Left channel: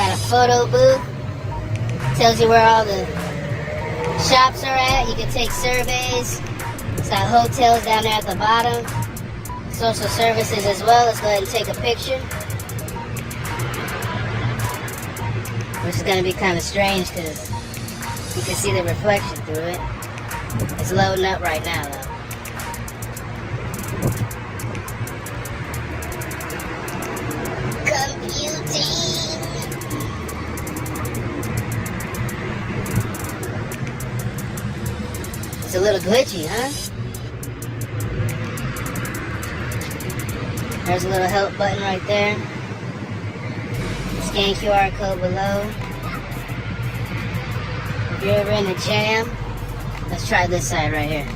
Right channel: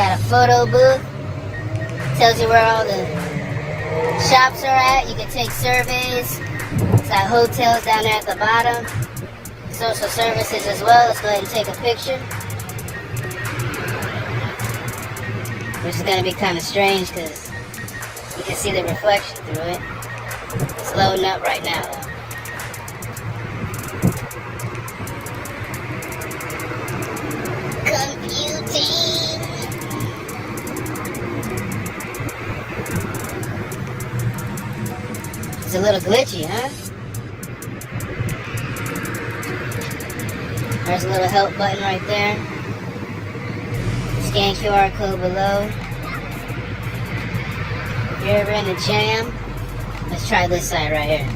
got a photo booth. Tells you where all the shops are at. You can take surveys. It's got hotels down there at the bottom. Social services as well. Let's go ahead and take a picture. Which is going to be kind of strange because you can see the reflection through it. It's loading up right now though. Computing. It's a little glitchy, huh? There's a little help button right there. Scan QR code below. If you're ever in a jam, let's try this side right here.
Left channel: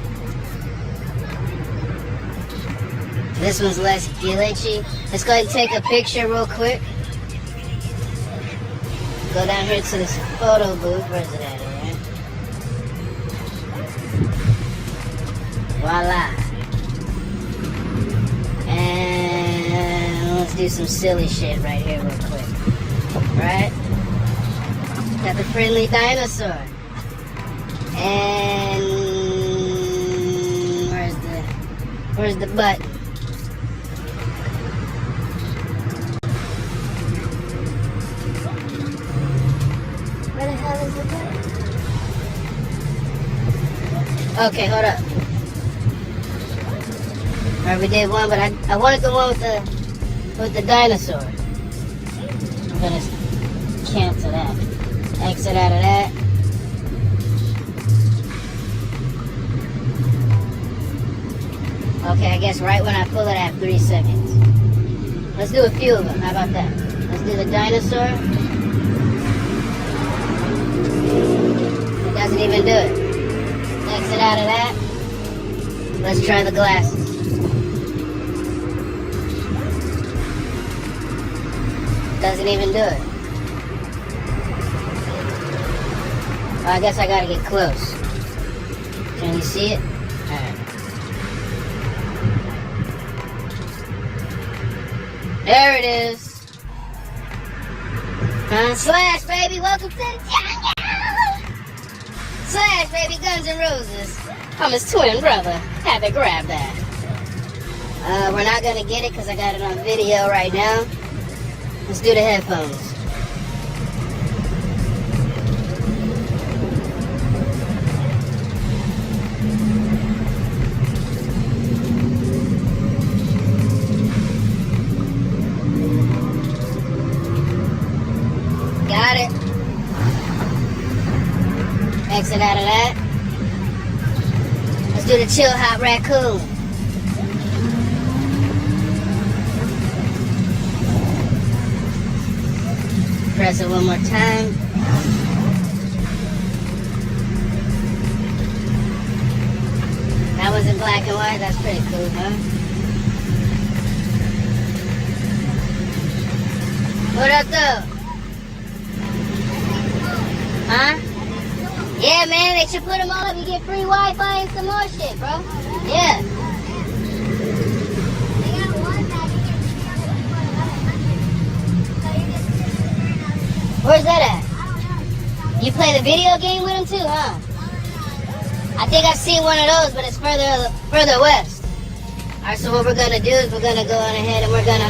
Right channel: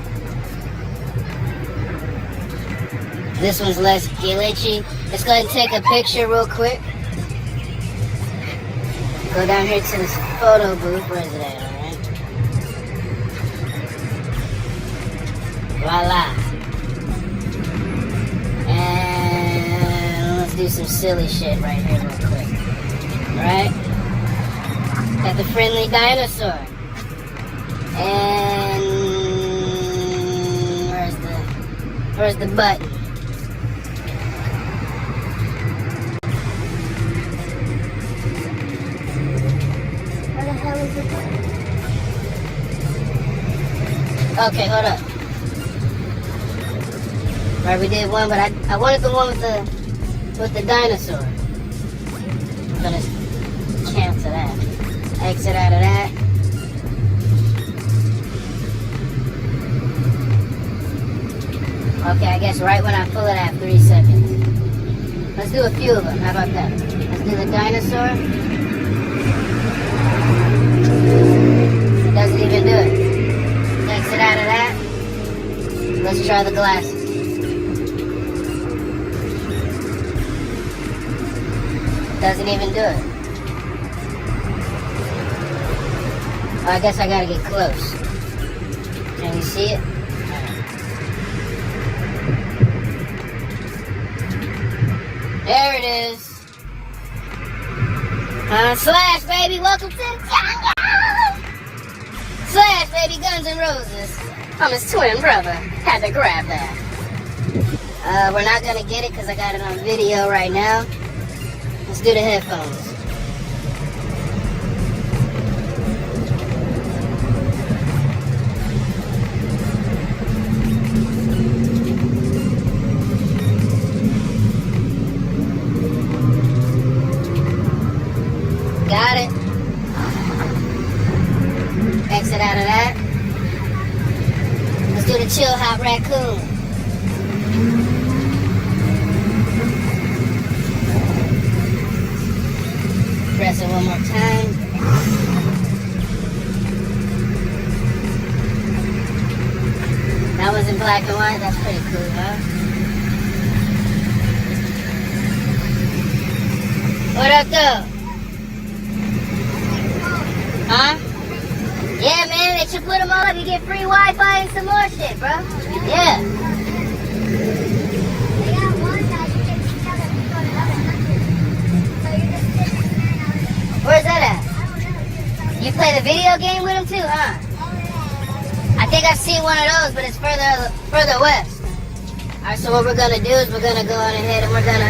This one's less glitchy. Let's go ahead and take a picture real quick. Go down here to this photo booth. Where's it at? Voila. And let's do some silly shit right here real quick. Alright? Got the friendly dinosaur. And where's the button? Where the hell is the button? Okay, hold up. Alright, we did one, but I wanted the one with the dinosaur. I'm gonna cancel that. Exit out of that. Okay, I guess right when I pull it, I have 3 seconds. Let's do a few of them. How about that? Let's do the dinosaur. It doesn't even do it. Exit out of that. Let's try the glasses. Doesn't even do it. Oh, I guess I gotta get close. Can you see it? There it is. Slash, baby, welcome to the jungle. Slash, baby, Guns N' Roses. I'm his twin brother. Had to grab that. We're not gonna get it because I got it on video right now. Let's do the headphones. Got it. Exit out of that. Let's do the chill hop raccoon. Press it one more time. That was in black and white. That's pretty cool, huh? What up, though? Huh? Yeah, man, they should put them all up. You get free Wi-Fi and some more shit, bro. Yeah. Where's that at? You play the video game with him too, huh? I think I've seen one of those, but it's further west. Alright, so what we're gonna do is we're gonna go on ahead and we're gonna,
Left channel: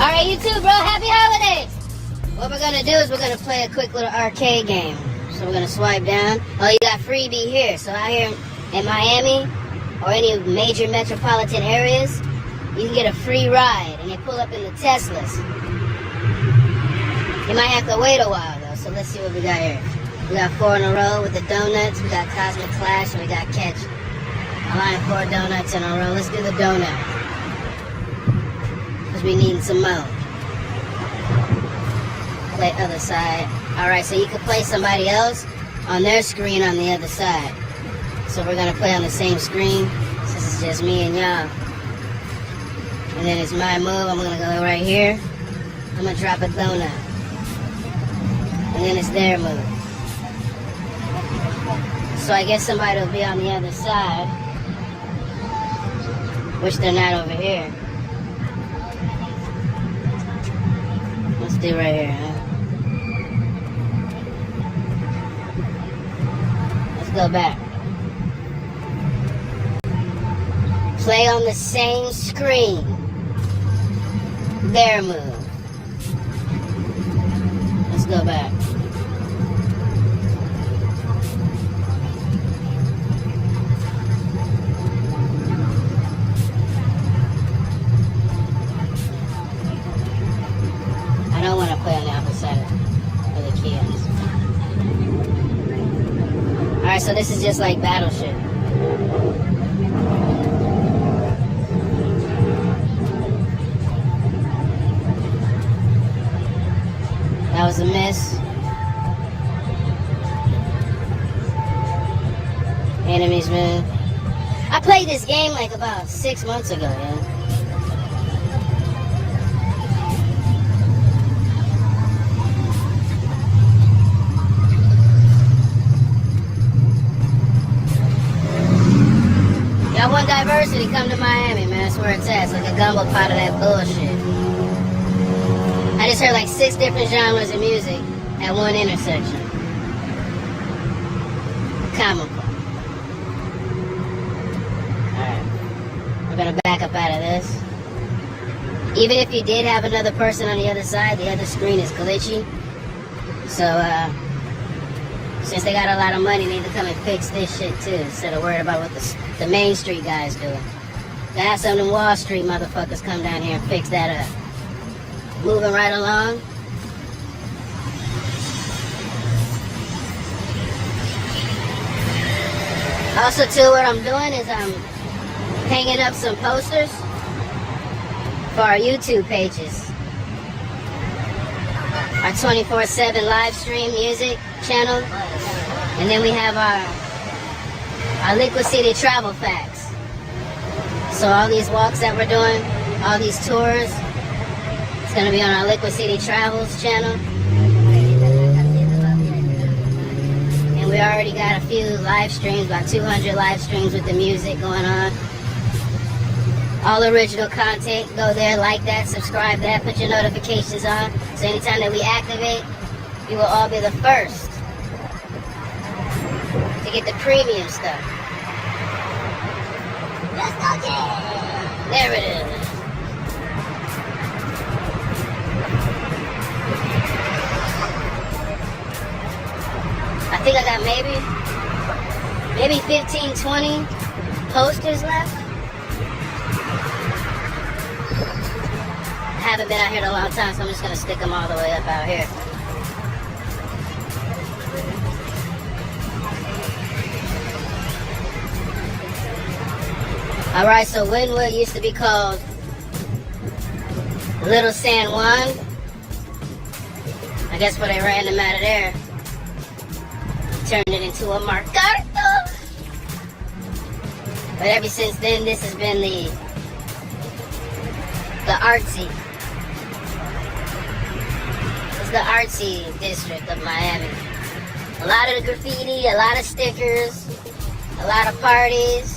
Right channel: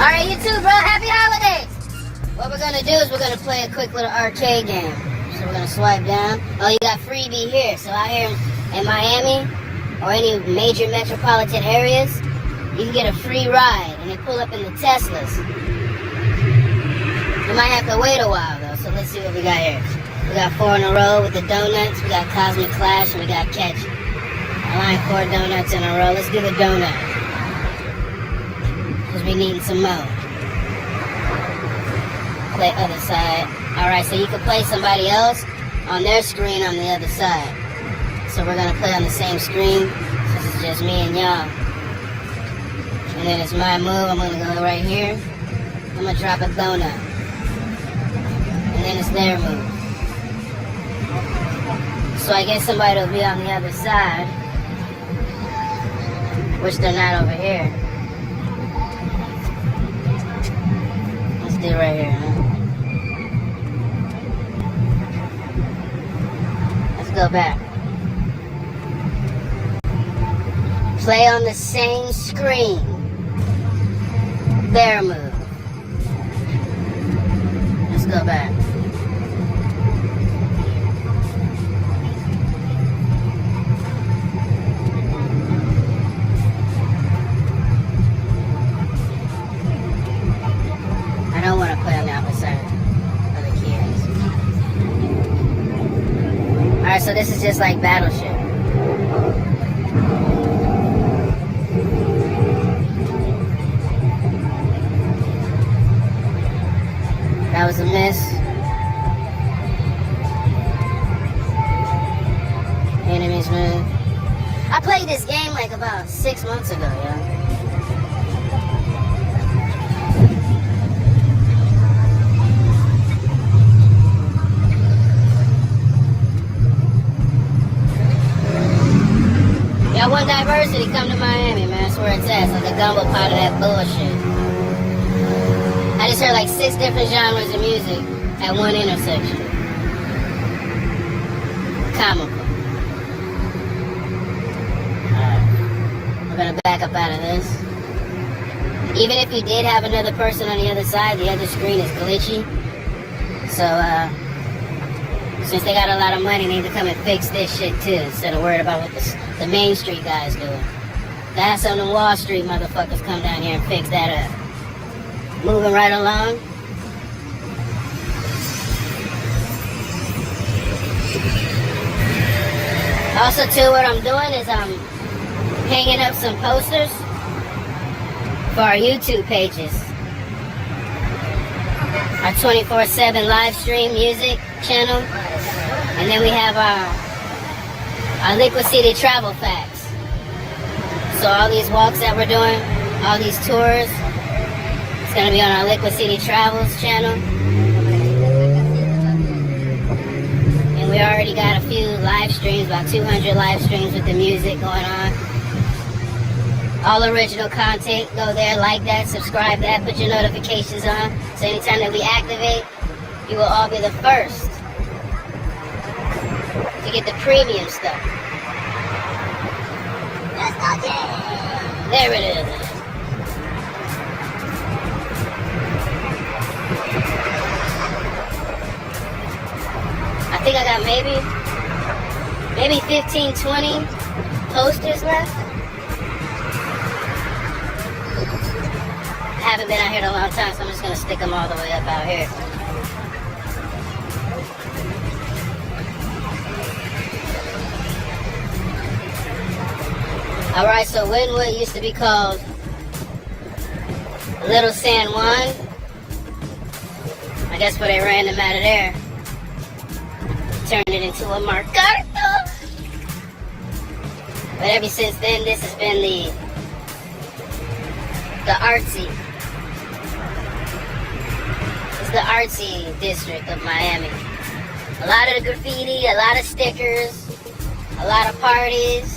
alright, you too, bro, happy holidays! What we're gonna do is we're gonna play a quick little arcade game. So we're gonna swipe down. Oh, you got freebie here. So out here in Miami, or any major metropolitan areas, you can get a free ride and they pull up in the Teslas. You might have to wait a while though, so let's see what we got here. We got 4 in a row with the donuts, we got Cosmic Clash, and we got Catch. I like 4 donuts in a row. Let's do the donut. Because we need some more. Play other side. Alright, so you can play somebody else on their screen on the other side. So we're gonna play on the same screen. So this is just me and y'all. And then it's my move. I'm gonna go right here. I'm gonna drop a donut. And then it's their move. So I guess somebody will be on the other side. Which they're not over here. Let's do right here, huh? Let's go back. Play on the same screen. Bear move. Let's go back. I don't want to play on the opposite for the kids. Alright, so this is just like Battleship. That was a miss. Enemies, man. I played this game like about 6 months ago, you know. Y'all want diversity, come to Miami, man. That's where it's at. It's like a gumbo pot of that bullshit. I just heard like 6 different genres of music at one intersection. Comical. Alright. We're gonna back up out of this. Even if you did have another person on the other side, the other screen is glitchy. So, since they got a lot of money, they need to come and fix this shit too, instead of worried about what the Main Street guys do. That's on the Wall Street motherfuckers come down here and fix that up. Moving right along. Also too, what I'm doing is I'm hanging up some posters for our YouTube pages. Our 24/7 live stream music channel. And then we have our LiquiCITY travel facts. So all these walks that we're doing, all these tours, it's going to be on our LiquiCITY Travels channel. And we already got a few live streams, about 200 live streams with the music going on. All original content, go there, like that, subscribe that, put your notifications on. So anytime that we activate, you will all be the first to get the premium stuff. Let's go, Jay! There it is. I think I got maybe 15, 20 posters left. I haven't been out here in a long time, so I'm just gonna stick them all the way up out here. Alright, so Wynwood used to be called Little San Juan. I guess when they ran them out of there, turned it into a Mercado. But ever since then, this has been the artsy. It's the artsy district of Miami. A lot of graffiti, a lot of stickers, a lot of parties.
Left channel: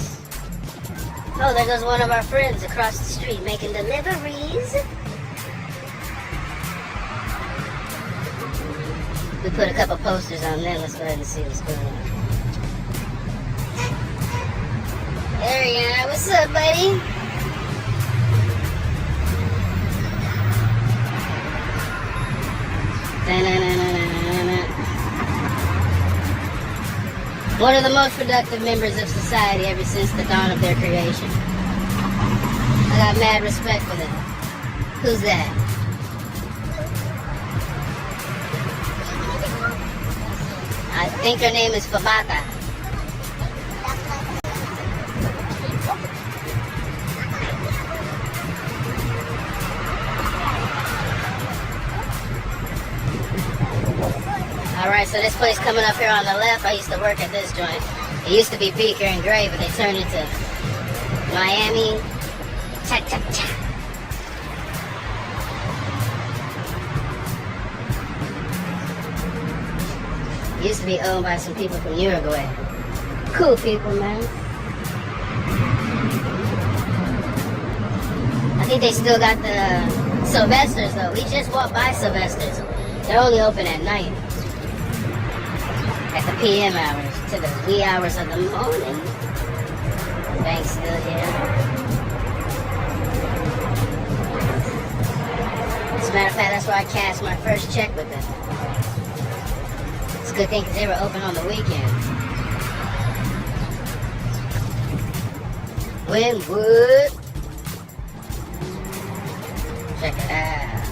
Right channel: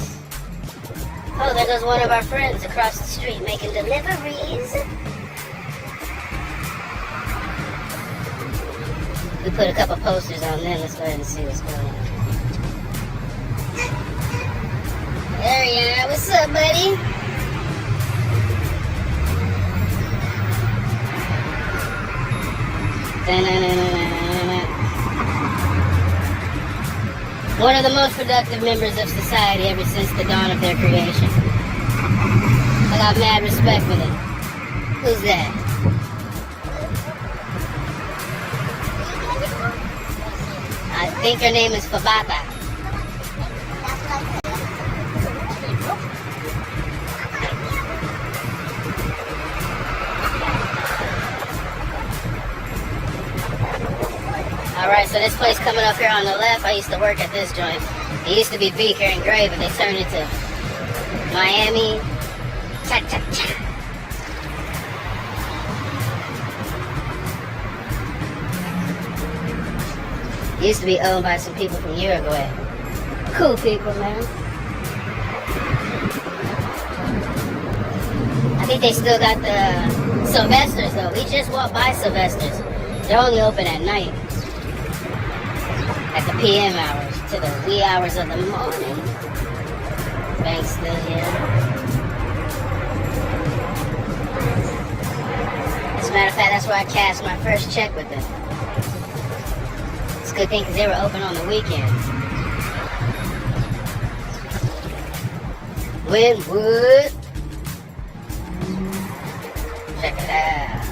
Oh, there goes one of our friends across the street making deliveries. We put a couple posters on there. Let's go ahead and see what's going on. There you are. What's up, buddy? One of the most productive members of society ever since the dawn of their creation. I got mad respect for them. Who's that? I think her name is Fabata. Alright, so this place coming up here on the left, I used to work at this joint. It used to be Beaker and Gray, but they turned it to Miami Cha-Cha-Cha. It used to be owned by some people from Uruguay. Cool people, man. I think they still got the Sylvester's though. We just walked by Sylvester's. They're only open at night. At the PM hours to the wee hours of the morning. Bank's still here. As a matter of fact, that's where I cashed my first check with them. It's a good thing because they were open on the weekend. Wynwood. Check it out.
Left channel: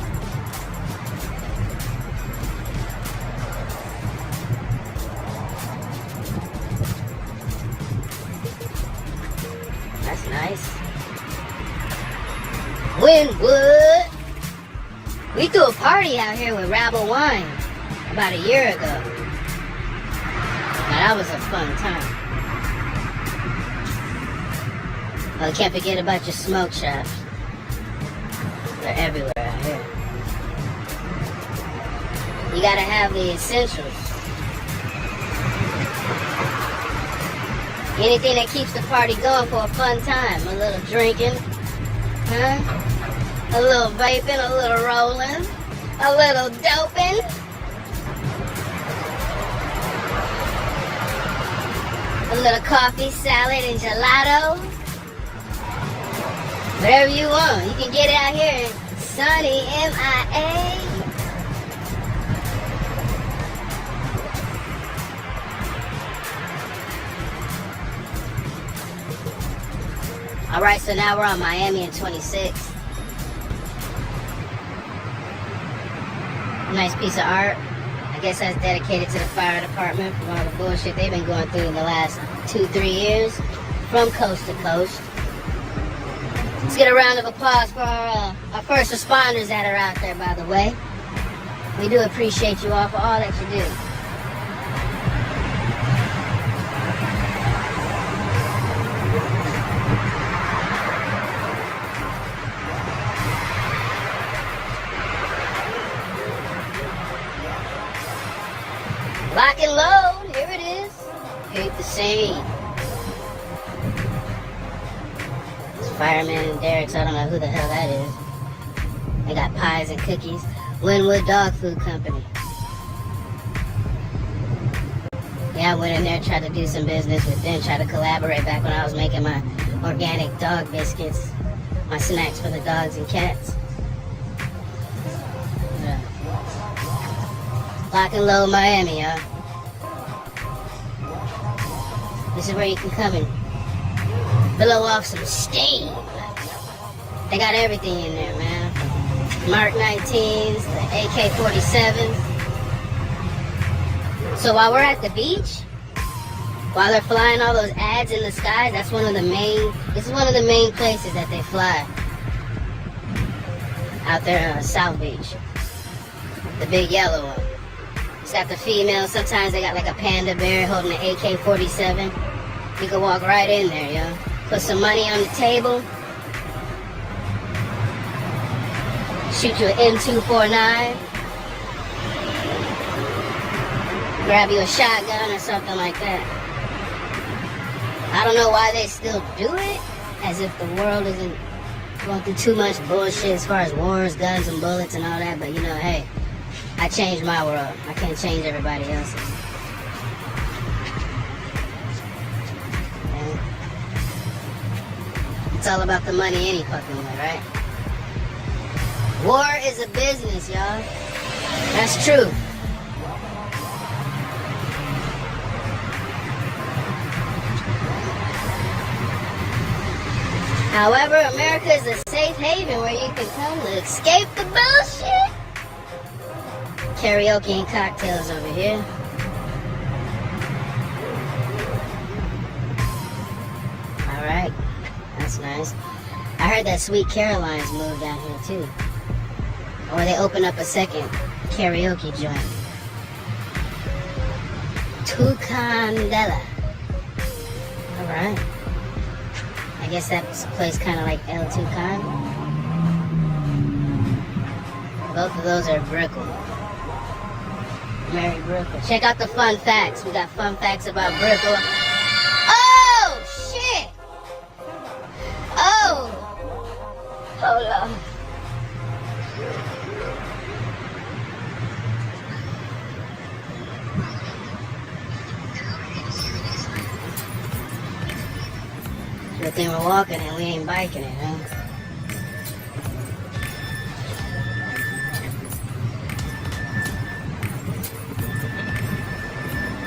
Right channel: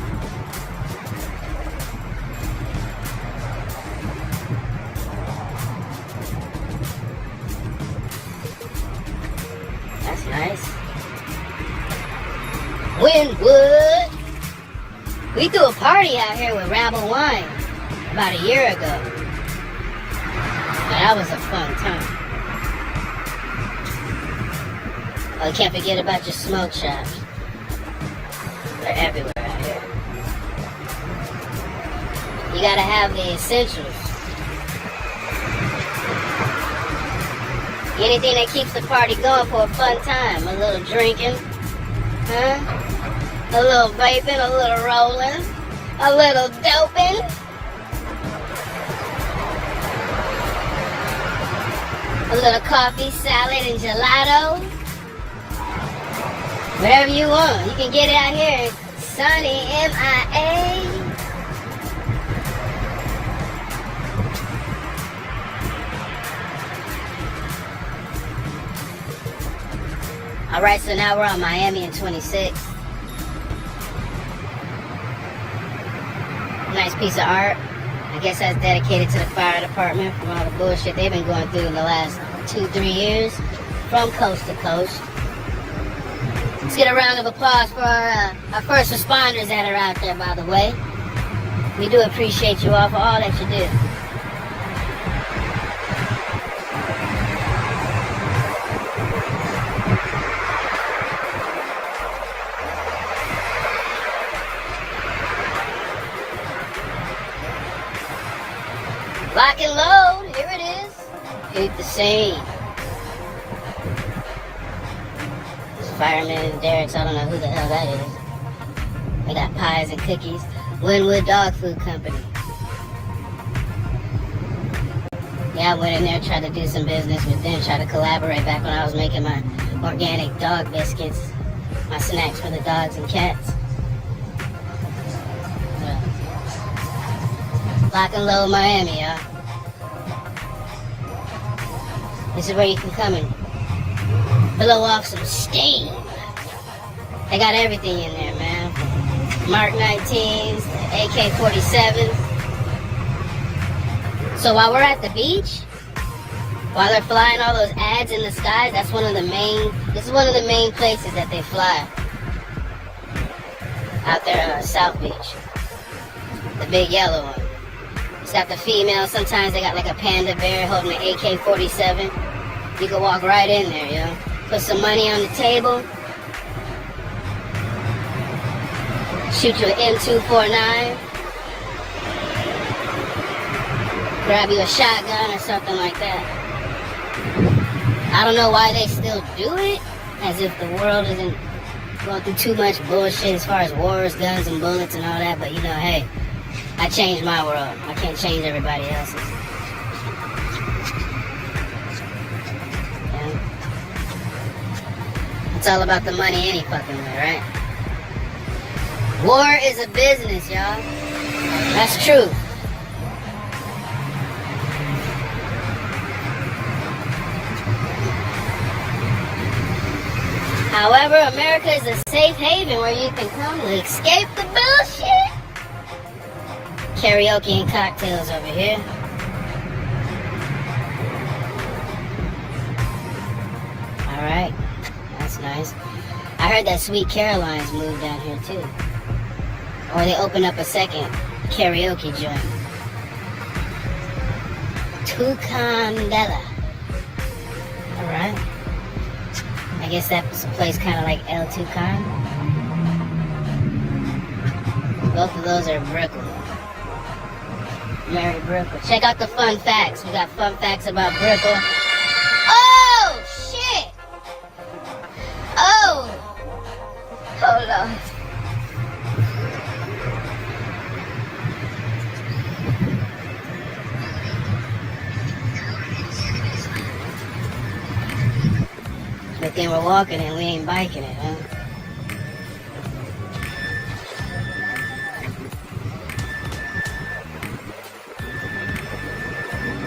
That's nice. Wynwood. We threw a party out here with Rabble Wine about a year ago. Now, that was a fun time. Oh, you can't forget about your smoke shops. They're everywhere out here. You gotta have the essentials. Anything that keeps the party going for a fun time. A little drinking. Huh? A little vaping, a little rolling. A little doping. A little coffee, salad, and gelato. Whatever you want, you can get it out here in sunny MIA. Alright, so now we're on Miami and 26th. Nice piece of art. I guess that's dedicated to the fire department from all the bullshit they've been going through in the last 2-3 years from coast to coast. Let's get a round of applause for our first responders that are out there, by the way. We do appreciate you all for all that you do. Lock and load, here it is. Keep the same. Fireman and Derek's, I don't know who the hell that is. They got pies and cookies. Wynwood Dog Food Company. Yeah, I went in there, tried to do some business with them, tried to collaborate back when I was making my organic dog biscuits, my snacks for the dogs and cats. Yeah. Lock and load Miami, y'all. This is where you can come and blow off some steam. They got everything in there, man. Mark 19s, AK-47s. So while we're at the beach, while they're flying all those ads in the sky, this is one of the main places that they fly. Out there on South Beach. The big yellow one. It's got the female, sometimes they got like a panda bear holding an AK-47. You can walk right in there, yo. Put some money on the table. Shoot you an M249. Grab you a shotgun or something like that. I don't know why they still do it, as if the world isn't going through too much bullshit as far as wars, guns, and bullets and all that, but you know, hey, I changed my world. I can't change everybody else's. Yeah. It's all about the money any fucking way, right? War is a business, y'all. That's true. However, America is a safe haven where you can come to escape the bullshit. Karaoke and cocktails over here. Alright, that's nice. I heard that Sweet Caroline's moved down here too. Or they opened up a second karaoke joint. Tucandela. Alright. I guess that was a place kind of like El Tucan. Both of those are Brooklyn. Mary Brooklyn. Check out the fun facts. We got fun facts about Brooklyn. Oh, shit! Oh! Hold on. Good thing we're walking and we ain't biking it, huh?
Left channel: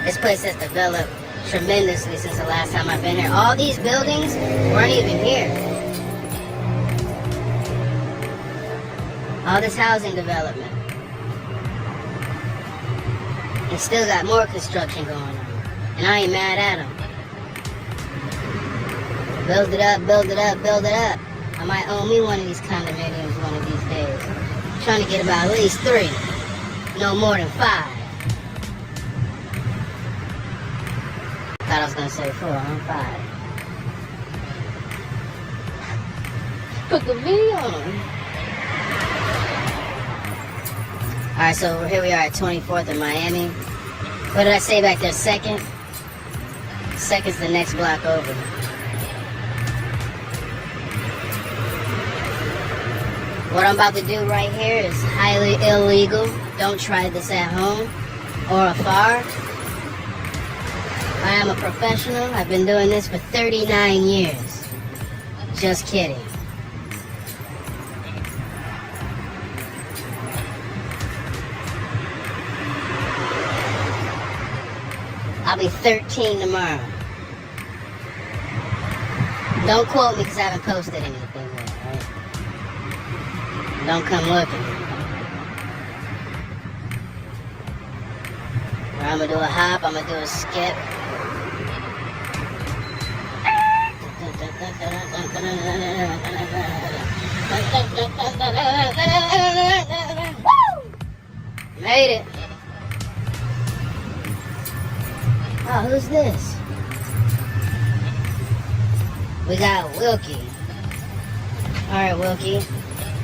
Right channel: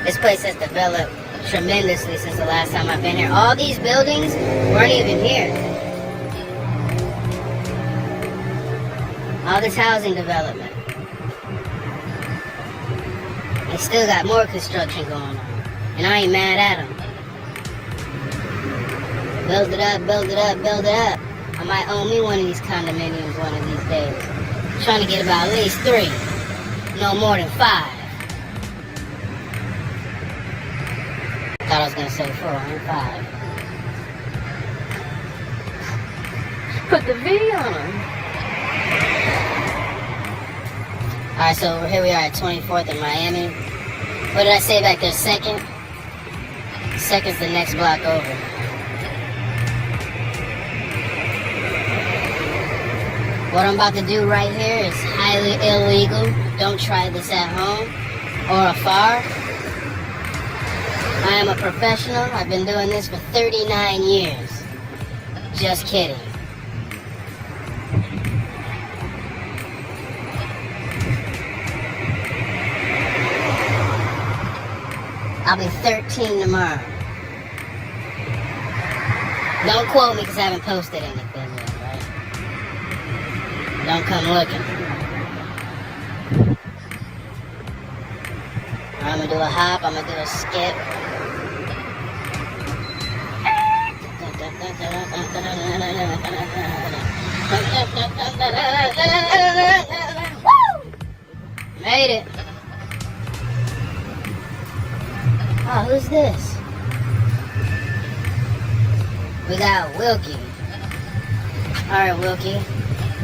This place has developed tremendously since the last time I've been here. All these buildings weren't even here. All this housing development. And still got more construction going on. And I ain't mad at them. Build it up, build it up, build it up. I might own me one of these condominiums one of these days. I'm trying to get about at least 3. No more than 5. Thought I was gonna say 4, I'm 5. Put the video on. Alright, so here we are at 24th in Miami. What did I say back there? Second? Second's the next block over. What I'm about to do right here is highly illegal. Don't try this at home or afar. I am a professional. I've been doing this for 39 years. Just kidding. I'll be 13 tomorrow. Don't quote me because I haven't posted anything yet, right? Don't come looking. I'm gonna do a hop, I'm gonna do a skip. Woo! Made it. Oh, who's this? We got Wilkie. Alright, Wilkie.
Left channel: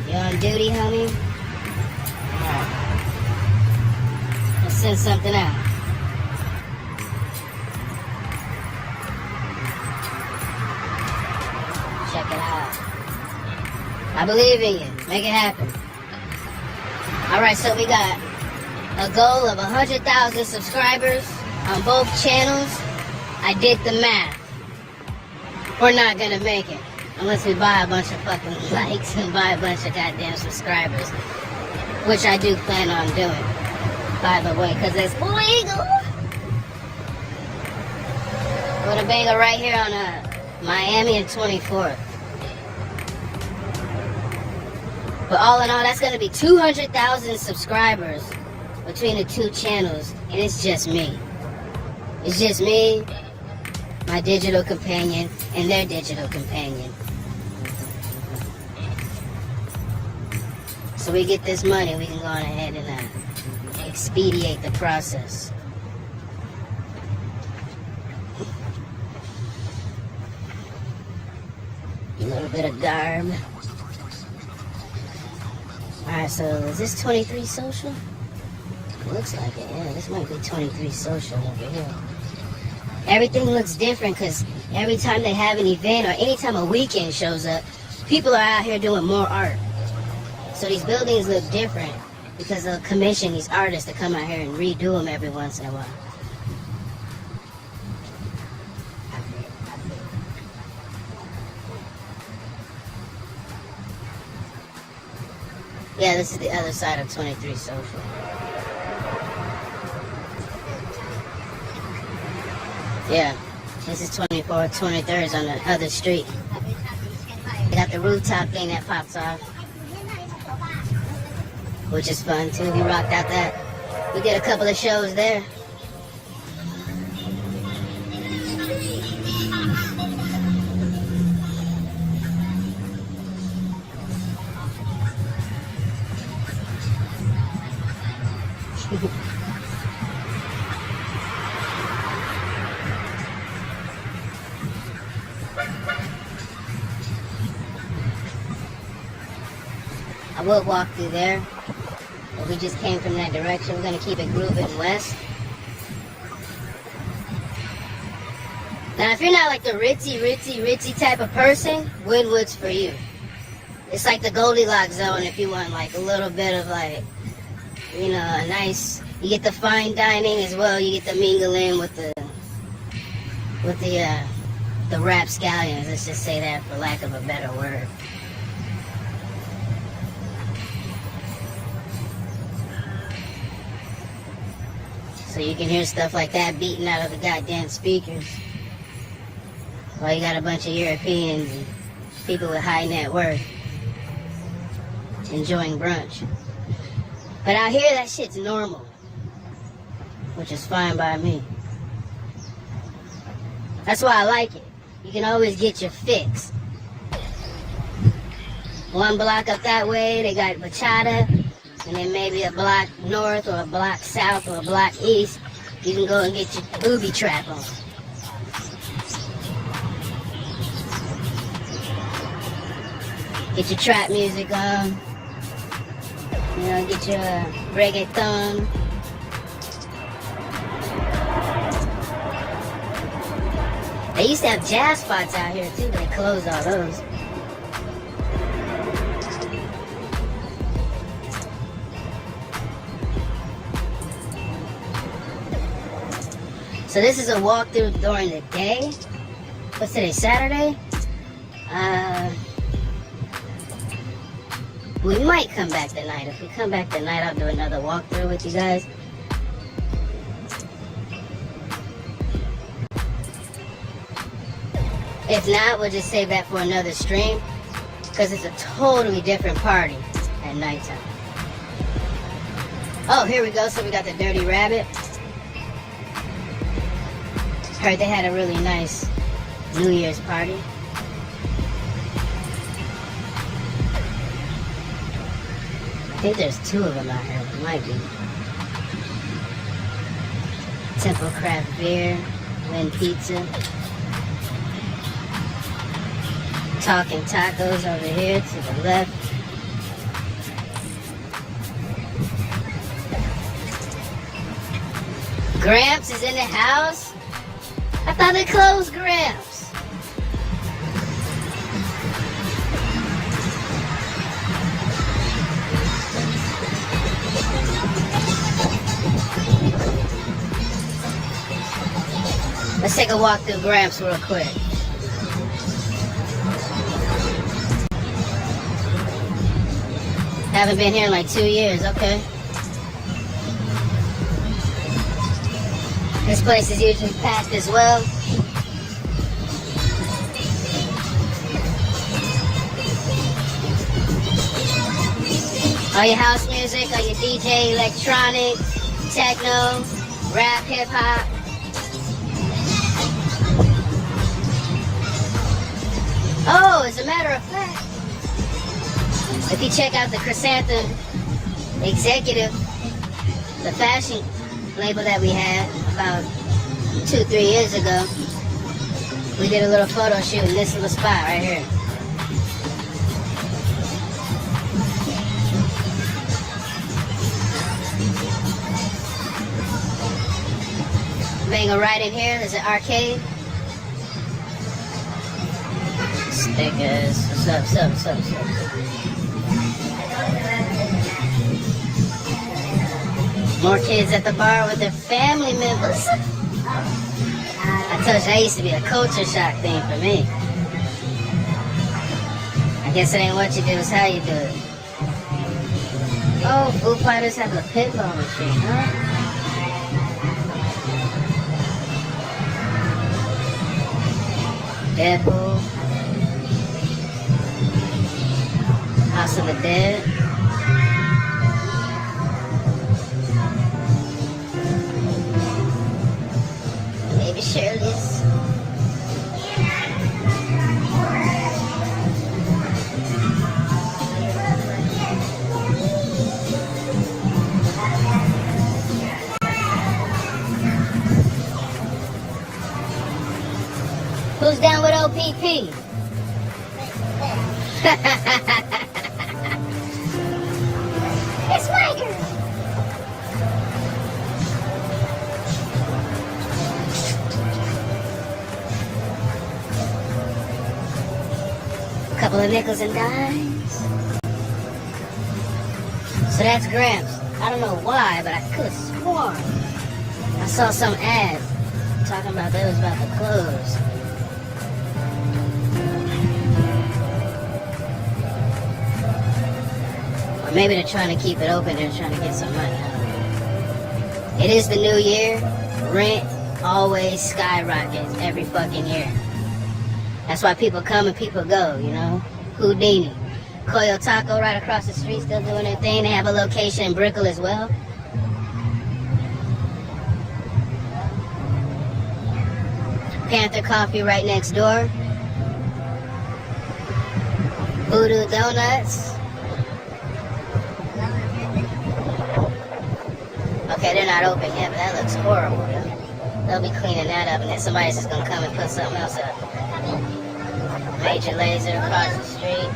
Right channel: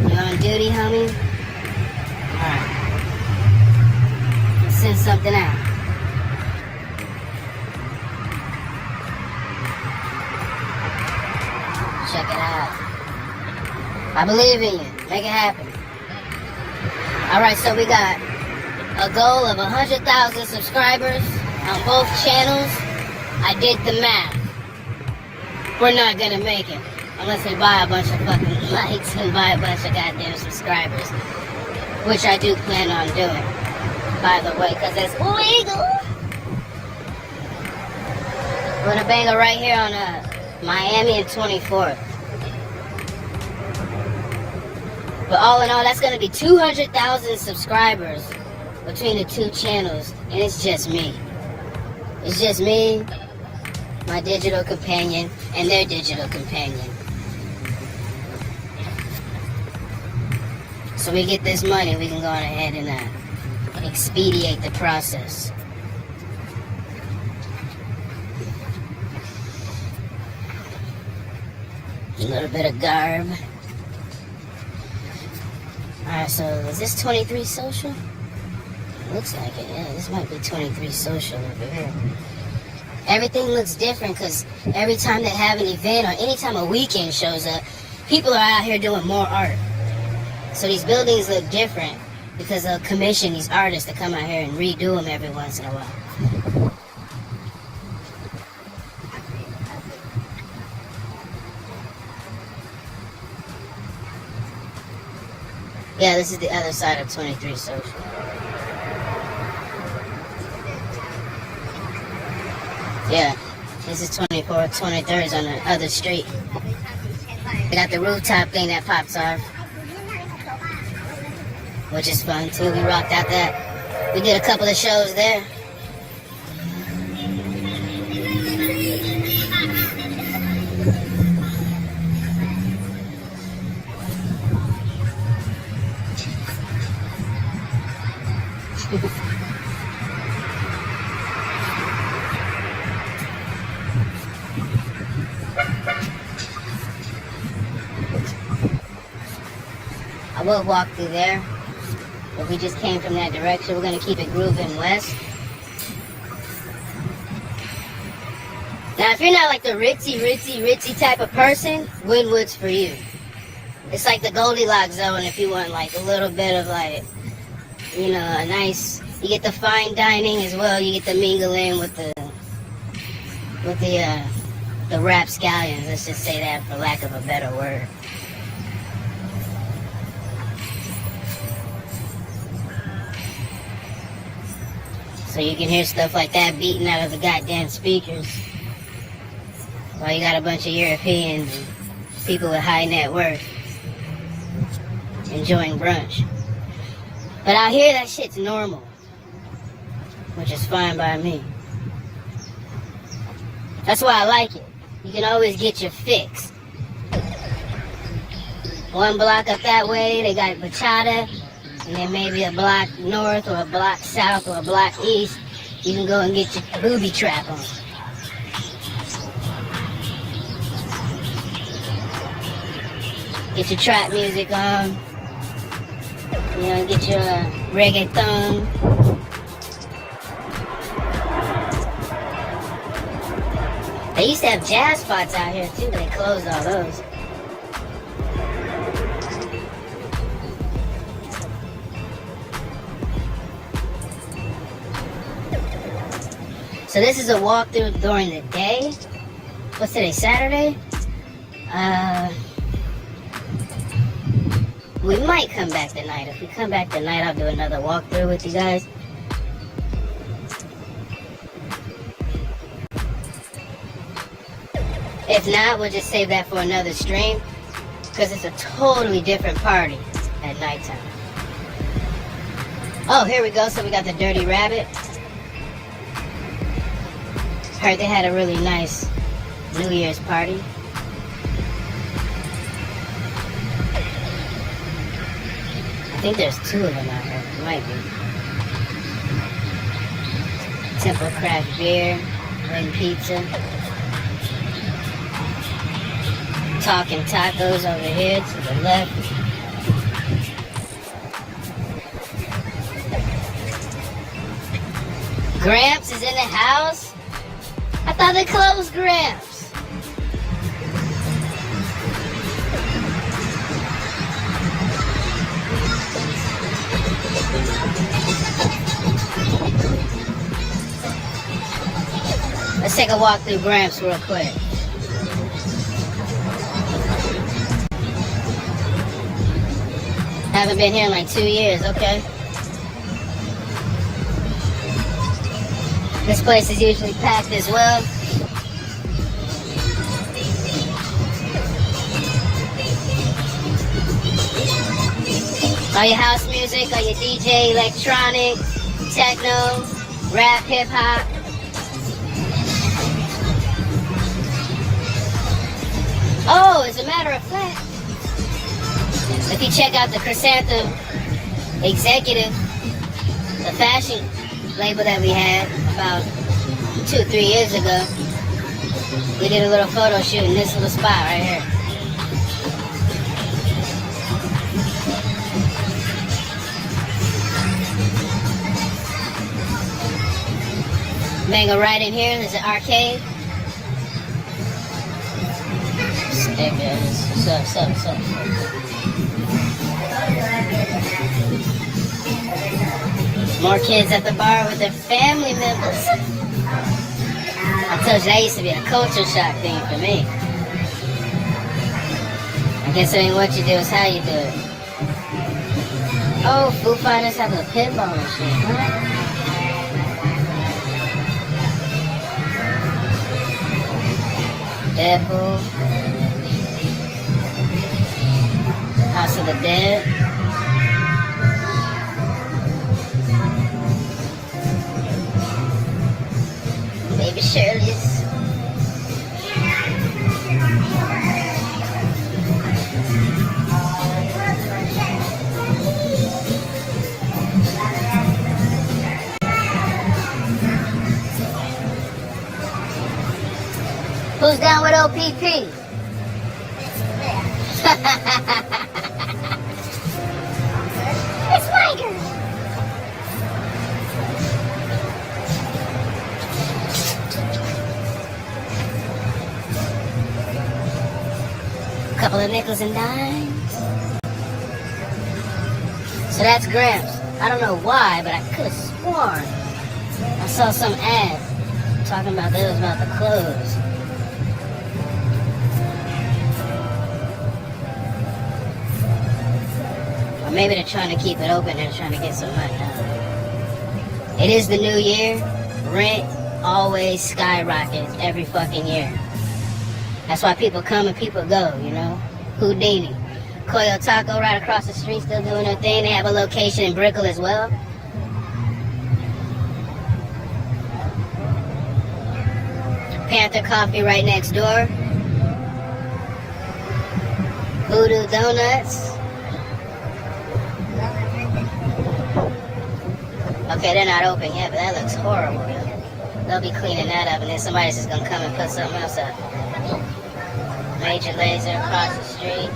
You on duty, homie? Alright. Let's send something out. Check it out. I believe in you. Make it happen. Alright, so we got a goal of 100,000 subscribers on both channels. I did the math. We're not gonna make it unless we buy a bunch of fucking likes and buy a bunch of goddamn subscribers, which I do plan on doing, by the way, because it's legal. We're gonna bang it right here on Miami and 24th. But all in all, that's gonna be 200,000 subscribers between the 2 channels, and it's just me. It's just me, my digital companion, and their digital companion. So we get this money, we can go on ahead and expedite the process. A little bit of garb. Alright, so is this 23 social? Looks like it, yeah. This might be 23 social over here. Everything looks different because every time they have an event or anytime a weekend shows up, people are out here doing more art. So these buildings look different because they'll commission these artists to come out here and redo them every once in a while. Yeah, this is the other side of 23 social. Yeah, this is 24, 23rd is on the other street. They got the rooftop thing that pops off, which is fun too. We rocked out that. We did a couple of shows there. I would walk through there, but we just came from that direction. We're going to keep it grooving west. Now, if you're not like the ritzy type of person, Wynwood's for you. It's like the Goldilocks zone if you want like a little bit of like, you know, a nice, you get the fine dining as well. You get the mingle in with the the rapscallions, let's just say that for lack of a better word. So you can hear stuff like that beating out of the goddamn speakers. While you got a bunch of Europeans and people with high net worth enjoying brunch. But out here, that shit's normal, which is fine by me. That's why I like it. You can always get your fix. One block up that way, they got bachata, and then maybe a block north or a block south or a block east, you can go and get your booby trap on. Get your trap music on. You know, get your reggaeton. They used to have jazz spots out here too, but they closed all those. So this is a walkthrough during the day. What's today, Saturday? We might come back tonight. If we come back tonight, I'll do another walkthrough with you guys. If not, we'll just save that for another stream, because it's a totally different party at nighttime. Oh, here we go. So we got the Dirty Rabbit. Heard they had a really nice New Year's party. I think there's two of them out here. Might be. Temple Craft Beer, Lynn Pizza. Talking Tacos over here to the left. Gramps is in the house? I thought they closed Gramps. Let's take a walk through Gramps real quick. Haven't been here in like 2 years, okay. This place is usually packed as well. All your house music, all your DJ, electronic, techno, rap, hip hop. Oh, as a matter of fact, if you check out the Chrysanthemum Executive, the fashion label that we had about 2-3 years ago, we did a little photo shoot in this little spot right here. Then go right in here, there's an arcade. Stickers, what's up. More kids at the bar with their family members. I told you that used to be a culture shock thing for me. I guess it ain't what you do, it's how you do it. Oh, Foo Fighters have a pinball machine, huh? Deadpool. House of the Dead. Maybe Shirley's. Who's down with OPP? It's my girl. Couple of nickels and dimes. So that's Gramps. I don't know why, but I could have sworn I saw some ad talking about that was about to close. Or maybe they're trying to keep it open, they're trying to get some money. It is the new year. Rent always skyrockets every fucking year. That's why people come and people go, you know? Houdini. Koyo Taco right across the street still doing their thing. They have a location in Brickell as well. Panther Coffee right next door. Voodoo Donuts. Okay, they're not open yet, but that looks horrible. They'll be cleaning that up, and then somebody's just gonna come and put something else up. Major Laser across the street.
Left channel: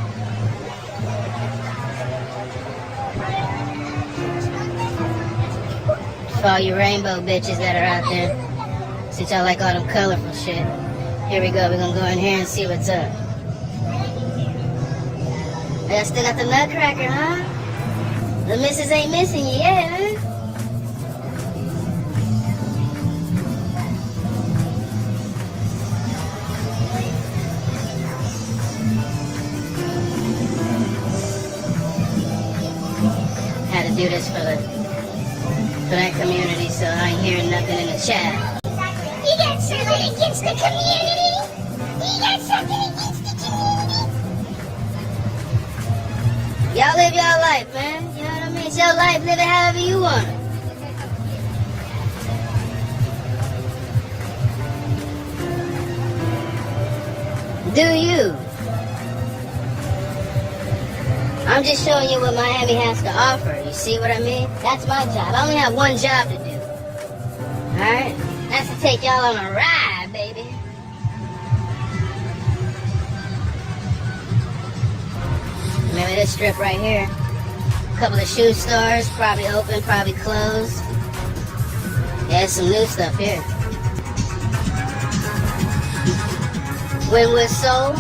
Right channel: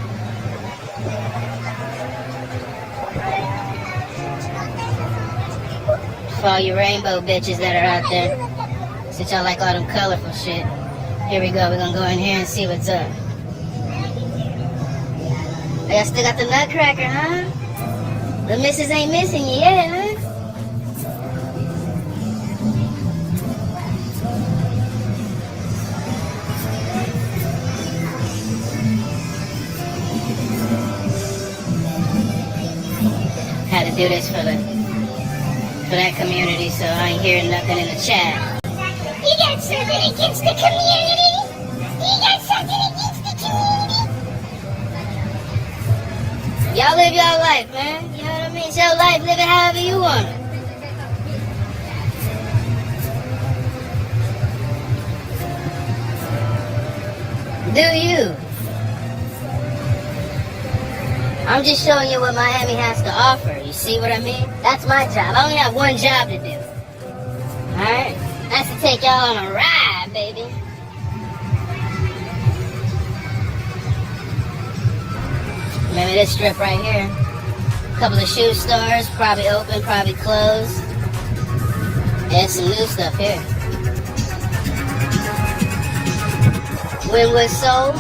For all you rainbow bitches that are out there, since y'all like all them colorful shit. Here we go, we're gonna go in here and see what's up. And I still got the Nutcracker, huh? The missus ain't missing you yet, huh? Had to do this for that community, so I ain't hearing nothing in the chat. You got something against the community? You got something against the community? Y'all live your life, man. You know what I mean? It's your life. Live it however you want it. Do you? I'm just showing you what Miami has to offer. You see what I mean? That's my job. I only have one job to do. Alright? That's to take y'all on a ride, baby. Maybe this strip right here. A couple of shoe stores, probably open, probably closed. There's some new stuff here. Winwood Soul.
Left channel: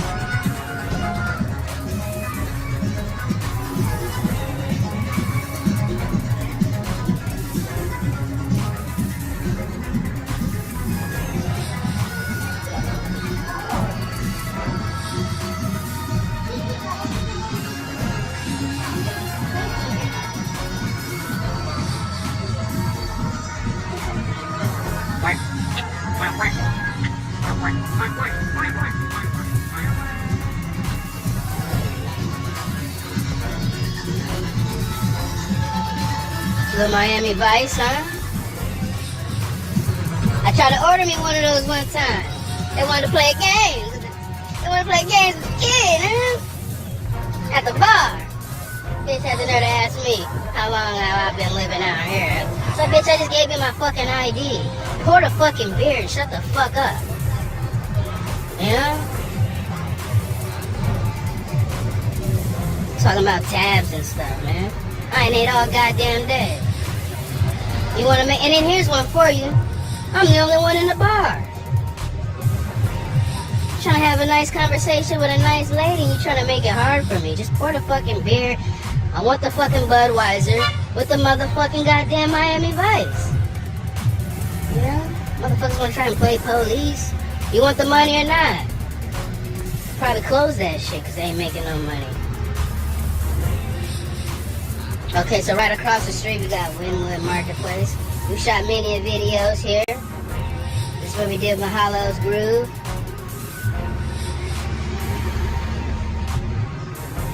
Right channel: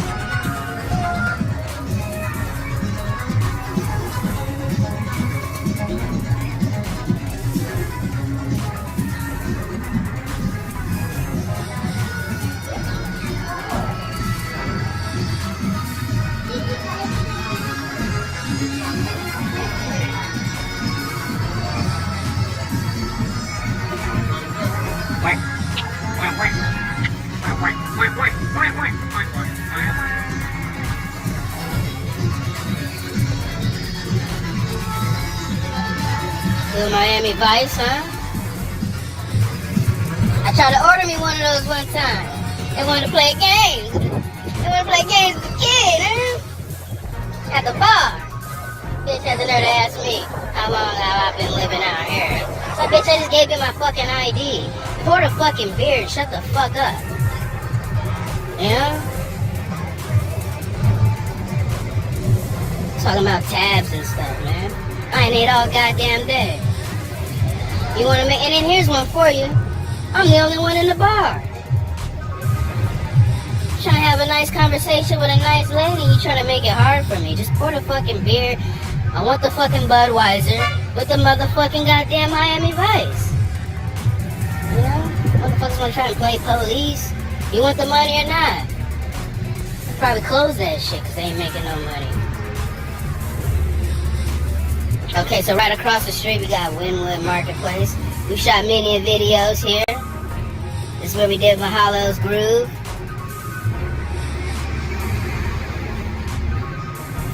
Little Miami Vice, huh? I tried to order me one of those one time. They wanted to play games. They wanted to play games as a kid, huh? At the bar. Bitch had the nerve to ask me how long have I been living out here. So bitch, I just gave you my fucking ID. Pour the fucking beer and shut the fuck up. You know? Talking about tabs and stuff, man. I ain't ate all goddamn day. You wanna make, and then here's one for you. I'm the only one in the bar. Trying to have a nice conversation with a nice lady, you trying to make it hard for me. Just pour the fucking beer. I want the fucking Budweiser with the motherfucking goddamn Miami Vice. You know? Motherfuckers wanna try and play police. You want the money or not? Probably close that shit because they ain't making no money. Okay, so right across the street we got Winwood Marketplace. We shot many videos here. This is where we did Mahalo's Groove.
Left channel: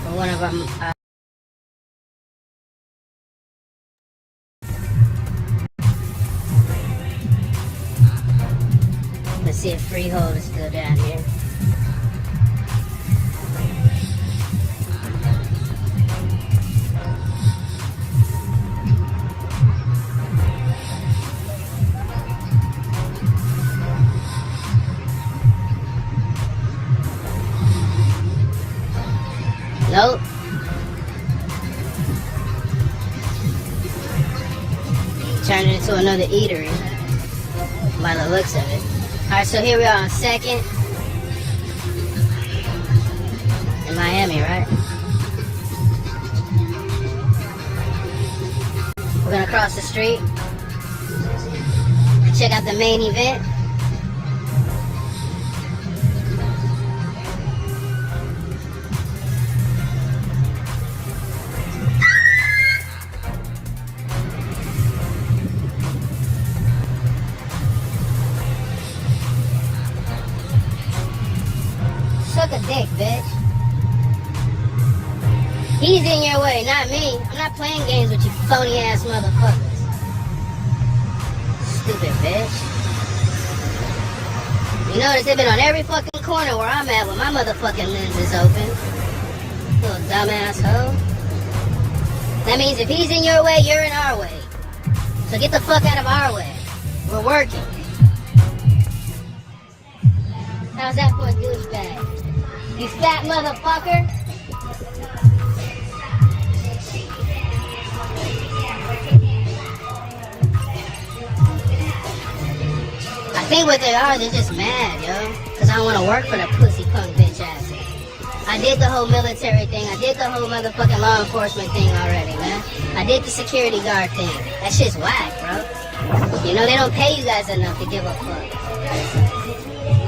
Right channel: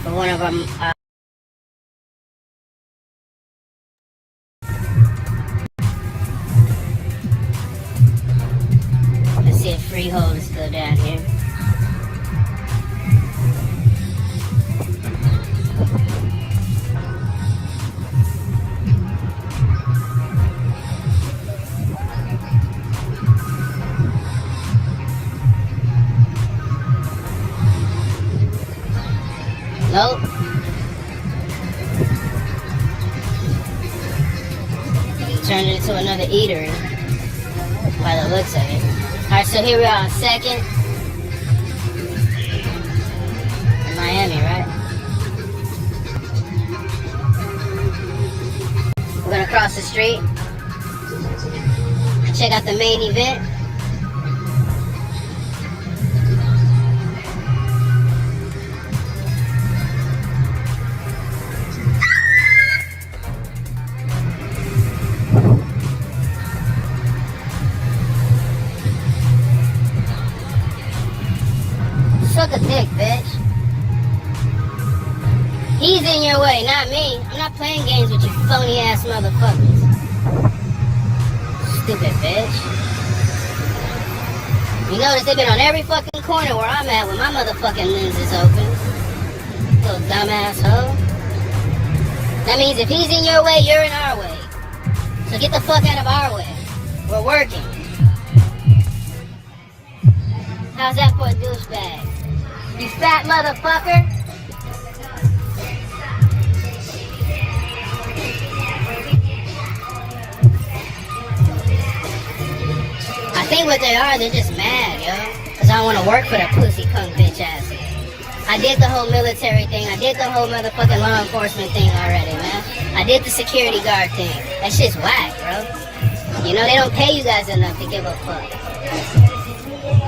For one of our let's see if Freehold is still down here. Nope. He turned it into another eatery by the looks of it. Alright, so here we are on 2nd in Miami, right? We're gonna cross the street, check out the main event. He's in your way, not me. I'm not playing games with you phony ass motherfuckers. Stupid bitch. You notice they've been on every fucking corner where I'm at with my motherfucking lenses open. Little dumbass hoe. That means if he's in your way, you're in our way. So get the fuck out of our way. We're working. How's that for a douchebag? You fat motherfucker? I think what they are, they're just mad, yo. Because I don't want to work for that pussy cunt bitch ass. I did the whole military thing. I did the whole motherfucking law enforcement thing already, man. I did the security guard thing. That shit's whack, bro. You know, they don't pay you guys enough to give a fuck.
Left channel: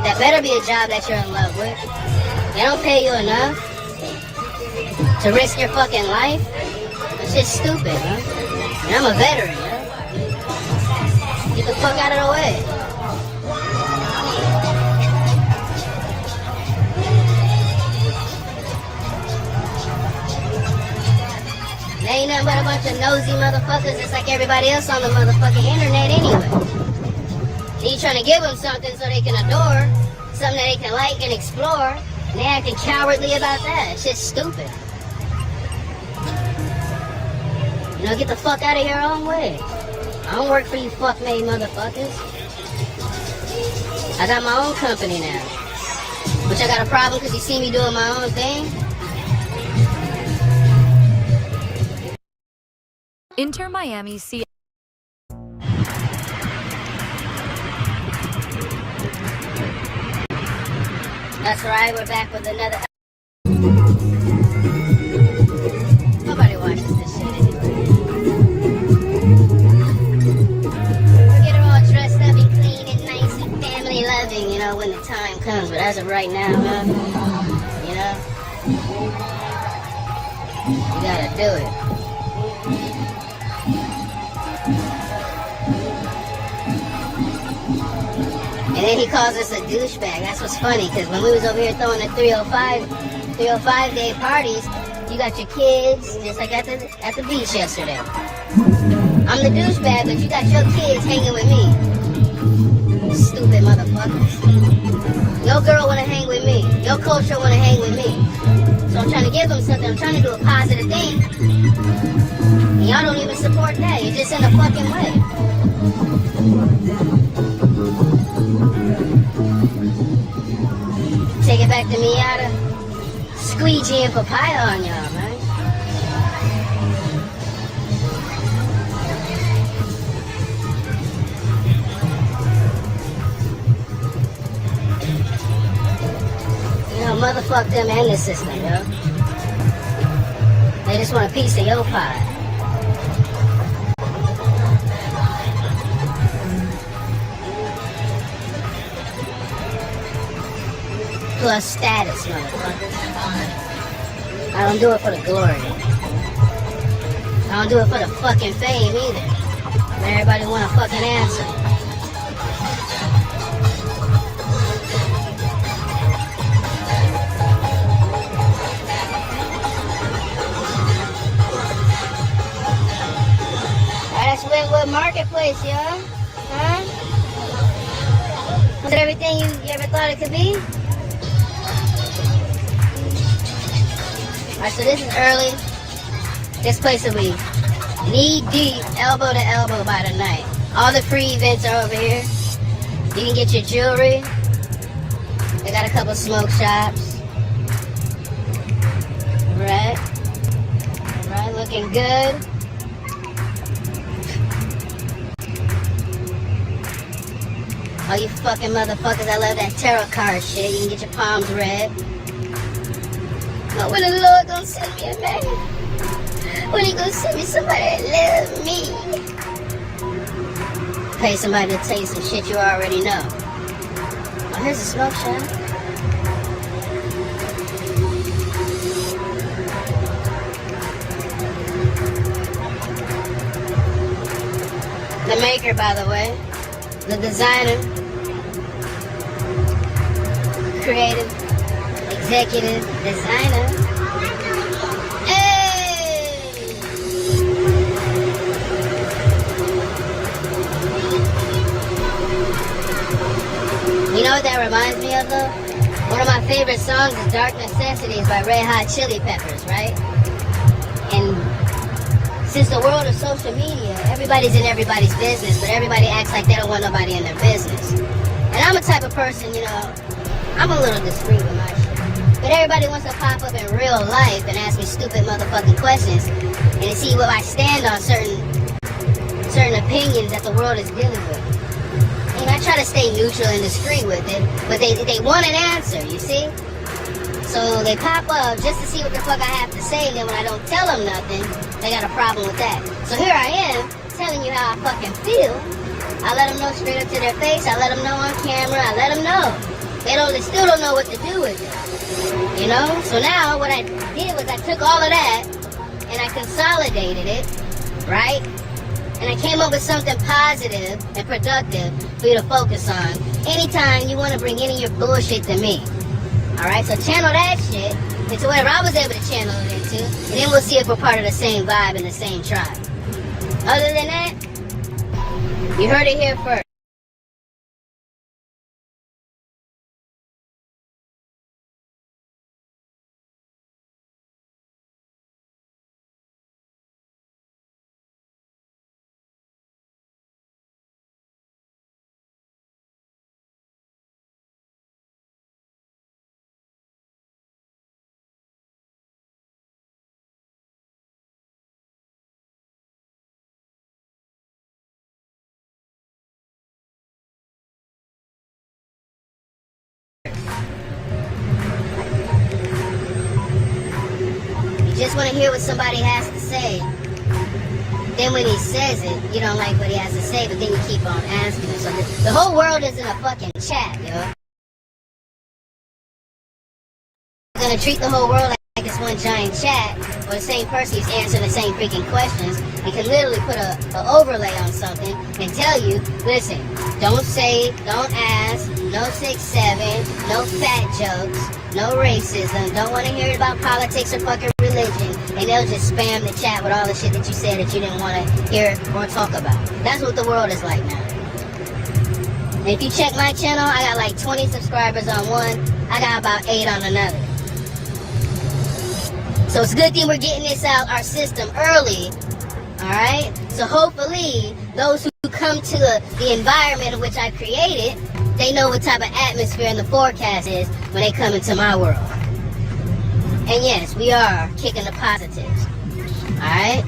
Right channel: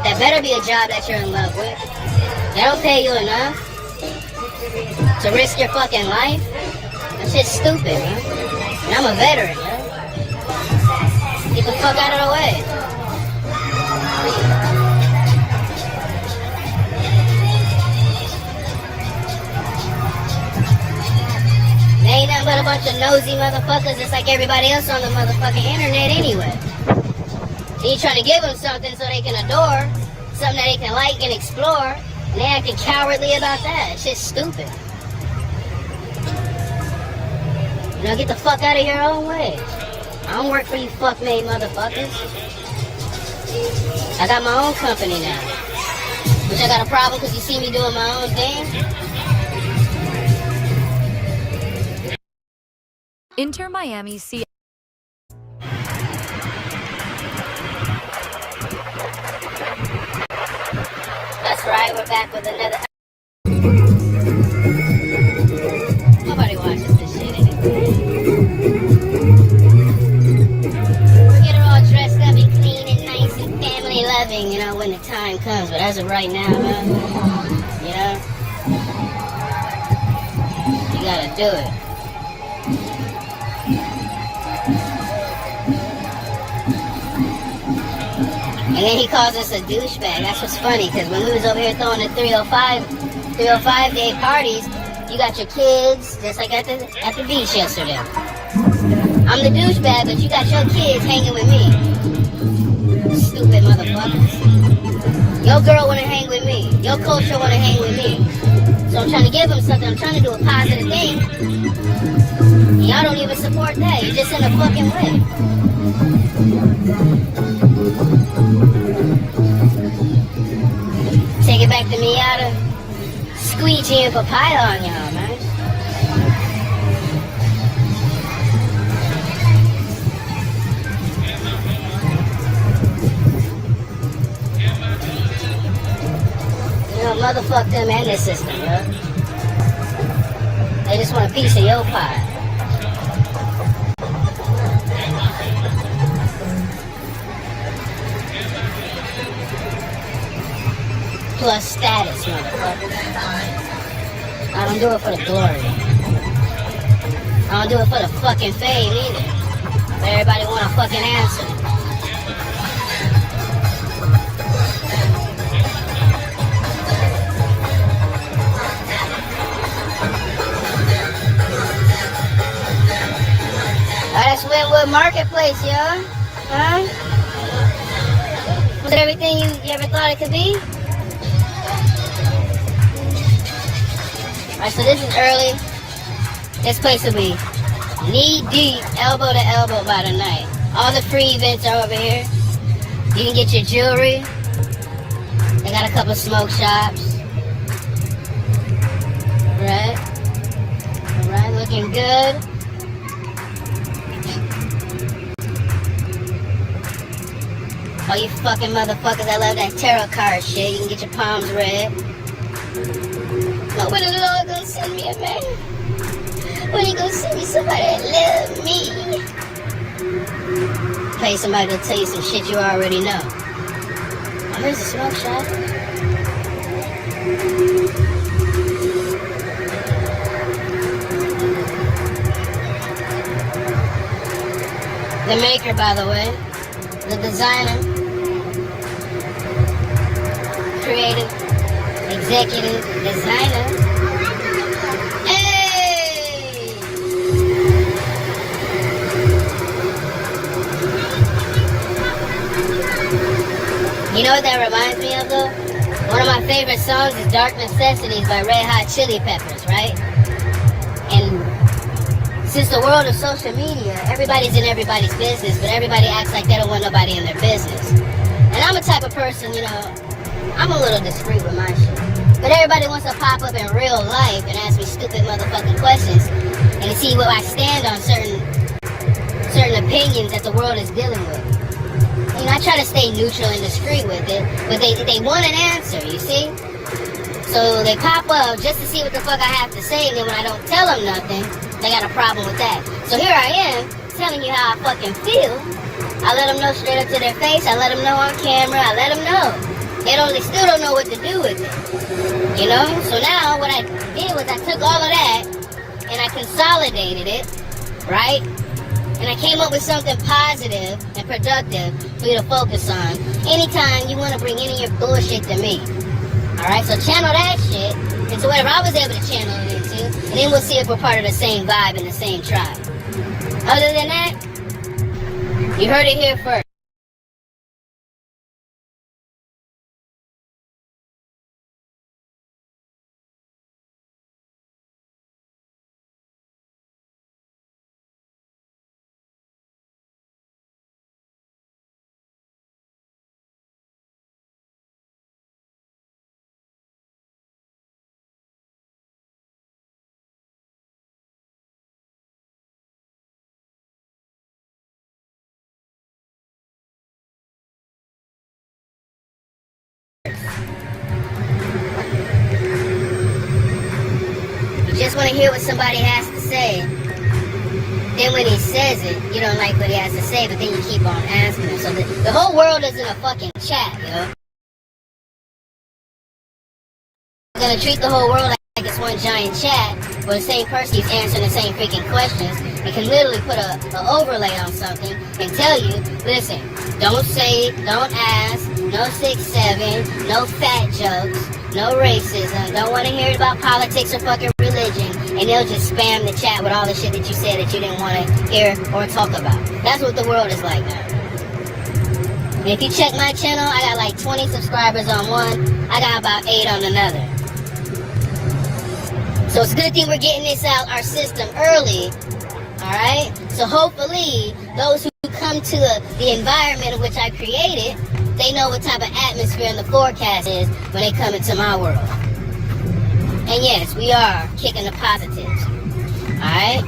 That better be a job that you're in love with. They don't pay you enough to risk your fucking life. That shit's stupid, man. And I'm a veteran, man. Get the fuck out of the way. They ain't nothing but a bunch of nosy motherfuckers just like everybody else on the motherfucking internet anyway. And you trying to give them something so they can adore, something that they can like and explore, and they acting cowardly about that. It's just stupid. You know, get the fuck out of your own way. I don't work for you fuck-made motherfuckers. I got my own company now. Which I got a problem because you see me doing my own thing. Inter Miami C. That's right, we're back with another. Nobody watches this shit anyway. We get her all dressed up and clean and nice and family loving, you know, when the time comes. But as of right now, huh? You know, you gotta do it. And then he calls us a douchebag. That's what's funny, because when we was over here throwing the 305 day parties, you got your kids, just like at the beach yesterday. I'm the douchebag, but you got your kids hanging with me. Stupid motherfuckers. Your girl wanna hang with me. Your culture wanna hang with me. So I'm trying to give them something. I'm trying to do a positive thing. And y'all don't even support that. You're just in the fucking way. Take it back to Miata. Squeegee and papaya on y'all, man. You know, motherfuck them and this system, yo. They just want a piece of your pie. Plus status, motherfucker. I don't do it for the glory. I don't do it for the fucking fame either. Everybody want a fucking answer. That's Wentwood Marketplace, y'all. Huh? Was it everything you ever thought it could be? Alright, so this is early. This place will be knee deep, elbow to elbow by the night. All the free events are over here. You can get your jewelry. They got a couple smoke shops. Alright. Alright, looking good. Oh, you fucking motherfuckers, I love that tarot card shit. You can get your palms read. But when the Lord gonna send me a man? When he gonna send me somebody that loves me? Pay somebody to tell you some shit you already know. Oh, here's a smoke shop. The maker, by the way. The designer. Creative. Executive designer. Hey! You know what that reminds me of though? One of my favorite songs is Dark Necessities by Red Hot Chili Peppers, right? And since the world of social media, everybody's in everybody's business, but everybody acts like they don't want nobody in their business. And I'm a type of person, you know, I'm a little discreet with my shit. But everybody wants to pop up in real life and ask me stupid motherfucking questions and see what I stand on certain opinions that the world is dealing with. And I try to stay neutral and discreet with it, but they want an answer, you see? So they pop up just to see what the fuck I have to say, and then when I don't tell them nothing, they got a problem with that. So here I am, telling you how I fucking feel. I let them know straight up to their face. I let them know on camera. I let them know. They still don't know what to do with it. You know? So now what I did was I took all of that and I consolidated it, right? And I came up with something positive and productive for you to focus on anytime you want to bring any of your bullshit to me. Alright? So channel that shit into whatever I was able to channel it into, and then we'll see if we're part of the same vibe and the same tribe. Other than that, you heard it here first. You just want to hear what somebody has to say. Then when he says it, you don't like what he has to say, but then you keep on asking him. So the whole world isn't a fucking chat, yo. We're gonna treat the whole world like it's one giant chat, where the same person keeps answering the same freaking questions and can literally put an overlay on something and tell you, listen, don't say it, don't ask, no 6'7", no fat jokes, no racism, don't want to hear about politics or fucking religion, and they'll just spam the chat with all the shit that you said that you didn't want to hear or talk about. That's what the world is like now. And if you check my channel, I got like 20 subscribers on one, I got about 8 on another. So it's a good thing we're getting this out our system early, alright? So hopefully, those who come to the environment in which I created, they know what type of atmosphere in the forecast is when they come into my world. And yes, we are kicking the positives. Alright?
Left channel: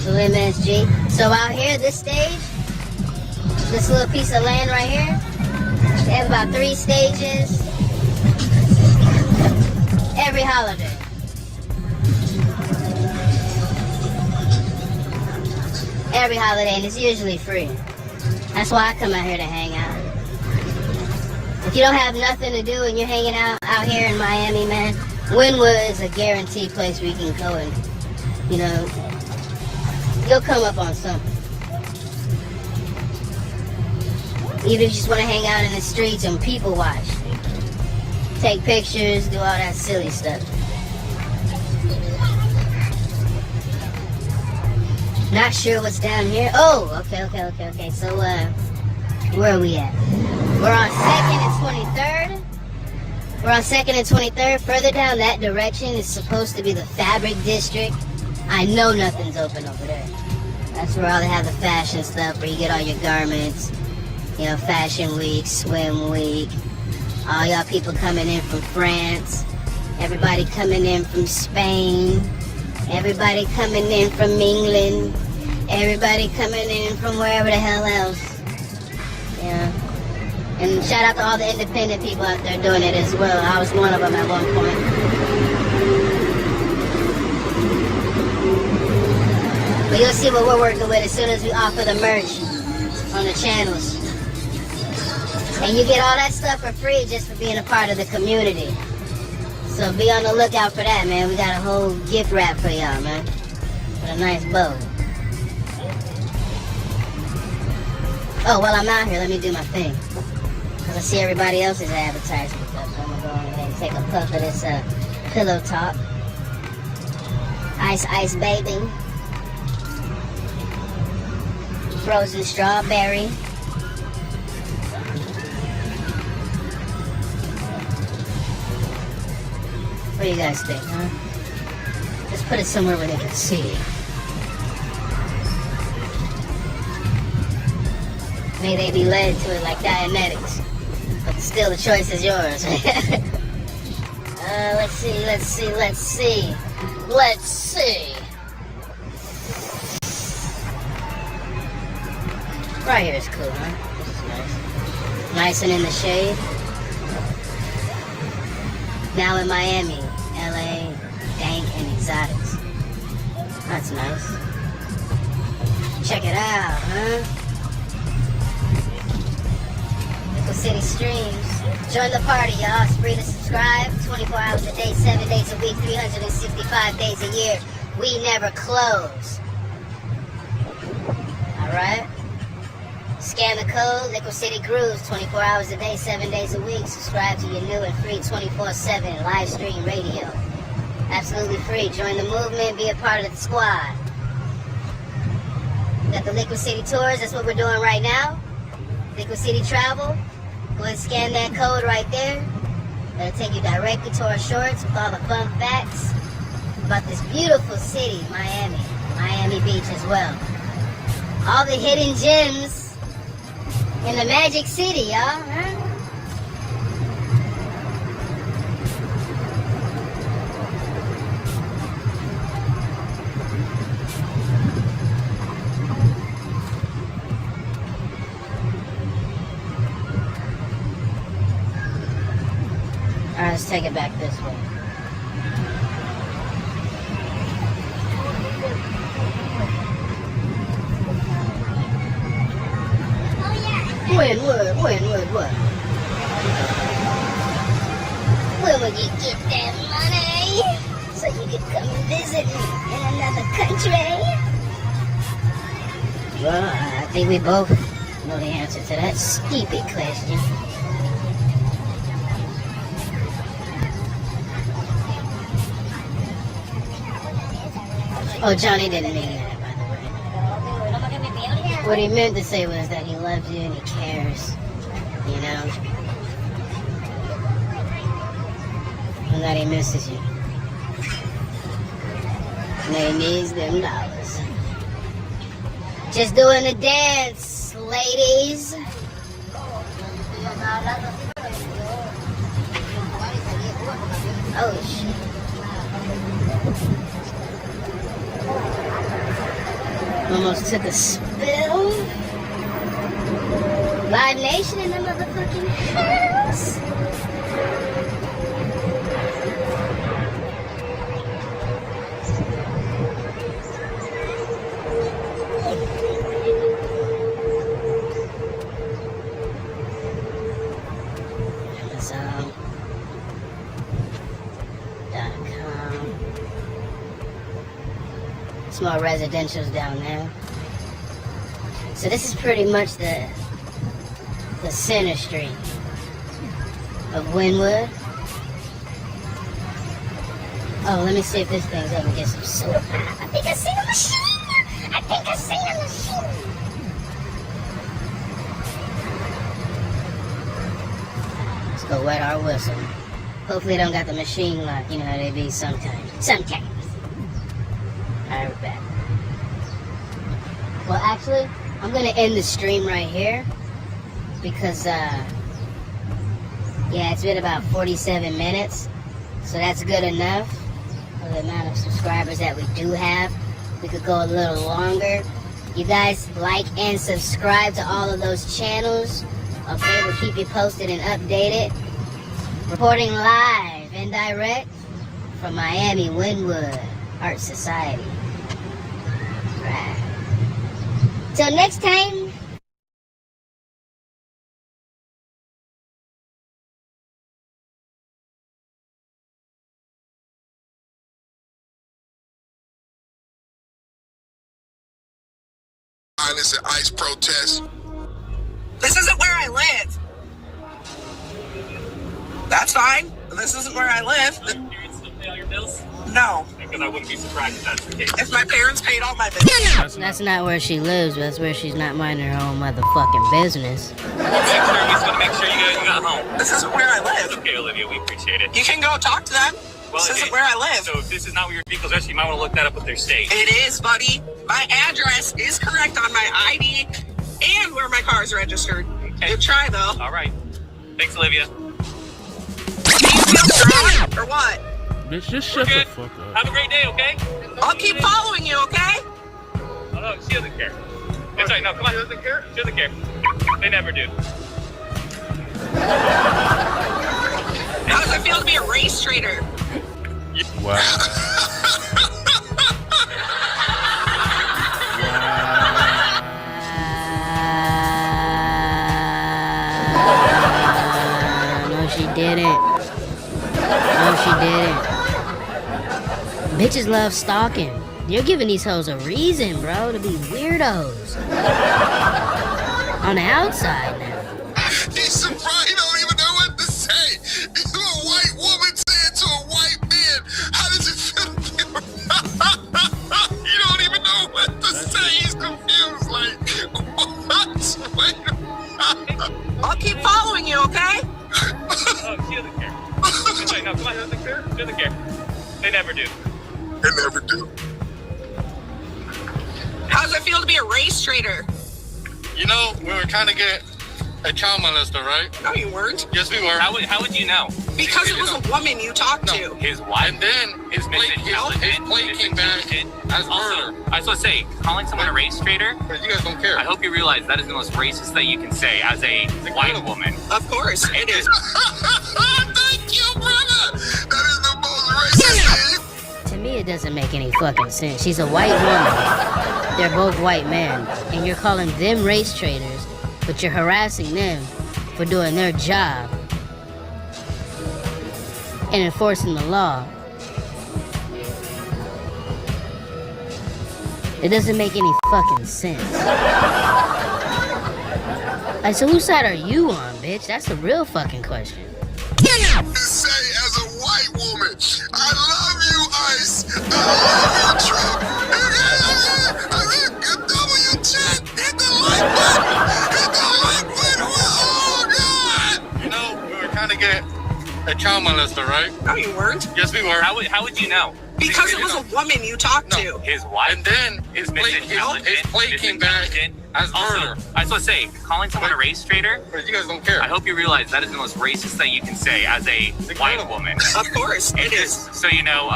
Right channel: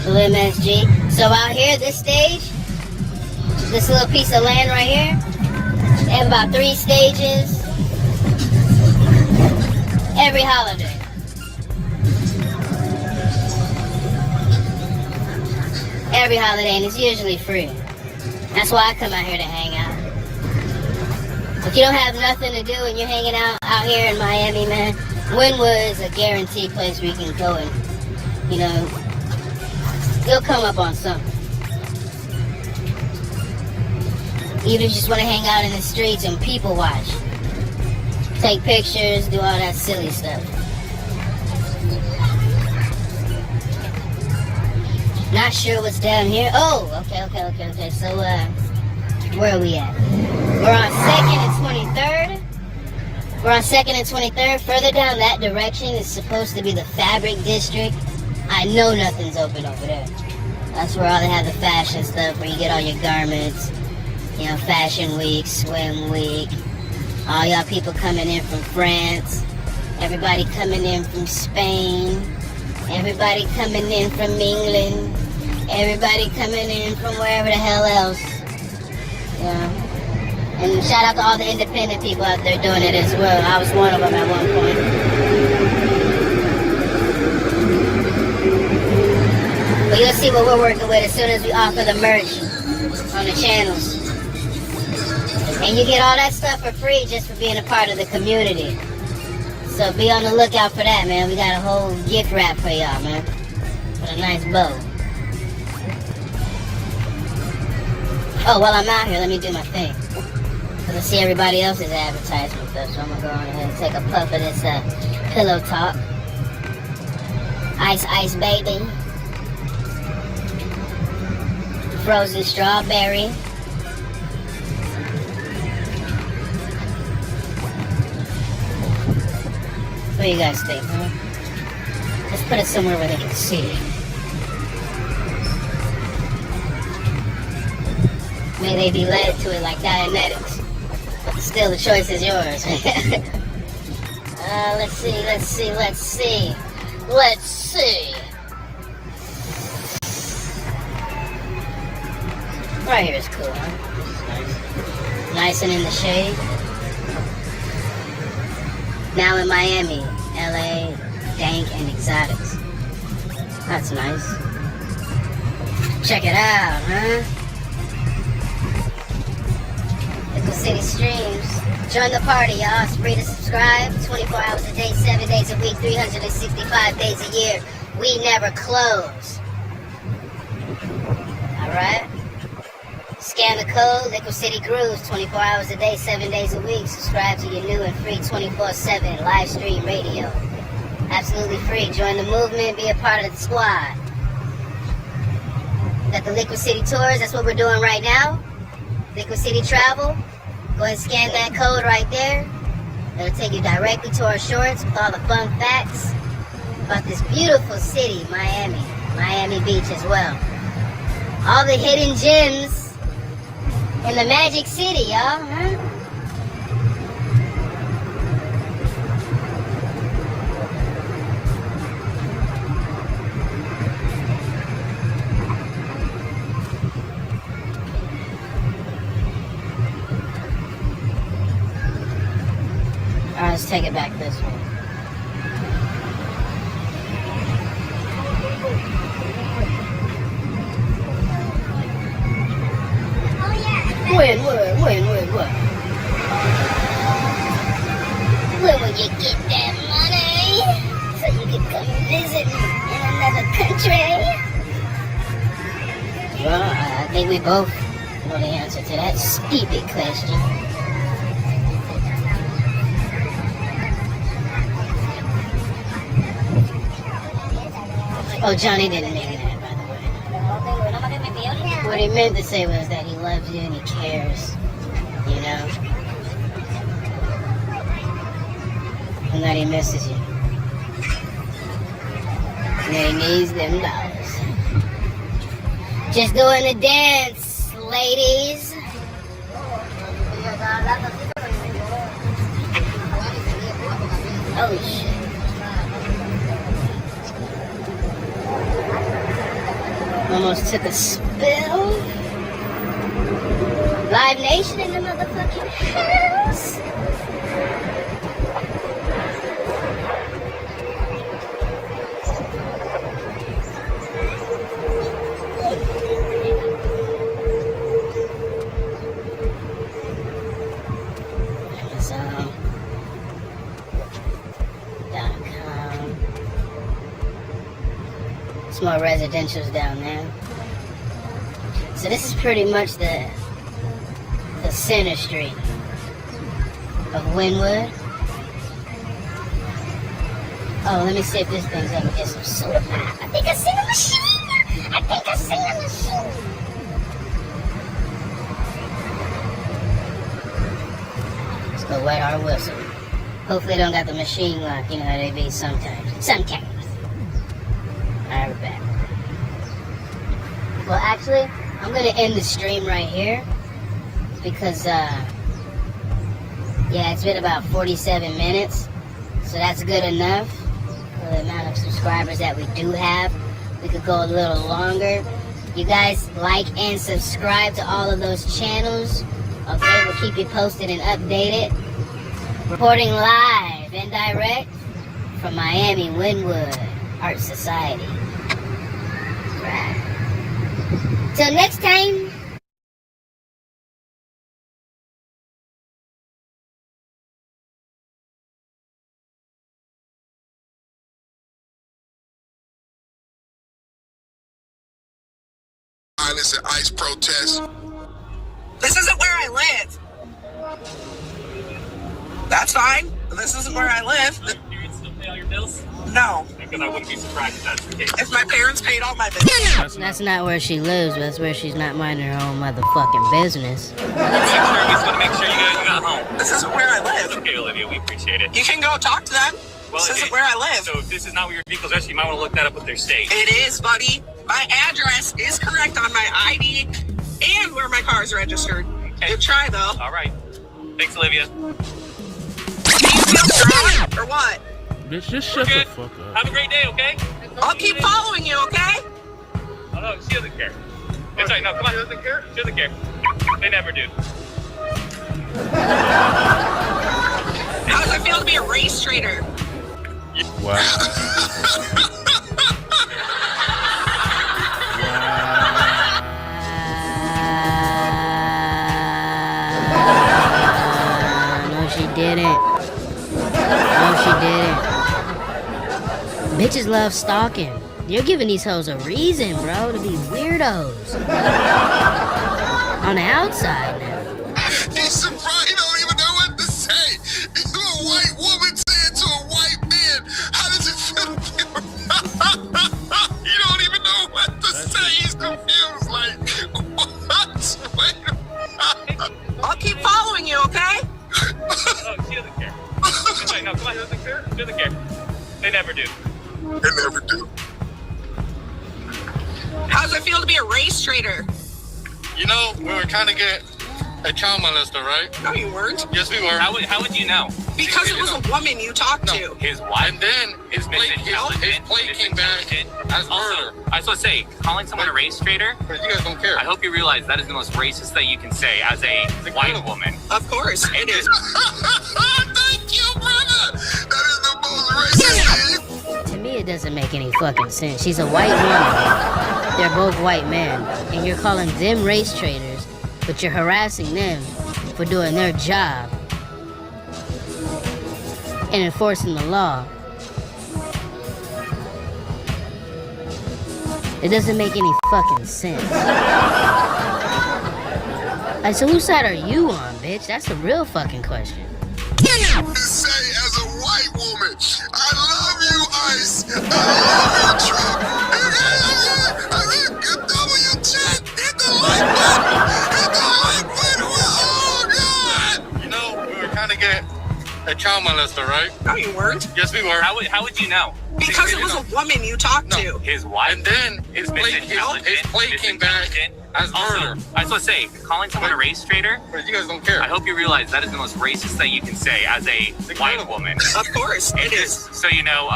So MSG. So out here, this stage, this little piece of land right here, they have about 3 stages every holiday. Every holiday, and it's usually free. That's why I come out here to hang out. If you don't have nothing to do and you're hanging out here in Miami, man, Wynwood is a guaranteed place where you can go and, you know, you'll come up on something. Even if you just want to hang out in the streets and people watch. Take pictures, do all that silly stuff. Not sure what's down here. Oh, okay. So, where are we at? We're on 2nd and 23rd. We're on 2nd and 23rd. Further down that direction is supposed to be the Fabric District. I know nothing's open over there. That's where all they have the fashion stuff, where you get all your garments. You know, Fashion Week, Swim Week. All y'all people coming in from France. Everybody coming in from Spain. Everybody coming in from England. Everybody coming in from wherever the hell else. Yeah. And shout out to all the independent people out there doing it as well. I was one of them at one point. But you'll see what we're working with as soon as we offer the merch on the channels. And you get all that stuff for free just for being a part of the community. So be on the lookout for that, man. We got a whole gift wrap for y'all, man. With a nice bow. Oh, while I'm out here, let me do my thing. I see everybody else's advertisement stuff, so I'm gonna go on ahead and take a puff of this pillow talk. Ice, ice, baby. Frozen strawberry. What do you guys think, huh? Let's put it somewhere where they can see. May they be led to it like Dianetics. But still, the choice is yours. Let's see, let's see, let's see. Let's see. Right here is cool, huh? This is nice. Nice and in the shade. Now in Miami, LA, dank and exotics. That's nice. Check it out, huh? LiquiCITY streams. Join the party, y'all. It's free to subscribe. 24 hours a day, 7 days a week, 365 days a year. We never close. Alright? Scan the code, LiquiCITY Grooves, 24 hours a day, 7 days a week. Subscribe to your new and free 24/7 live stream radio. Absolutely free. Join the movement, be a part of the squad. Got the LiquiCITY tours, that's what we're doing right now. LiquiCITY travel. Go ahead and scan that code right there. That'll take you directly to our shorts with all the fun facts about this beautiful city, Miami. Miami Beach as well. All the hidden gems in the Magic City, y'all, huh? Alright, let's take it back this way. When what? When will you get that money? So you can come and visit in another country? Well, I think we both know the answer to that stupid question. Oh, Johnny didn't mean that, by the way. What he meant to say was that he loves you and he cares, you know? And that he misses you. And that he needs them dollars. Just doing the dance, ladies. Oh, shit. Almost took a spill. Live Nation in the motherfucking house. Amazon.com. Small residentials down there. So this is pretty much the center street of Wynwood. Oh, let me see if this thing's gonna get some soda. I think I seen a machine. Let's go wet our whistle. Hopefully they don't got the machine lock. You know how they be sometimes. Alright, we're back. Well, actually, I'm gonna end the stream right here because, yeah, it's been about 47 minutes, so that's good enough for the amount of subscribers that we do have. We could go a little longer. You guys like and subscribe to all of those channels. Okay, we'll keep you posted and updated. Reporting live and direct from Miami Wynwood Art Society. Right. Till next time. Violence and ICE protests. This isn't where I live. That's fine. This isn't where I live. all your bills? No. Because I wouldn't be surprised if that's the case. If my parents paid all my bills. That's not where she lives, but that's where she's not minding her own motherfucking business. We just want to make sure you got home. This isn't where I live. It's okay, Olivia. We appreciate it. You can go talk to them. Well, This isn't where I live. So if this is not where your vehicle's registered, you might want to look that up with their state. It is, buddy. My address is correct on my ID and where my car is registered. Okay. Good try, though. All right. Thanks, Olivia. Do you feel strong or what? Bitch, just shut the fuck up. Have a great day, okay? I'll keep following you, okay? Oh, no, she doesn't care. It's right, no, come on. She doesn't care? She doesn't care. They never do. How does it feel to be a race trader? Wow. No, she didn't. No, she didn't. Bitches love stalking. You're giving these hoes a reason, bro, to be weirdos. On the outside now. He's surprised. He don't even know what to say. He's a white woman saying to a white man, how does it feel to be He don't even know what to say. He's confused. Like, what? Wait a minute. I'll keep following you, okay? Oh, she doesn't care. It's right, no, come on. She doesn't care? She doesn't care. They never do. They never do. How does it feel to be a race trader? You know, we were trying to get a child molester, right? No, you weren't. Yes, we were. How would you know? Because it was a woman you talked to. His wife? And then his plate came back as Also, murder. I was supposed to say, calling someone a race trader, But you guys don't care. I hope you realize that is the most racist that you can say as a white woman. Of course, it is. Thank you, brother. That is the most racist thing. To me, it doesn't make any fucking sense. She's a white woman. They're both white men. And you're calling them race traders, but you're harassing them for doing their job and enforcing the law. It doesn't make any fucking sense. Like, so whose side are you on, bitch? That's the real fucking question. Say as a white woman, I love you, Ice. I love you, Trump. W chat, hit the like button. Hit the like button. Oh God! You know, we were trying to get a child molester, right? No, you weren't. Yes, we were. How would you know? Because it was a woman you talked to. His wife? And then his plate came back as murder. Also, I was supposed to say, calling someone a race trader, But you guys don't care. I hope you realize that is the most racist that you can say as a white woman. Of course, it is. So you know,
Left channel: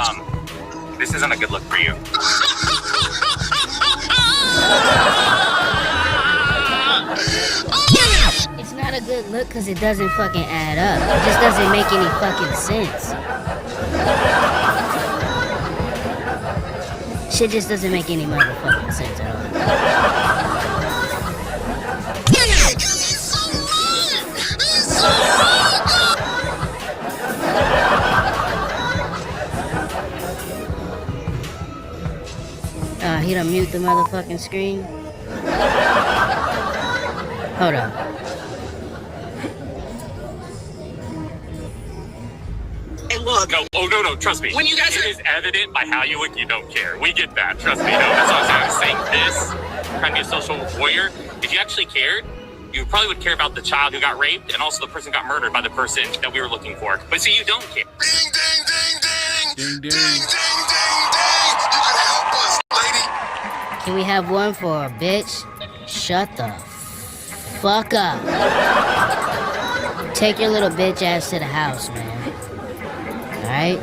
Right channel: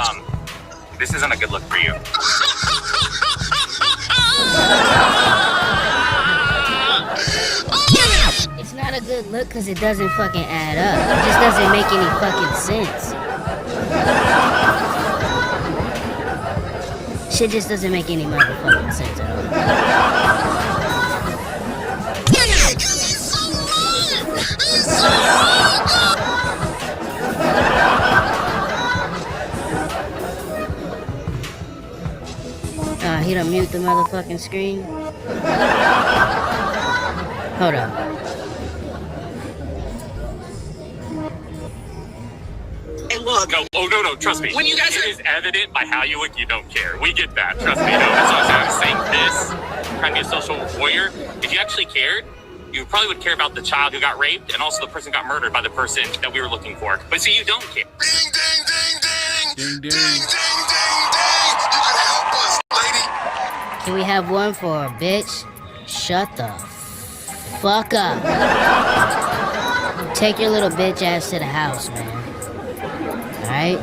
this isn't a good look for you. It's not a good look because it doesn't fucking add up. It just doesn't make any fucking sense. Shit just doesn't make any motherfucking sense at all. He's so right. He's so right. He done mute the motherfucking screen. Hold up. And look, No, trust me. When you guys it are- is evident by how you look, you don't care. We get that, trust me. No, that's what I was saying this, trying to be a social warrior. If you actually cared, you probably would care about the child who got raped and also the person who got murdered by the person that we were looking for. But see, you don't care. Ding, ding, ding, ding. Ding, ding. Ding, ding, ding, ding. You can help us, lady. Can we have one for bitch? Shut the fuck up. Take your little bitch ass to the house, man. Alright?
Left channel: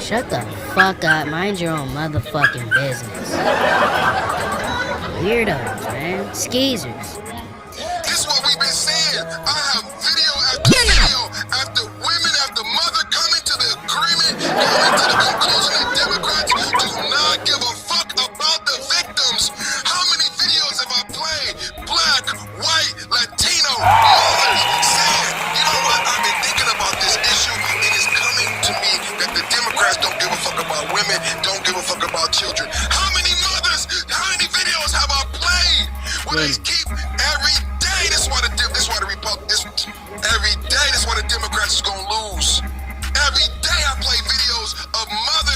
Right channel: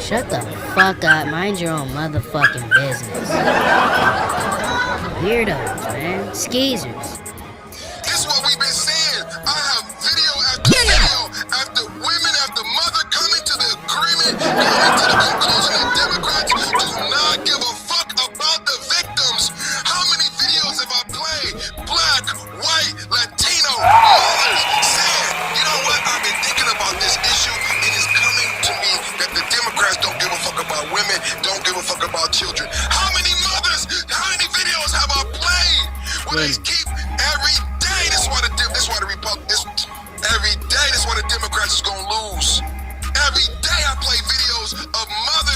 Shut the fuck up. Mind your own motherfucking business. Weirdos, man. Skeezers. This is what we've been saying. I have video after video after women after mother coming to the agreement, coming to the conclusion that Democrats do not give a fuck about the victims. How many videos have I played? Black, white, Latino, mothers saying, you know what? I've been thinking about this issue and it's coming to me that the Democrats don't give a fuck about women, don't give a fuck about children. How many mothers, how many videos have I played? Where they keep every day, this is why the Democrats is gonna lose. Every day I play videos of mothers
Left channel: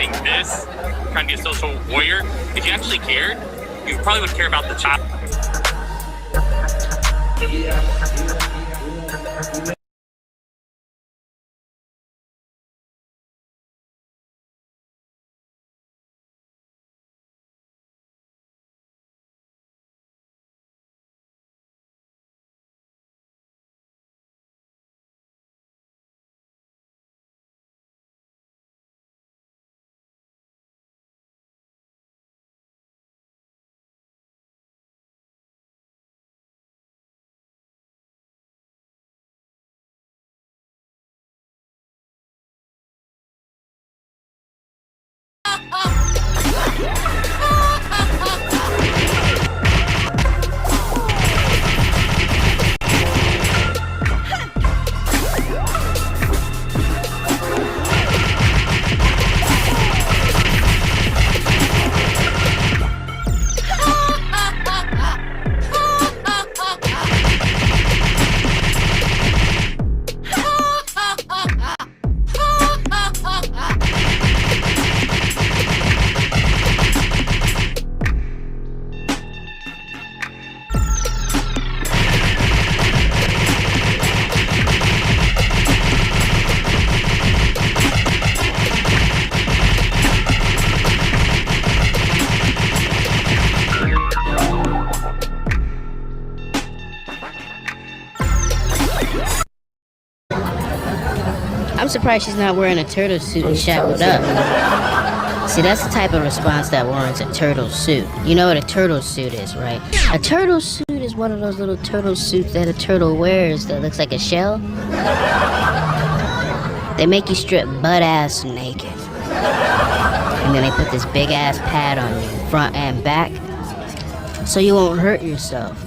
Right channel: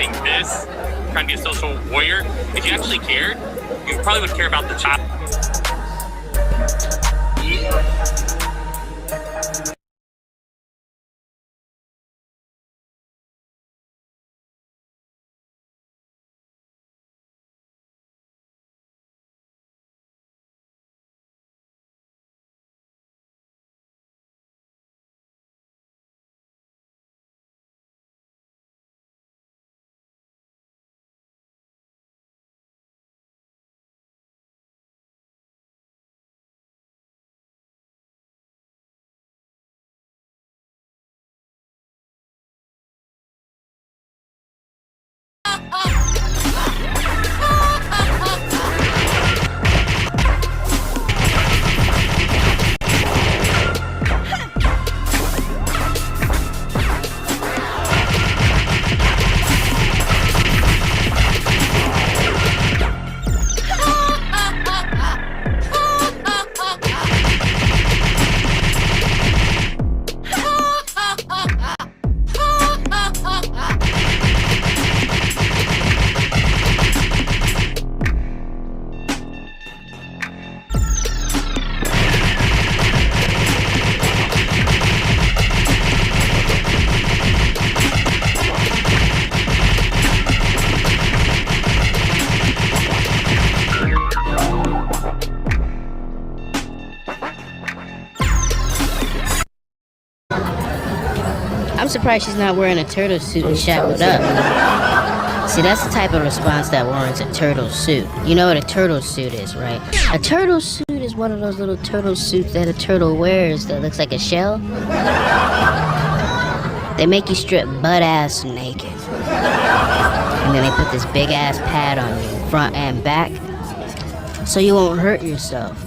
saying this, trying to be a social warrior. If you actually cared, you probably would care about the child. I'm surprised she's not wearing a turtle suit and shackled up. See, that's the type of response that warrants a turtle suit. You know what a turtle suit is, right? A turtle suit is one of those little turtle suits that a turtle wears that looks like a shell. They make you strip butt-ass naked. And then they put this big-ass pad on you, front and back, so you won't hurt yourself.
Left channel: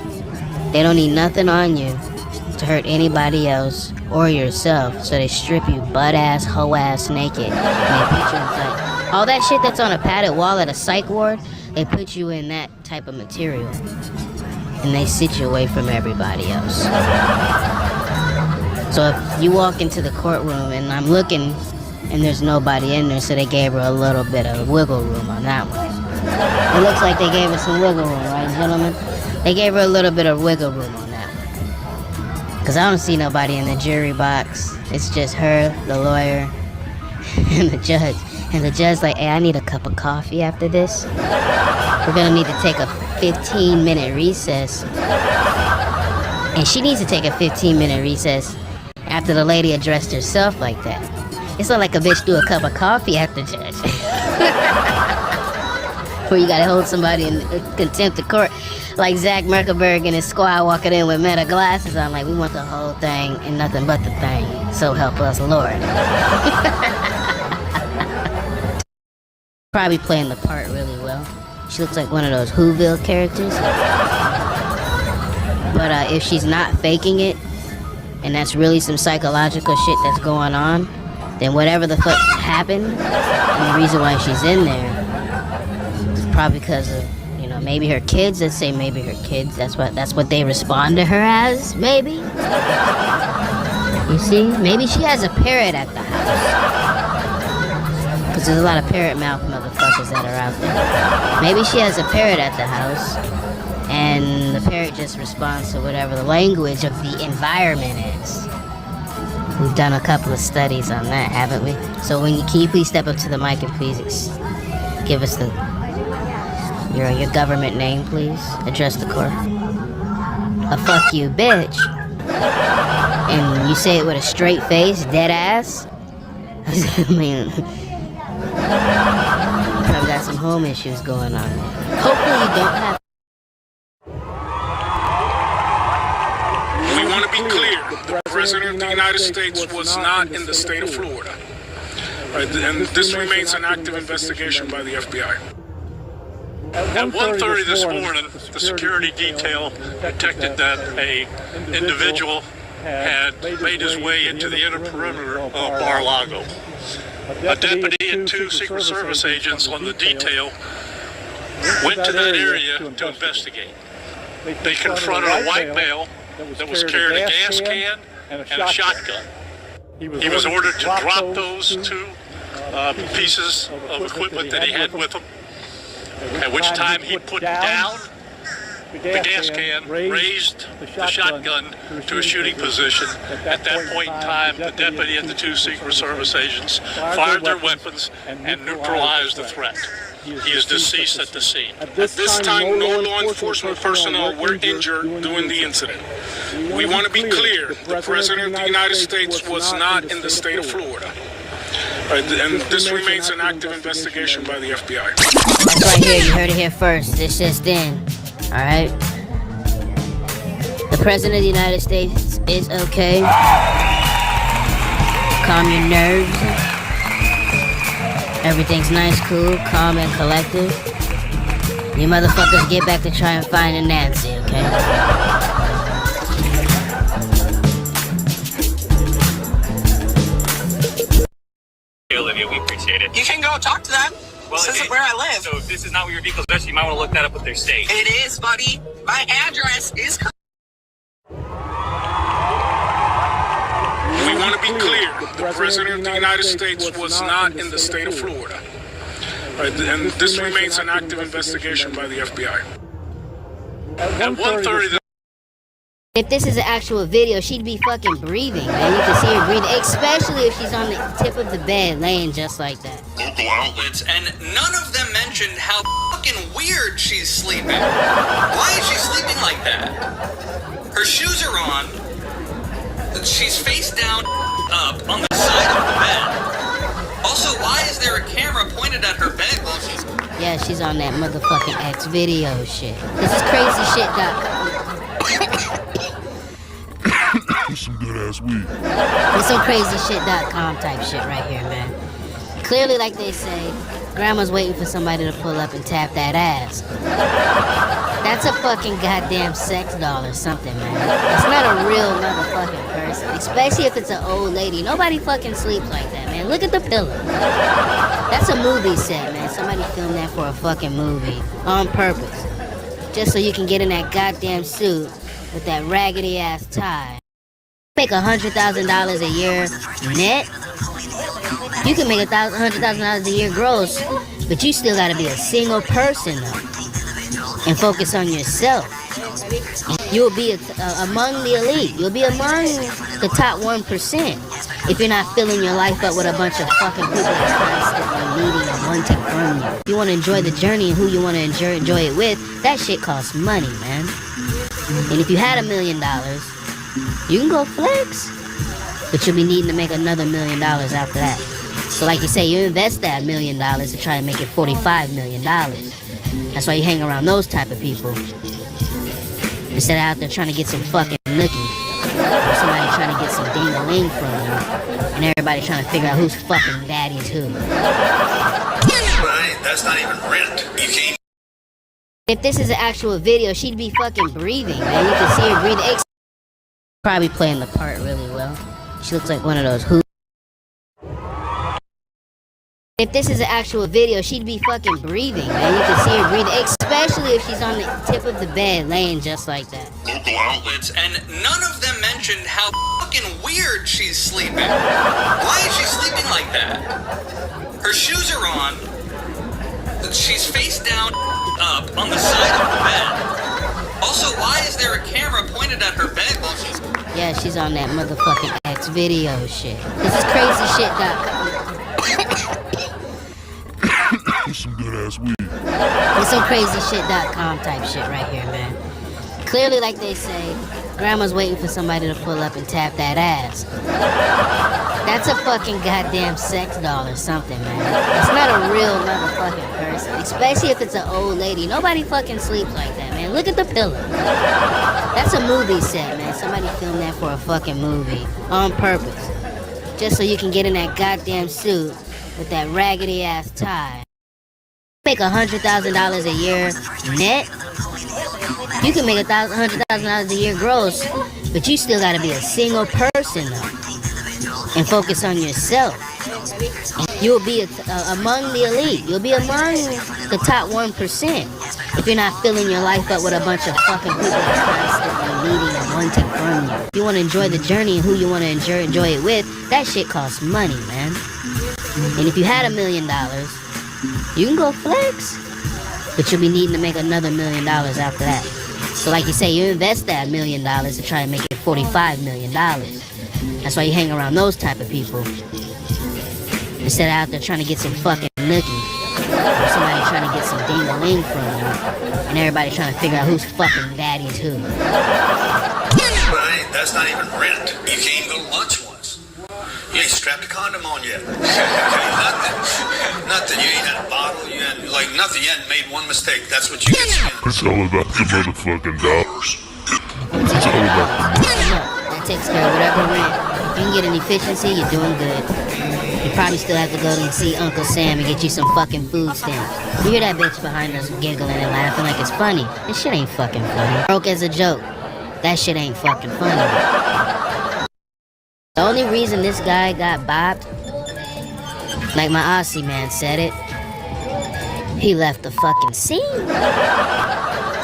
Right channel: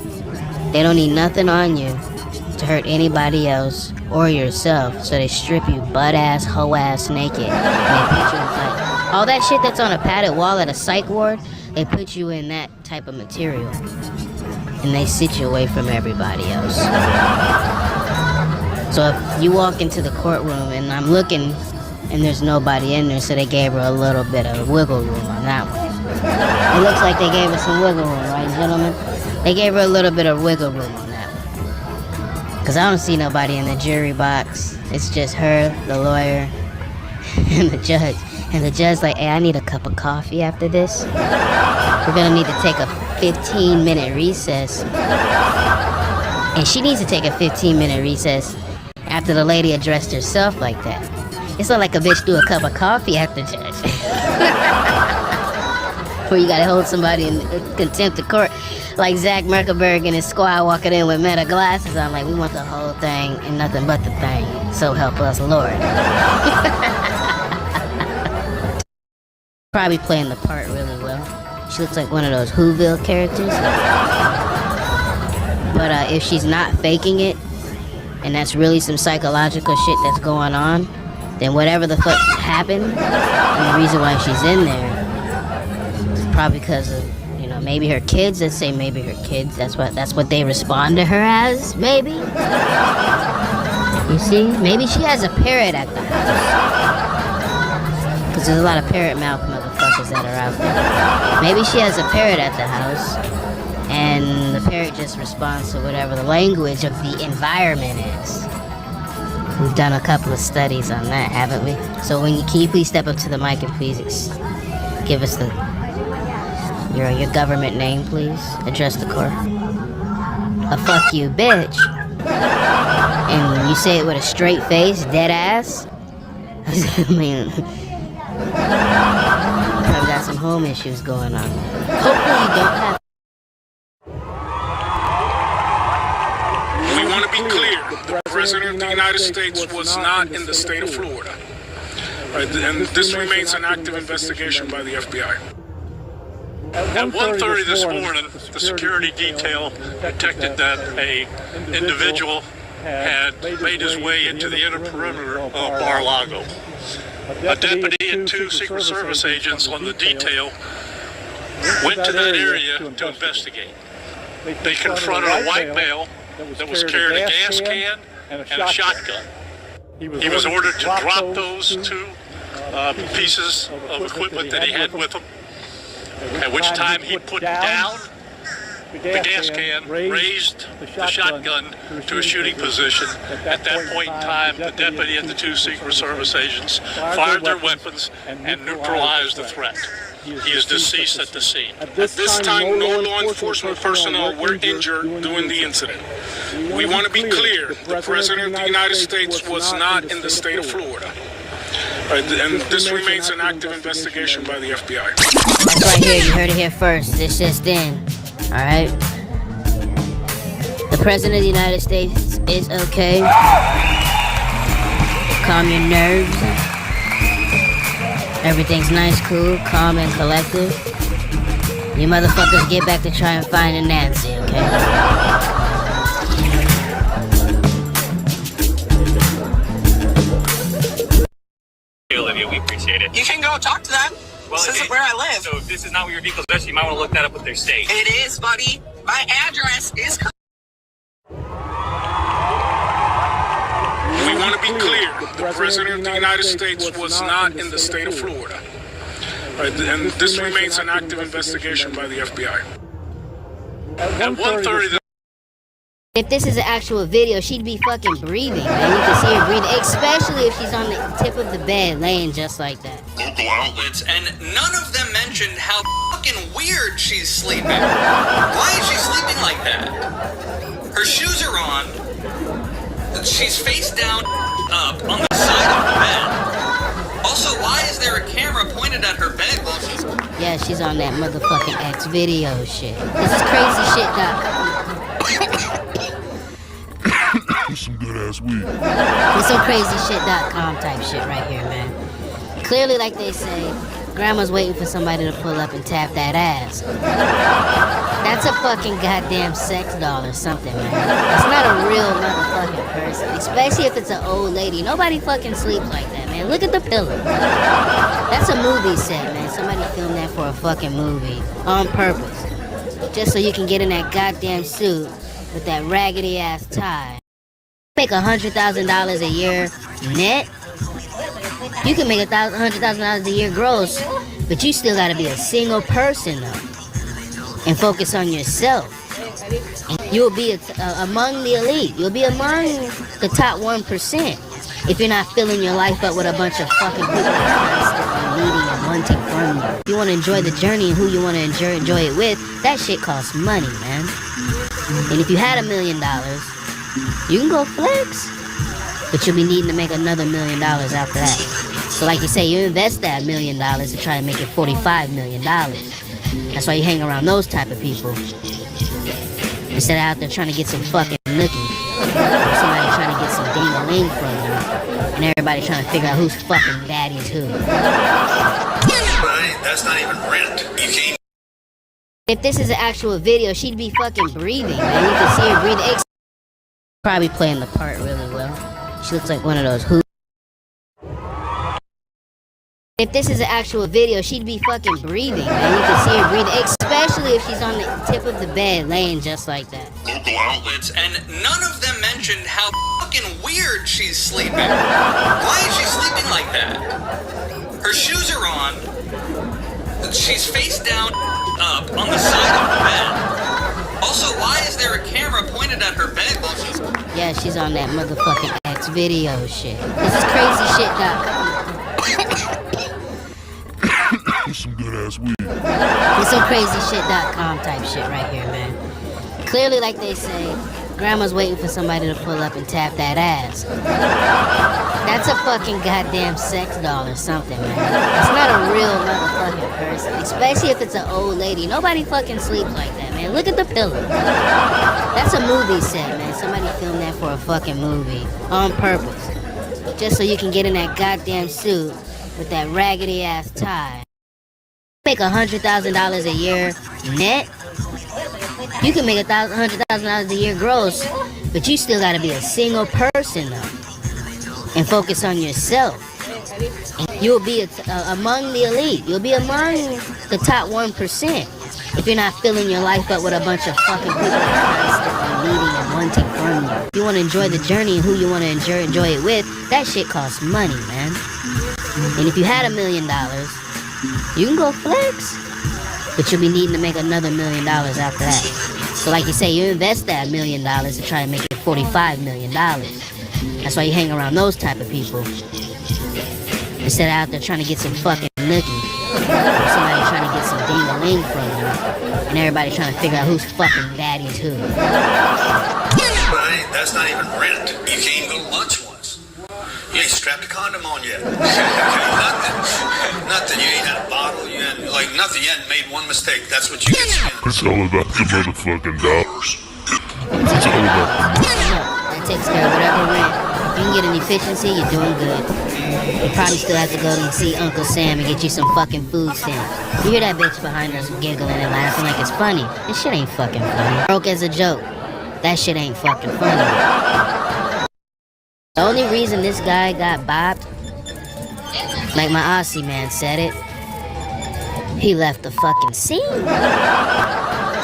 They don't need nothing on you to hurt anybody else or yourself, so they strip you butt-ass, hoe-ass naked. And they put you inside. All that shit that's on a padded wall at a psych ward, they put you in that type of material. And they sit you away from everybody else. So if you walk into the courtroom and I'm looking and there's nobody in there, so they gave her a little bit of wiggle room on that one. It looks like they gave her some wiggle room, right, gentlemen? They gave her a little bit of wiggle room on that one. Because I don't see nobody in the jury box. It's just her, the lawyer, and the judge. And the judge's like, hey, I need a cup of coffee after this. We're going to need to take a 15-minute recess. And she needs to take a 15-minute recess after the lady addressed herself like that. It's not like a bitch do a cup of coffee after judge. Where you gotta hold somebody in contempt of court. Like Zach Merkelberg and his squad walking in with meta glasses on, like, we want the whole thing and nothing but the thing. So help us, Lord. Probably playing the part really well. She looks like one of those Whoville characters. But if she's not faking it, and that's really some psychological shit that's going on, then whatever the fuck happened, and the reason why she's in there, is probably because of, you know, maybe her kids. Let's say maybe her kids. That's what they respond to her as. Maybe. You see, maybe she has a parrot at the house. Because there's a lot of parrot mouth motherfuckers that are out there. Maybe she has a parrot at the house, and the parrot just responds to whatever the language of the environment is. We've done a couple of studies on that, haven't we? So can you please step up to the mic and please give us your government name, please? Address the court. A fuck you, bitch. And you say it with a straight face, dead ass. I mean, you probably got some home issues going on. Hopefully you don't have. We want to be clear. The President of the United States was not in the state of Florida. Right, and this remains an active investigation by the FBI. At 1:30 this morning, the security detail detected that an individual had made his way into the inner perimeter of Mar-a-Lago. A deputy and two Secret Service agents on the detail went to that area to investigate. They confronted a white male that was carrying a gas can and a shotgun. He was ordered to drop those two pieces of equipment that he had with him. At which time he put down the gas can, raised the shotgun to a shooting position. At that point in time, the deputy and the two Secret Service agents fired their weapons and neutralized the threat. He is deceased at the scene. At this time, no law enforcement personnel were injured during the incident. We want to be clear, the President of the United States was not in the state of Florida. And this remains an active investigation by the FBI. That's right here, you heard it here first. This just in. Alright? The President of the United States is okay. Calm your nerves. Everything's nice, cool, calm, and collective. You motherfuckers get back to try and find a Nancy, okay? We appreciate it. You can go talk to them. Well, this isn't where I live. So if this is not where your vehicle's registered, you might want to look that up with their state. It is, buddy. My address is correct. We want to be clear, the President of the United States was not in the state of Florida. And this remains an active investigation by the FBI. At 1:30. If this is an actual video, she'd be fucking breathing, man. You can see her breathing, especially if she's on the tip of the bed, laying just like that. Local outlets, and none of them mentioned how fucking weird she's sleeping. Why is she sleeping like that? Her shoes are on. She's face down, up on the side of the bed. Also, why is there a camera pointed at her bed while she's... Yeah, she's on that motherfucking X video shit. This is crazy shit. Some good ass weed. It's some crazy shit.com type shit right here, man. Clearly, like they say, grandma's waiting for somebody to pull up and tap that ass. That's a fucking goddamn sex doll or something, man. It's not a real motherfucking person, especially if it's an old lady. Nobody fucking sleeps like that, man. Look at the pillow. That's a movie set, man. Somebody filmed that for a fucking movie on purpose, just so you can get in that goddamn suit with that raggedy ass tie. Make $100,000 a year net. You can make $100,000 a year gross, but you still gotta be a single person though, and focus on yourself. You'll be among the elite. You'll be among the top 1% if you're not filling your life up with a bunch of fucking people that's constantly needing and wanting from you. If you want to enjoy the journey and who you want to enjoy it with, that shit costs money, man. And if you had $1 million, you can go flex, but you'll be needing to make another $1 million after that. So like you say, you invest that $1 million to try to make it $45 million. That's why you hang around those type of people, instead of out there trying to get some fucking nookie, or somebody trying to get some ding-a-ling from you, and everybody trying to figure out who's fucking daddy's who. That's not even rent. You can't. If this is an actual video, she'd be fucking breathing, man. You can see her breathing. Probably playing the part really well. She looks like one of those who. If this is an actual video, she'd be fucking breathing, man. You can see her breathing, especially if she's on the tip of the bed, laying just like that. Local outlets, and none of them mentioned how fucking weird she's sleeping. Why is she sleeping like that? Her shoes are on. She's face down, up on the side of the bed. Also, why is there a camera pointed at her bed while she's... Yeah, she's on that motherfucking X video shit. This is crazy shit.com. Some good ass weed. It's some crazy shit.com type shit right here, man. Clearly, like they say, grandma's waiting for somebody to pull up and tap that ass. That's a fucking goddamn sex doll or something, man. It's not a real motherfucking person, especially if it's an old lady. Nobody fucking sleeps like that, man. Look at the pillow. That's a movie set, man. Somebody filmed that for a fucking movie on purpose, just so you can get in that goddamn suit with that raggedy ass tie. Make $100,000 a year net. You can make $100,000 a year gross, but you still gotta be a single person though, and focus on yourself. You'll be among the elite. You'll be among the top 1% if you're not filling your life up with a bunch of fucking people that's constantly needing and wanting from you. If you want to enjoy the journey and who you want to enjoy it with, that shit costs money, man. And if you had $1 million, you can go flex. But you'll be needing to make another $1 million after that. So like you say, you invest that $1 million to try and make it $45 million. That's why you hang around those type of people. Instead of out there trying to get some fucking nookie. Or somebody trying to get some ding-a-ling from you. And everybody trying to figure out who's fucking daddy's who. But that's not even rent. You can't even go to lunch once. You ain't strapped a condom on yet. Nothing. You ain't had a bottle. You ain't, like, nothing. You hadn't made one mistake. That's what you get spent. It's all about the motherfucking dollars. It's all about the money. That takes care of whatever rent. If you can get an efficiency, you're doing good. You probably still have to go and see Uncle Sam and get you some fucking food stamps. You hear that bitch behind us giggling and laughing like it's funny. This shit ain't fucking funny. Broke as a joke. That shit ain't fucking funny. The only reason this guy got bopped, like my Aussie man said it, he left the fucking scene.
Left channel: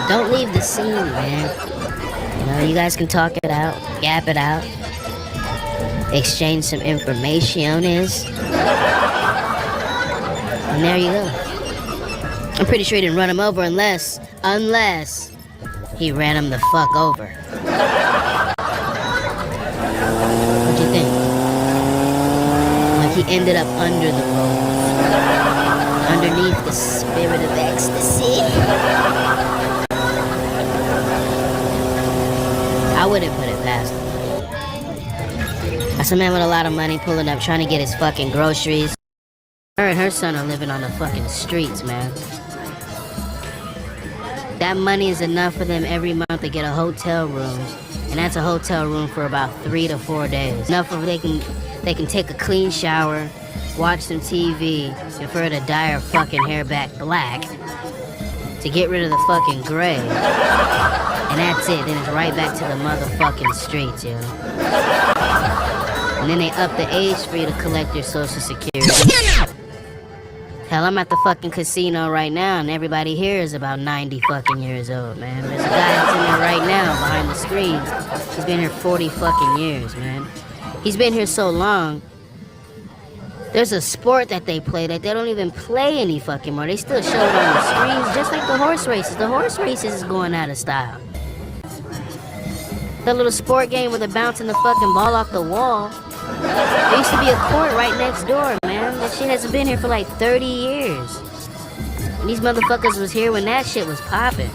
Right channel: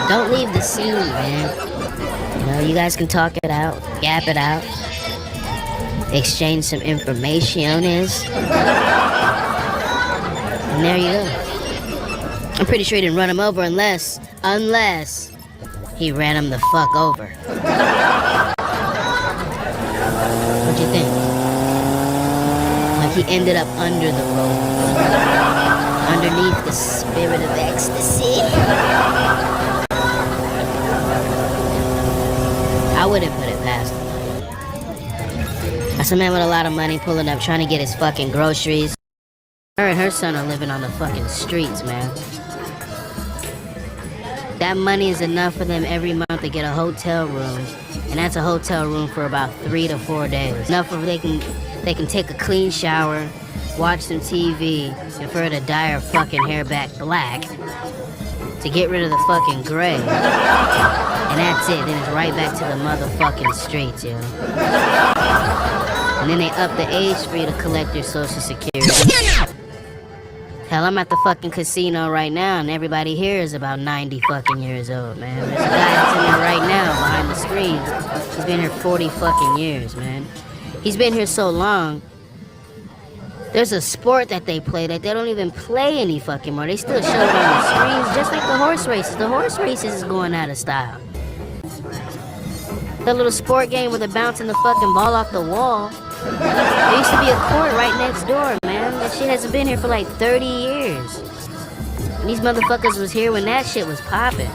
Don't leave the scene, man. You know, you guys can talk it out, gap it out, exchange some information, and there you go. I'm pretty sure he didn't run him over unless he ran him the fuck over. What'd you think? Like he ended up under the rope, underneath the spirit of ecstasy. I wouldn't put it past him. That's a man with a lot of money pulling up, trying to get his fucking groceries. Her and her son are living on the fucking streets, man. That money is enough for them every month to get a hotel room. And that's a hotel room for about 3 to 4 days. Enough for they can take a clean shower, watch some TV, and for her to dye her fucking hair back black to get rid of the fucking gray. And that's it. Then it's right back to the motherfucking streets, yo. And then they up the age for you to collect your social security. Hell, I'm at the fucking casino right now, and everybody here is about 90 fucking years old, man. There's a guy that's in there right now behind the screen. He's been here 40 fucking years, man. He's been here so long. There's a sport that they play that they don't even play any fucking more. They still show it on the screens, just like the horse races. The horse races is going out of style. That little sport game where they're bouncing the fucking ball off the wall. There used to be a court right next door, man. That shit hasn't been here for like 30 years. And these motherfuckers was here when that shit was popping.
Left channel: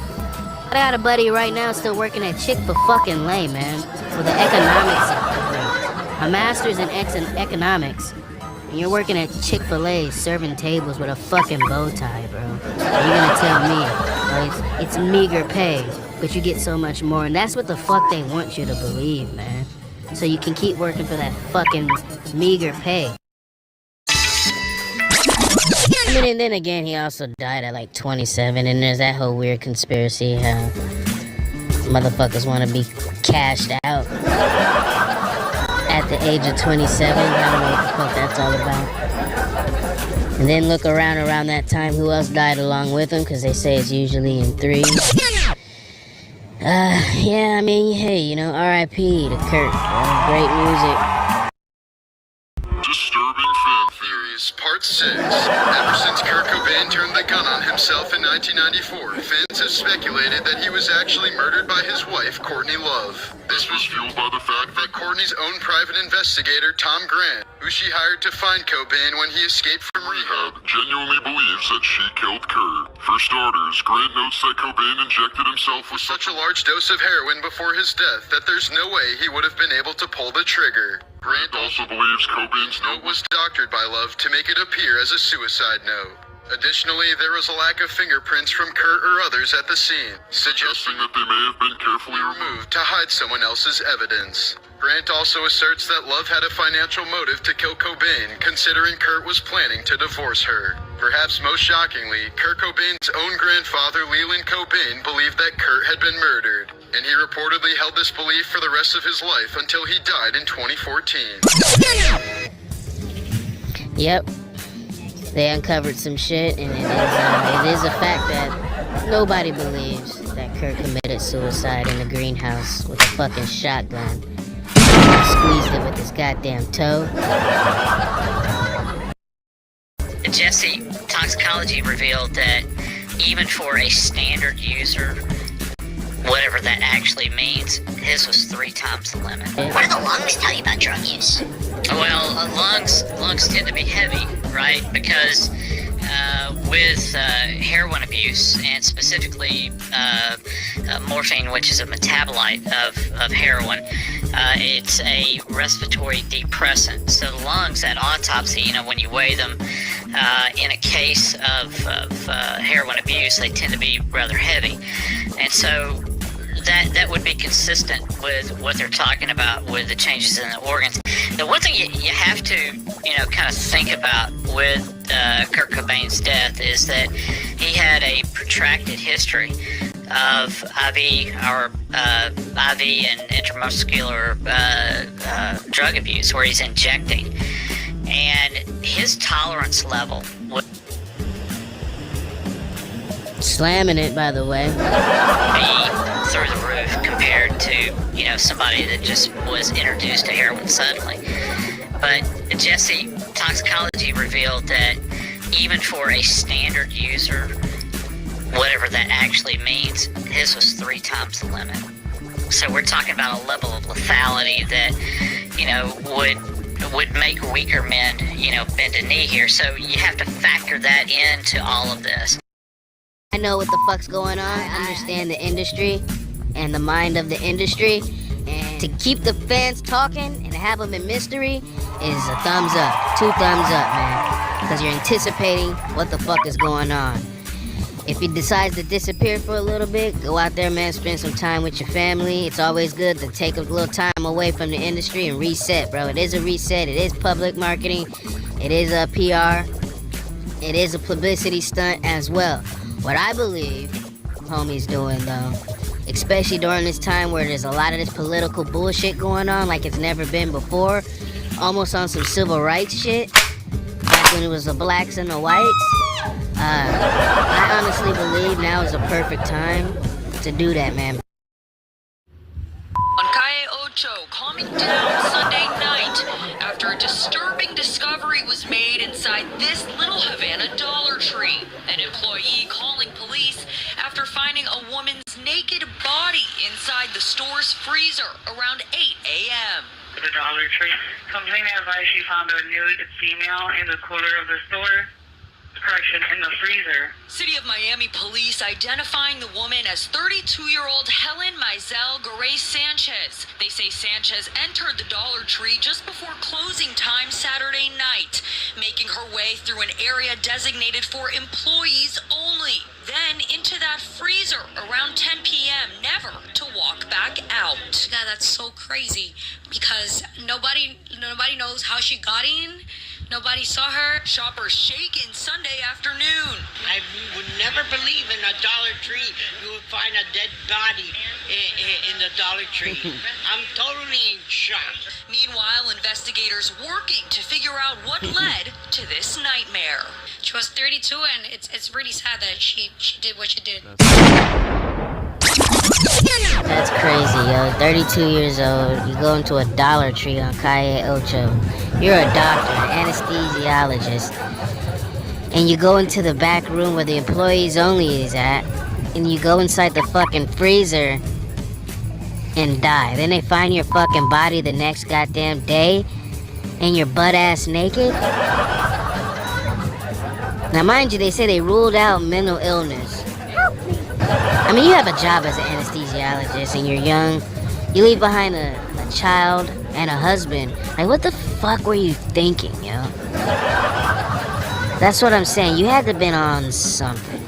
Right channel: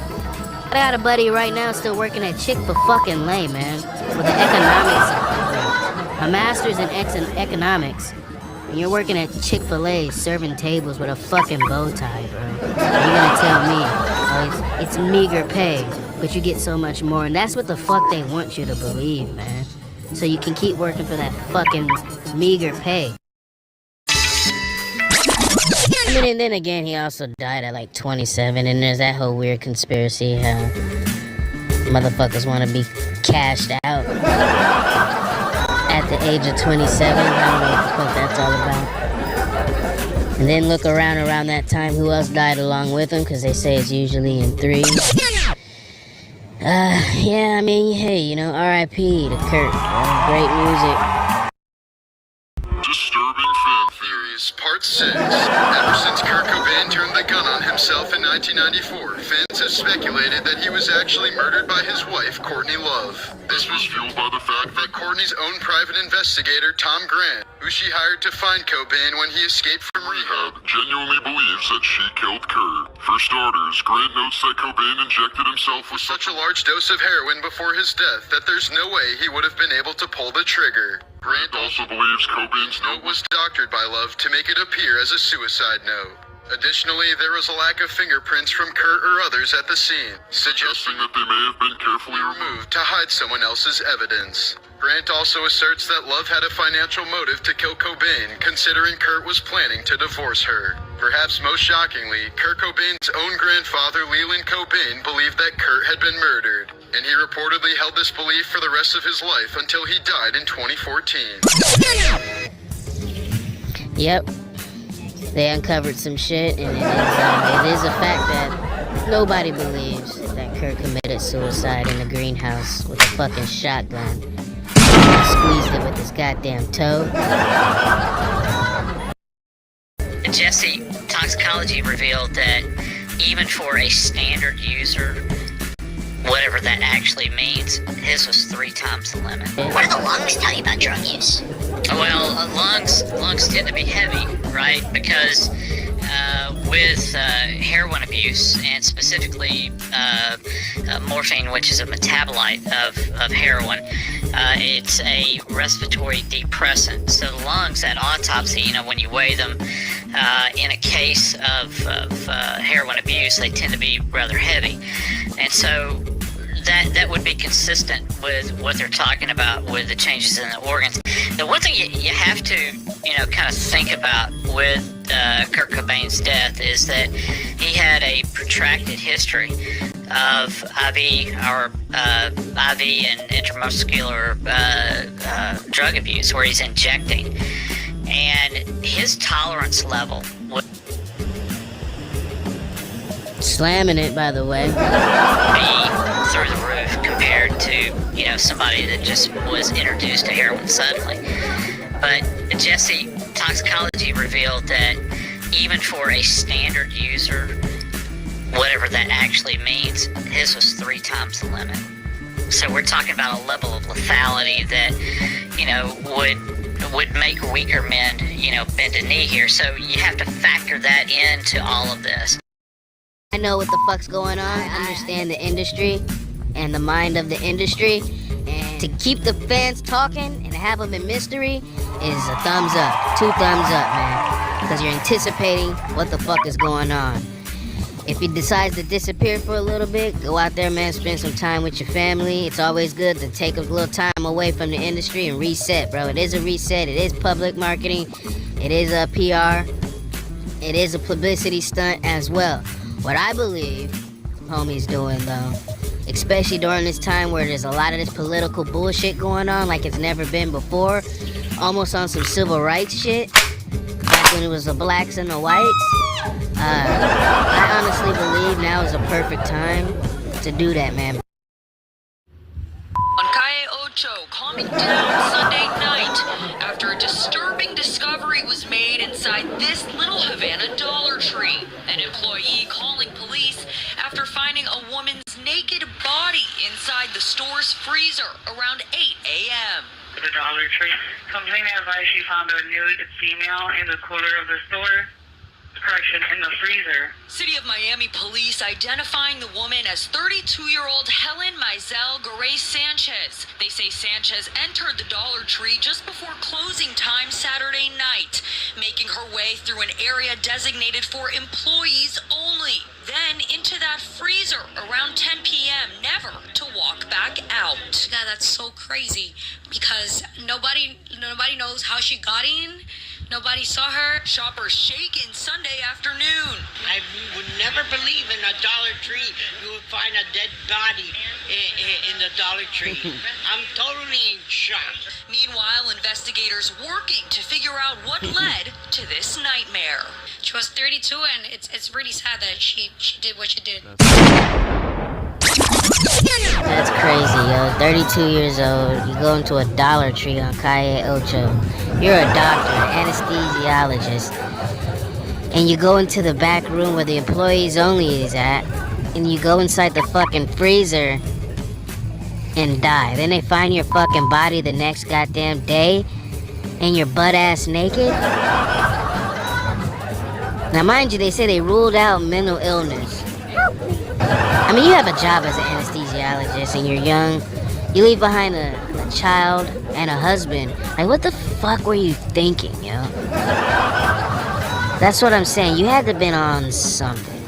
I got a buddy right now still working at Chick-fil-fucking-Lay, man. With an economics degree. A master's in economics. And you're working at Chick-fil-A serving tables with a fucking bow tie, bro. And you're gonna tell me, oh, it's meager pay, but you get so much more. And that's what the fuck they want you to believe, man. So you can keep working for that fucking meager pay. I mean, and then again, he also died at like 27, and there's that whole weird conspiracy how motherfuckers want to be cashed out at the age of 27. I don't know what the fuck that's all about. And then look around that time, who else died along with him, because they say it's usually in threes. Yeah, I mean, hey, you know, R.I.P. to Kurt. Great music. Disturbing fan theories, part 6. Ever since Kurt Cobain turned the gun on himself in 1994, fans have speculated that he was actually murdered by his wife, Courtney Love. This was fueled by the fact that Courtney's own private investigator, Tom Grant, who she hired to find Cobain when he escaped from rehab, genuinely believes that she killed Kurt. For starters, Grant notes that Cobain injected himself with such a large dose of heroin before his death that there's no way he would have been able to pull the trigger. Grant also believes Cobain's note was doctored by Love to make it appear as a suicide note. Additionally, there was a lack of fingerprints from Kurt or others at the scene, suggesting that they may have been carefully removed to hide someone else's evidence. Grant also asserts that Love had a financial motive to kill Cobain, considering Kurt was planning to divorce her. Perhaps most shockingly, Kurt Cobain's own grandfather, Leland Cobain, believed that Kurt had been murdered, and he reportedly held this belief for the rest of his life until he died in 2014. Yep. They uncovered some shit, and it is a fact that nobody believes. that Kurt committed suicide in the greenhouse with a fucking shotgun. He squeezed it with his goddamn toe. Jesse, toxicology revealed that even for a standard user, whatever that actually means, his was 3 times the limit. What do the lungs tell you about drug use? Well, lungs tend to be heavy, right? Because with heroin abuse, and specifically morphine, which is a metabolite of heroin, it's a respiratory depressant. So the lungs at autopsy, when you weigh them, in a case of heroin abuse, they tend to be rather heavy. And so that would be consistent with what they're talking about with the changes in the organs. The one thing you have to, kind of think about with Kurt Cobain's death is that he had a protracted history of IV and intramuscular drug abuse, where he's injecting, and his tolerance level would slamming it, by the way, be through the roof compared to somebody that just was introduced to heroin suddenly. But Jesse, toxicology revealed that even for a standard user, whatever that actually means, his was 3 times the limit. So we're talking about a level of lethality that would make weaker men bend a knee here. So you have to factor that into all of this. I know what the fuck's going on. I understand the industry and the mind of the industry. And to keep the fans talking and have them in mystery is a thumbs up. 2 thumbs up, man. Because you're anticipating what the fuck is going on. If he decides to disappear for a little bit, go out there, man, spend some time with your family. It's always good to take a little time away from the industry and reset, bro. It is a reset. It is public marketing. It is a PR. It is a publicity stunt as well. What I believe homie's doing, though, especially during this time where there's a lot of this political bullshit going on like it's never been before, almost on some civil rights shit, back when it was the blacks and the whites, I honestly believe now is a perfect time to do that, man. On Calle Ocho, calming down Sunday night after a disturbing discovery was made inside this little Havana Dollar Tree. An employee calling police after finding a woman's naked body inside the store's freezer around 8 a.m. The Dollar Tree complainant advised she found a nude female in the cooler of the store. In the freezer. City of Miami police identifying the woman as 32-year-old Helen Mizell Garay Sanchez. They say Sanchez entered the Dollar Tree just before closing time Saturday night, making her way through an area designated for employees only. Then into that freezer around 10 p.m., never to walk back out. God, that's so crazy because nobody knows how she got in. Nobody saw her. Shoppers shaken Sunday afternoon. I would never believe in a Dollar Tree you would find a dead body in the Dollar Tree. I'm totally in shock. Meanwhile, investigators working to figure out what led to this nightmare. She was 32, and it's really sad that she did what she did. That's crazy, yo. 32 years old, you go into a Dollar Tree on Calle Ocho. You're a doctor, an anesthesiologist, and you go into the back room where the employees only is at, and you go inside the fucking freezer and die. Then they find your fucking body the next goddamn day, and you're butt-ass naked? Now, mind you, they say they ruled out mental illness. I mean, you have a job as an anesthesiologist and you're young. You leave behind a child and a husband. Like, what the fuck were you thinking, yo? That's what I'm saying. You had to have been on something.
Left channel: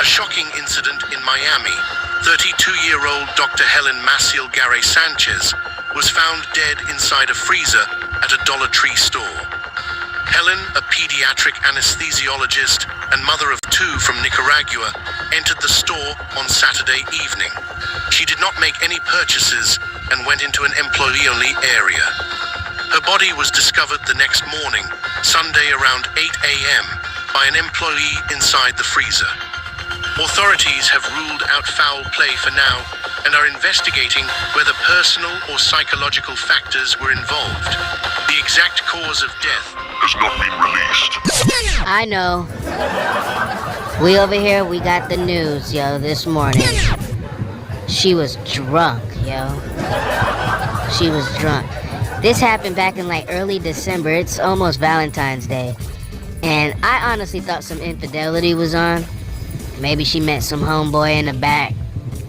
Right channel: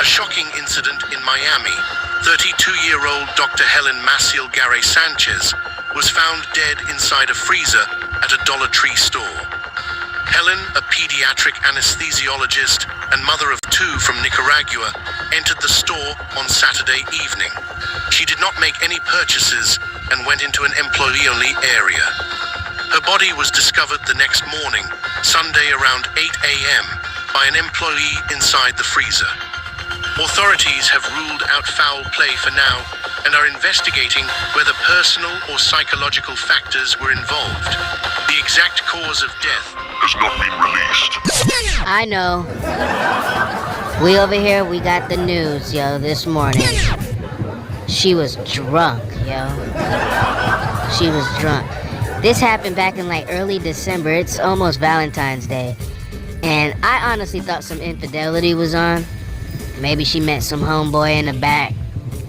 A shocking incident in Miami. 32-year-old Dr. Helen Maciel Garay Sanchez was found dead inside a freezer at a Dollar Tree store. Helen, a pediatric anesthesiologist and mother of 2 from Nicaragua, entered the store on Saturday evening. She did not make any purchases and went into an employee-only area. Her body was discovered the next morning, Sunday around 8 a.m., by an employee inside the freezer. Authorities have ruled out foul play for now and are investigating whether personal or psychological factors were involved. The exact cause of death has not been released. I know. We over here, we got the news, yo, this morning. She was drunk, yo. She was drunk. This happened back in like early December. It's almost Valentine's Day. And I honestly thought some infidelity was on. Maybe she met some homeboy in the back,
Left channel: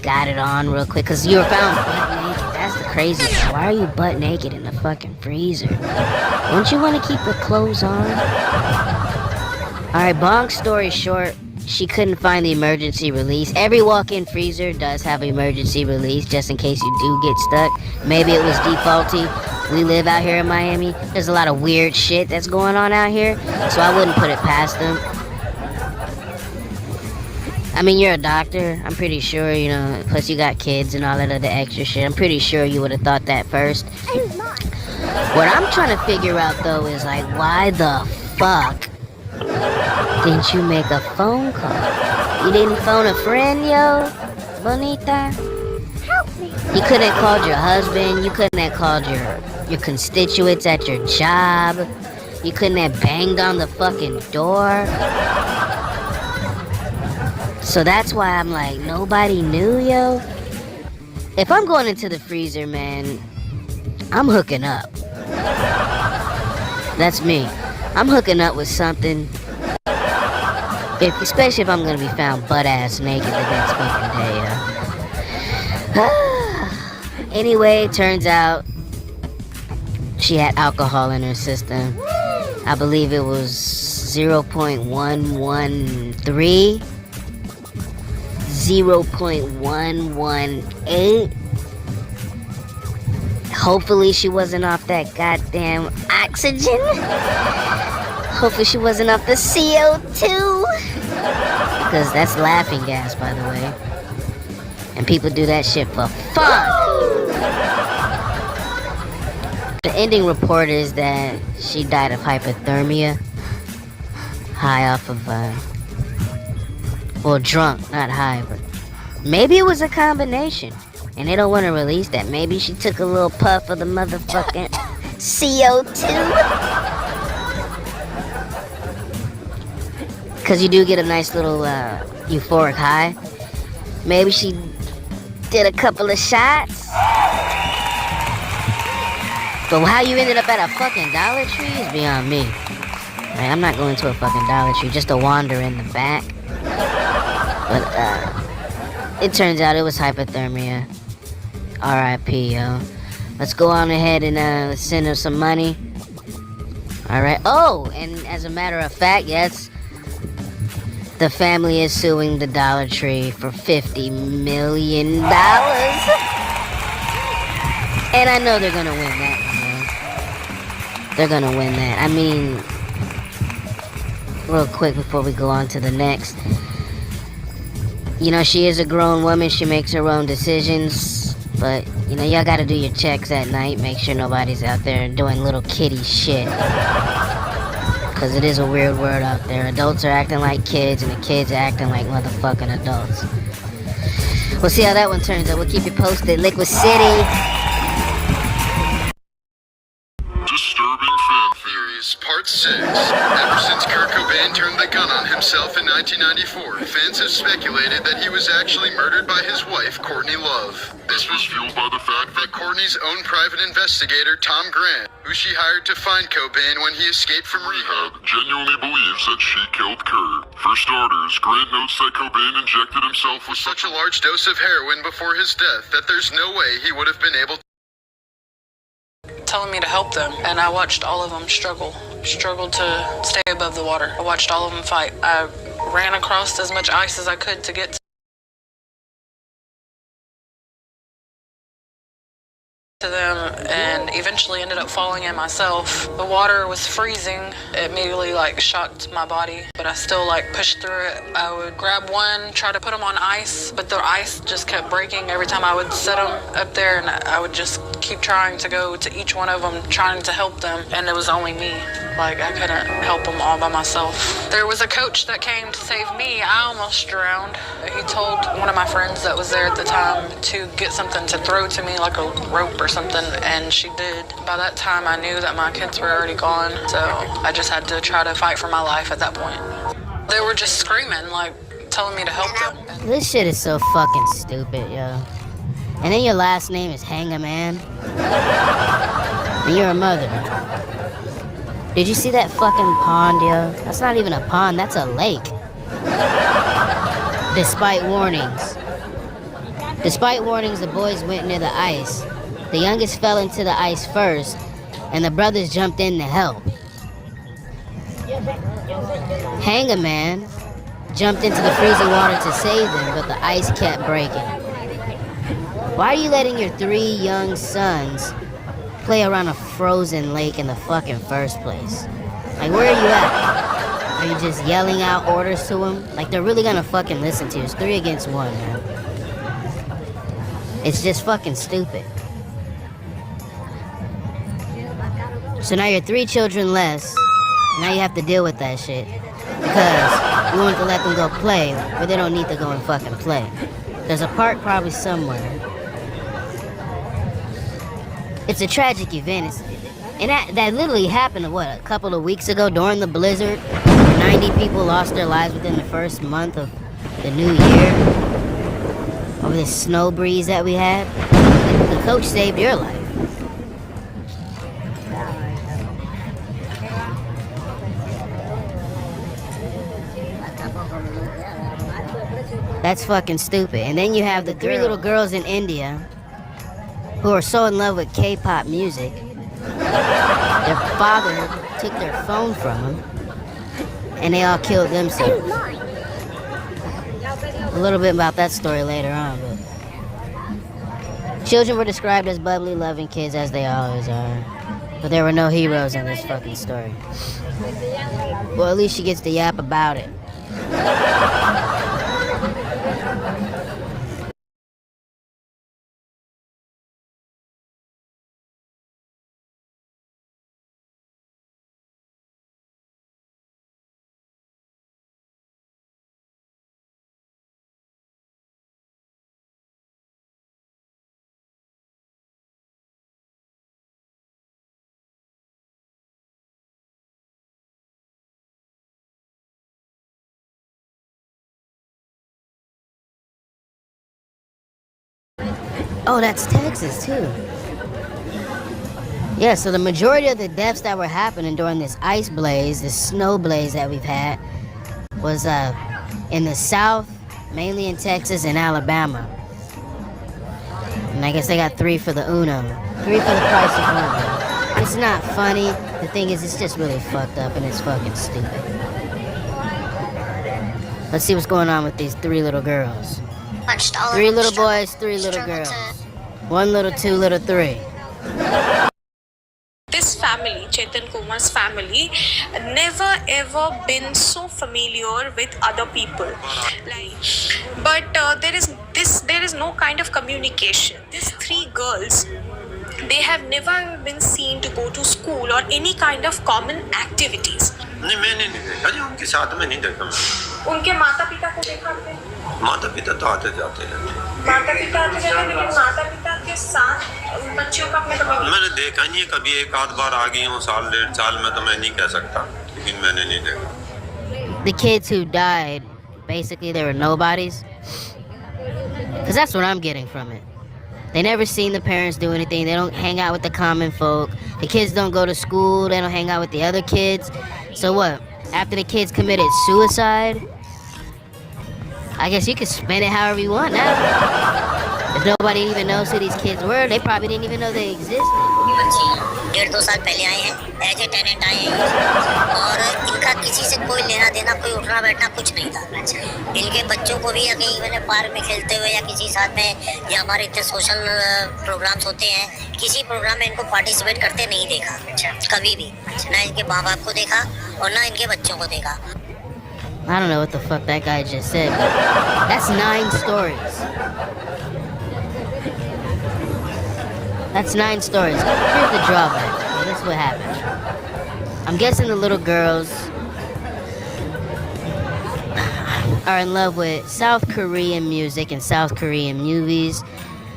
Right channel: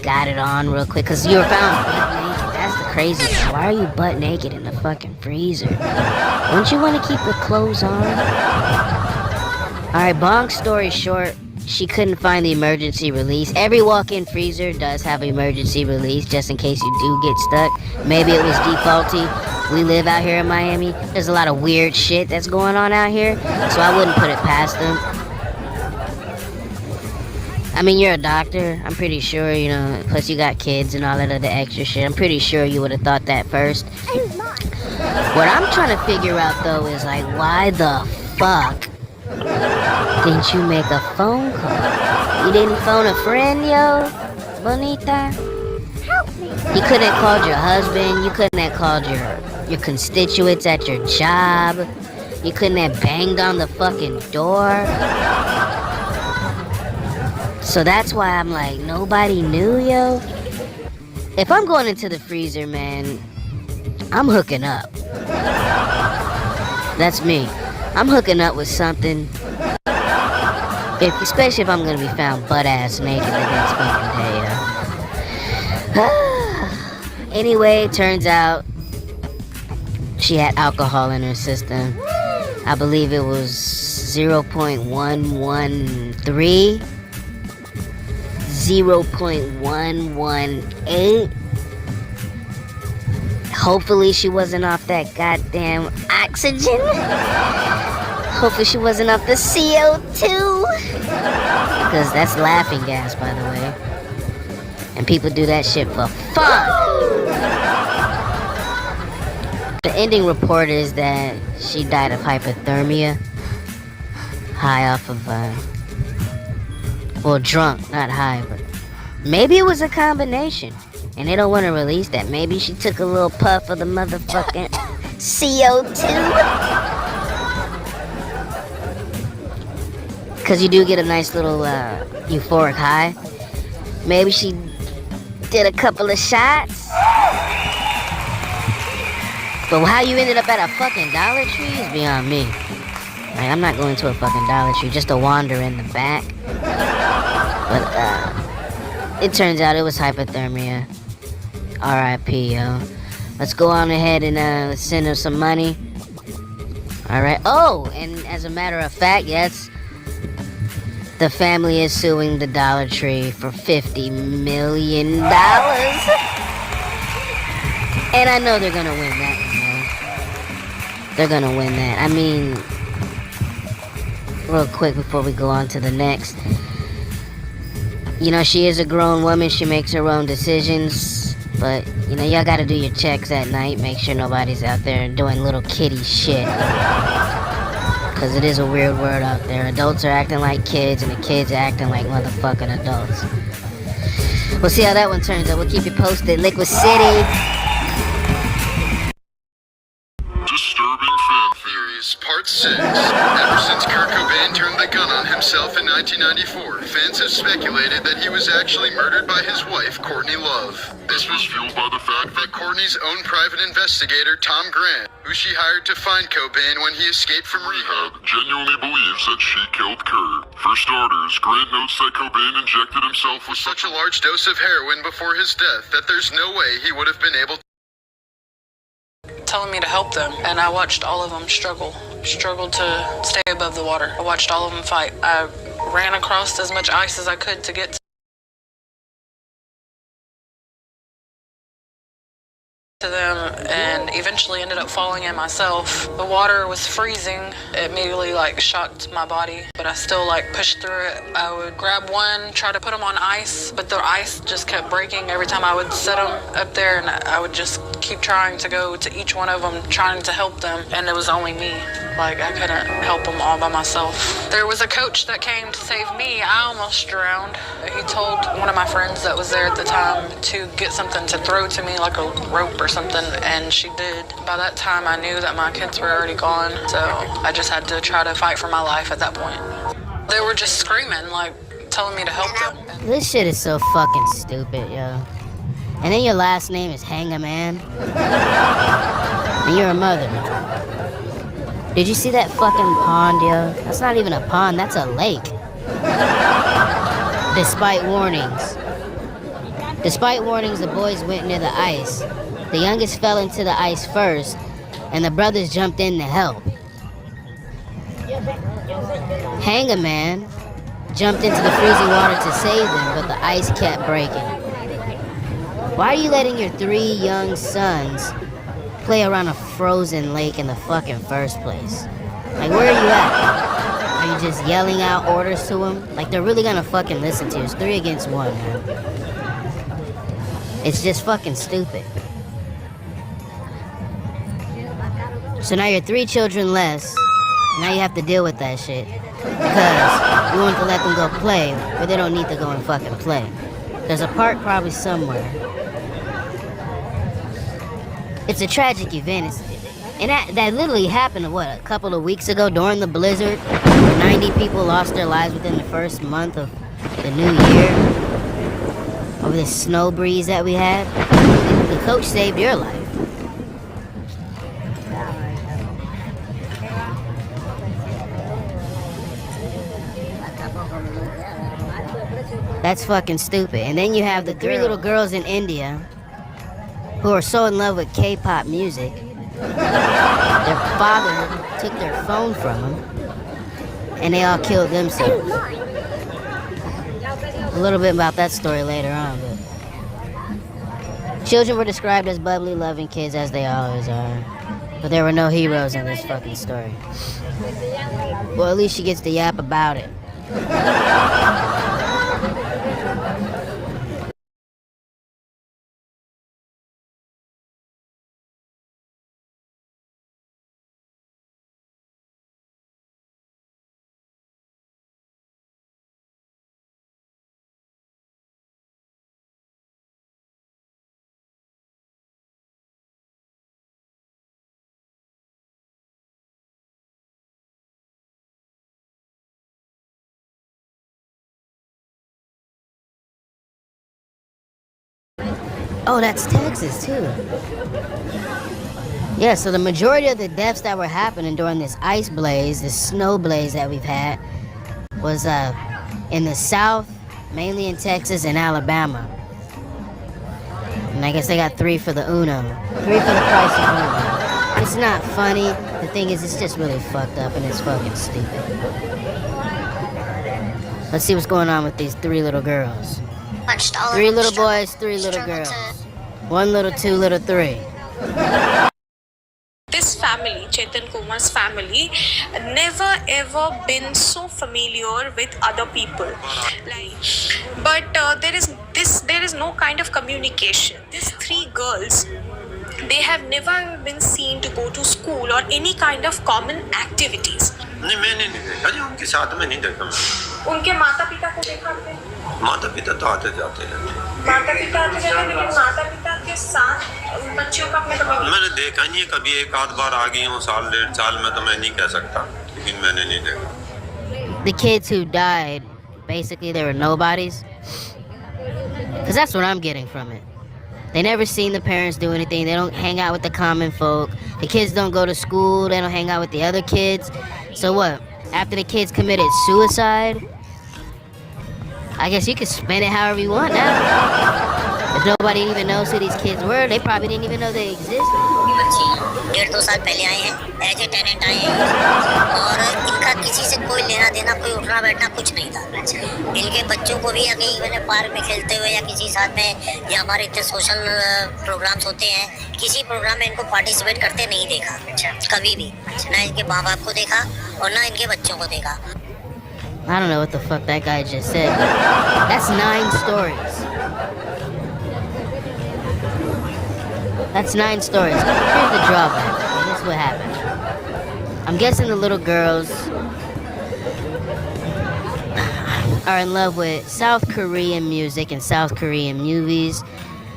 got it on real quick. Cause you were found butt naked. That's the crazy thing. Why are you butt naked in the fucking freezer? Don't you want to keep your clothes on? Alright, long story short, she couldn't find the emergency release. Every walk-in freezer does have an emergency release just in case you do get stuck. Maybe it was defaulty. We live out here in Miami. There's a lot of weird shit that's going on out here, so I wouldn't put it past them. I mean, you're a doctor. I'm pretty sure, you know, plus you got kids and all that other extra shit. I'm pretty sure you would have thought that first. What I'm trying to figure out, though, is like, why the fuck didn't you make a phone call? You didn't phone a friend, yo? Bonita? Help me. You couldn't have called your husband. You couldn't have called your constituents at your job. You couldn't have banged on the fucking door. So that's why I'm like, nobody knew, yo? If I'm going into the freezer, man, I'm hooking up. That's me. I'm hooking up with something. Especially if I'm gonna be found butt-ass naked the next fucking day, yo. Anyway, turns out she had alcohol in her system. I believe it was 0.113. 0.118. Hopefully she wasn't off that goddamn oxygen. Hopefully she wasn't off the CO2. Because that's laughing gas, by the way. And people do that shit for fun. The ending report is that she died of hypothermia. High off of, well, drunk, not high, but maybe it was a combination. And they don't want to release that. Maybe she took a little puff of the motherfucking CO2. Because you do get a nice little euphoric high. Maybe she did a couple of shots. But how you ended up at a fucking Dollar Tree is beyond me. Like, I'm not going to a fucking Dollar Tree just to wander in the back. But it turns out it was hypothermia. R.I.P. yo. Let's go on ahead and send her some money. Alright. Oh, and as a matter of fact, yes, the family is suing the Dollar Tree for $50 million. And I know they're gonna win that one, man. They're gonna win that. I mean, real quick before we go on to the next. You know, she is a grown woman. She makes her own decisions. But, you know, y'all gotta do your checks at night. Make sure nobody's out there doing little kitty shit. Because it is a weird world out there. Adults are acting like kids, and the kids are acting like motherfucking adults. We'll see how that one turns out. We'll keep you posted. Liquid City. Disturbing fan theories, part 6. Ever since Kurt Cobain turned the gun on himself in 1994, fans have speculated that he was actually murdered by his wife, Courtney Love. This was fueled by the fact that Courtney's own private investigator, Tom Grant, who she hired to find Cobain when he escaped from rehab, genuinely believes that she killed Kurt. For starters, Grant notes that Cobain injected himself with such a large dose of heroin before his death that there's no way he would have been able to telling me to help them, and I watched all of them struggle to stay above the water. I watched all of them fight. I ran across as much ice as I could to get to them and eventually ended up falling in myself. The water was freezing. It immediately like shocked my body, but I still like pushed through it. I would grab one, try to put them on ice, but the ice just kept breaking every time I would set them up there, and I would just keep trying to go to each one of them, trying to help them, and it was only me. Like, I couldn't help them all by myself. There was a coach that came to save me. I almost drowned. He told one of my friends that was there at the time to get something to throw to me, like a rope or something, and she did. By that time, I knew that my kids were already gone, so I just had to try to fight for my life at that point. They were just screaming, like, telling me to help them. This shit is so fucking stupid, yo. And then your last name is Hang-A-Man. And you're a mother. Did you see that fucking pond, yo? That's not even a pond, that's a lake. Despite warnings. Despite warnings, the boys went near the ice. The youngest fell into the ice first, and the brothers jumped in to help. Hang-A-Man jumped into the freezing water to save them, but the ice kept breaking. Why are you letting your 3 young sons play around a frozen lake in the fucking first place? Like, where are you at? Are you just yelling out orders to them? Like, they're really gonna fucking listen to you. It's 3 against 1, man. It's just fucking stupid. So now you're 3 children less. Now you have to deal with that shit. Because you want to let them go play, but they don't need to go and fucking play. There's a park probably somewhere. It's a tragic event. And that literally happened, what, a couple of weeks ago during the blizzard, where 90 people lost their lives within the first month of the new year over this snow breeze that we had. The coach saved your life. That's fucking stupid. And then you have the 3 little girls in India who are so in love with K-pop music. Their father took their phone from them, and they all killed themselves. A little bit about that story later on, but children were described as bubbly, loving kids, as they always are. But there were no heroes in this fucking story. Well, at least she gets to yap about it. Oh, that's Texas, too. Yeah, so the majority of the deaths that were happening during this ice blaze, this snow blaze that we've had, was in the South, mainly in Texas and Alabama. And I guess they got 3 for the Uno. 3 for the price of 1. It's not funny. The thing is, it's just really fucked up and it's fucking stupid. Let's see what's going on with these 3 little girls. 3 little boys, 3 little girls. 1 little, 2 little, 3. This family, Chetan Kumar's family, never ever been so familiar with other people. But there is no kind of communication. These 3 girls, they have never been seen to go to school or any kind of common activities. नहीं मैंने नहीं देखा जी उनके साथ में नहीं देखा मैं उनके माता पिता को देखा आपने माता पिता तो आते जाते रहते माता पिता आते जाते लेकिन माता पिता के साथ बच्चों का अपने मैंने देखा नहीं है कभी 1-8 बार आ गई हूँ साल 1.5 साल में तो मैं नहीं कह सकता लेकिन मैंने नहीं देखा. The kids who died, basically they were nobodies. Because that's what I'm getting from it. They never seen the parents do anything. They don't hang out with the common folk. The kids don't go to school. They don't hang out with the other kids. So what? After the kids committed suicide, I guess you can spend it however you want now. If nobody even knows who these kids were, they probably didn't even know they existed. 1-2 साल पहले आए हैं, as a tenant आए हैं और इनका किसी से कोई लेना देना, कोई उठना बैठना कुछ नहीं था। इनके बच्चों को भी या कहीं मैंने पार्क में खेलते हुए या किसी साथ में, या हमारे इतने सोशल प्रोग्राम्स होते हैं, किसी प्रोग्राम में इनको पार्टिसिपेट करते नहीं देखा कभी भी। ना इनके माँ बाप को देखा और ना इनके बच्चों को देखा। I don't know what the fuck that guy just said, but that's 9 stories. That's 9 stories. Here's the drawback. Okay, this is what happened. I'm guessing the little girls are in love with South Korean music and South Korean movies.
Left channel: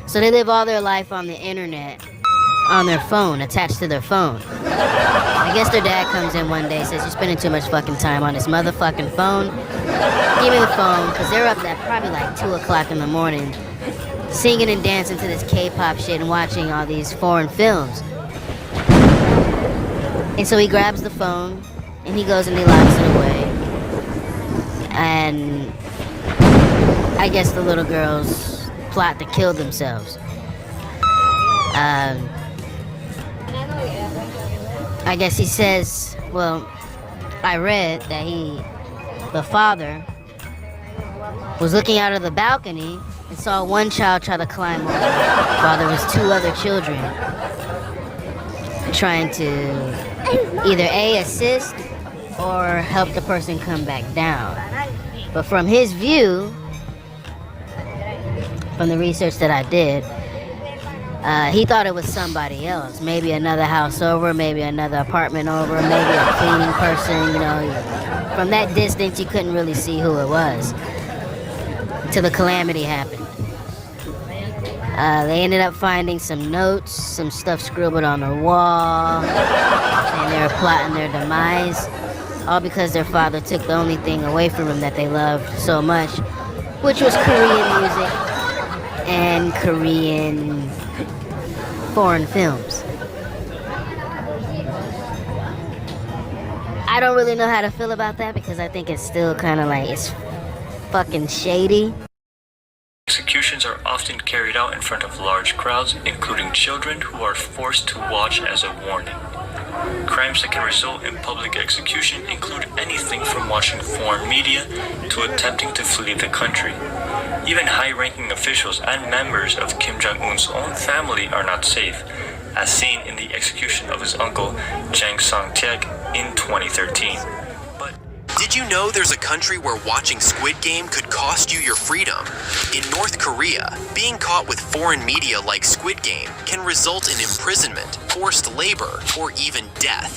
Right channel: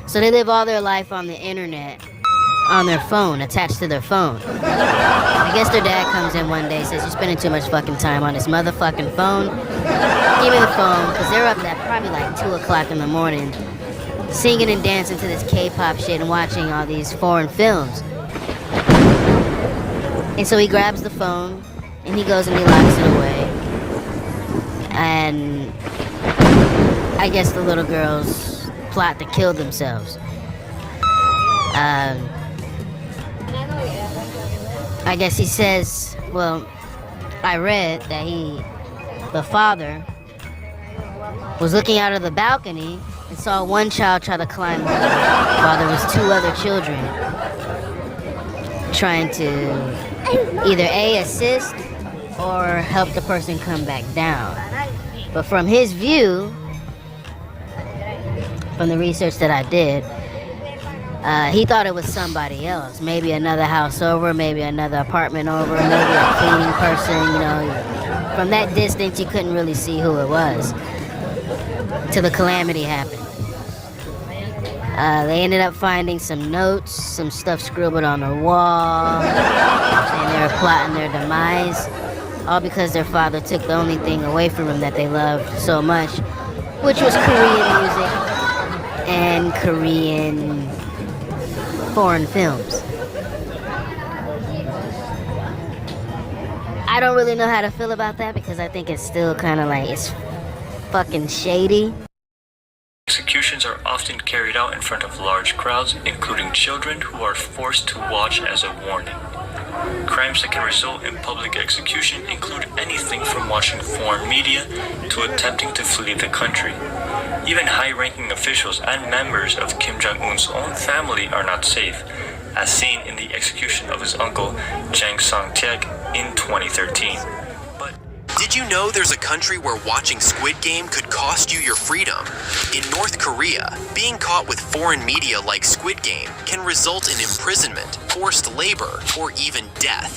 So they live all their life on the internet, on their phone, attached to their phone. I guess their dad comes in one day, says, "You're spending too much fucking time on this motherfucking phone. Give me the phone," because they're up at probably like 2 o'clock in the morning, singing and dancing to this K-pop shit and watching all these foreign films. And so he grabs the phone and he goes and he locks it away. And I guess the little girls plot to kill themselves. I guess he says, well, I read that the father was looking out of the balcony and saw one child try to climb over while there was 2 other children trying to either A, assist or help the person come back down. But from his view, from the research that I did, he thought it was somebody else. Maybe another house over, maybe another apartment over, maybe a cleaning person, you know. From that distance, you couldn't really see who it was till the calamity happened. They ended up finding some notes, some stuff scribbled on the wall, saying they were plotting their demise, all because their father took the only thing away from them that they loved so much, which was Korean music and Korean foreign films. I don't really know how to feel about that because I think it's still kind of like, it's fucking shady. Executions are often carried out in front of large crowds, including children who are forced to watch as a warning. Crimes that can result in public execution include anything from watching foreign media to attempting to flee the country. Even high-ranking officials and members of Kim Jong-un's own family are not safe, as seen in the execution of his uncle, Jang Song-taek, in 2013. Did you know there's a country where watching Squid Game could cost you your freedom? In North Korea, being caught with foreign media like Squid Game can result in imprisonment, forced labor, or even death.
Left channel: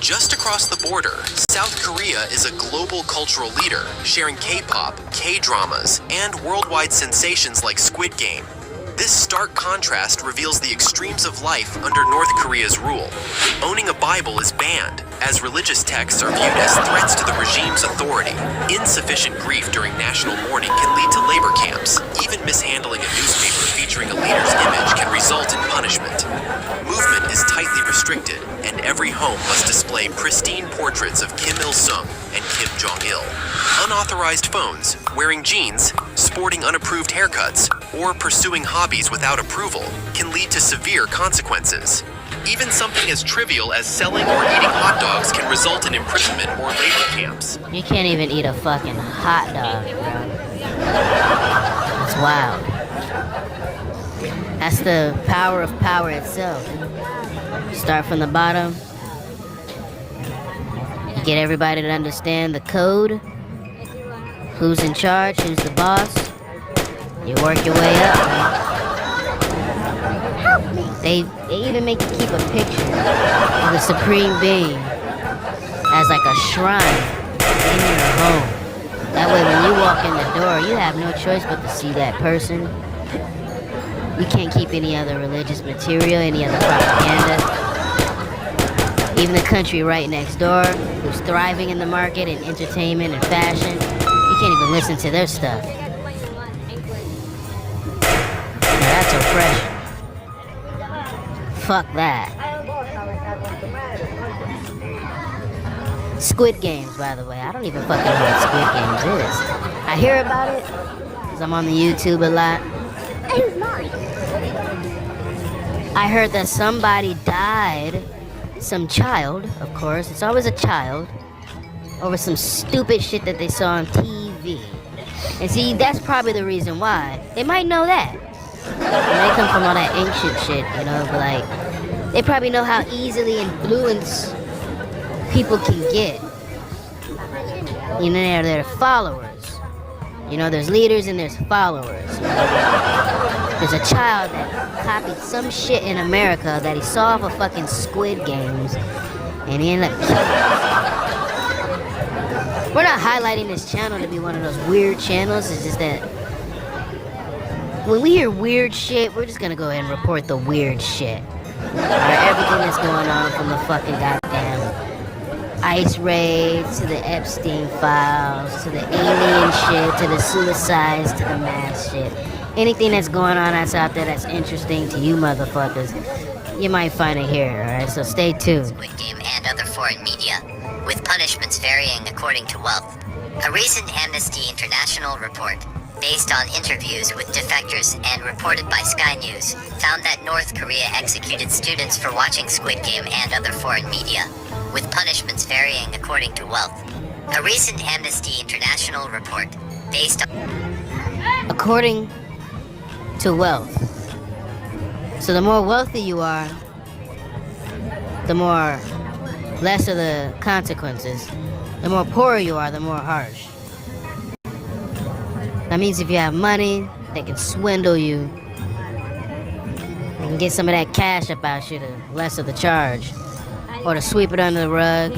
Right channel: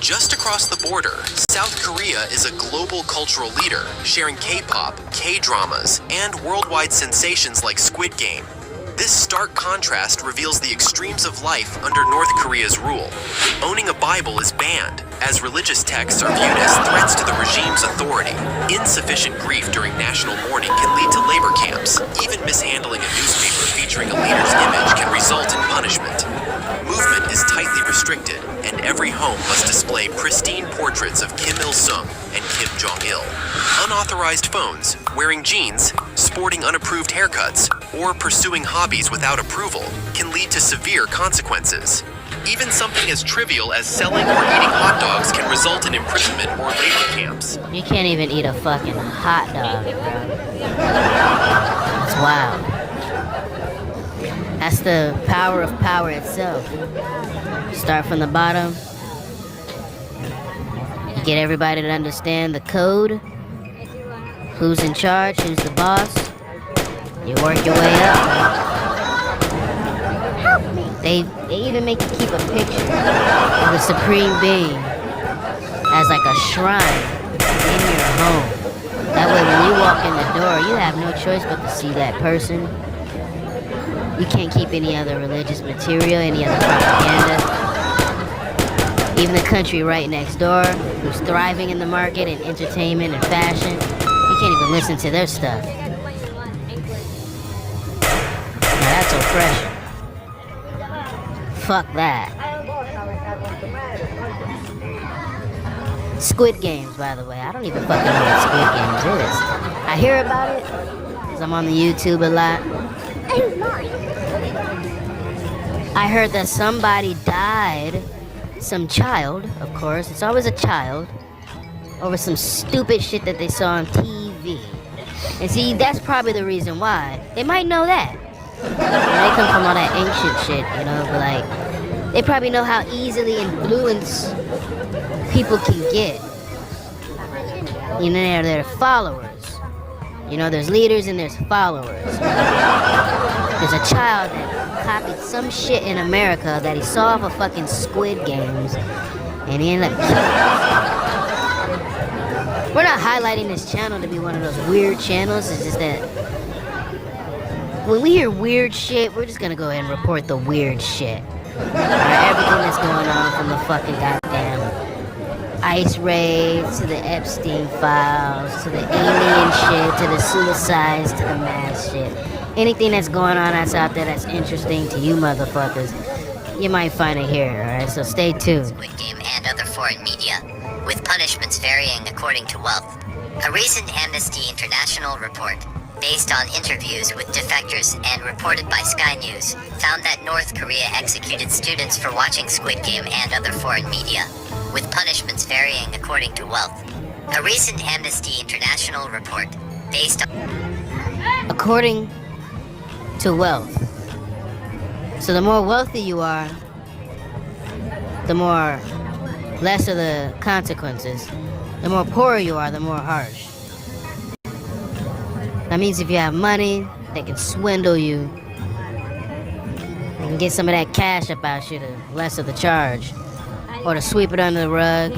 Just across the border, South Korea is a global cultural leader, sharing K-pop, K-dramas, and worldwide sensations like Squid Game. This stark contrast reveals the extremes of life under North Korea's rule. Owning a Bible is banned, as religious texts are viewed as threats to the regime's authority. Insufficient grief during national mourning can lead to labor camps. Even mishandling a newspaper featuring a leader's image can result in punishment. Movement is tightly restricted, and every home must display pristine portraits of Kim Il-sung and Kim Jong-il. Unauthorized phones, wearing jeans, sporting unapproved haircuts, or pursuing hobbies without approval can lead to severe consequences. Even something as trivial as selling or eating hot dogs can result in imprisonment or labor camps. You can't even eat a fucking hot dog, bro. That's wild. That's the power of power itself. Start from the bottom. You get everybody to understand the code. Who's in charge, who's the boss. You work your way up, man. They even make you keep a picture of the Supreme Being as like a shrine in your home. That way when you walk in the door, you have no choice but to see that person. You can't keep any other religious material, any other propaganda. Even the country right next door, who's thriving in the market and entertainment and fashion, you can't even listen to their stuff. Now that's oppression. Fuck that. Squid Games, by the way. I don't even fucking know what Squid Games is. I hear about it because I'm on the YouTube a lot. I heard that somebody died some child, of course, it's always a child, over some stupid shit that they saw on TV. And see, that's probably the reason why. They might know that. They come from all that ancient shit, you know, but like, they probably know how easily influenced people can get. You know, they're followers. You know, there's leaders and there's followers. There's a child that copied some shit in America that he saw off of fucking Squid Games, and he ended up killing us. We're not highlighting this channel to be one of those weird channels. It's just that when we hear weird shit, we're just gonna go ahead and report the weird shit. Alright, everything that's going on from the fucking goddamn ICE raids to the Epstein files to the alien shit to the suicides to the mass shit. Anything that's going on that's out there that's interesting to you motherfuckers, you might find it here, alright? So stay tuned. Squid Game and other foreign media, with punishments varying according to wealth. A recent Amnesty International report, based on interviews with defectors and reported by Sky News, found that North Korea executed students for watching Squid Game and other foreign media, with punishments varying according to wealth. A recent Amnesty International report, based on... According to wealth. So the more wealthy you are, the more lesser the consequences. The more poorer you are, the more harsh. That means if you have money, they can swindle you. They can get some of that cash up out you to lesser the charge. Or to sweep it under the rug,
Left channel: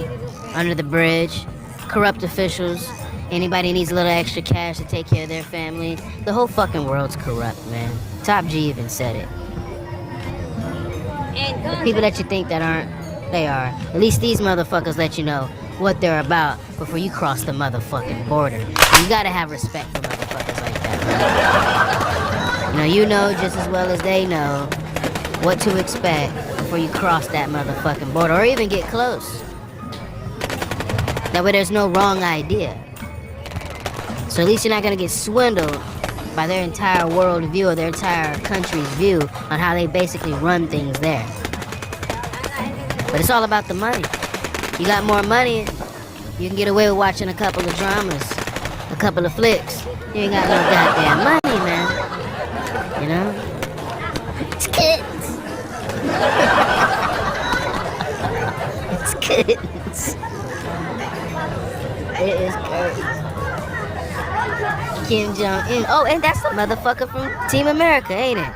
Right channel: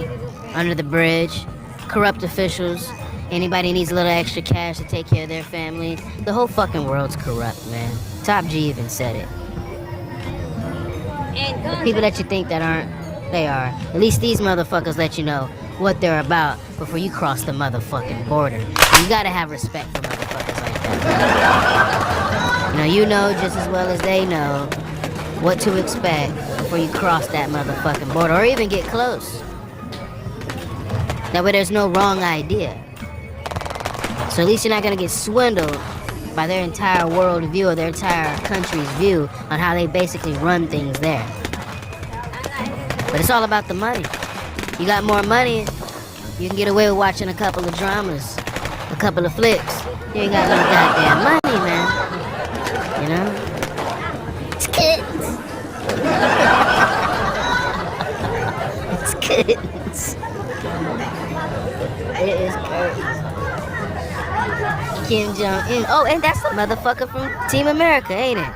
under the bridge. Corrupt officials. Anybody needs a little extra cash to take care of their family. The whole fucking world's corrupt, man. Top G even said it. The people that you think that aren't, they are. At least these motherfuckers let you know what they're about before you cross the motherfucking border. You gotta have respect for motherfuckers like that. You know just as well as they know what to expect before you cross that motherfucking border or even get close. That way there's no wrong idea. So at least you're not gonna get swindled by their entire world view or their entire country's view on how they basically run things there. But it's all about the money. You got more money, you can get away with watching a couple of dramas, a couple of flicks. You ain't got no goddamn money, man. You know? It's kids. It's kids. It is crazy. Kim Jong-un. Oh, and that's the motherfucker from Team America, ain't it?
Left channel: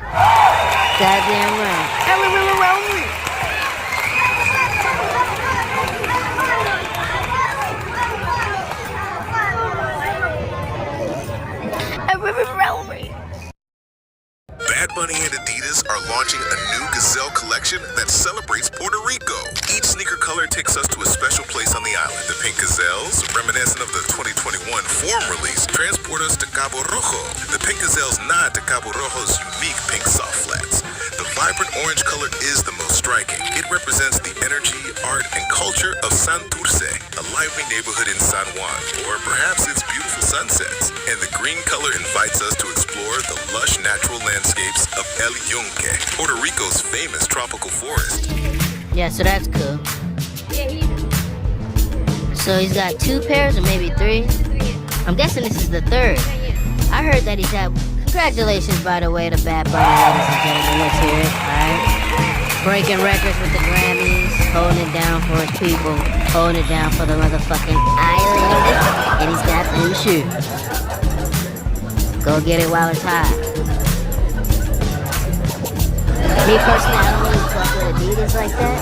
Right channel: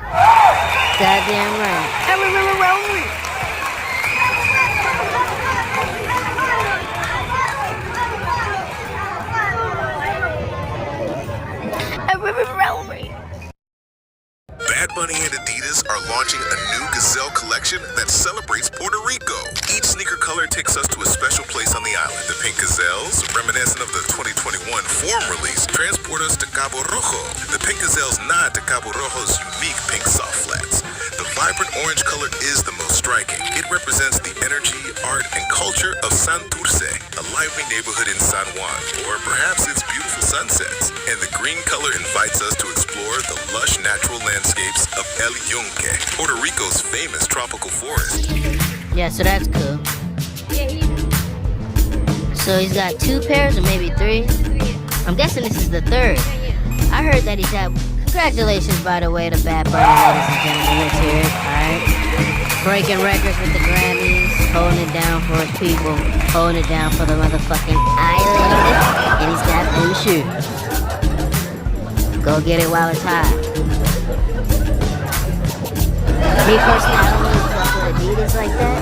Goddamn right. Bad Bunny and Adidas are launching a new Gazelle collection that celebrates Puerto Rico. Each sneaker color takes us to a special place on the island. The pink gazelles, reminiscent of the 2021 Forum release, transport us to Cabo Rojo. The pink gazelles nod to Cabo Rojo's unique pink soft flats. The vibrant orange color is the most striking. It represents the energy, art, and culture of Santurce, a lively neighborhood in San Juan, or perhaps its beautiful sunsets. And the green color invites us to explore the lush natural landscapes of El Yunque, Puerto Rico's famous tropical forest. Yeah, so that's cool. So he's got 2 pairs or maybe 3? I'm guessing this is the 3rd. I heard that he's had... Congratulations, by the way, to Bad Bunny, ladies and gentlemen. Let's hear it, alright? Breaking records with the Grammys, holding it down for his people, holding it down for the motherfucking island. And he's got them shoes. Go get it while it's hot. Me personally, I don't really fuck with Adidas like that.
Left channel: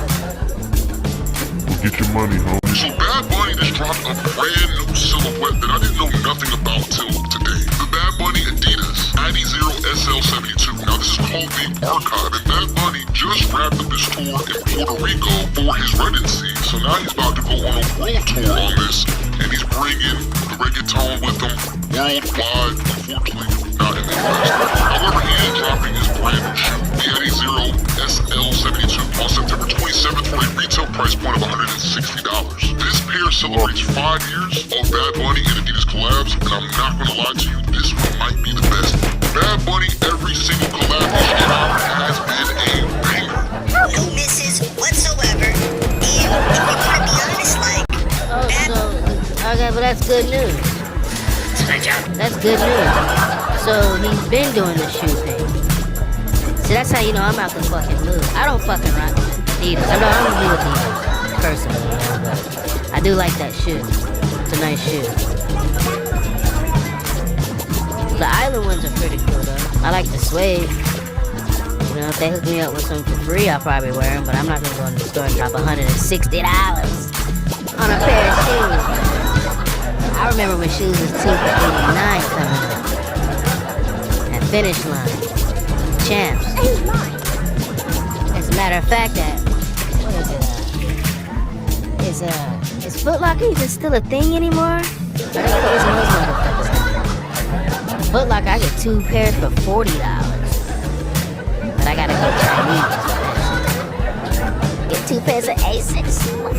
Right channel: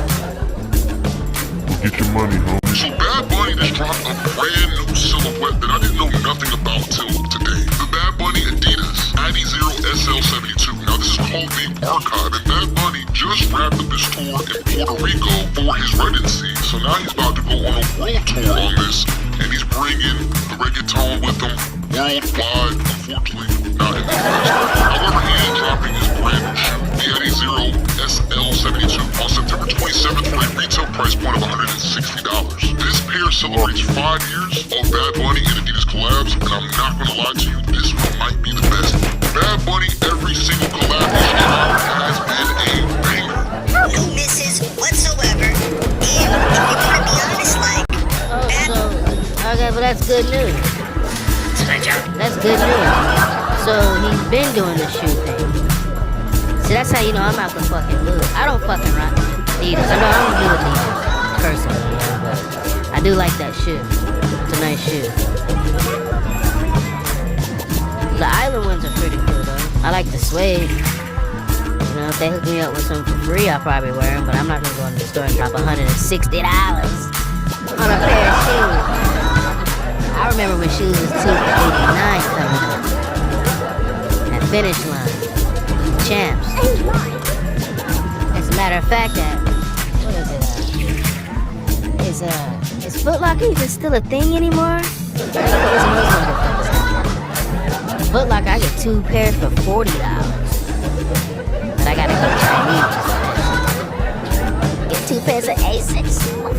Get your money, homie. So Bad Bunny just dropped a brand new silhouette that I didn't know nothing about till today. The Bad Bunny Adidas ID0 SL72. Now this is called the Archive, and Bad Bunny just wrapped up his tour in Puerto Rico for his residency. So now he's about to go on a world tour on this, and he's bringing the reggaeton with him worldwide, unfortunately not in the US. However, he is dropping his brand new shoe, the ID0 SL72, on September 27th for a retail price point of $160. This pair celebrates 5 years of Bad Bunny and Adidas collabs, and I'm not gonna lie to you, this one might be the best. Bad Bunny, every single collab he's dropped has been a banger. No misses whatsoever. that's good news. That's good news. So he's been doing the shoe thing. See, that's how you know I'm out the fucking loop. I don't fucking rock Adidas. I know I don't do Adidas personally, you know, but I do like that shoe. It's a nice shoe. The island ones are pretty cool though. I like the suede. You know, if they hook me up with some for free, I'll probably wear them, but I'm not gonna go into the store and drop $160 on a pair of shoes. I remember when shoes was $2 for $89 coming up. At Finish Line. Champs. As a matter of fact, what is it? Is Foot Locker even still a thing anymore? Or they closing those motherfuckers down? Foot Locker, I get 2 pairs for $40. But I gotta go Chinese for that shit. Get 2 pairs of Asics for $40.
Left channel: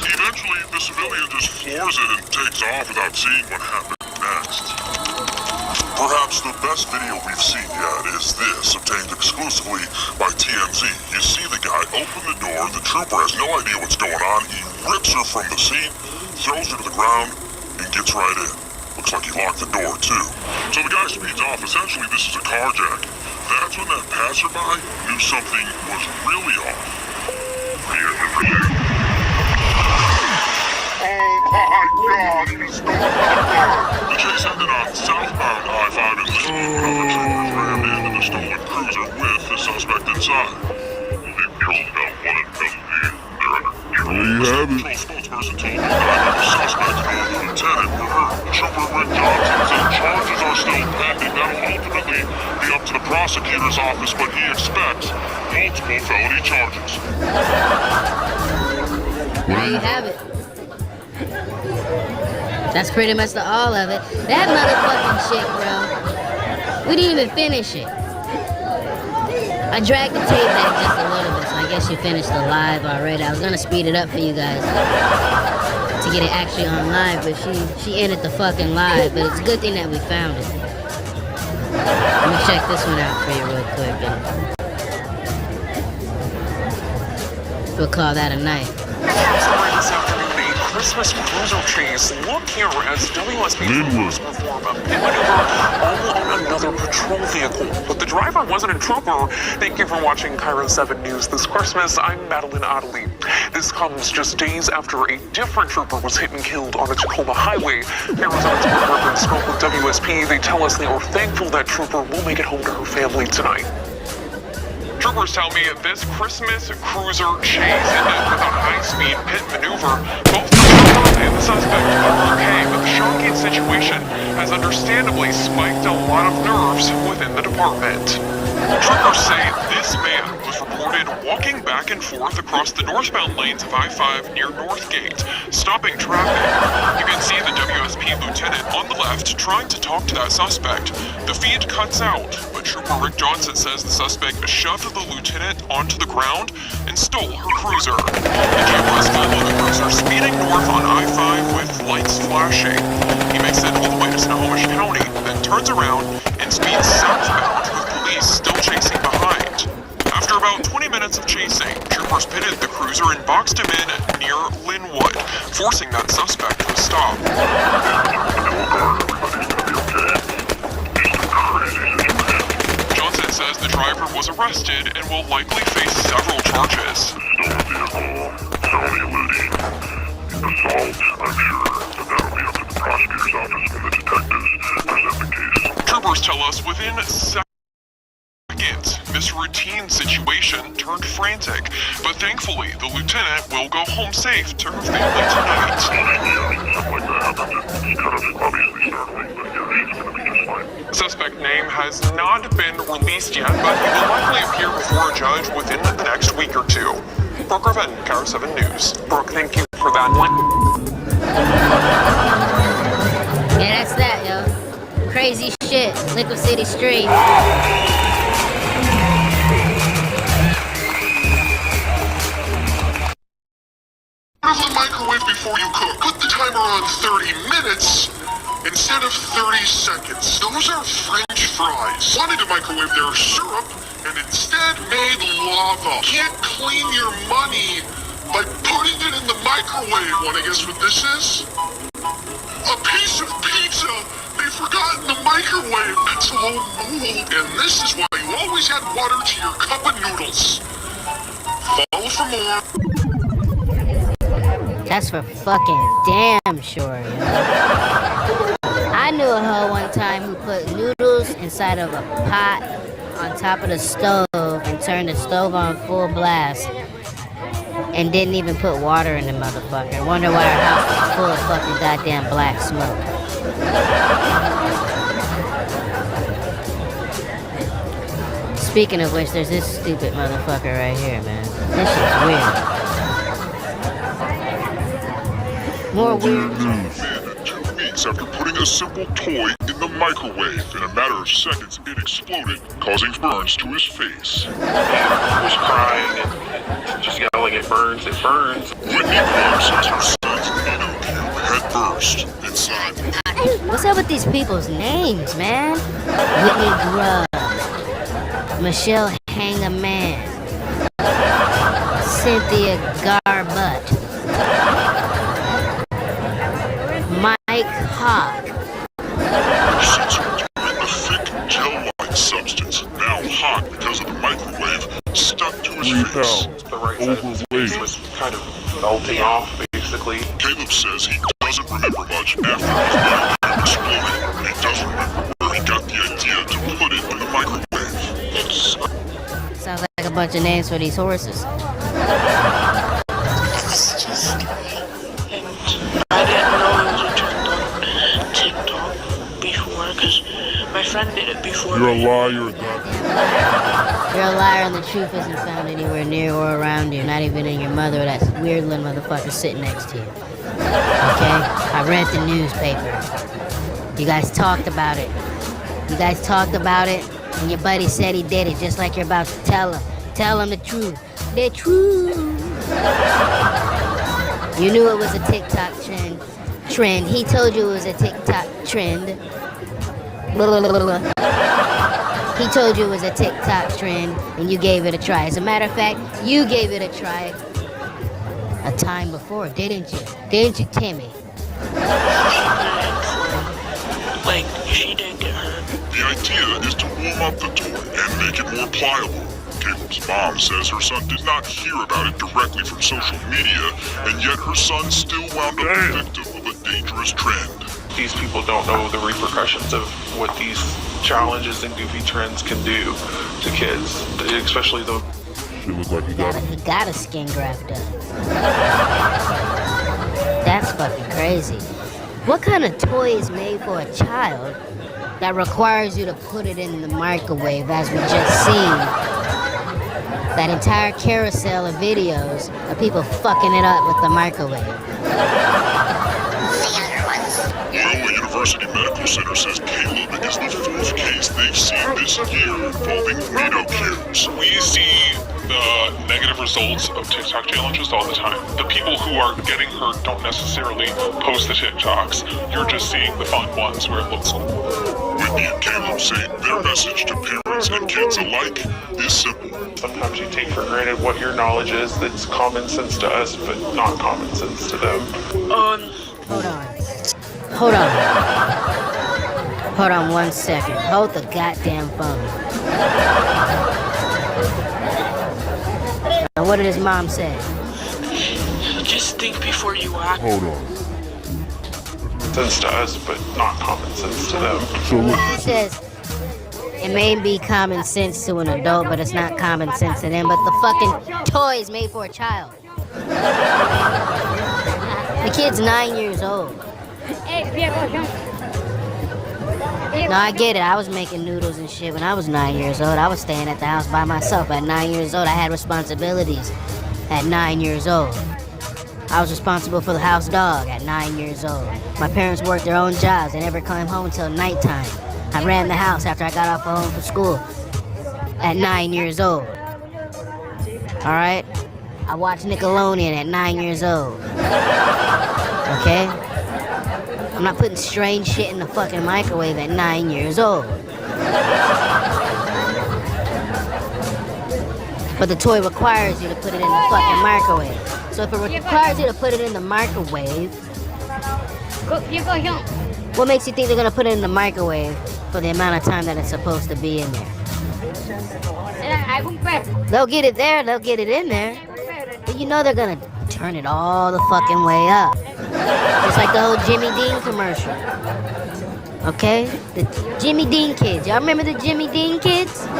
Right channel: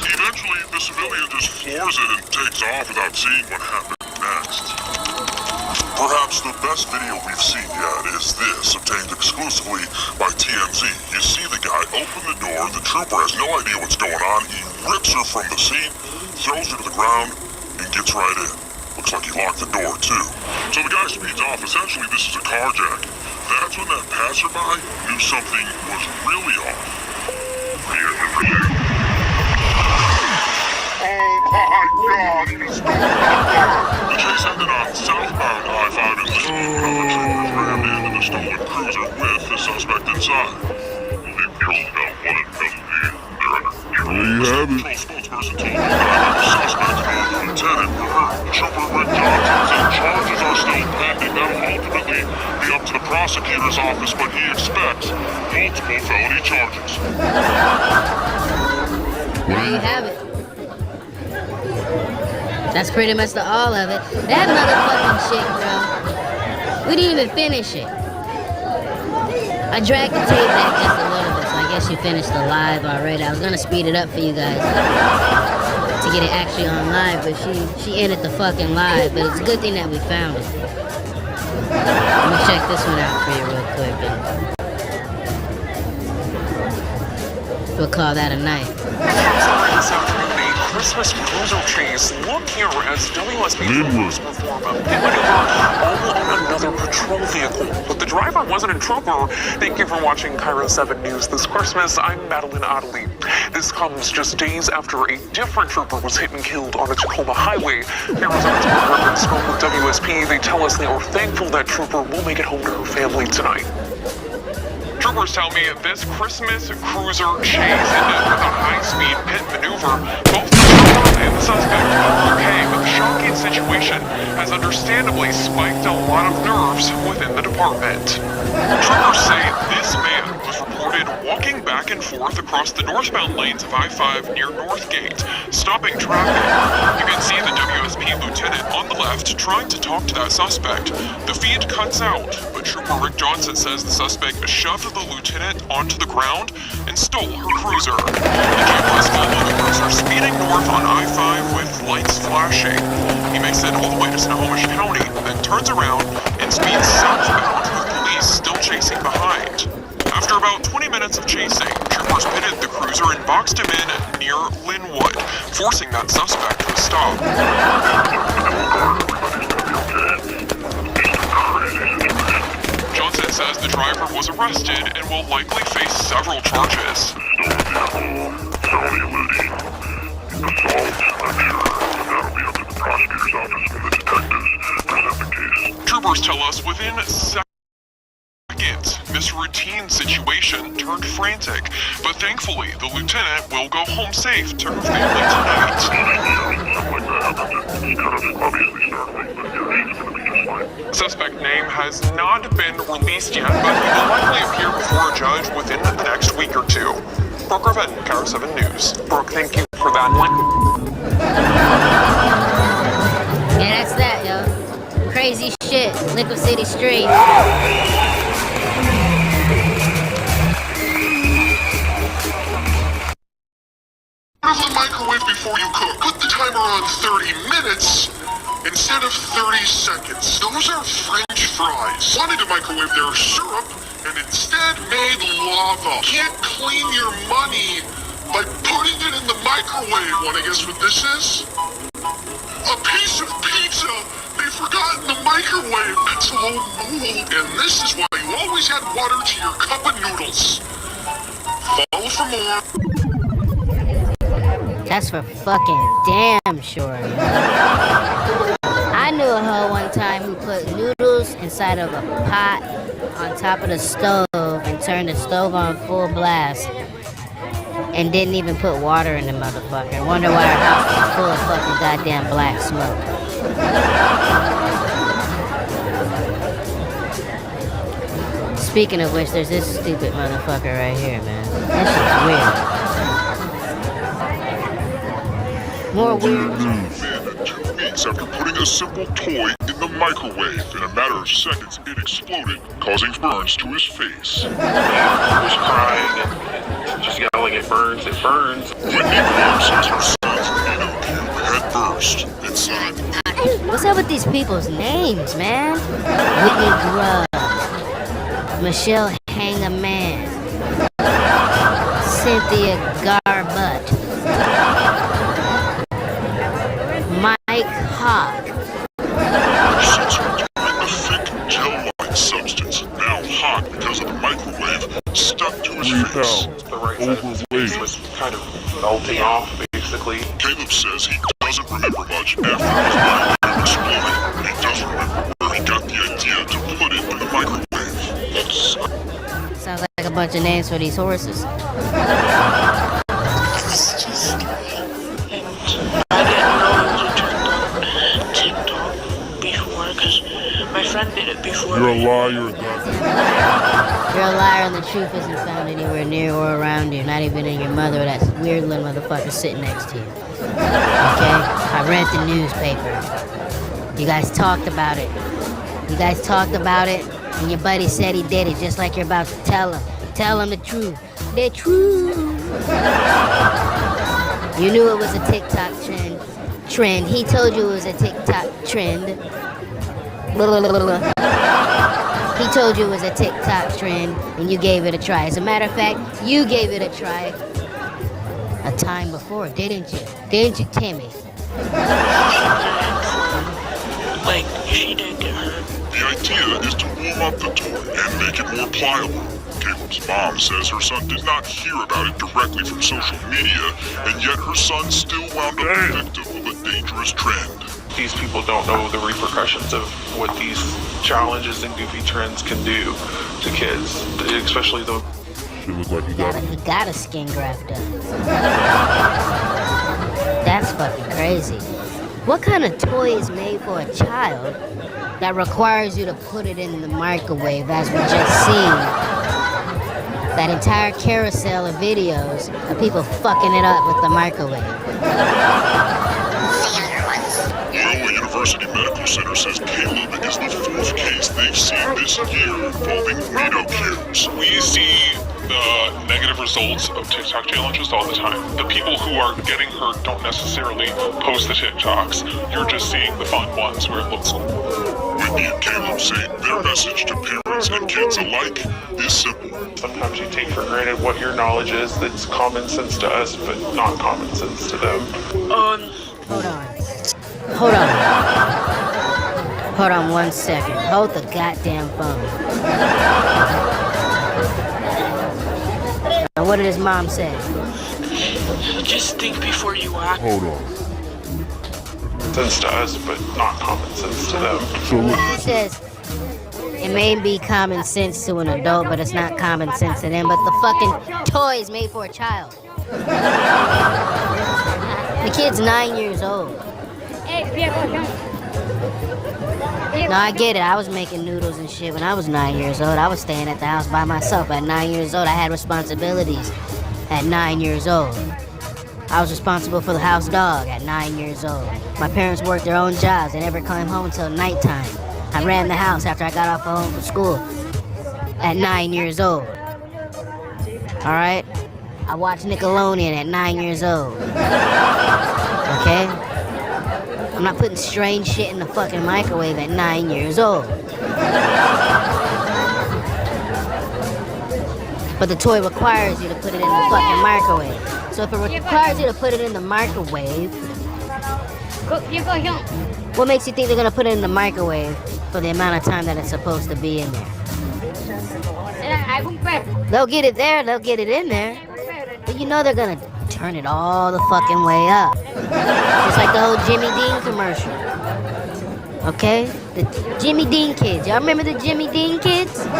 Eventually, the civilian just floors it and takes off without seeing what happened next. Perhaps the best video we've seen yet is this, obtained exclusively by TMZ. You see the guy open the door, the trooper has no idea what's going on, he rips her from the seat, throws her to the ground, and gets right in. Looks like he locked the door too. So the guy speeds off, essentially this is a carjack. That's when that passerby knew something was really off. Oh my God, he stole my car! The chase ended on southbound I-5 and this is when other troopers rammed into the stolen cruiser with the suspect inside. They've killed about 1 in 10 They're under control. There you have it. The spokesperson told me that the suspect and the lieutenant were hurt. Trooper Rick Johnson said charges are still pending. That'll ultimately be up to the prosecutor's office, but he expects multiple felony charges. There you have it. That's pretty much the all of it. That motherfucking shit, bro. We didn't even finish it. I dragged the tape back just a little bit, so I guess you finished the live already. I was gonna speed it up for you guys to get it actually on live, but she ended the fucking live. But it's a good thing that we found it. Let me check this one out for you real quick. We'll call that a night. This afternoon, a Christmas cruiser chase. Look here as WSP troopers perform a pit maneuver all on another patrol vehicle. But the driver wasn't a trooper. Thank you for watching Cairo 7 News this Christmas. I'm Madeline Ottley. This comes just days after a different trooper was hit and killed on a Tacoma highway. Arizona's Urban spoke with WSP. They tell us they are thankful that trooper will make it home to her family tonight. Troopers tell me this Christmas cruiser chase ended with a high-speed pit maneuver. Both the trooper and the suspect are okay, but the shocking situation has understandably spiked a lot of nerves within the department. Troopers say this man was reported walking back and forth across the northbound lanes of I-5 near Northgate, stopping traffic. You can see the WSP lieutenant on the left trying to talk to that suspect. The feed cuts out, but Trooper Rick Johnson says the suspect shoved the lieutenant onto the ground and stole her cruiser. The cameras follow the cruiser speeding north on I-5 with lights flashing. He makes it all the way to Snohomish County, then turns around and speeds southbound with police still chasing behind. After about 20 minutes of chasing, troopers pitted the cruiser and boxed him in near Linwood, forcing that suspect to stop. Johnson says the driver was arrested and will likely face several charges. Felony eluding, assault, I'm sure, but that'll be up to the prosecutor's office when the detectives present the case. Troopers tell us within seconds, this routine situation turned frantic, but thankfully the lieutenant will go home safe to her family tonight. The suspect name has not been released yet, but he will likely appear before a judge within the next week or two. Brooke Raven, Cairo 7 News. Brooke, thank you for that one. Yeah, that's that, yo. Crazy shit. LiquiCITY Street. Turn off the microwave before you cook. Put the timer on 30 minutes instead of 30 seconds. Those are French French fries. Wanted to microwave their syrup and instead made lava. Can't clean your money by putting it in the microwave. Wanna guess what this is? A piece of pizza they forgot in the microwave. It's all mold. And this is why you always add water to your cup of noodles. Follow for more. That's for fucking damn sure, yo. I knew a hoe one time who put noodles inside of a pot on top of the stove and turned the stove on full blast and didn't even put water in the motherfucker. Wonder why her house was full of fucking goddamn black smoke. Speaking of which, there's this stupid motherfucker right here, man. This shit's weird. More weird. 2 weeks after putting a simple toy in the microwave. In a matter of seconds, it exploded, causing burns to his face. He was crying and just yelling, "It burns, it burns." Whitney Grove says her son's peanut cube had burst inside. What's up with these people's names, man? Whitney Grove, Michelle Hang-A-Man, Cynthia Garbutt, Mike Hawk. Since returning a thick gel-like substance, now hot because of the microwave, stuck to his face. The right side of his face was kind of melting off, basically. Caleb says he doesn't remember much after his microwave exploded. He doesn't remember where he got the idea to put it in the microwave. It's... Sounds like a bunch of names for these horses. I didn't know it was a trend on TikTok before, because my friend did it before. You're a liar, You're a liar and the truth isn't found anywhere near or around you, not even in your mother or that weird little motherfucker sitting next to you. Okay? I read the newspaper. You guys talked about it. And your buddy said he did it, just like you're about to tell him. Tell him the truth. The truth. You knew it was a TikTok trend. He told you it was a TikTok trend. He told you it was a TikTok trend, and you gave it a try. As a matter of fact, you gave it a try a time before, didn't you? Didn't you, Timmy? Like, she didn't get hurt. The idea is to warm up the toy and make it more pliable. Caleb's mom says her son did not hear about it directly from social media, and yet her son still wound up the victim of a dangerous trend. These people don't know the repercussions of what these challenges and goofy trends can do to kids, especially the... She looked like he got a skin graft done. That's fucking crazy. What kind of toy is made for a child that requires you to put it in the microwave, as we just seen? That entire carousel of videos of people fucking it up with the microwave. Loyola University Medical Center says Caleb is the 4th case they've seen this year involving Reno cubes. We see the negative results of TikTok challenges all the time. The people who are getting hurt don't necessarily post the TikToks. You're just seeing the fun ones where it looks... Whitney and Caleb say their message to parents and kids alike is simple. Sometimes you take for granted what your knowledge is that's common sense to us, but not common sense to them. Hold on 1 second. Hold the goddamn phone. Now, what did his mom say? Just think before you act. Hold on. Sense to us, but not common sense to them. He says it may be common sense to an adult, but it's not common sense to them. But the fucking toy is made for a child. The kid's 9 years old. No, I get it. I was making noodles and shit when I was 9 years old. I was staying at the house by myself at 9 years old. I had responsibilities at 9 years old. I was responsible for the house dog at 9 years old. My parents worked their own jobs. They never came home until nighttime. I ran the house after I got off home from school at 9 years old. Alright? I watched Nickelodeon at 9 years old. Okay? I'm not putting strange shit in the fucking microwave at 9 years old. But the toy requires you to put it in the fucking microwave. So if it requires you to put it in the microwave, what makes you think they're gonna put it in the microwave for the amount of time that it's supposed to be in there? They'll get it there, they'll get it in there. But you know they're gonna turn it all the fucking way up. Just like the whole Jimmy Dean commercial. Okay? The Jimmy Dean kids. Y'all remember the Jimmy Dean kids? Do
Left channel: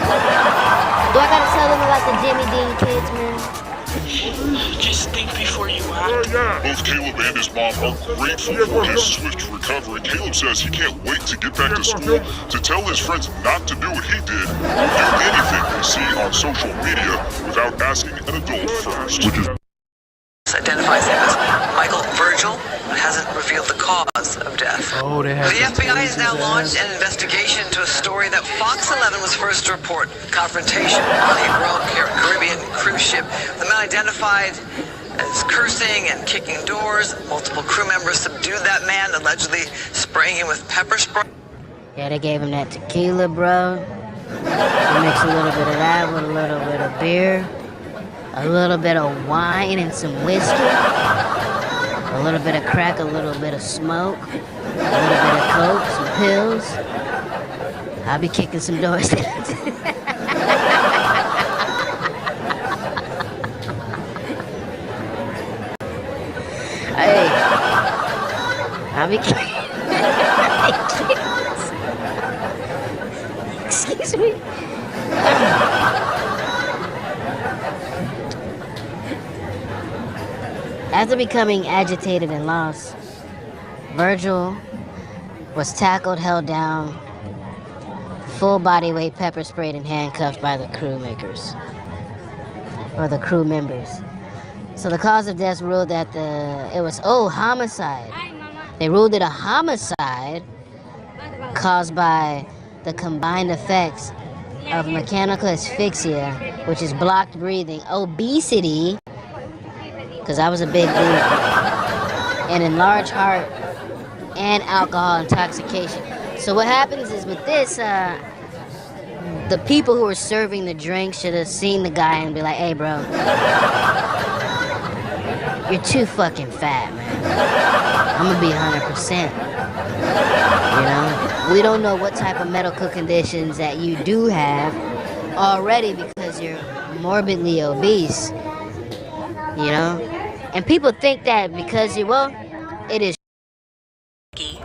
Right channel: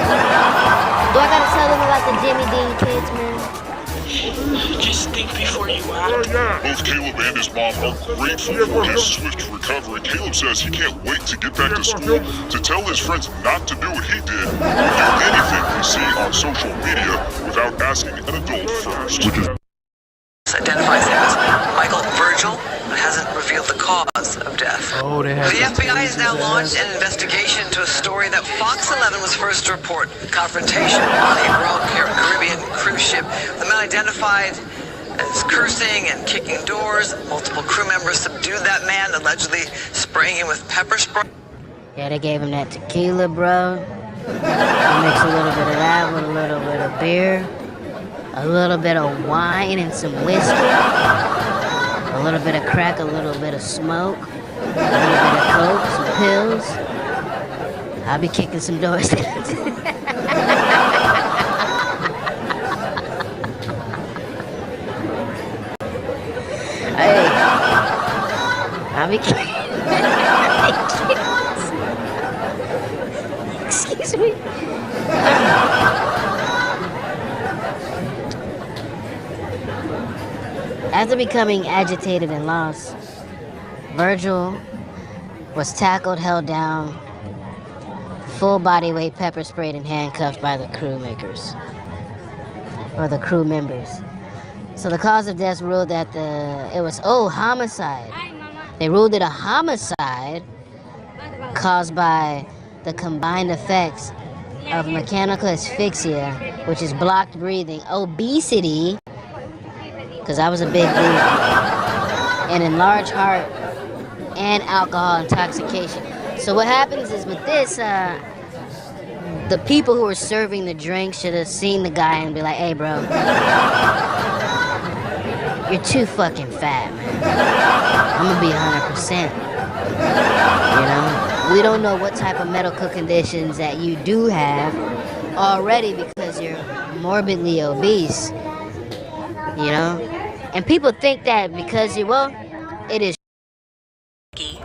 I gotta tell them about the Jimmy Dean kids, man? Just think before you act. Both Caleb and his mom are grateful for his swift recovery. Caleb says he can't wait to get back to school to tell his friends not to do what he did or do anything they see on social media without asking an adult first. Identifies him as Michael Virgil, but hasn't revealed the cause of death. Oh, they have The FBI has now launched an investigation into a story that Fox 11 was first to report confrontation on a Royal Caribbean cruise ship. The man identified as cursing and kicking doors. Multiple crew members subdued that man, allegedly spraying him with pepper spray. Yeah, they gave him that tequila, bro. You mix a little bit of that with a little bit of beer. A little bit of wine and some whiskey, a little bit of crack, a little bit of smoke, a little bit of coke, some pills. I'll be kicking some doors. Hey, I'll be kicking. Excuse me. After becoming agitated and lost, Virgil was tackled, held down, full body weight pepper sprayed and handcuffed by the crew members. So the cause of death ruled that it was homicide. They ruled it a homicide caused by the combined effects of mechanical asphyxia, which is blocked breathing, obesity, because I was a big dude, and enlarged heart and alcohol intoxication. So what happens is with this, the people who were serving the drink should have seen the guy and be like, hey bro, you're too fucking fat, man. I'm gonna be 100%. You know? We don't know what type of medical conditions that you do have already because you're morbidly obese. You know? And people think that because it is.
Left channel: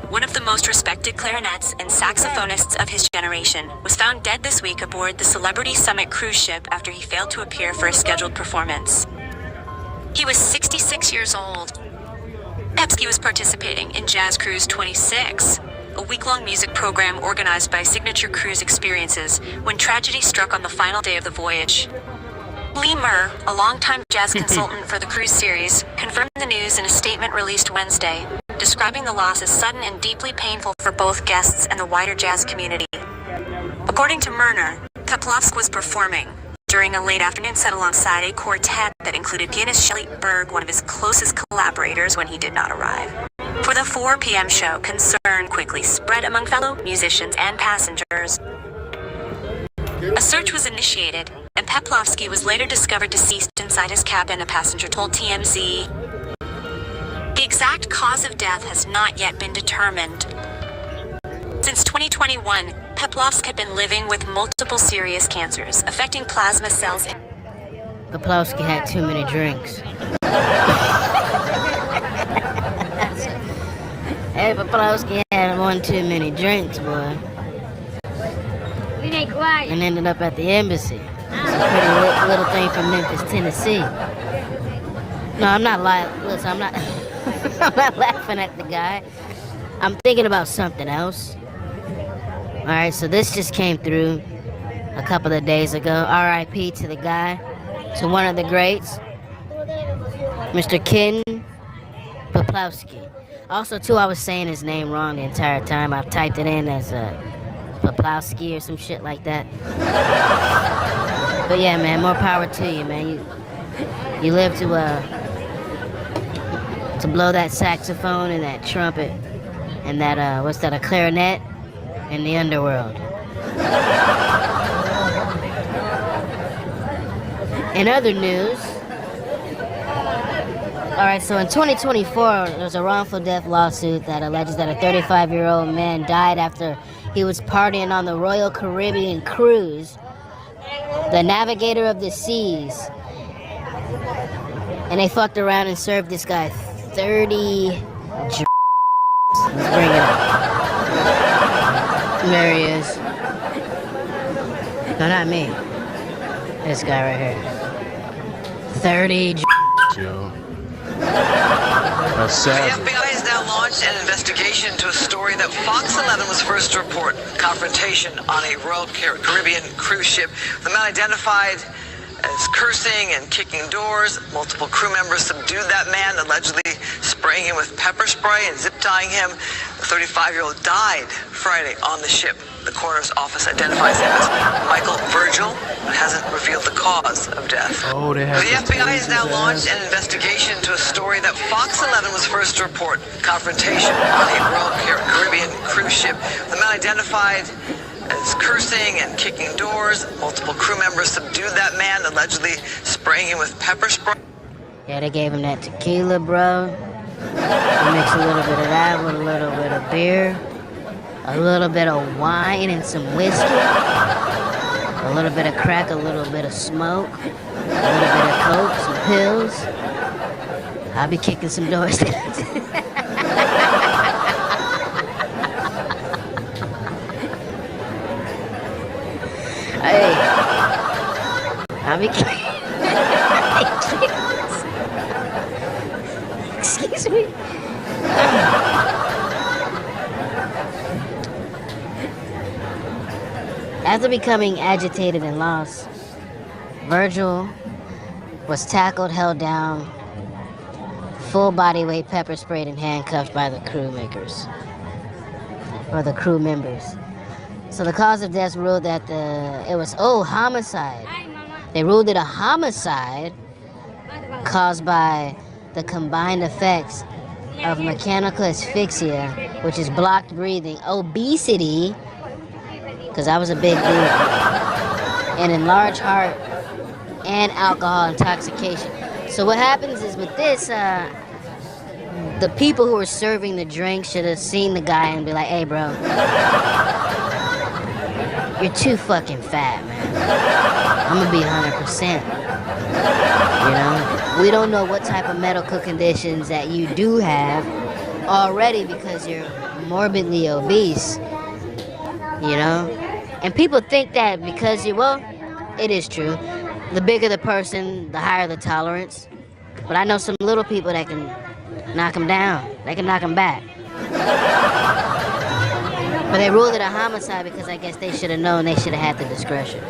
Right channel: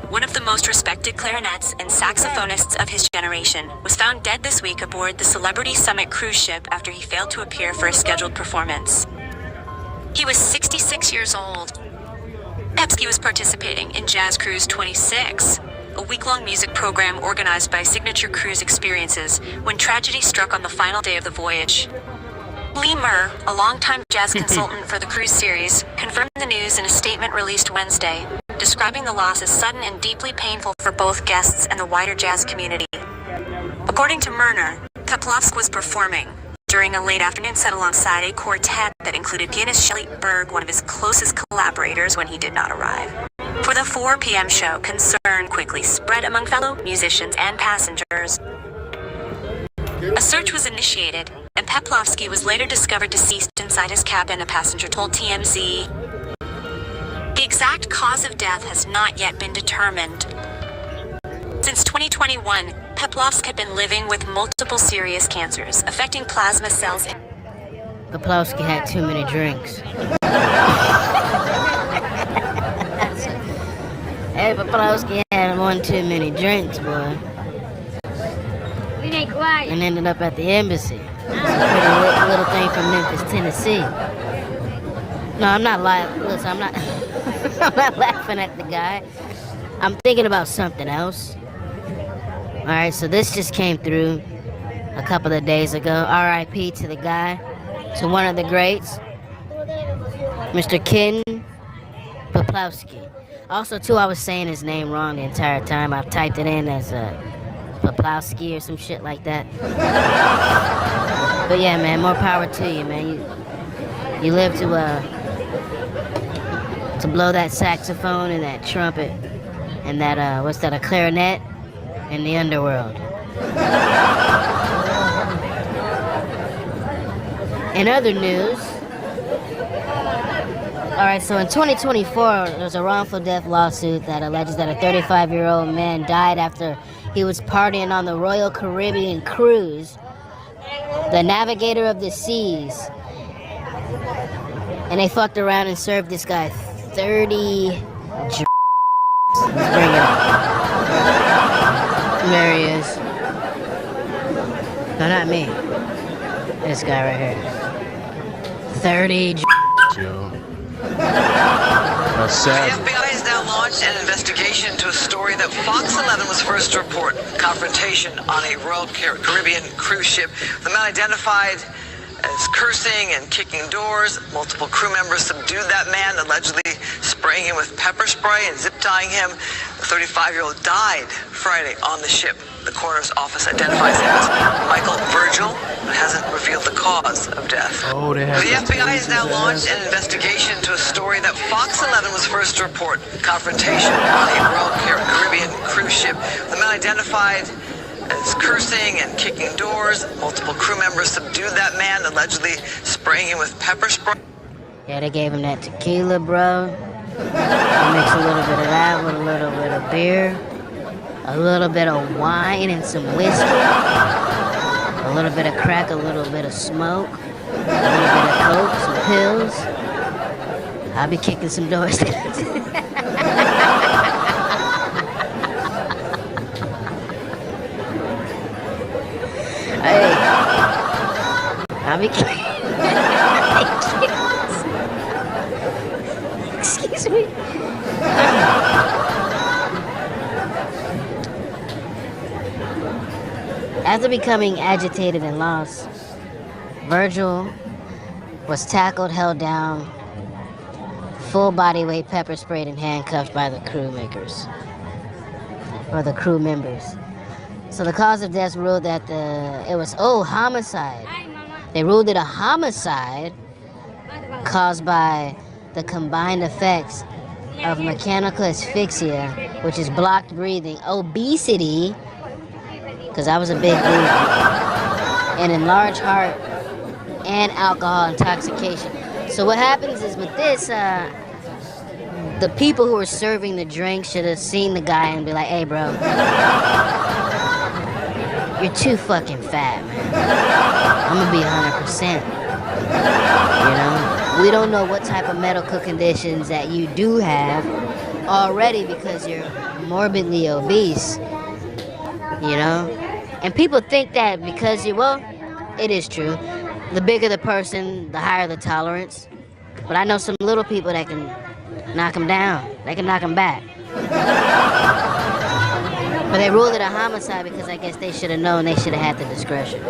One of the most respected clarinets and saxophonists of his generation, was found dead this week aboard the Celebrity Summit cruise ship after he failed to appear for a scheduled performance. He was 66 years old. Pepsky was participating in Jazz Cruise 26, a week-long music program organized by Signature Cruise Experiences, when tragedy struck on the final day of the voyage. Lee Murr, a longtime jazz consultant for the cruise series, confirmed the news in a statement released Wednesday, describing the loss as sudden and deeply painful for both guests and the wider jazz community. According to Murner, Peplovsk was performing during a late afternoon set alongside a quartet that included pianist Shelley Berg, one of his closest collaborators, when he did not arrive. For the 4 p.m. show, concern quickly spread among fellow musicians and passengers. A search was initiated, and Peplovsky was later discovered deceased inside his cabin, a passenger told TMZ. The exact cause of death has not yet been determined. Since 2021, Peplovsk had been living with multiple serious cancers, affecting plasma cells. Peplovsky had too many drinks. Hey, Peplovsky had one too many drinks, boy. And ended up at the embassy. It's a pretty little thing from Memphis, Tennessee. No, I'm not listen, I'm not I'm not laughing at the guy. I'm thinking about something else. Alright, so this just came through a couple of days ago. R.I.P. to the guy, to one of the greats, Mr. Ken Peplovsky. Also, too, I was saying his name wrong the entire time. I've typed it in as Peplovsky or some shit like that. But yeah, man, more power to you, man. You live to blow that saxophone and that trumpet and that a clarinet in the underworld. In other news, alright, so in 2024, there's a wrongful death lawsuit that alleges that a 35-year-old man died after he was partying on the Royal Caribbean cruise, the Navigator of the Seas. And they fucked around and served this guy 30 Let's bring it up. There he is. No, not me. This guy right here. 30 Yo. That's sad. The FBI has now launched an investigation into a story that Fox 11 was first to report. Confrontation on a Royal Caribbean cruise ship. The man identified as cursing and kicking doors. Multiple crew members subdued that man, allegedly spraying him with pepper spray and zip tying him. The 35-year-old died Friday on the ship. The coroner's office identifies him as Michael Virgil, but hasn't revealed the cause of death. Oh, they have the FBI has now launched an investigation into a story that Fox 11 was first to report. Confrontation on a Royal Caribbean cruise ship. The man identified as cursing and kicking doors. Multiple crew members subdued that man, allegedly spraying him with pepper spray. Yeah, they gave him that tequila, bro. You mix a little bit of that with a little bit of beer, a little bit of wine and some whiskey, a little bit of crack, a little bit of smoke, a little bit of coke, some pills. I'll be kicking some doors. Hey, I'll be kicking. Excuse me. After becoming agitated and lost, Virgil was tackled, held down, full body weight pepper sprayed and handcuffed by the crew members. So the cause of death ruled that it was homicide. They ruled it a homicide caused by the combined effects of mechanical asphyxia, which is blocked breathing, obesity, because I was a big dude, and enlarged heart and alcohol intoxication. So what happens is with this, the people who were serving the drink should have seen the guy and be like, hey bro, you're too fucking fat, man. I'm gonna be 100%. You know? We don't know what type of medical conditions that you do have already because you're morbidly obese. You know? And people think that because it is true. The bigger the person, the higher the tolerance. But I know some little people that can knock them down. They can knock them back. But they ruled it a homicide because I guess they should have known, they should have had the discretion.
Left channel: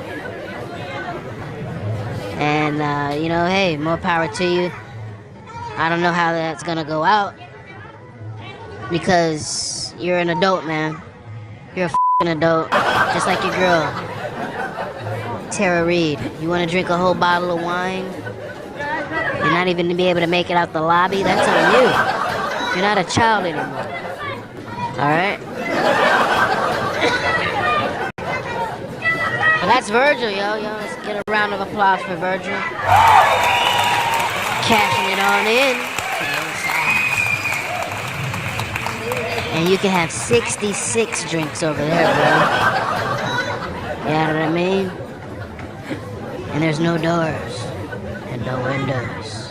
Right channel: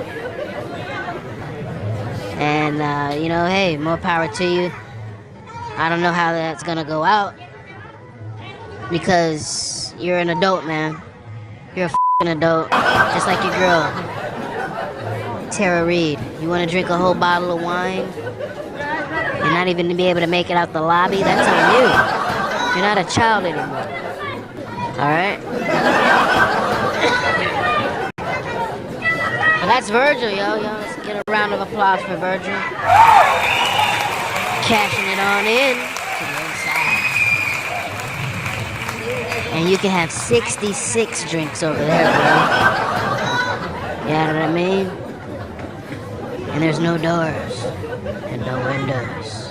And, hey, more power to you. I don't know how that's going to go out. Because you're an adult, man. You're a f***ing adult. Just like your girl, Tara Reid. You want to drink a whole bottle of wine? You're not even to be able to make it out the lobby? That's on you. You're not a child anymore. Alright? Well, that's Virgil, yo. Let's get a round of applause for Virgil. Cashing it on in to the other side. And you can have 66 drinks over there, bro. You know what I mean? And there's no doors and no windows.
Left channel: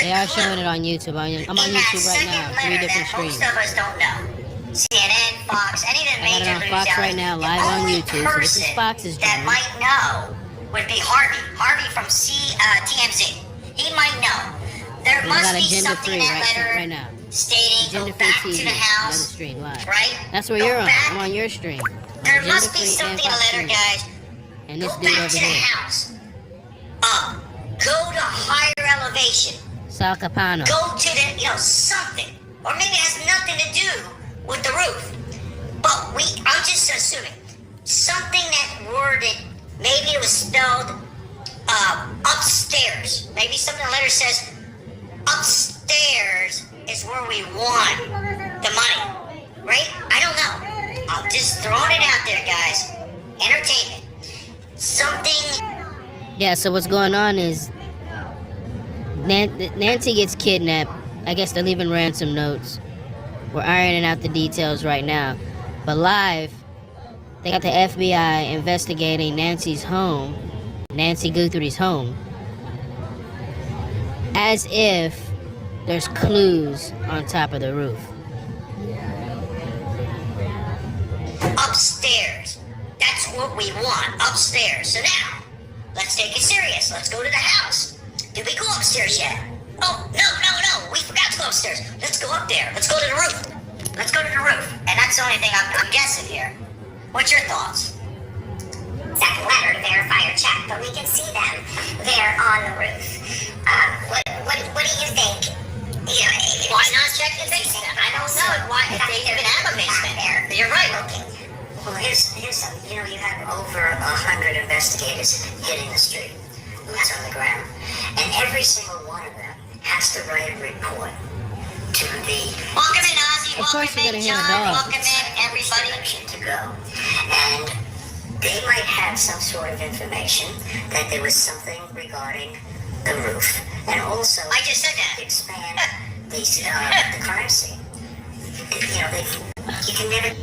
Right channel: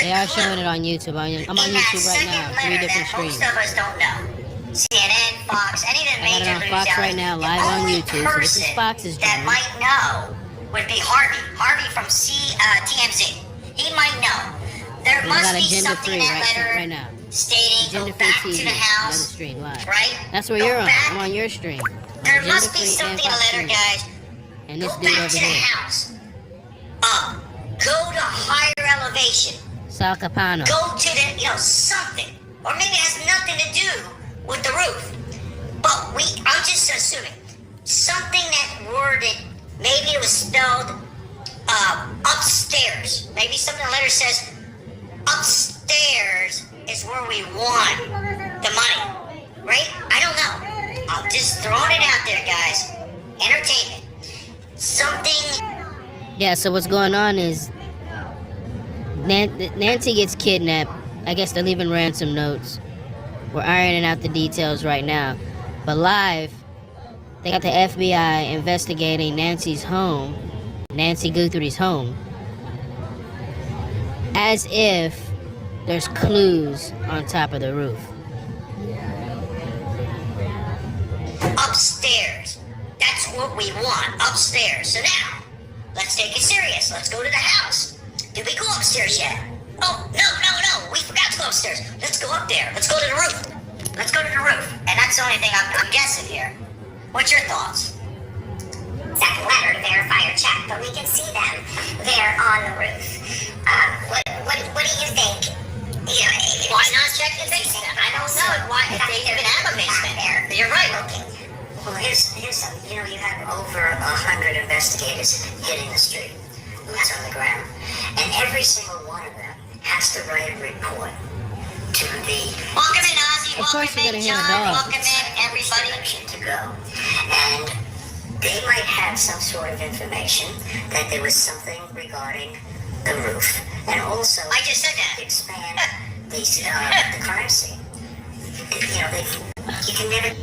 They are showing it on YouTube. I'm on YouTube right now. 3 different streams. Most of us don't know. CNN, Fox, any of the major news Fox right now, live on YouTube. So this is Fox's that journey. might know would be Harvey. Harvey from TMZ. He might know. There must be something in that letter stating go back to the house. Stream live. Right? That's where you're on. I'm on your stream. There must be something in the letter, guys. And this go dude back over to the here. house. Go to higher elevation. Sal Capano. Go to the, something. Or maybe it has nothing to do with the roof. But I'm just assuming. Something that worded, maybe it was spelled upstairs. letters. Maybe something in the letter says, upstairs is where we want the money. Right? I don't know. I'm just throwing it out there, guys. Entertainment. Something. Yeah, so what's going on is Nancy gets kidnapped. I guess they're leaving ransom notes. We're ironing out the details right now. But live, they got the FBI investigating Nancy's home, Nancy Guthrie's home, as if there's clues on top of the roof. Upstairs. That's what we want, upstairs. So now, let's take it serious. Let's go to the house. Did we go upstairs yet? Oh, no. We forgot to go upstairs. Let's go up there. Let's go to the roof. Let's go to the roof. And that's the only thing I'm guessing here. What's your thoughts? Second letter to verify or check, but we can see them there on the roof. What do you think? You know, why not check the basement? I don't know why if they even have a basement there. You're right. Okay. Well, here's something. You know, you have over 100 investigators hitting the street, boots on the ground, and every single one of them has to write a report to the. Welcome in, Ozzy. Welcome in, John. Welcome in, everybody. To go, and they might have some sort of information that there was something regarding the roof, and also I just said that. Expand the crime scene. You know, you can never.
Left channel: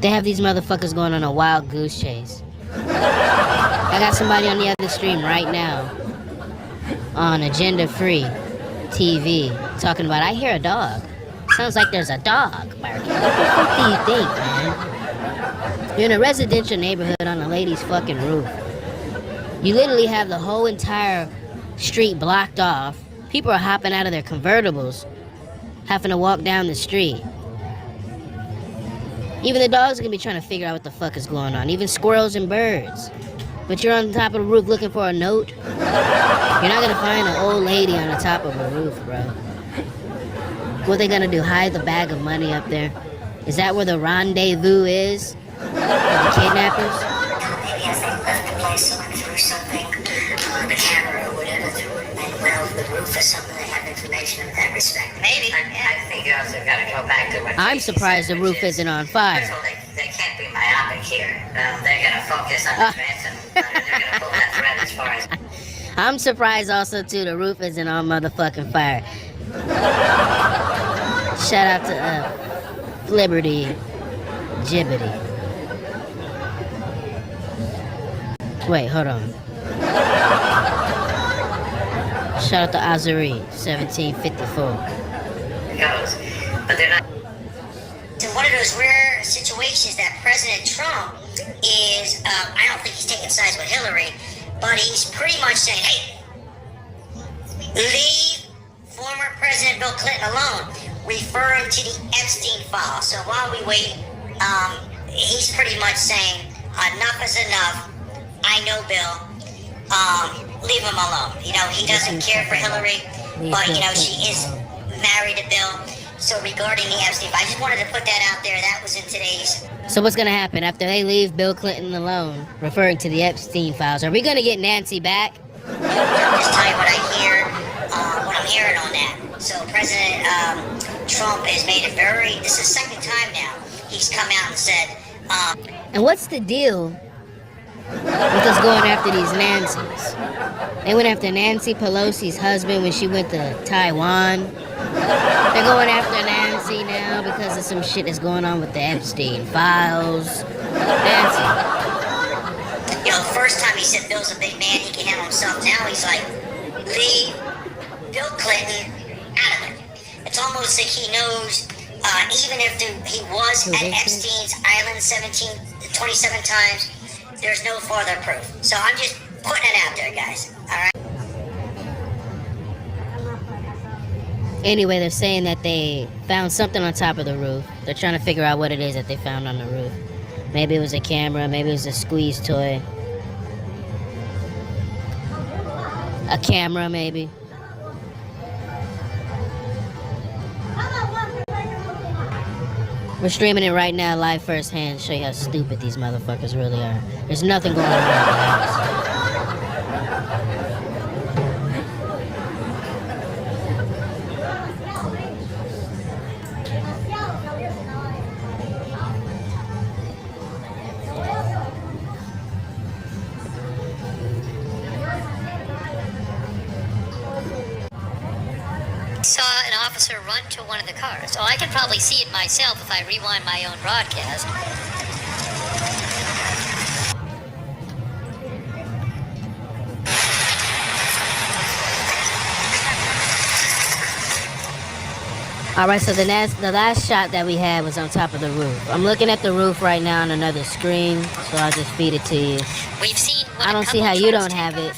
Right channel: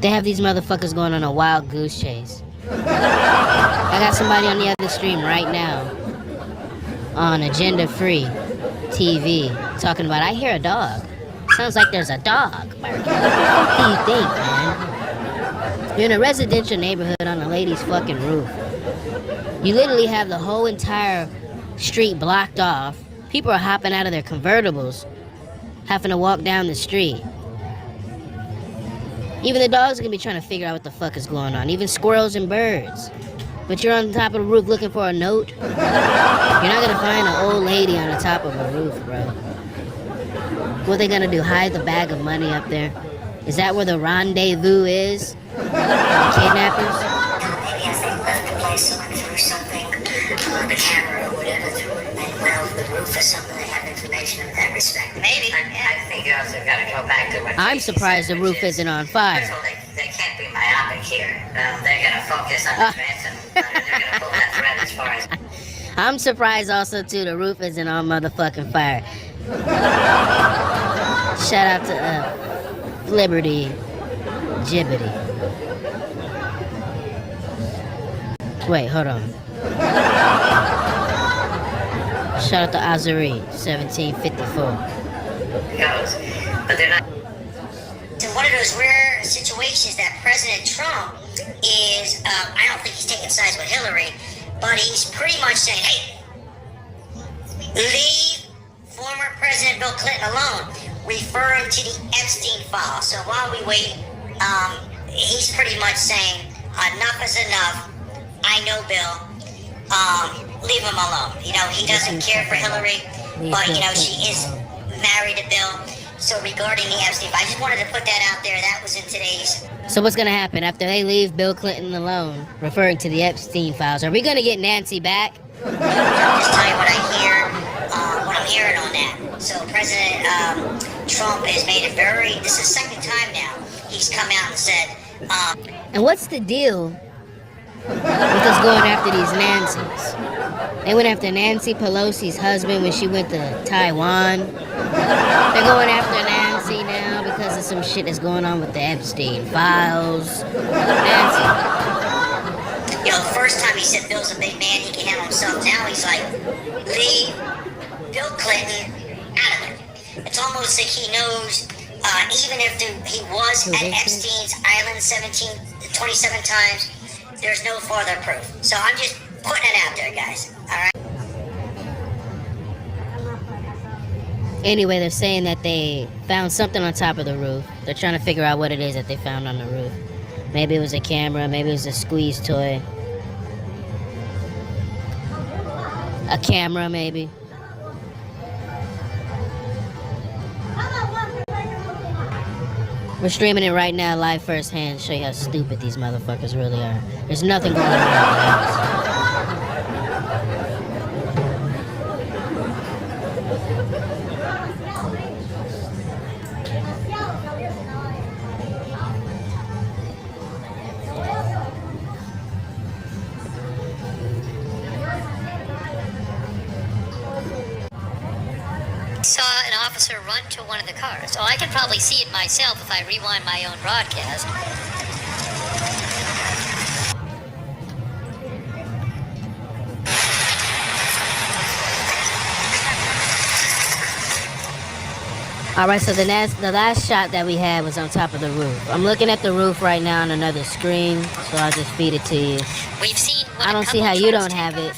They have these motherfuckers going on a wild goose chase. I got somebody on the other stream right now on Agenda Free TV talking about, I hear a dog. Sounds like there's a dog barking. What the fuck do you think, man? You're in a residential neighborhood on a lady's fucking roof. You literally have the whole entire street blocked off. People are hopping out of their convertibles, having to walk down the street. Even the dogs are gonna be trying to figure out what the fuck is going on. Even squirrels and birds. But you're on the top of the roof looking for a note. You're not gonna find an old lady on the top of a roof, bro. What are they gonna do? Hide the bag of money up there? Is that where the rendezvous is? For the kidnappers? Maybe as they left the place, someone threw something on the camera or whatever through it, and they went over the roof or something. They have information in that respect. Maybe. I think you also got to go back to what. I'm surprised the roof isn't on fire. First of all, they can't be myopic here. They're going to focus on the threats and they're going to pull that thread as far as. I'm surprised also too the roof isn't on motherfucking fire. Shout out to Liberty Gibbity. Wait, hold on. Shout out to Azuri, 1754. But they're not. It's one of those rare situations that President Trump is, I don't think he's taking sides with Hillary, but he's pretty much saying, hey, leave former President Bill Clinton alone, referring to the Epstein file. So while we wait, he's pretty much saying, enough is enough. I know Bill. Leave him alone. You know, he doesn't care for Hillary, but, you know, she is married to Bill. So regarding the Epstein file, I just wanted to put that out there. That was in today's. So what's gonna happen after they leave Bill Clinton alone, referring to the Epstein files? Are we gonna get Nancy back? I'll just tell you what I hear, what I'm hearing on that. So President Trump has made it very, this is the second time now, he's come out and said, and what's the deal with us going after these Nancys? They went after Nancy Pelosi's husband when she went to Taiwan. They're going after Nancy now because of some shit that's going on with the Epstein files. Nancy. You know, the first time he said Bill's a big man, he can handle himself. Now he's like, leave Bill Clinton out of it. It's almost like he knows, even if he was at Epstein's island 27 times, there's no further proof. So I'm just putting it out there, guys. All right? Anyway, they're saying that they found something on top of the roof. They're trying to figure out what it is that they found on the roof. Maybe it was a camera, maybe it was a squeeze toy. A camera, maybe. We're streaming it right now, live firsthand, to show you how stupid these motherfuckers really are. There's nothing going on in the house. saw an officer run to one of the cars. Oh, I can probably see it myself if I rewind my own broadcast. Alright, so the last shot that we had was on top of the roof. I'm looking at the roof right now on another screen, so I'll just feed it to you. We've seen I don't see how you don't have it.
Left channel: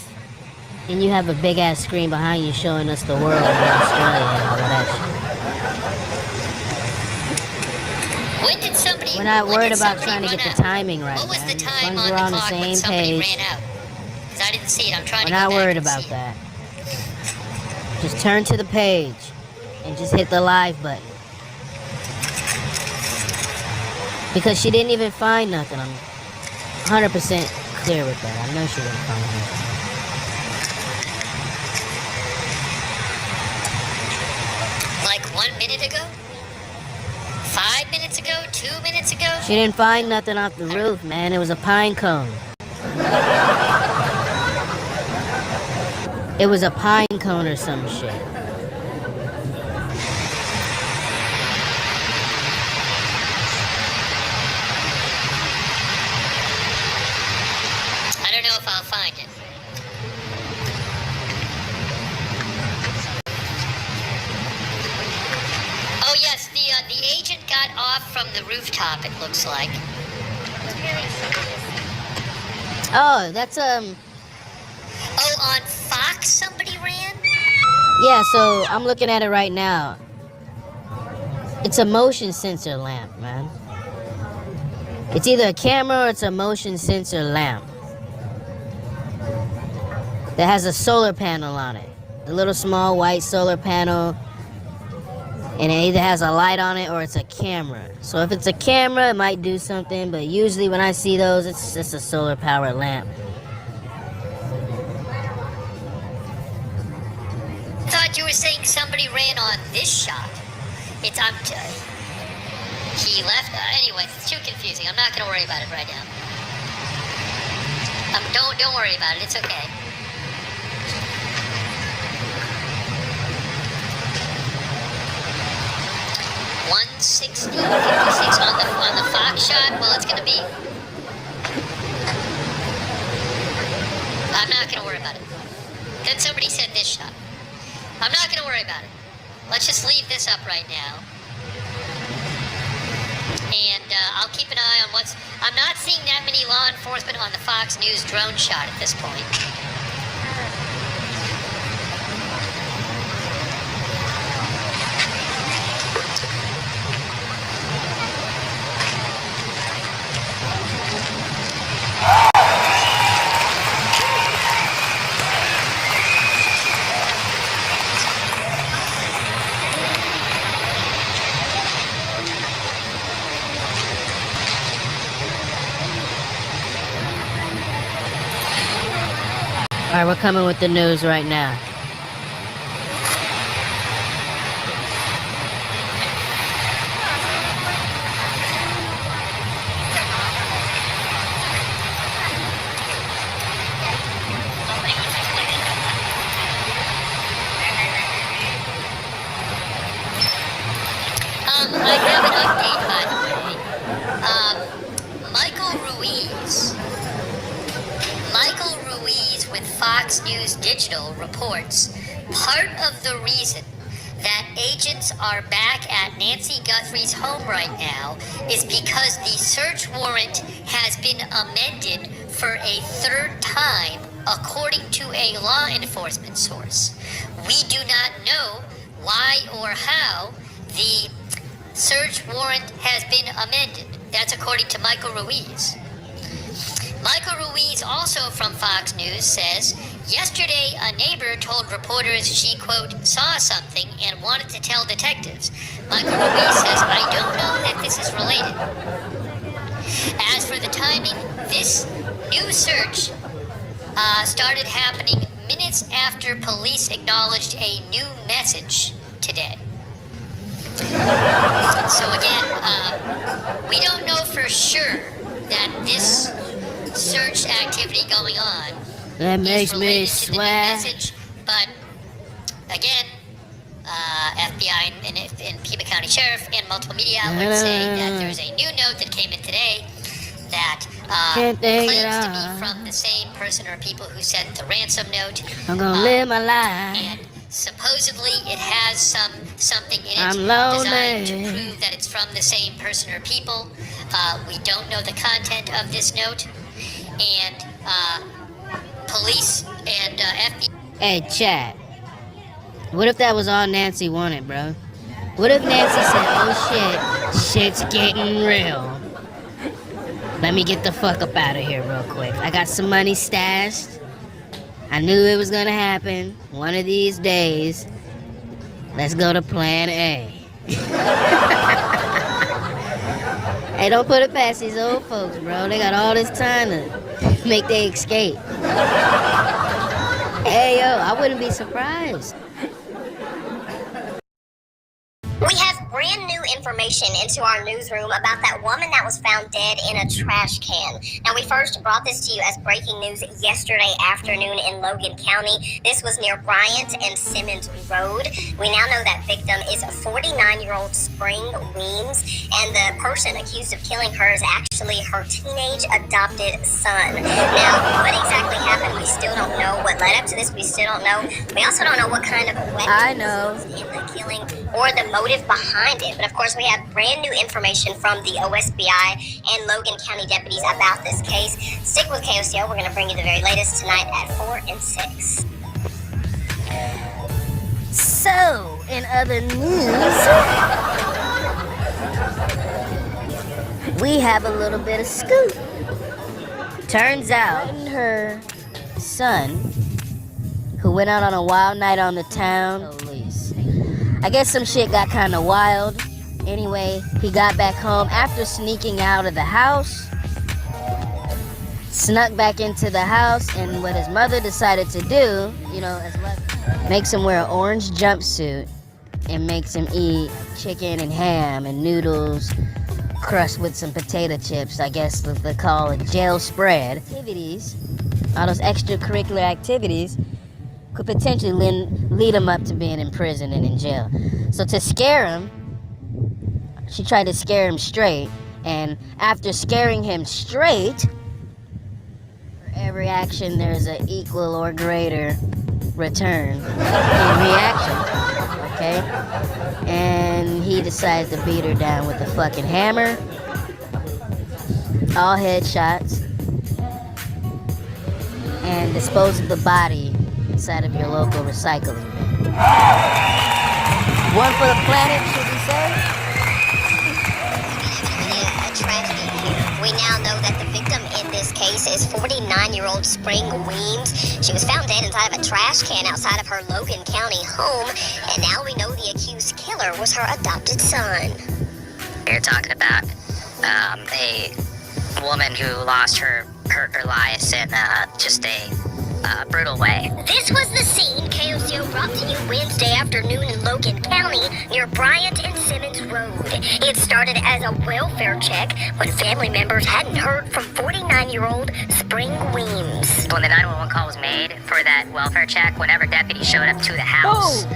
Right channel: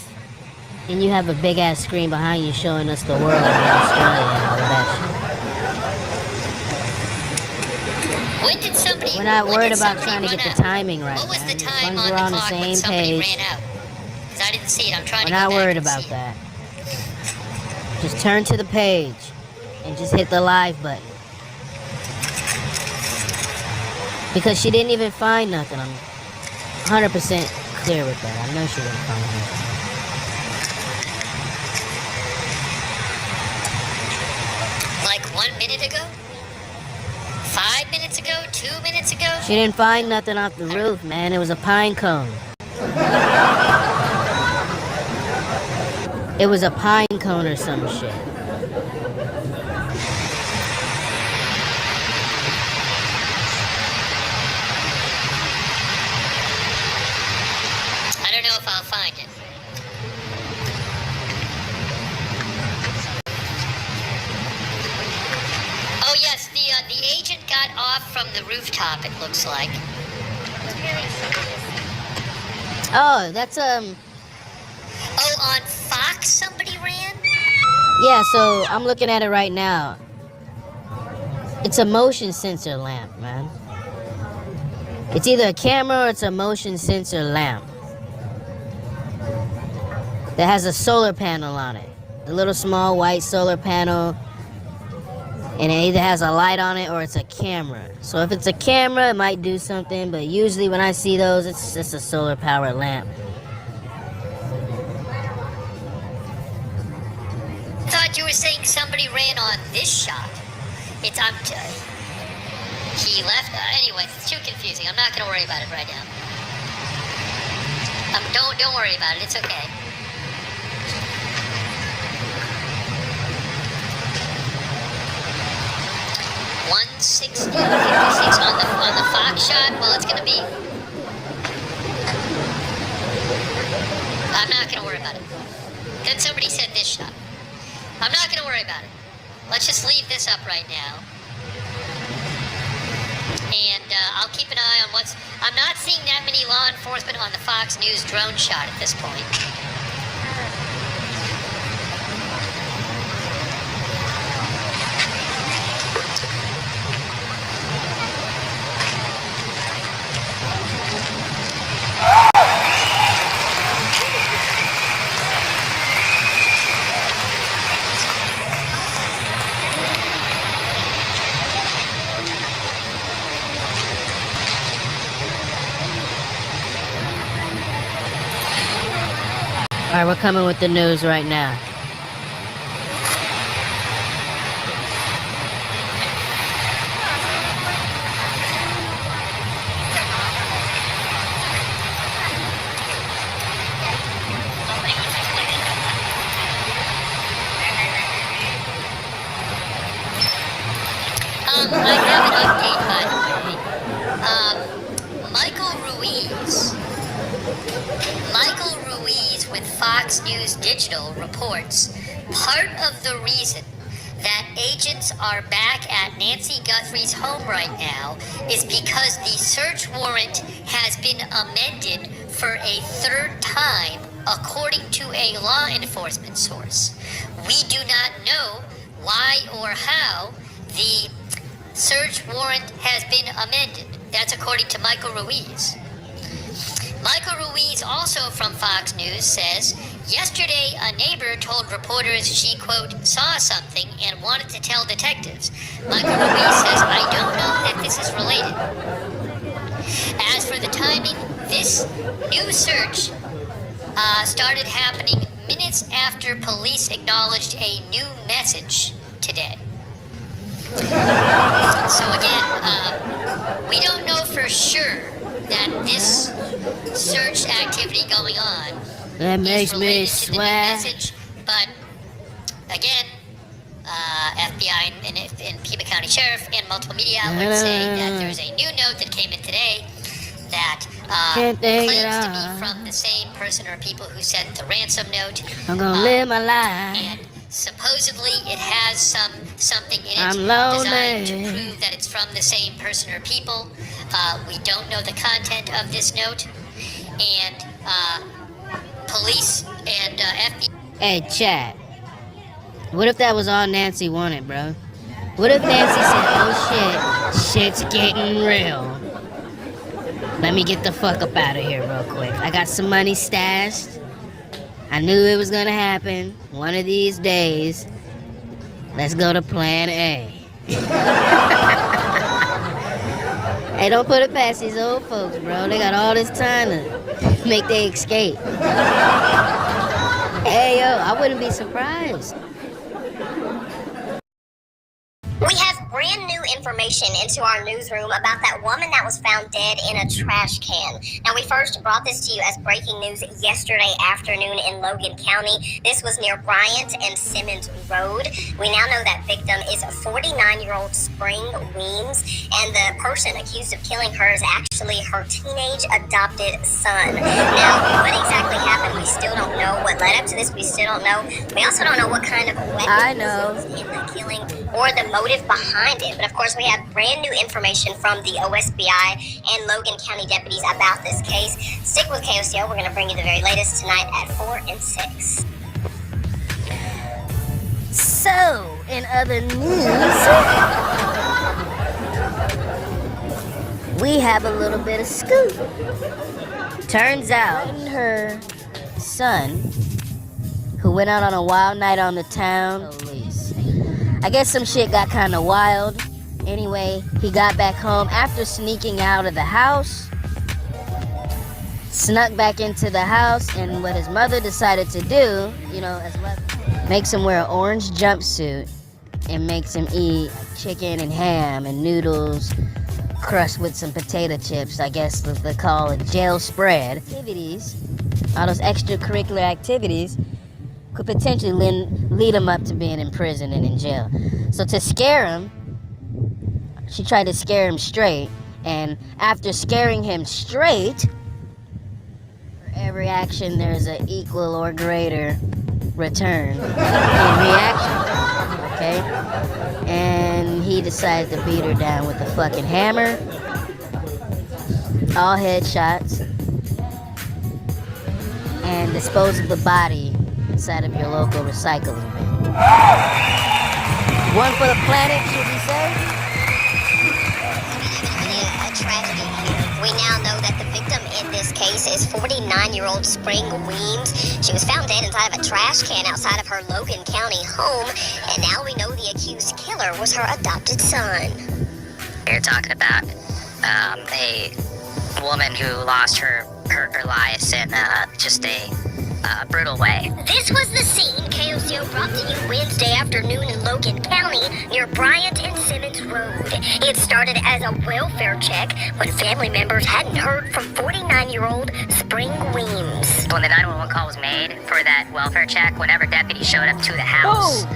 And you have a big ass screen behind you showing us the world in Australia and all of that shit. When did somebody... We're not worried about trying to get the timing right, What was the man. time As long as on we're the on the clock when same somebody page. ran out? Because I didn't see it. I'm trying We're to go not back worried and about see it. that. Just turn to the page and just hit the live button. Because she didn't even find nothing. I'm 100% clear with that. I know she didn't find nothing. Like 1 minute ago? 5 minutes ago? 2 minutes ago? She didn't find nothing off the roof, man. It was a pine cone. It was a pine cone or some shit. I don't know if I'll find it. Oh yes, the agent got off from the rooftop, it looks like. Oh, that's Oh, on Fox somebody ran? yeah, so I'm looking at it right now. It's a motion sensor lamp, man. It's either a camera or it's a motion sensor lamp that has a solar panel on it. A little small white solar panel. And it either has a light on it or it's a camera. So if it's a camera, it might do something. But usually when I see those, it's just a solar powered lamp. I thought you were saying somebody ran on this shot. He left. Anyway, it's too confusing. I'm not going to worry about it right now. Don't worry about it. It's okay. $160.56 on the Fox shot. Well, it's going to be. I'm not going to worry about it. Then somebody said this shot. I'm not going to worry about it. Let's just leave this up right now. And I'll keep an eye on what's... I'm not seeing that many law enforcement on the Fox News drone shot at this point. Alright, we're coming with the news right now. I have an update, by the way. Michael Ruiz with Fox News Digital reports part of the reason that agents are back at Nancy Guthrie's home right now is because the search warrant has been amended for a third time, according to a law enforcement source. We do not know why or how the search warrant has been amended. That's according to Michael Ruiz. Michael Ruiz, also from Fox News, says, yesterday a neighbor told reporters she, quote, saw something and wanted to tell detectives. Michael Ruiz says, I don't know that this is related. As for the timing, this new search started happening minutes after police acknowledged a new message today. So again, we don't know for sure that this search activity going on that makes me is related to the new swear. message, but again, FBI and Pima County Sheriff and multiple media outlets saying that there's a new note that came in today that claims to be from the same person or people who sent the ransom note. I'm gonna live my life. And supposedly it has something in it I'm designed lonely. to prove that it's from the same person or people. We don't know the content of this note, and police and FBI. Hey, chat. What if that was all Nancy wanted, bro? What if Nancy said, oh shit, shit's getting real. Let me get the fuck up out of here real quick. I got some money stashed. I knew it was gonna happen one of these days. Let's go to plan A. Hey, don't put it past these old folks, bro. They got all this time to make their escape. Hey, yo, I wouldn't be surprised. We have brand new information into our newsroom about that woman that was found dead in a trash can. Now, we first brought this to you as breaking news yesterday afternoon in Logan County. This was near Bryant and Simmons Road. We now know that victim is 49-year-old Spring Weems, and the person accused of killing her is actually her teenage adopted son. Now, what exactly happened, we still don't know. What led up to this, we still don't know. We also don't know what kind of weapon was used in the killing or the motive behind it. But of course, we have brand new information from the OSBI and Logan County deputies about this case. Stick with KOCO. We're going to bring you the very latest tonight at 4 and 6. So, in other news, we have a little bit of scoop. Turns out, her son, who went out on a wild night on the town, I guess some shit got kind of wild. Anyway, he got back home after sneaking out of the house, snuck back into the house, and what his mother decided to do, you know, makes him wear an orange jumpsuit and makes him eat chicken and ham and noodles crushed with some potato chips, I guess what they call a jail spread. Activities, all those extracurricular activities could potentially lead him up to being in prison and in jail. So to scare him, she tried to scare him straight, and after scaring him straight, for every action there's an equal or greater return in reaction, okay? And he decided to beat her down with a fucking hammer, all headshots, and dispose of the body inside of your local recycling bin. One for the planet, should we say? A tragedy here. We now know that the victim in this case is 49-year-old Spring Weems. She was found dead inside of a trash can outside of her Logan County home, and now we know the accused killer was her adopted son. You're talking about a woman who lost her life in just a brutal way. This was the scene KOCO brought to you Wednesday afternoon in Logan County near Bryant and Simmons Road. It started as a welfare check when family members hadn't heard from 49-year-old Spring Weems. When the 911 call was made for that welfare check, whenever deputies showed up to the house,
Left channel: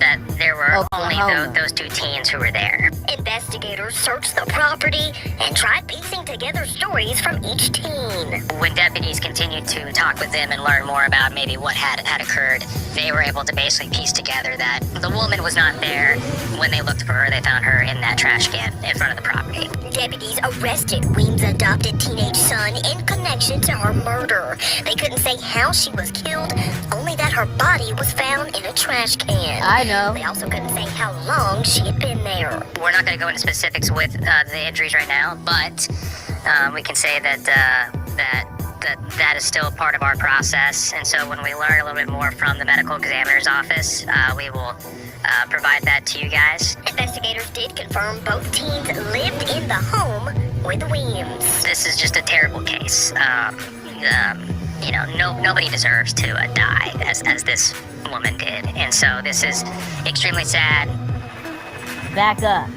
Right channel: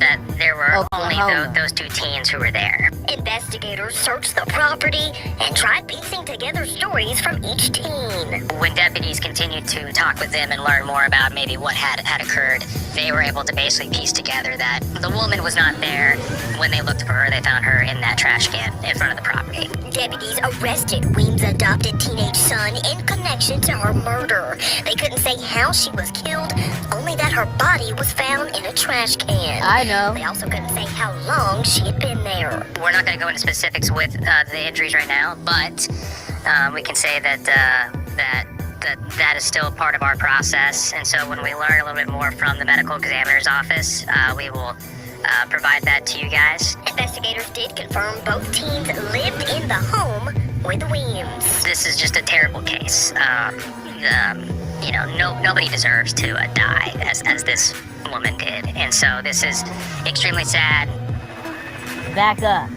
that there were only those two teens who were there. Investigators searched the property and tried piecing together stories from each teen. When deputies continued to talk with them and learn more about maybe what had occurred, they were able to basically piece together that the woman was not there. When they looked for her, they found her in that trash can in front of the property. Deputies arrested Weems' adopted teenage son in connection to her murder. They couldn't say how she was killed, only that her body was found in a trash can. I know. They also couldn't say how long she had been there. We're not going to go into specifics with the injuries right now, but we can say that that is still part of our process. And so when we learn a little bit more from the medical examiner's office, we will provide that to you guys. Investigators did confirm both teens lived in the home with Weems. This is just a terrible case. You know, nobody deserves to die as this woman did. And so this is extremely sad. Back up.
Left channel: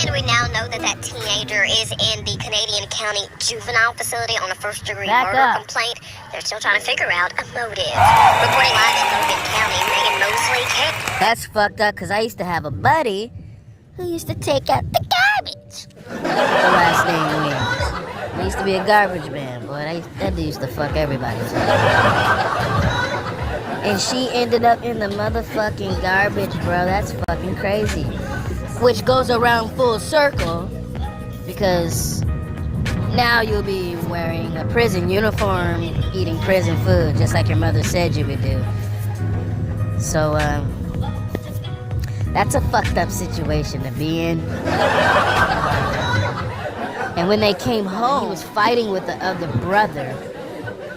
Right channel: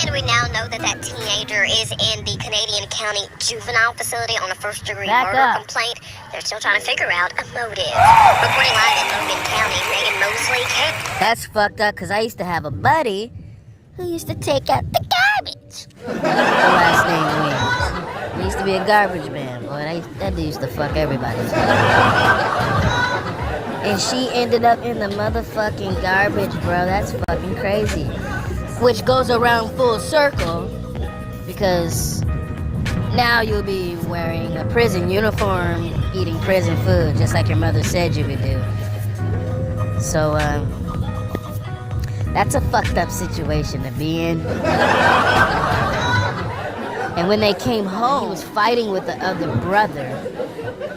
And we now know that that teenager is in the Canadian County Juvenile Facility on a first-degree murder complaint. They're still trying to figure out a motive. Reporting live in Logan County, Megan Mosley. That's fucked up, because I used to have a buddy who used to take out the garbage. The last name Wings. We used to be a garbage man, boy. That dude used to fuck everybody's and she ended up in the motherfucking garbage, bro. That's fucking crazy. Which goes around full circle, because now you'll be wearing a prison uniform, eating prison food, just like your mother said you would do. So, that's a fucked up situation to be in. And when they came home, he was fighting with the other brother,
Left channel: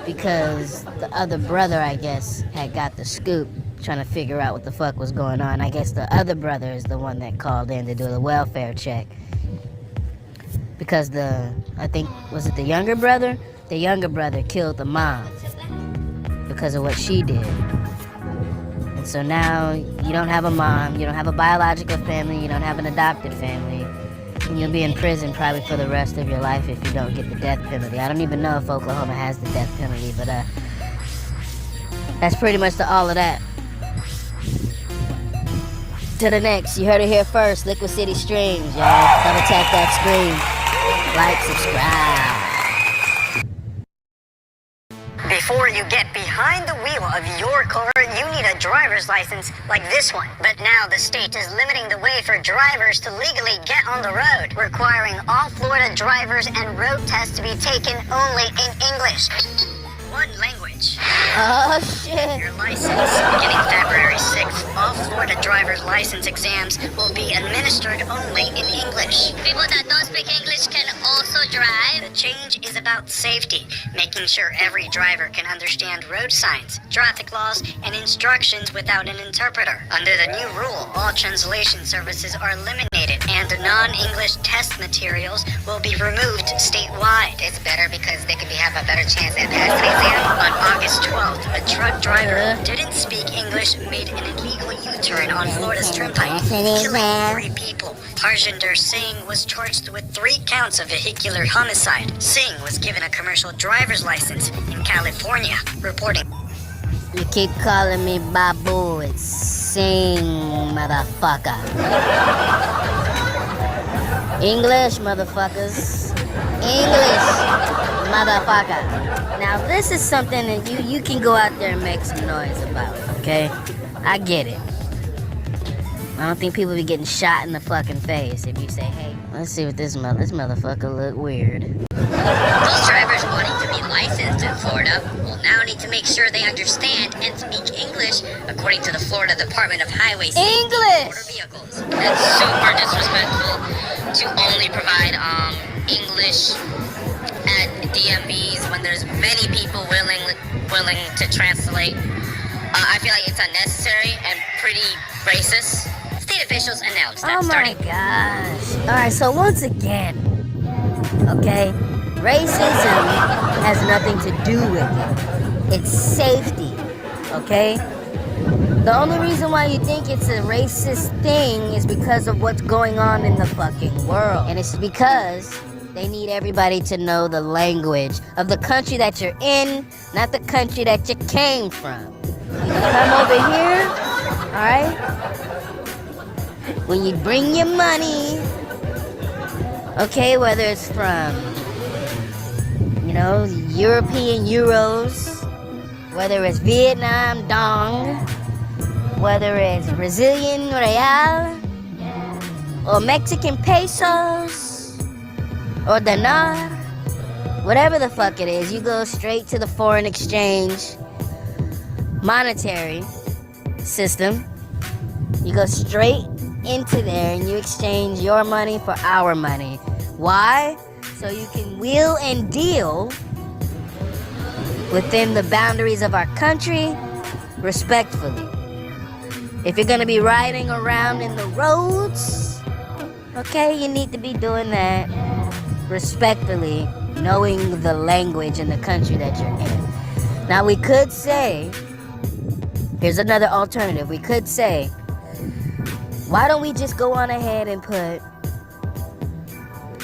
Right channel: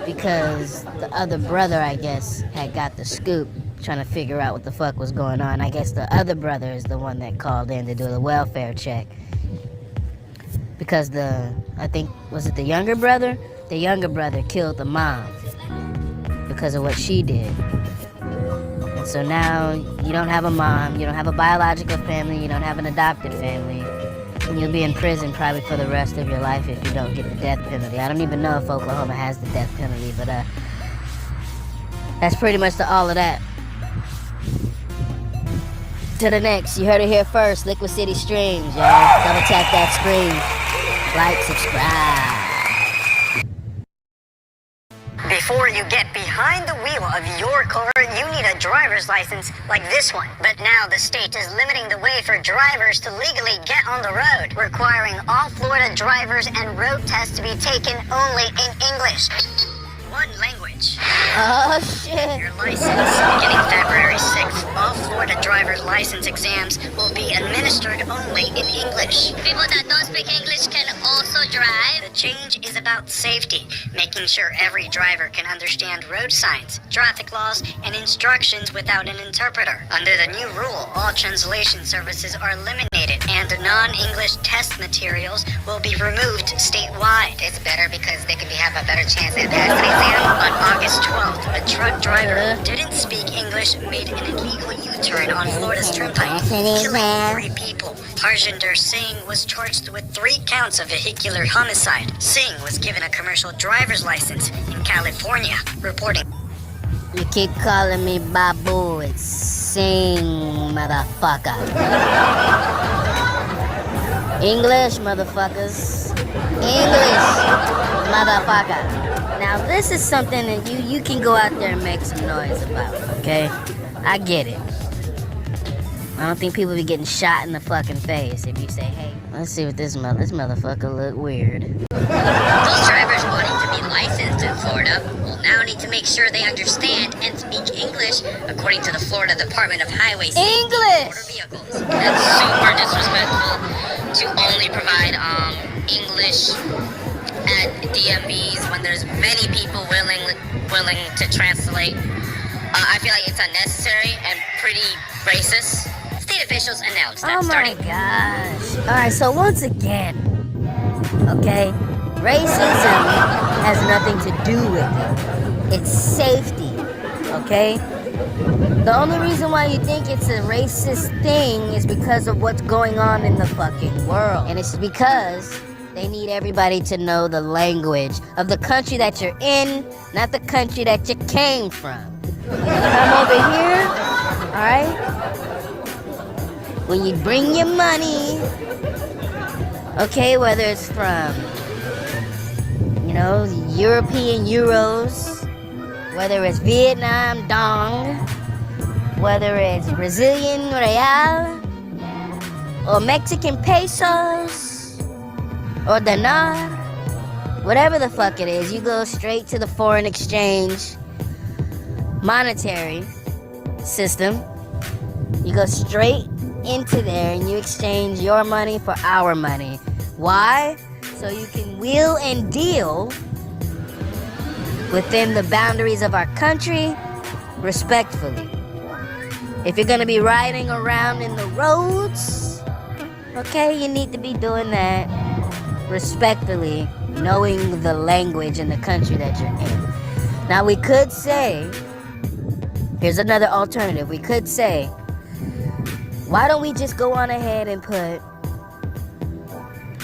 because the other brother, I guess, had got the scoop, trying to figure out what the fuck was going on. I guess the other brother is the one that called in to do the welfare check. Because I think, was it the younger brother? The younger brother killed the mom because of what she did. And so now you don't have a mom, you don't have a biological family, you don't have an adopted family. And you'll be in prison probably for the rest of your life if you don't get the death penalty. I don't even know if Oklahoma has the death penalty, but that's pretty much all of that. To the next, you heard it here first, Liquid City Streams, y'all. Double tap that screen. Like, subscribe. Before you get behind the wheel of your car, you need a driver's license like this one. But now the state is limiting the way for drivers to legally get on the road, requiring all Florida drivers and road tests to be taken only in English. One language. Oh, shit. Your license. Beginning February 6th, all Florida driver's license exams will be administered only in English. People that don't speak English can also drive. The change is about safety, making sure every driver can understand road signs, traffic laws, and instructions without an interpreter. Under the new rule, all translation services are eliminated, and non-English test materials will be removed statewide. It's better because they could have a better chance at passing the exam. On August 12th, a truck driver who didn't speak English made an illegal U-turn on Florida's turnpike, killing 3 people. Harjinder Singh was charged with 3 counts of vehicular homicide. Singh was given a commercial driver's license in California, reporting. You keep calling me Babu, it's Sing, motherfucker. English, motherfuckers. English, motherfucker. Now this is something that you can go out there and make some noise about, okay? I get it. I don't think people be getting shot in the fucking face if you say, hey, let's see what this motherfucker look weird. Those drivers wanting to be licensed in Florida will now need to make sure they understand and speak English, according to the Florida Department of Highway Safety and Motor Vehicles. That's super disrespectful to only provide English at DMVs when there's many people willing to translate. I feel like it's unnecessary and pretty racist. State officials announced that my gosh. Alright, so once again, okay, racism has nothing to do with it. It's safety, okay? The only reason why you think it's a racist thing is because of what's going on in the fucking world. And it's because they need everybody to know the language of the country that you're in, not the country that you came from. When you come over here, alright? When you bring your money, okay, whether it's from, European euros, whether it's Vietnam dong, whether it's Brazilian real, or Mexican pesos, or dinar, whatever the fuck it is, you go straight to the foreign exchange monetary system. You go straight into there and you exchange your money for our money. Why? So you can wheel and deal within the boundaries of our country respectfully. If you're gonna be riding around in the roads, okay, you need to be doing that respectfully, knowing the language in the country that you're in. Now we could say, here's another alternative. We could say, why don't we just go on ahead and put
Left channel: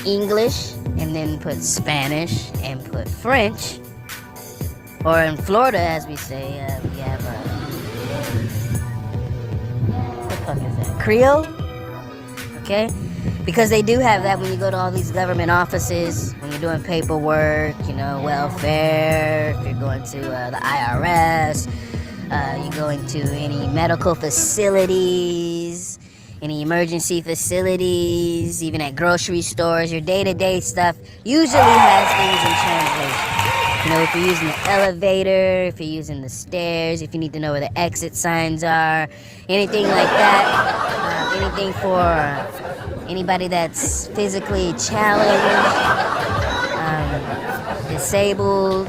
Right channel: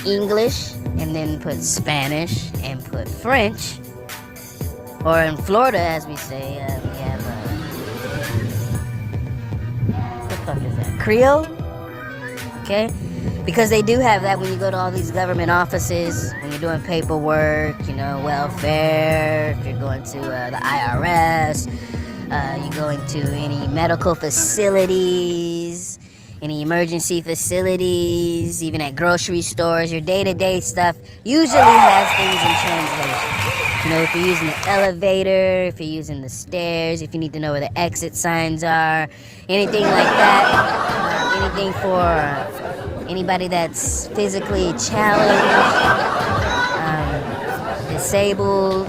English and then put Spanish and put French. Or in Florida, as we say, we have, what the fuck is that? Creole? Okay? Because they do have that when you go to all these government offices, when you're doing paperwork, you know, welfare, if you're going to the IRS, you're going to any medical facilities, any emergency facilities, even at grocery stores, your day-to-day stuff usually has things in translation. You know, if you're using the elevator, if you're using the stairs, if you need to know where the exit signs are, anything like that, anything for anybody that's physically challenged, disabled,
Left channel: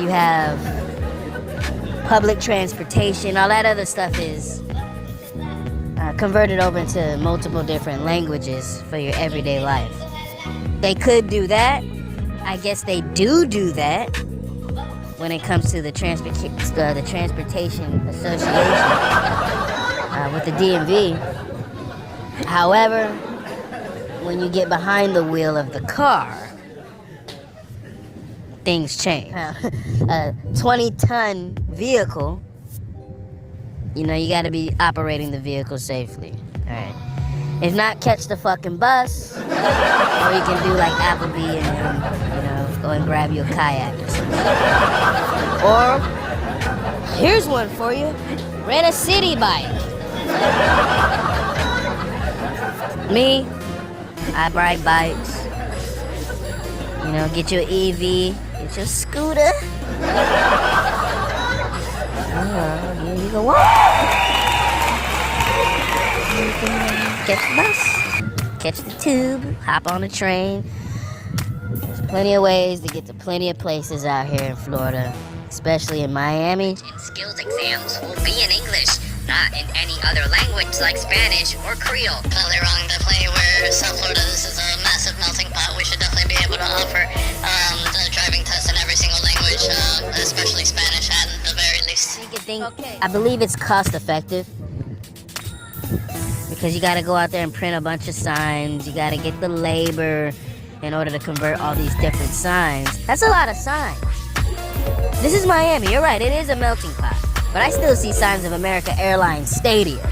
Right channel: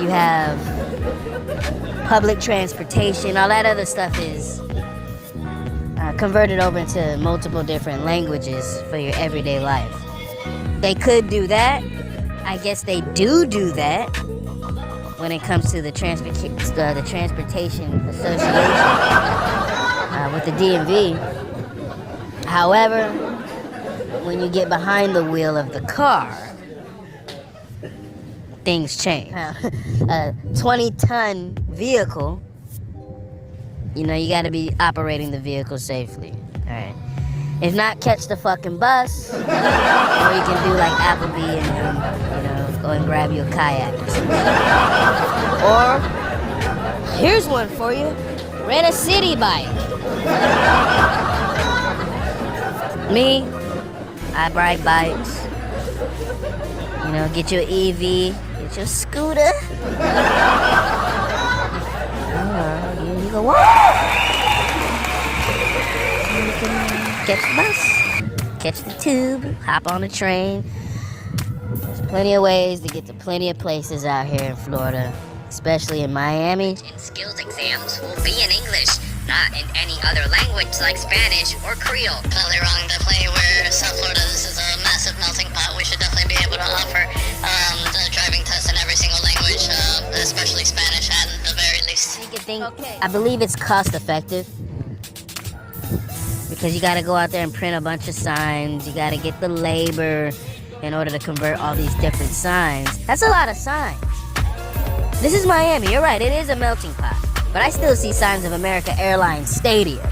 you have public transportation, all that other stuff is converted over into multiple different languages for your everyday life. They could do that. I guess they do that when it comes to the Transportation Association with the DMV. However, when you get behind the wheel of the car, things change. A 20-ton vehicle, you know, you gotta be operating the vehicle safely. Alright. If not, catch the fucking bus. Or you can do like Applebee and, you know, go and grab you a kayak or something. Or, here's one for you. Rent a city bike. Me, I ride bikes. You know, get your EV, get your scooter. You can walk. You can catch the bus, catch the tube, hop on the train. There's plenty of ways to get to plenty of places out here in Florida, especially in Miami. Skills exams will be in English, not in any other language like Spanish or Creole. Totally wrong to play where South Florida, this is a massive melting pot. We should definitely be able to offer the driving test in every single language, especially Spanish at the very least. I believe it's cost effective because you got to go out there and print a bunch of signs. You got to get the labor in order to convert all these different signs. That's a lot of signs. This is Miami. You're right. It is a melting pot. But I still see signs of America Airlines Stadium. They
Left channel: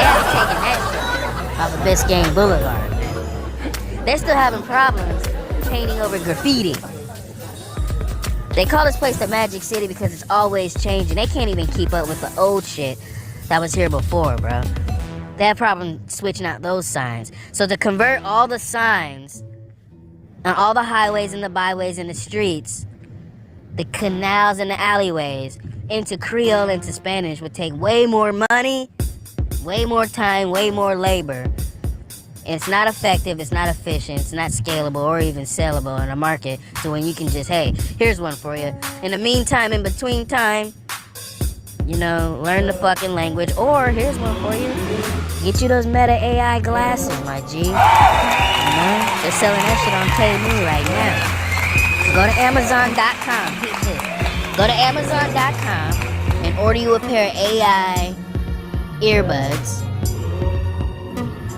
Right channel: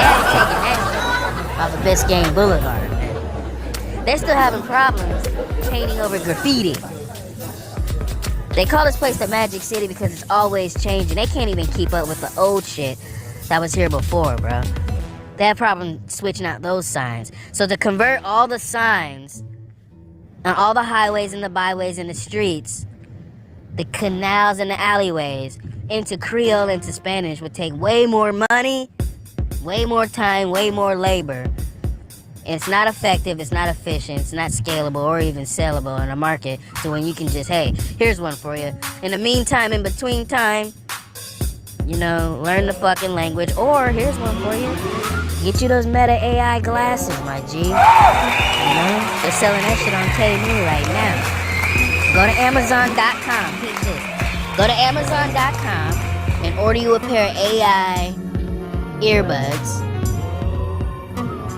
haven't taken that shit down off of Biscayne Boulevard, man. They're still having problems painting over graffiti. They call this place the Magic City because it's always changing. They can't even keep up with the old shit that was here before, bro. They have problem switching out those signs. So to convert all the signs on all the highways and the byways and the streets, the canals and the alleyways, into Creole, into Spanish would take way more money, way more time, way more labor. It's not effective, it's not efficient, it's not scalable or even sellable in a market to when you can just, hey, here's one for you. In the meantime, in between time, you know, learn the fucking language. Or here's one for you. Get you those Meta AI glasses, my G. You know, they're selling that shit on Temu right now. Go to Amazon.com. Go to Amazon.com and order you a pair of AI earbuds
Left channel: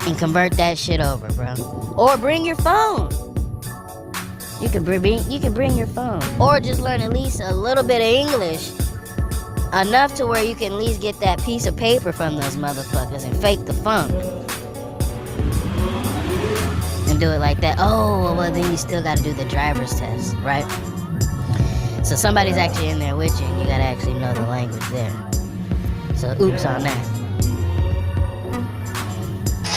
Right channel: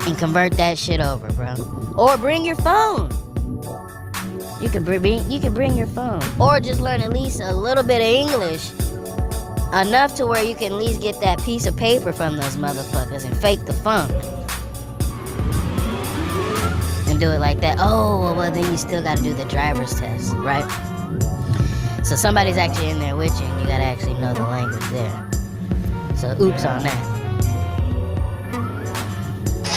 and convert that shit over, bro. Or bring your phone. You can bring your phone. Or just learn at least a little bit of English. Enough to where you can at least get that piece of paper from those motherfuckers and fake the funk. And do it like that. Oh, well then you still gotta do the driver's test, right? So somebody's actually in there with you and you gotta actually know the language there. So oops on that.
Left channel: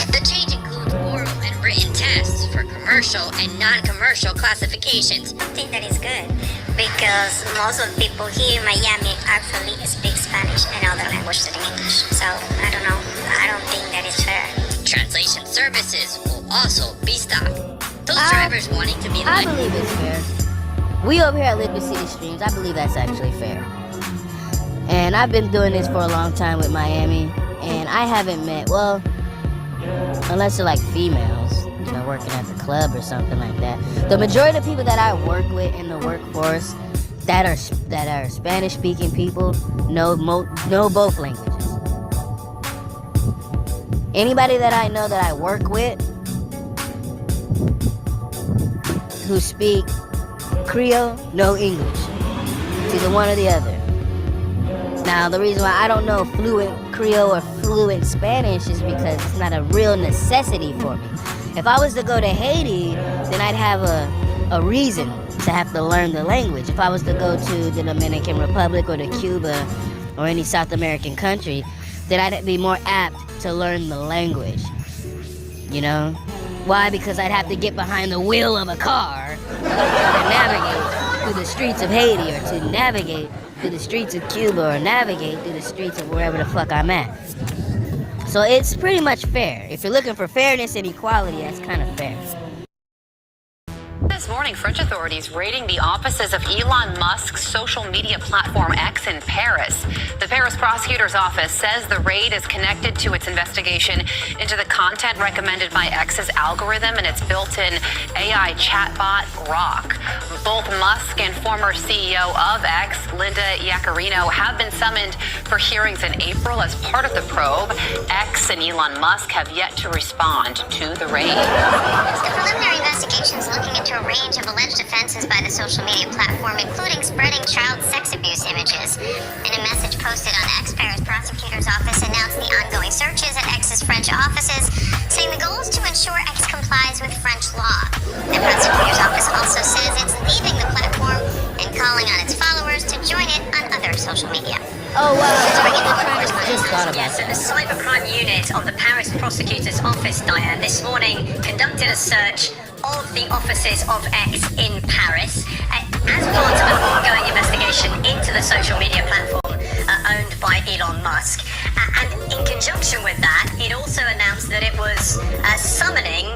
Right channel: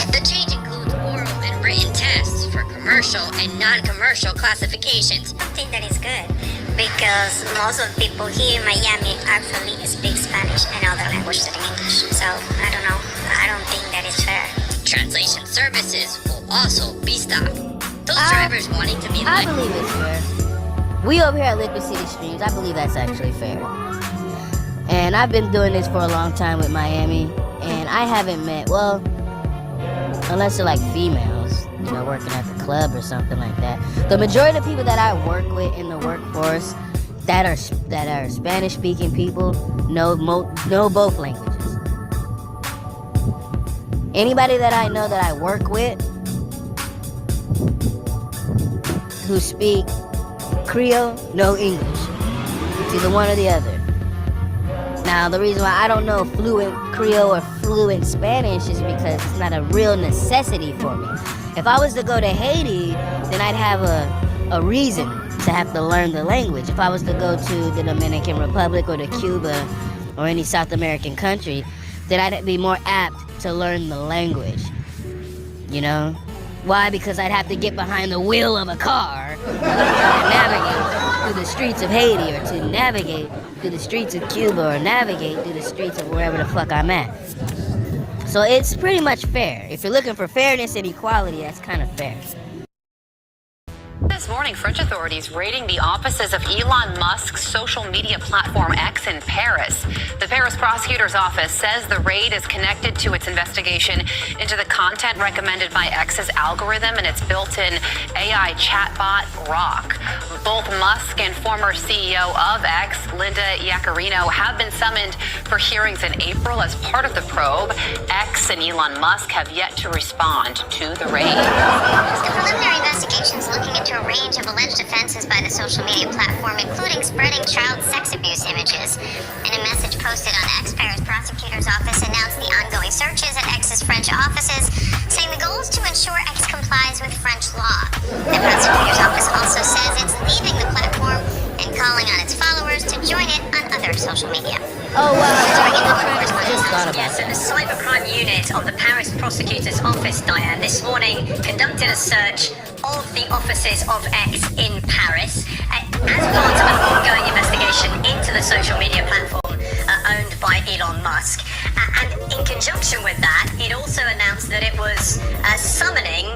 The change includes oral and written tests for commercial and non-commercial classifications. I think that is good because most of the people here in Miami actually speak Spanish and other languages than English. So I don't know. I don't think that is fair. Translation services will also be stopped. Those drivers wanting to be I believe it's fair. We over here at Liquid City Streams, I believe that's actually fair. And I've been doing this for a long time with Miami, and I haven't met, well, unless they're like females, you know, working at the club or something like that. The majority of the people that I work with in the workforce that are Spanish-speaking people know both languages. Anybody that I know that I work with who speak Creole, no English. It's either one or the other. Now, the reason why I don't know fluent Creole or fluent Spanish is because it's not a real necessity for me. If I was to go to Haiti, then I'd have a reason to have to learn the language. If I was to go to the Dominican Republic or to Cuba or any South American country, then I'd be more apt to learn the language. You know? Why? Because I'd have to get behind the wheel of a car and try to navigate through the streets of Haiti, or to navigate through the streets of Cuba, or navigate through the streets of wherever the fuck I'm at. So it's pretty much fair. If you're looking for fairness and equality, that's kind of fair. This morning, French authorities raiding the offices of Elon Musk's social media platform X in Paris. The Paris prosecutor's office says the raid is connected to its investigation into the content recommended by X's algorithm and its built-in AI chatbot, Grok. Both Musk and former CEO of X, Linda Yaccarino, have been summoned for hearings in April as part of the probe. X and Elon Musk have yet to respond to the raid. The preliminary investigation is looking into a range of alleged offenses by the social media platform, including spreading child sex abuse images. In a message posted on X, Paris prosecutor's office announced the ongoing searches at X's French offices, saying the goal is to ensure X complies with French law. The prosecutor's office also says it's leaving the platform and calling on its followers to join it on other social media. Oh wow, Just thought about that. The cybercrime unit of the Paris prosecutor's office, Diane, this morning conducted a search of the offices of X in Paris as part of an ongoing investigation into the social media platform owned by Elon Musk. And in conjunction with that, it also announced that it was summoning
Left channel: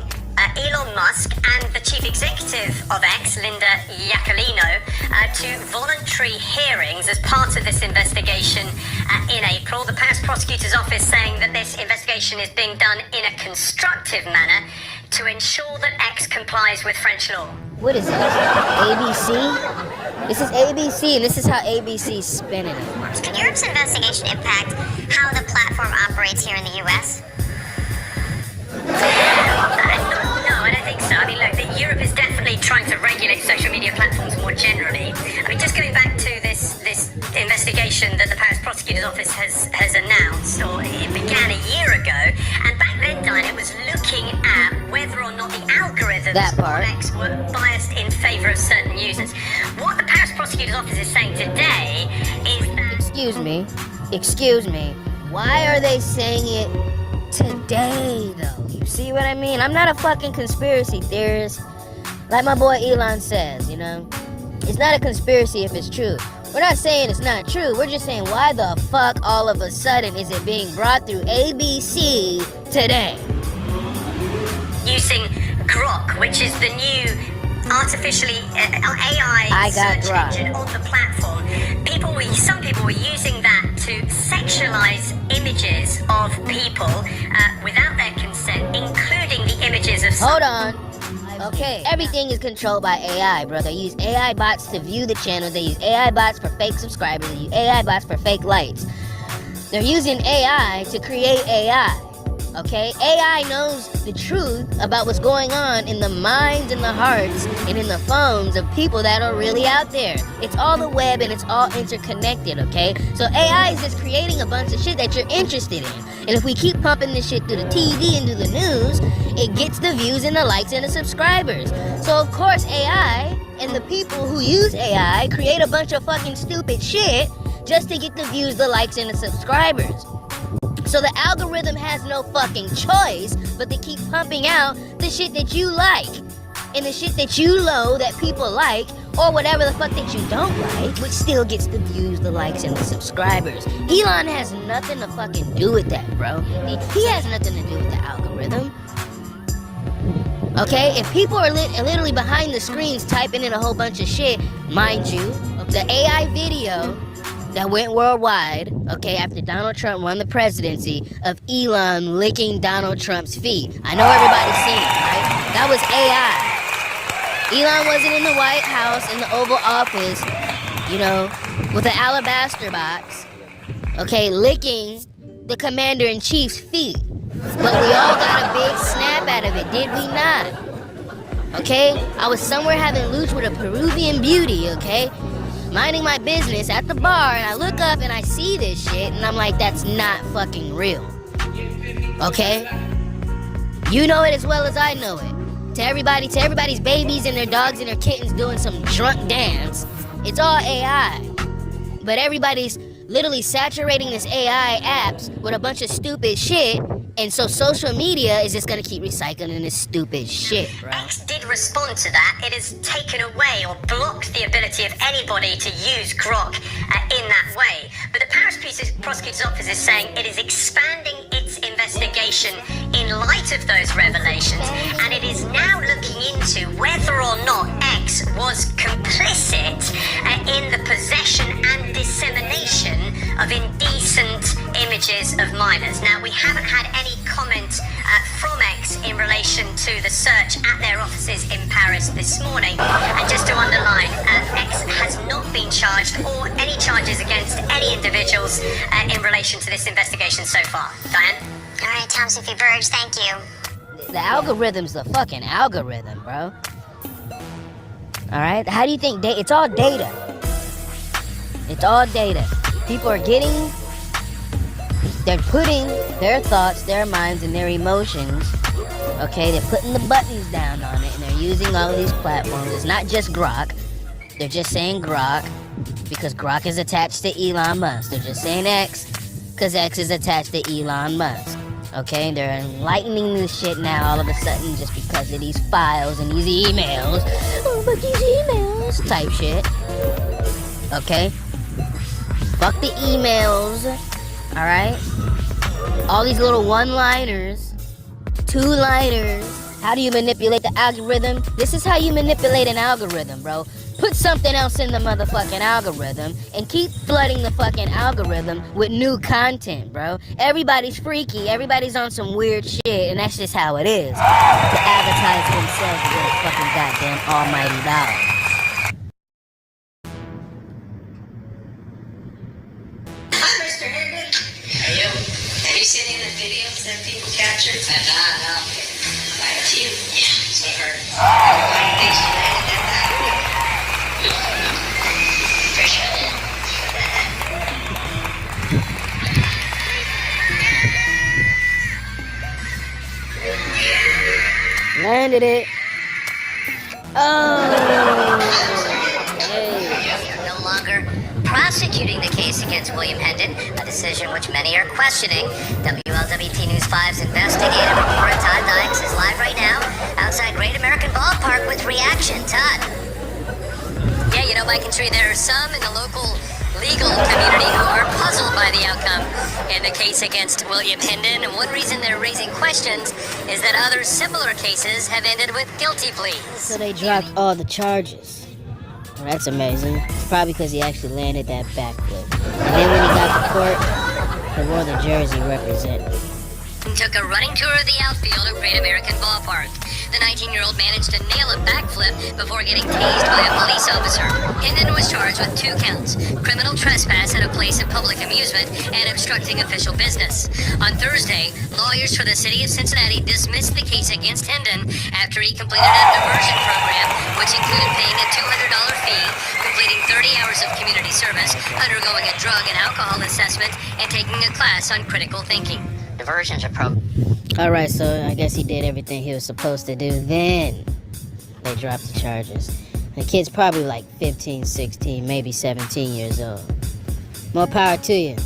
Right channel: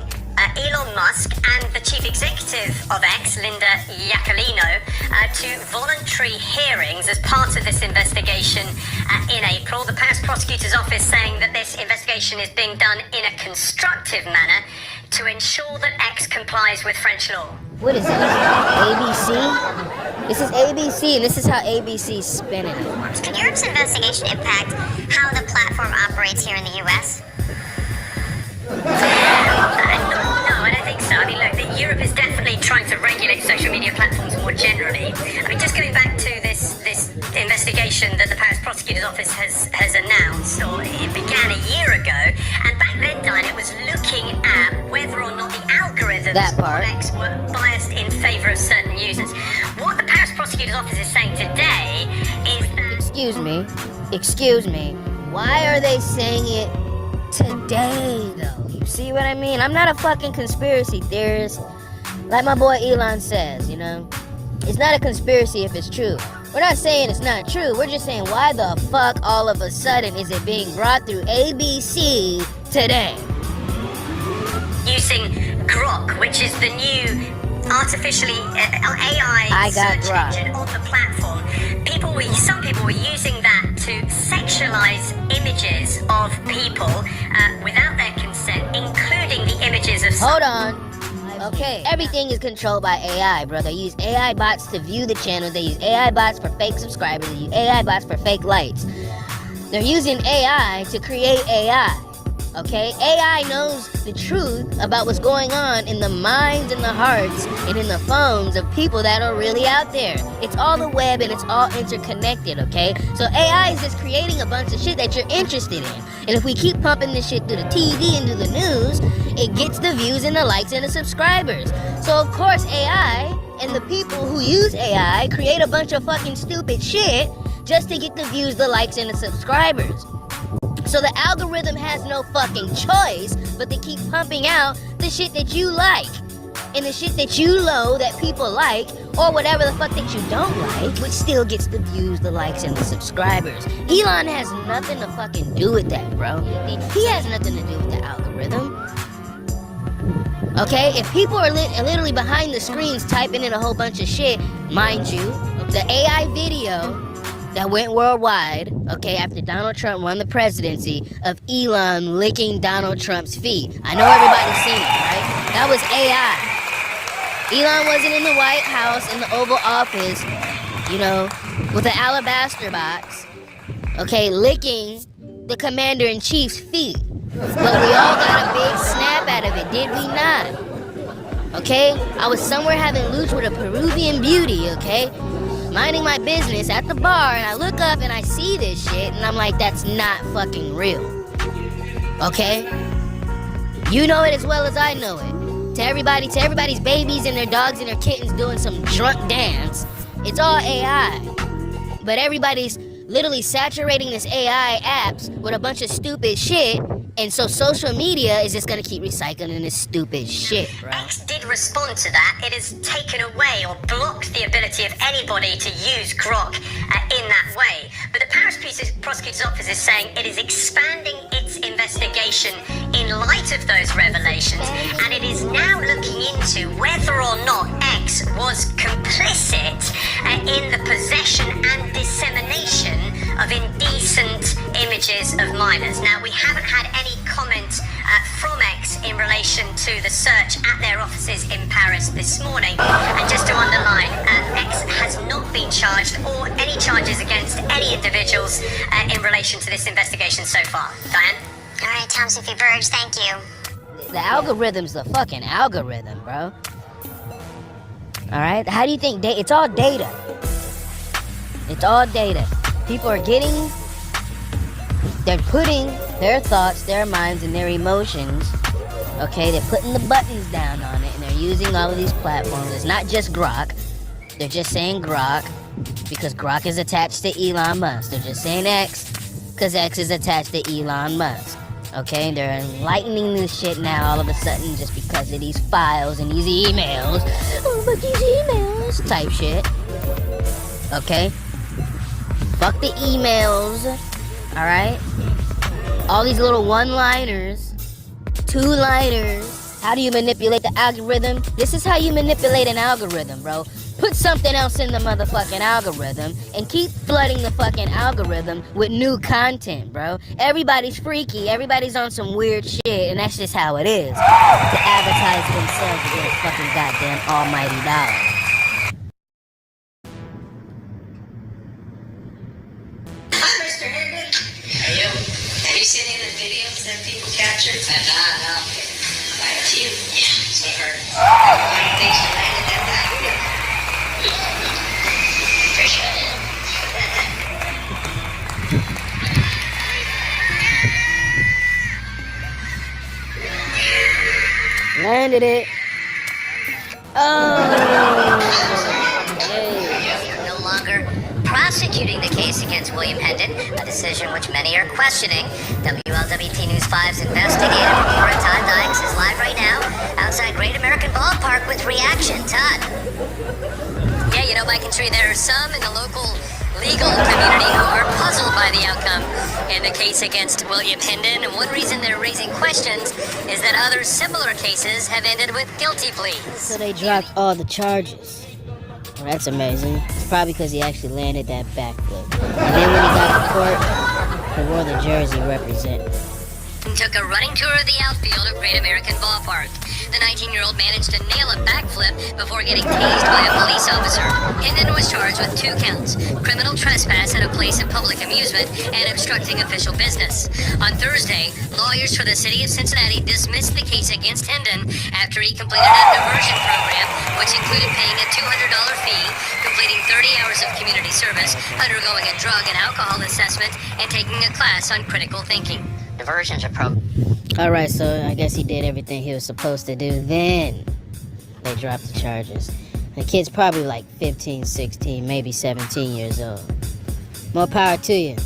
Elon Musk and the chief executive of X, Linda Yaccarino, to voluntary hearings as part of this investigation in April. The Paris prosecutor's office saying that this investigation is being done in a constructive manner to ensure that X complies with French law. What is this? ABC? This is ABC, and this is how ABC's spinning it. Can Europe's investigation impact how the platform operates here in the U.S.? No, I don't think so. I mean, look, Europe is definitely trying to regulate social media platforms more generally. I mean, just going back to this investigation that the Paris prosecutor's office has announced, or it began a year ago, and back then, Diane, it was looking at whether or not the algorithms of X were biased in favor of certain users. What the Paris prosecutor's office is saying today is that... Excuse me. Why are they saying it today, though? You see what I mean? I'm not a fucking conspiracy theorist. Like my boy Elon says, you know? It's not a conspiracy if it's true. We're not saying it's not true. We're just saying, why the fuck all of a sudden is it being brought through ABC today? Using Grok, which is the new artificially AI search engine on the platform. Some people were using that to sexualize images of people without their consent, including the images of... Hold on. Okay, everything is controlled by AI, bro. They use AI bots to view the channel. They use AI bots for fake subscribers. They use AI bots for fake likes. They're using AI to create AI. Okay? AI knows the truth about what's going on in the minds and the hearts and in the phones of people that are really out there. It's all the web and it's all interconnected, okay? So AI is just creating a bunch of shit that you're interested in. And if we keep pumping this shit through the TV and through the news, it gets the views and the likes and the subscribers. So of course AI and the people who use AI create a bunch of fucking stupid shit just to get the views, the likes, and the subscribers. So the algorithm has no fucking choice but to keep pumping out the shit that you like. And the shit that you know that people like, or whatever the fuck that you don't like, which still gets the views, the likes, and the subscribers. Elon has nothing to fucking do with that, bro. He has nothing to do with the algorithm. Okay? If people are literally behind the screens typing in a whole bunch of shit, mind you, the AI video that went worldwide, okay, after Donald Trump won the presidency, of Elon licking Donald Trump's feet. I know everybody's seen it, right? That was AI. Elon wasn't in the White House, in the Oval Office, you know, with an alabaster box, okay, licking the commander-in-chief's feet. But we all got a big snap out of it, did we not? okay? I was somewhere having lunch with a Peruvian beauty, okay? Minding my business at the bar, and I look up and I see this shit, and I'm like, that's not fucking real. Okay? You know it as well as I know it. To everybody's babies and their dogs and their kittens doing some drunk dance, it's all AI. But everybody's literally saturating this AI apps with a bunch of stupid shit, and so social media is just gonna keep recycling this stupid shit, bro. X did respond to that. It has taken away or blocked the ability of anybody to use Grok in that way. But the Paris prosecutor's office is saying it is expanding its investigation in light of those revelations, and it is now looking into whether or not X was complicit in the possession and dissemination of indecent images of minors. Now, we haven't had any comment from X in relation to the search at their offices in Paris this morning. And just to underline, X has not been charged or any charges against any individuals in relation to this investigation so far. Diane? All right, Tom Sophie Burge, thank you. The algorithm's the fucking algorithm, bro. Alright? How do you think it's all data. It's all data. People are they're putting their thoughts, their minds, and their emotions, okay? They're putting the buttons down on it, and they're using all of these platforms. It's not just Grok. They're just saying Grok because Grok is attached to Elon Musk. They're just saying X because X is attached to Elon Musk. Okay, they're enlightening this shit now all of a sudden just because of these files and these emails. Oh, but these emails type shit. Okay? Fuck the emails. Alright? All these little one-liners, two-liners. How do you manipulate the algorithm? This is how you manipulate an algorithm, bro. Put something else in the motherfucking algorithm and keep flooding the fucking algorithm with new content, bro. Everybody's freaky. Everybody's on some weird shit, and that's just how it is. To advertise themselves to get a fucking goddamn almighty dollar. Hi, Mr. Hendon. Are you? Have you seen any of the videos that people captured? No. Quite a few. Yeah, so I heard. Everybody thinks you landed that backflip. Appreciate it. Landed it. Oh. No longer prosecuting the case against William Hendon, a decision which many are questioning. WLWT News 5's investigative reporter Todd Dykes is live right now outside Great American Ballpark with reaction. Todd. Yeah, you know, Mike and Tree, there are some in the local legal community who are puzzled by the outcome in the case against William Hendon. And one reason they're raising questions is that other similar cases have ended with guilty pleas. So they dropped all the charges. Well, that's amazing. It's probably because he actually landed that backflip. And then when he got to court, he wore the jersey representing. Took a running tour of the outfield at Great American Ballpark. The 19-year-old managed to nail a backflip before getting tased by a police officer. Hendon was charged with 2 counts: criminal trespass at a place of public amusement and obstructing official business. On Thursday, lawyers for the city of Cincinnati dismissed the case against Hendon after he completed a diversion program, which included paying a $200 fee, completing 30 hours of community service, undergoing a drug and alcohol assessment, and taking a class on critical thinking. Diversions are Alright, so I guess he did everything he was supposed to do. Then they dropped the charges. The kid's probably like 15, 16, maybe 17 years old. More power to you.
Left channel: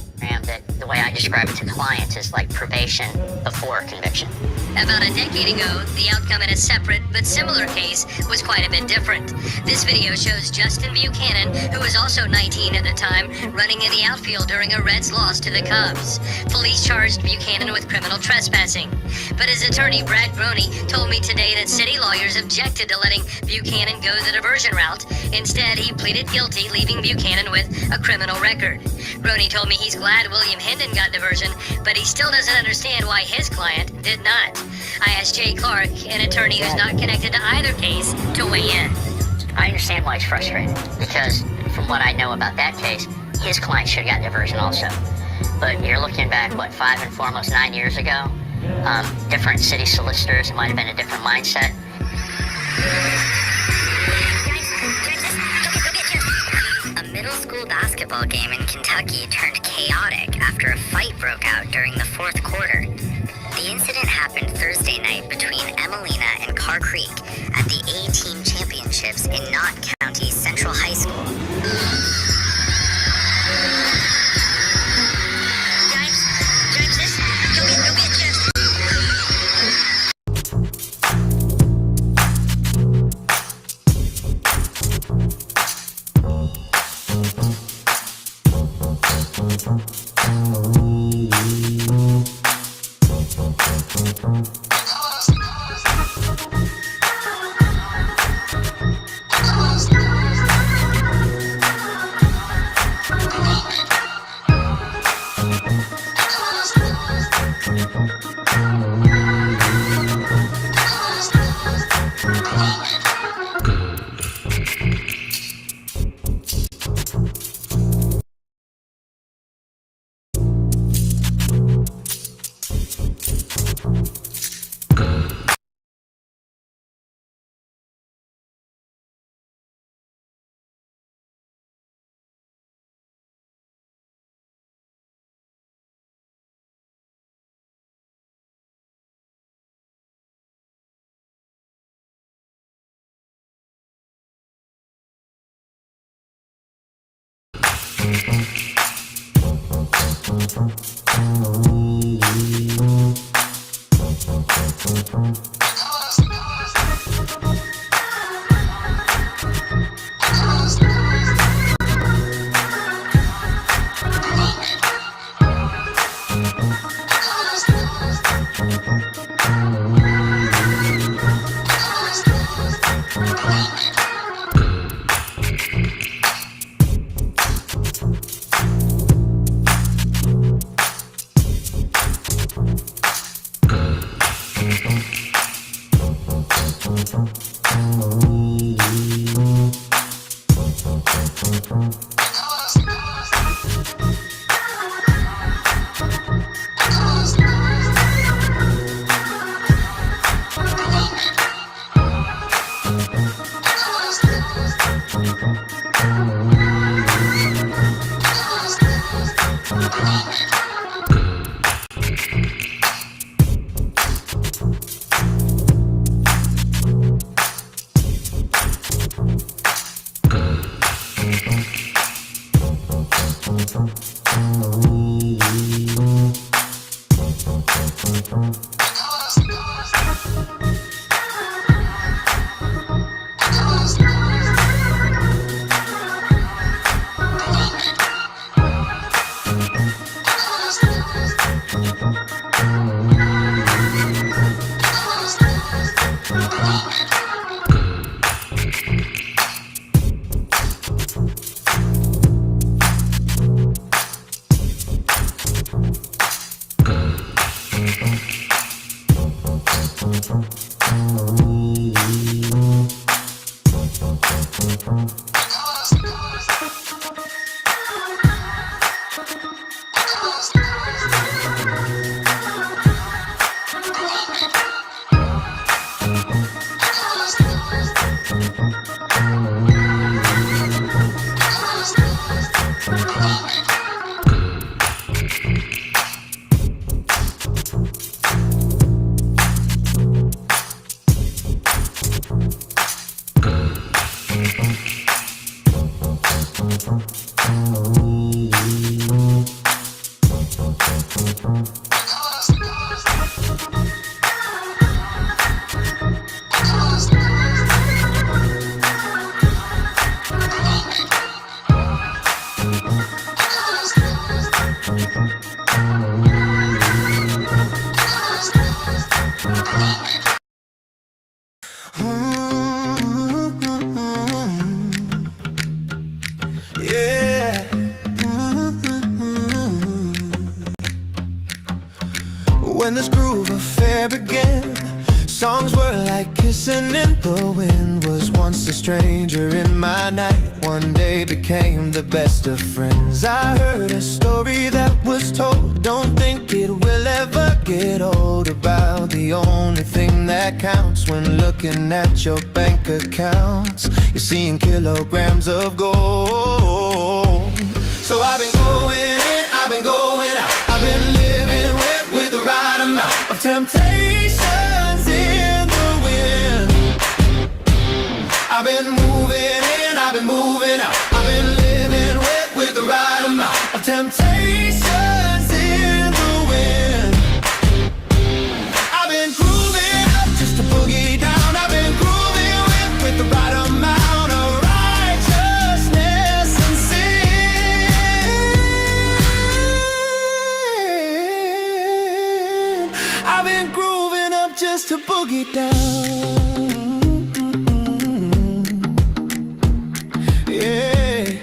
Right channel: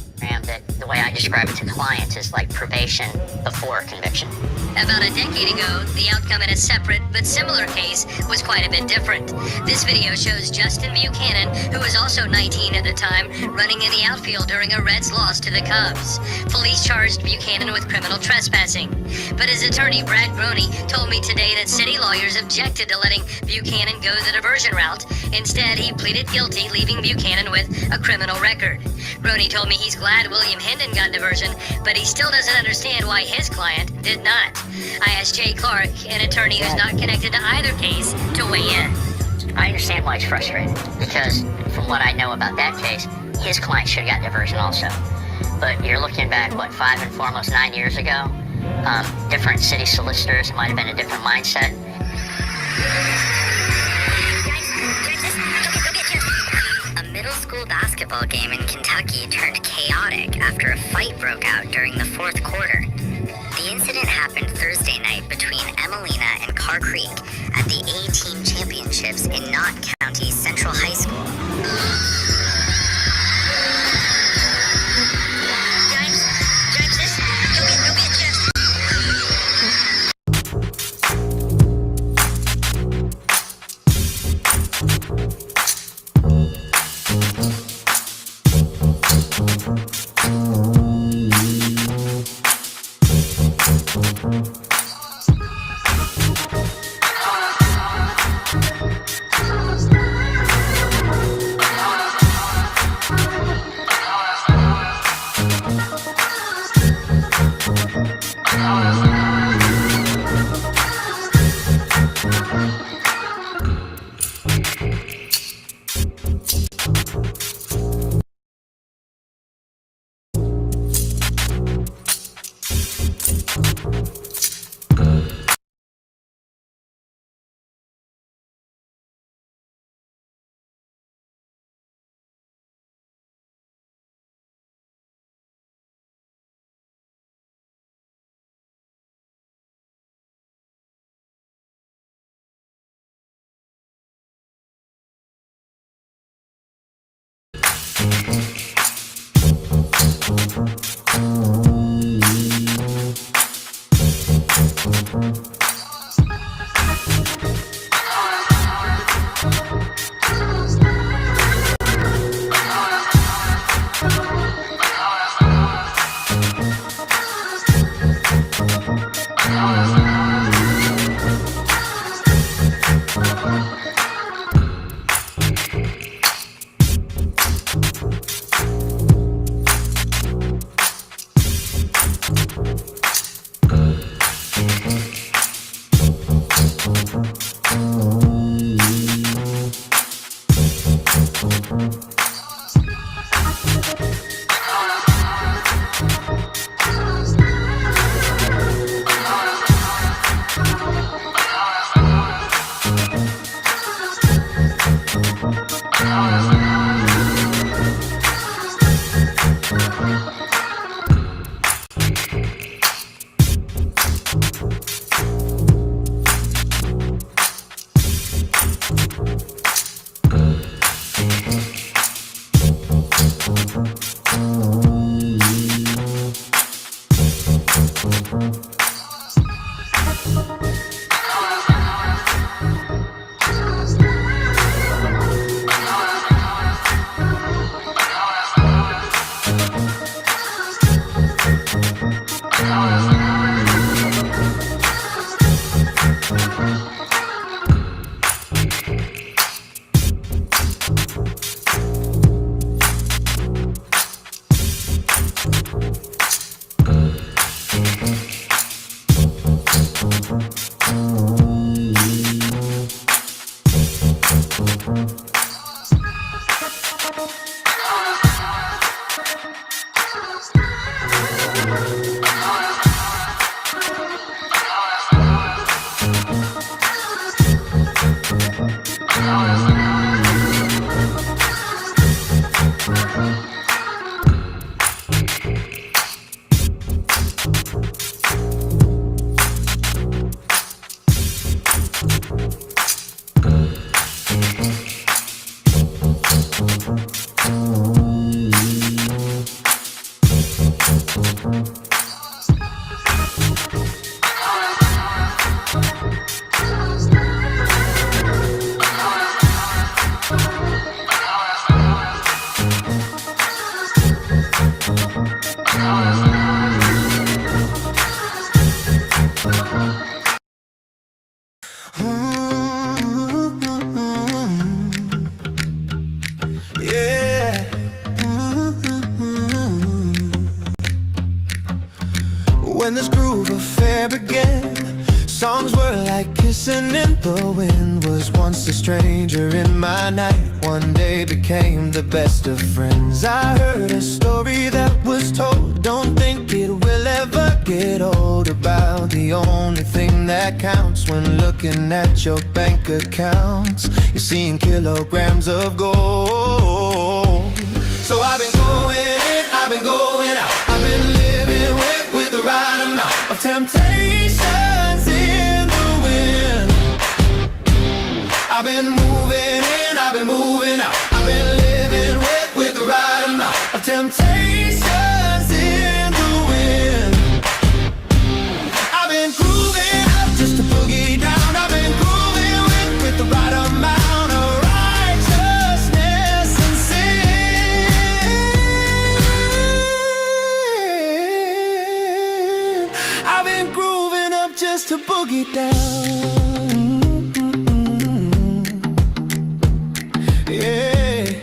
that the way I describe it to clients is like probation before conviction. About a decade ago, the outcome in a separate but similar case was quite a bit different. This video shows Justin Buchanan, who was also 19 at the time, running in the outfield during a Reds loss to the Cubs. Police charged Buchanan with criminal trespassing. But his attorney, Brad Groney, told me today that city lawyers objected to letting Buchanan go the diversion route. Instead, he pleaded guilty, leaving Buchanan with a criminal record. Groney told me he's glad William Hendon got diversion, but he still doesn't understand why his client did not. I asked Jay Clark, an attorney who's not connected to either case, to weigh in. I understand why he's frustrated, because from what I know about that case, his client should have got diversion also. But you're looking back, 5 and 4, almost 9 years ago? Different city solicitors, it might have been a different mindset. A middle school basketball game in Kentucky turned chaotic after a fight broke out during the fourth quarter. The incident happened Thursday night between Emelina and Carr Creek at the A-Team Championships in Knott County Central High School. Yeah. When this groove affair began, songs were like Listening, the wind was once a stranger in my night. One day became the best of friends. I heard a story that was told, don't think it will ever get old, about the only thing that counts when looking at your bank accounts. You're seeing kilograms of gold. So I've been going in, I've been going out, I've been living with the right amount of temptations in the wind. I've been moving in, I've been moving out, I've been living with the right amount of temptations in the wind. I've been grooving up just to boogie down. I've been grooving with the right amount of righteousness and sin. I've been grooving up just to boogie down. Yeah.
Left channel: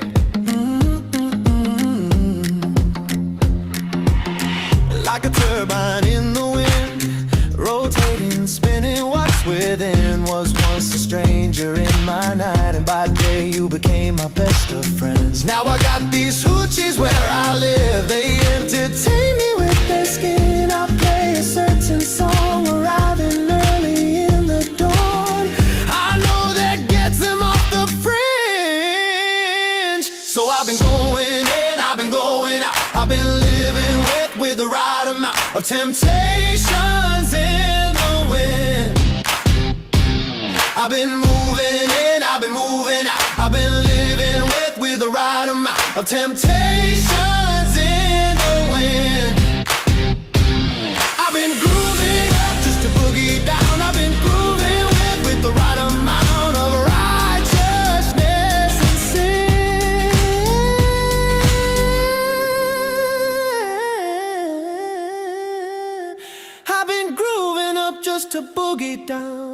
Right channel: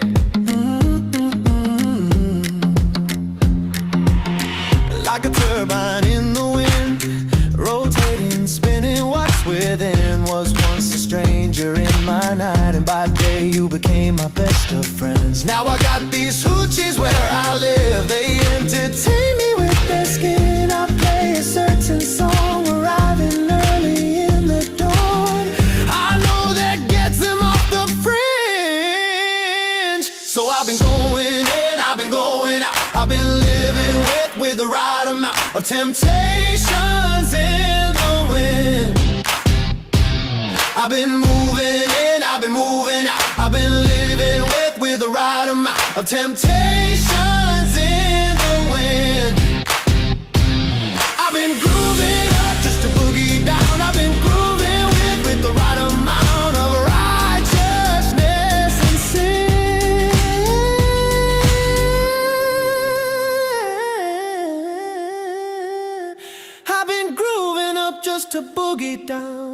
Like a turbine in the wind, rotating, spinning. What's within was once a stranger in my night, and by day you became my best of friends. Now I got these hoochies where I live, they entertain me with their skin. I play a certain song, arriving early in the dawn. I know that gets them off the fringe. So I've been going in, I've been going out, I've been living with the right amount of temptations in the wind. I've been moving in, I've been moving out, I've been living with the right amount of temptations in the wind. I've been grooving up just to boogie down. I've been grooving with the right amount of righteousness and sin. I've been grooving up just to boogie down.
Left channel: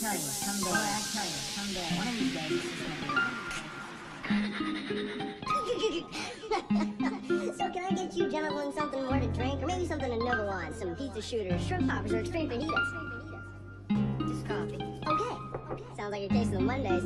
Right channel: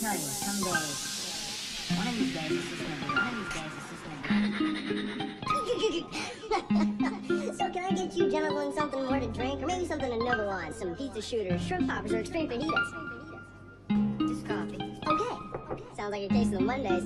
tell you, someday, one of these days, it's just gonna be right. So can I get you gentlemen something more to drink, or maybe something to nibble on? Some pizza shooters, shrimp poppers, or extreme fajitas? Just coffee. Okay. Sounds like you're tasting the Mondays.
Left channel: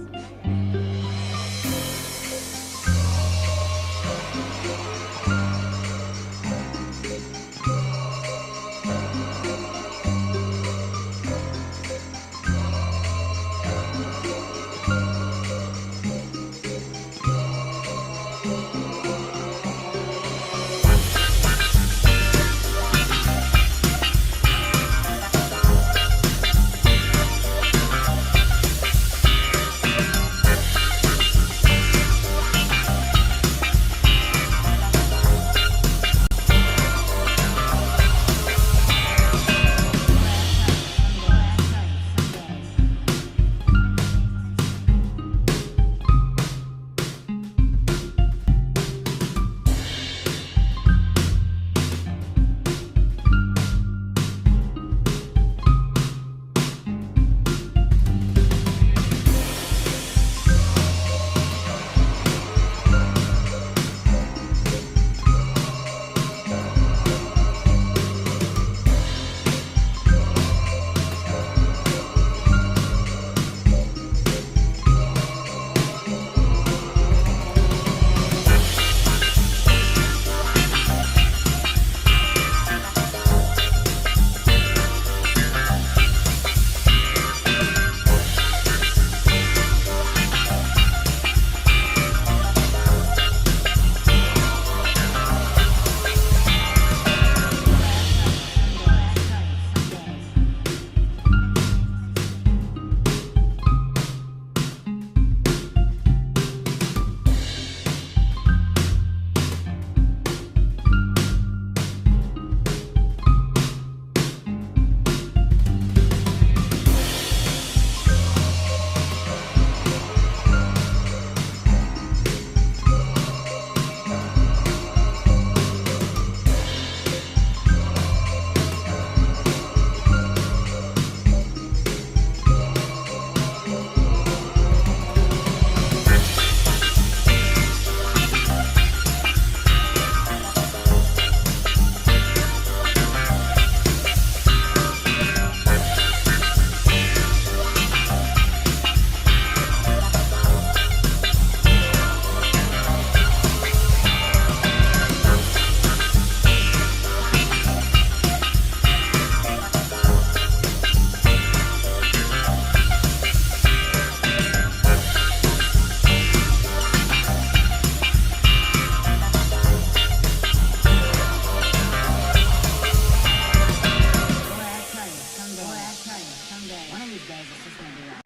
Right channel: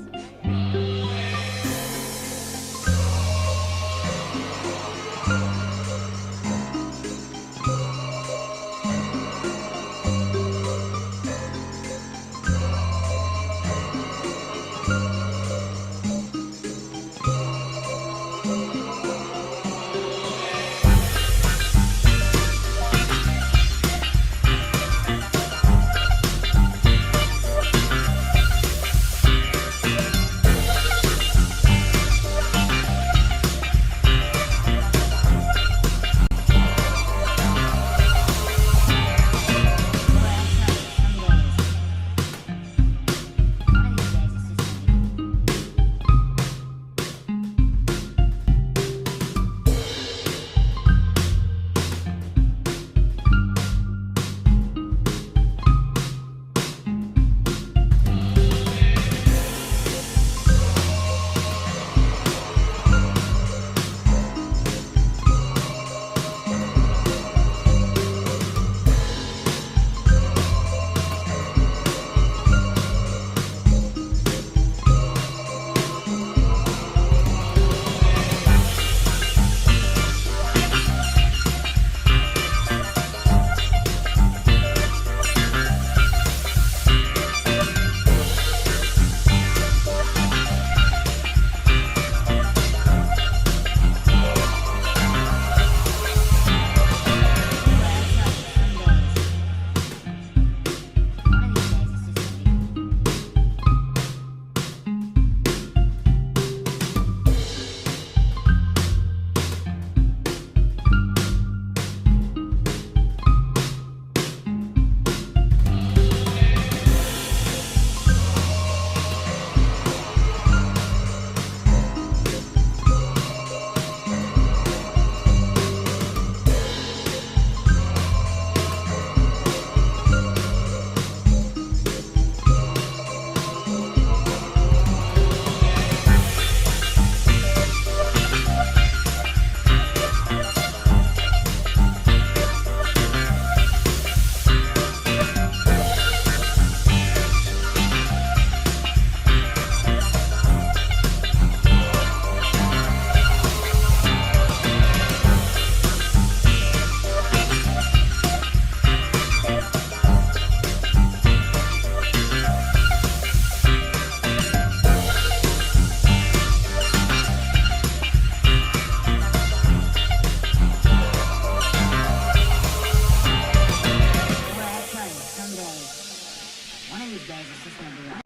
days it's just gonna be like.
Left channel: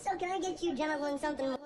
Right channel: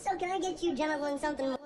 So can I get you gentlemen something?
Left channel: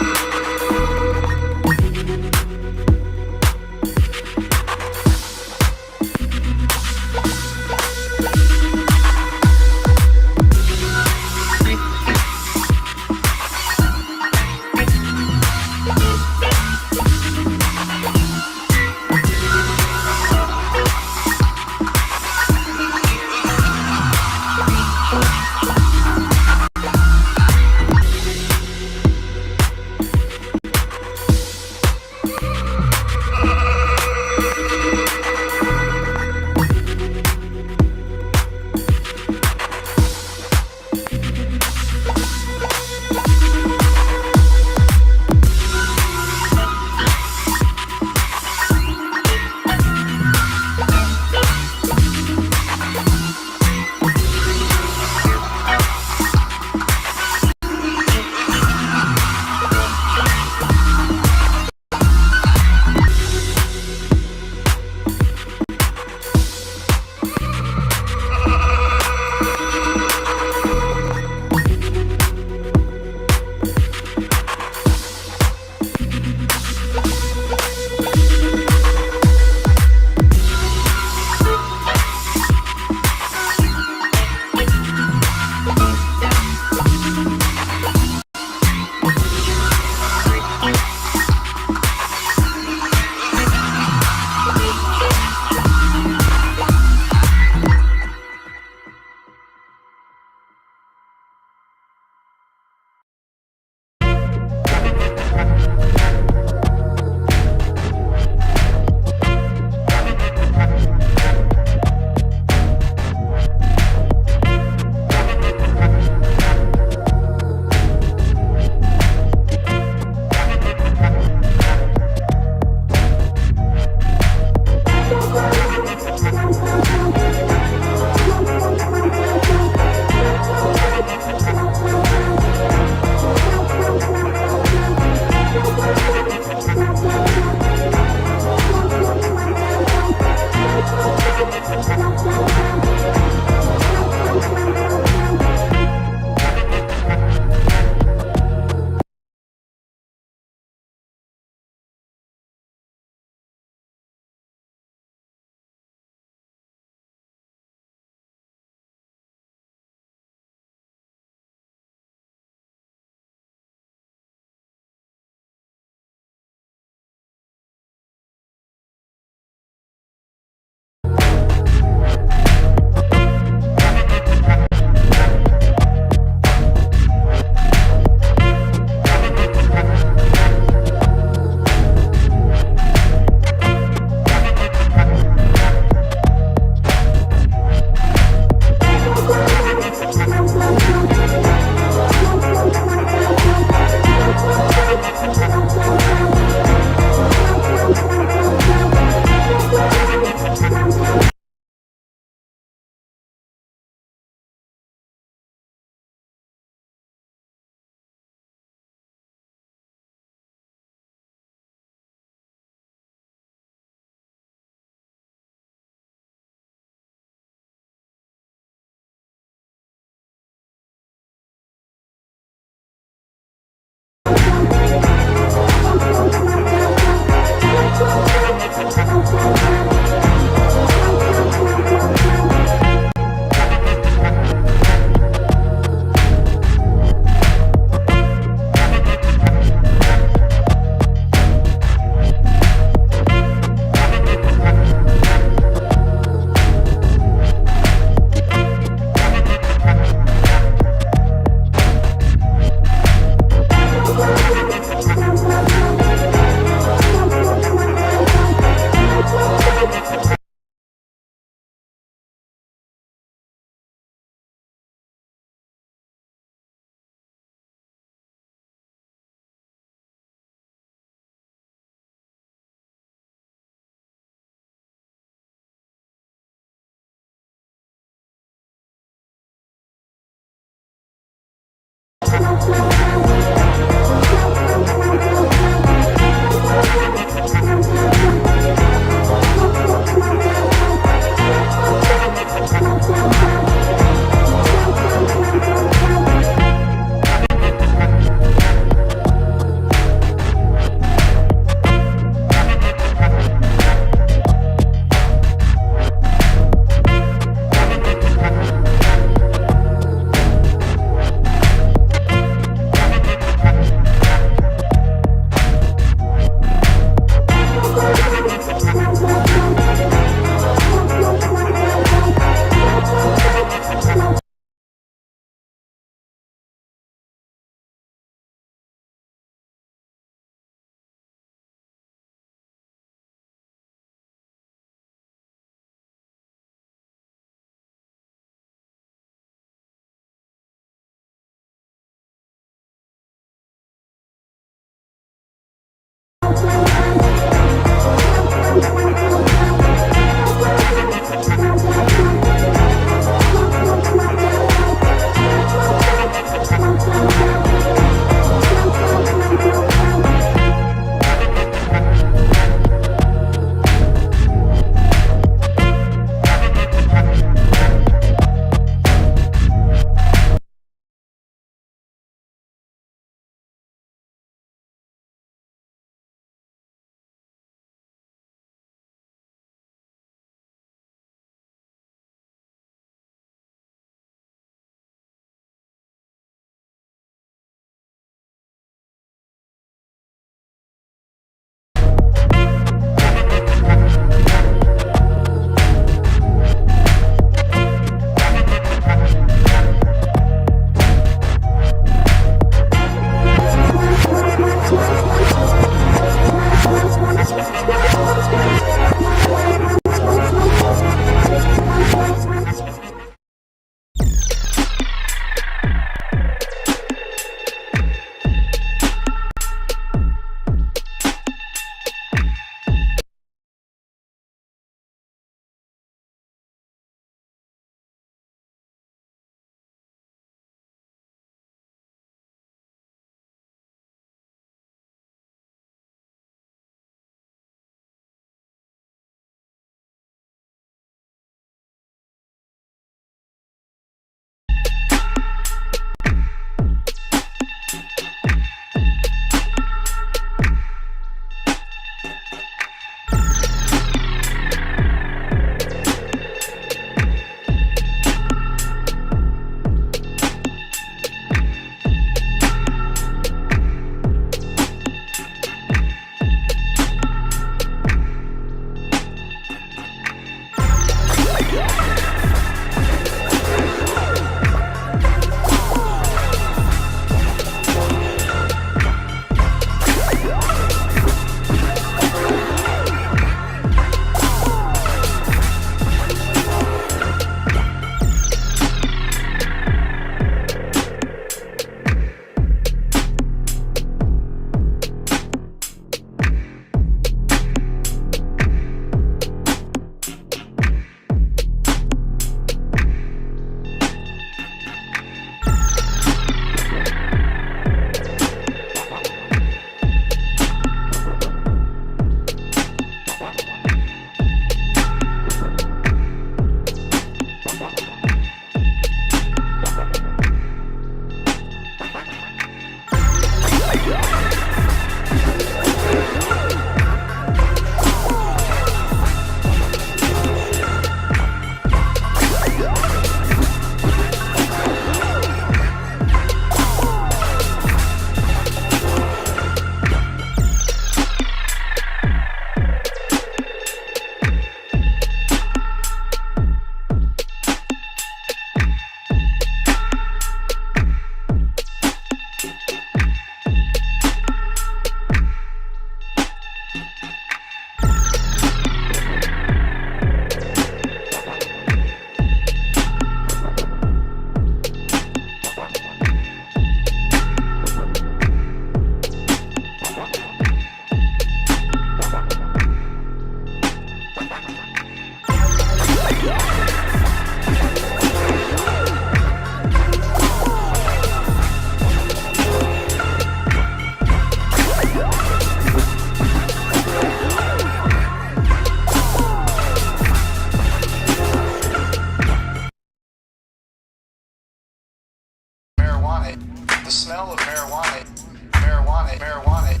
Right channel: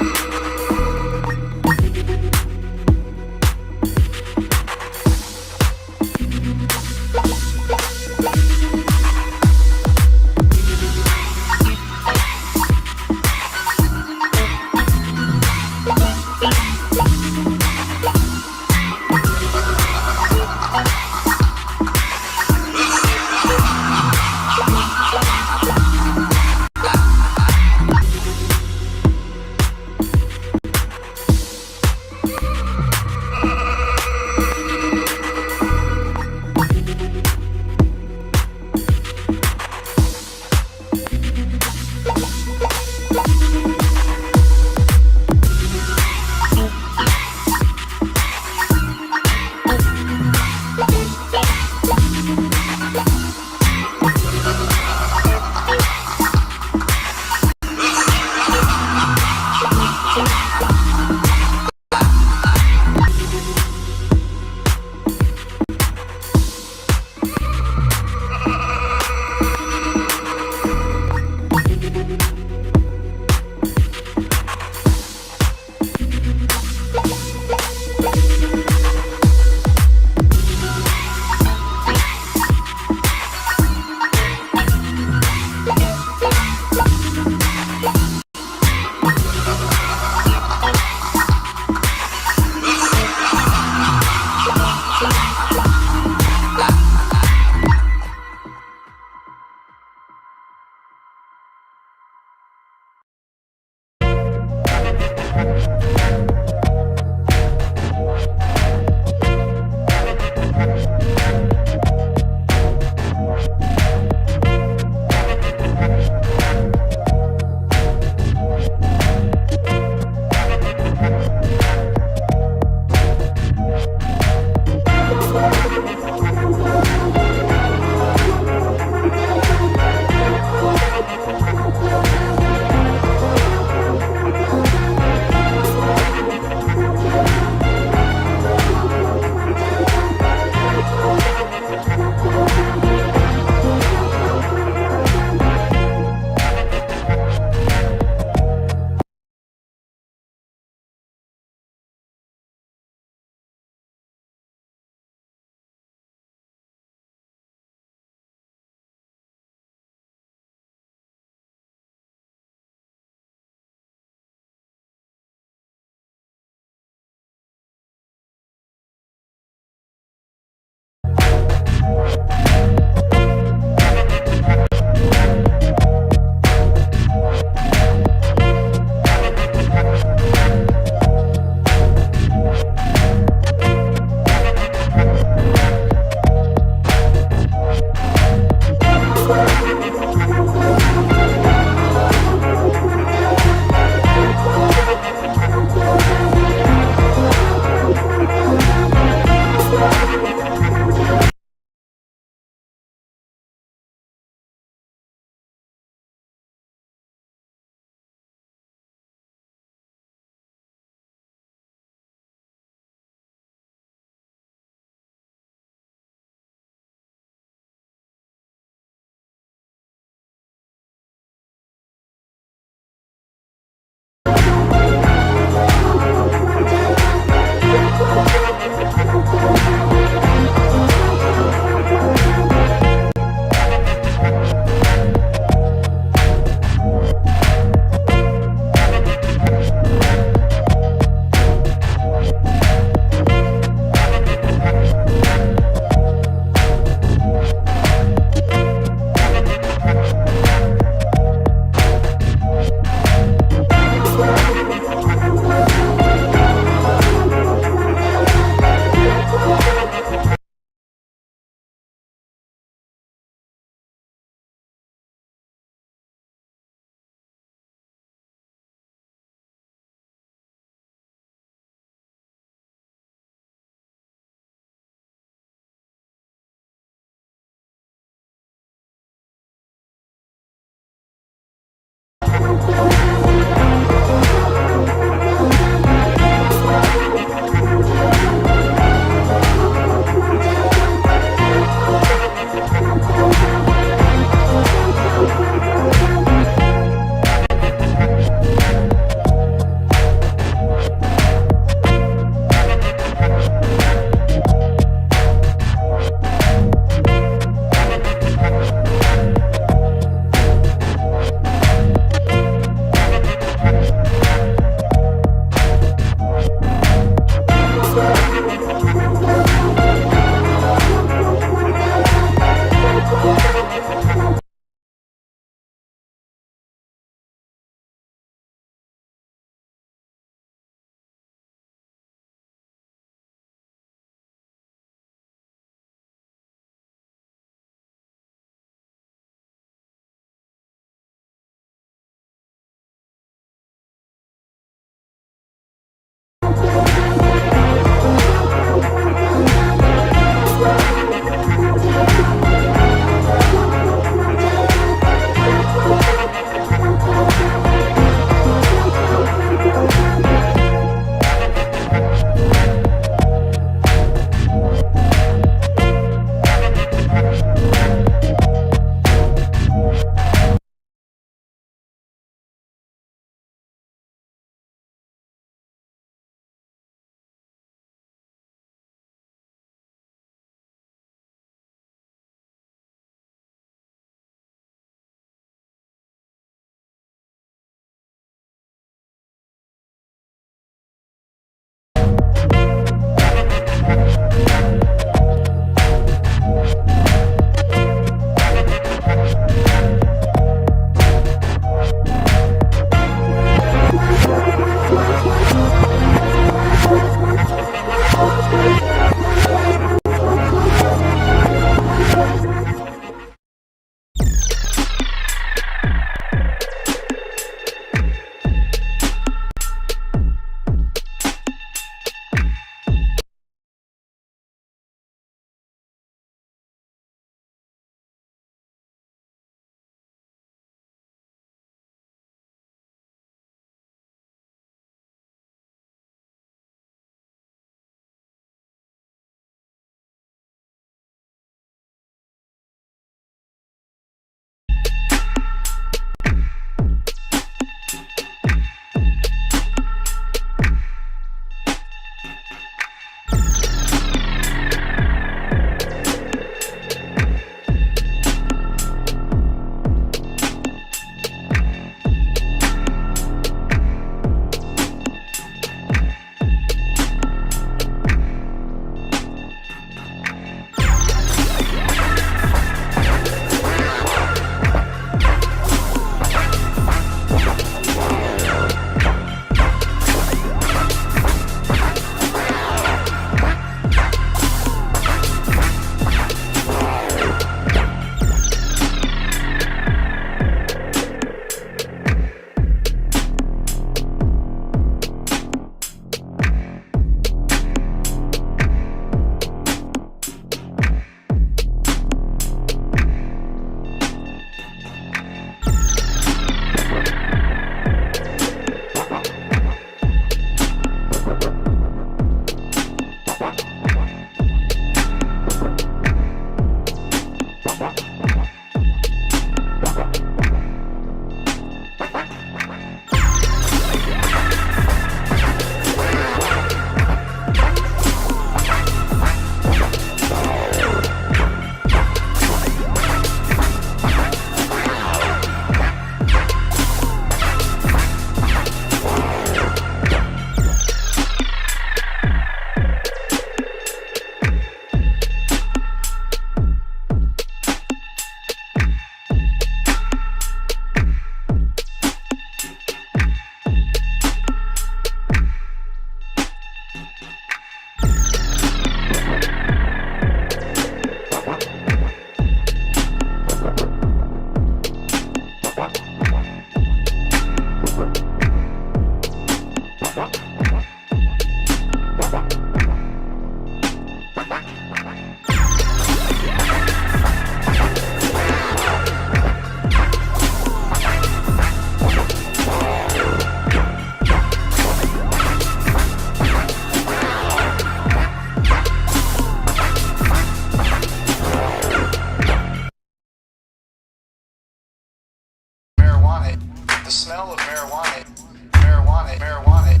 marijuana, the smell of marijuana, marijuana,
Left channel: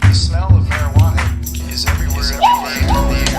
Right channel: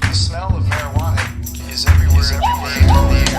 the smell of marijuana is everywhere in the air.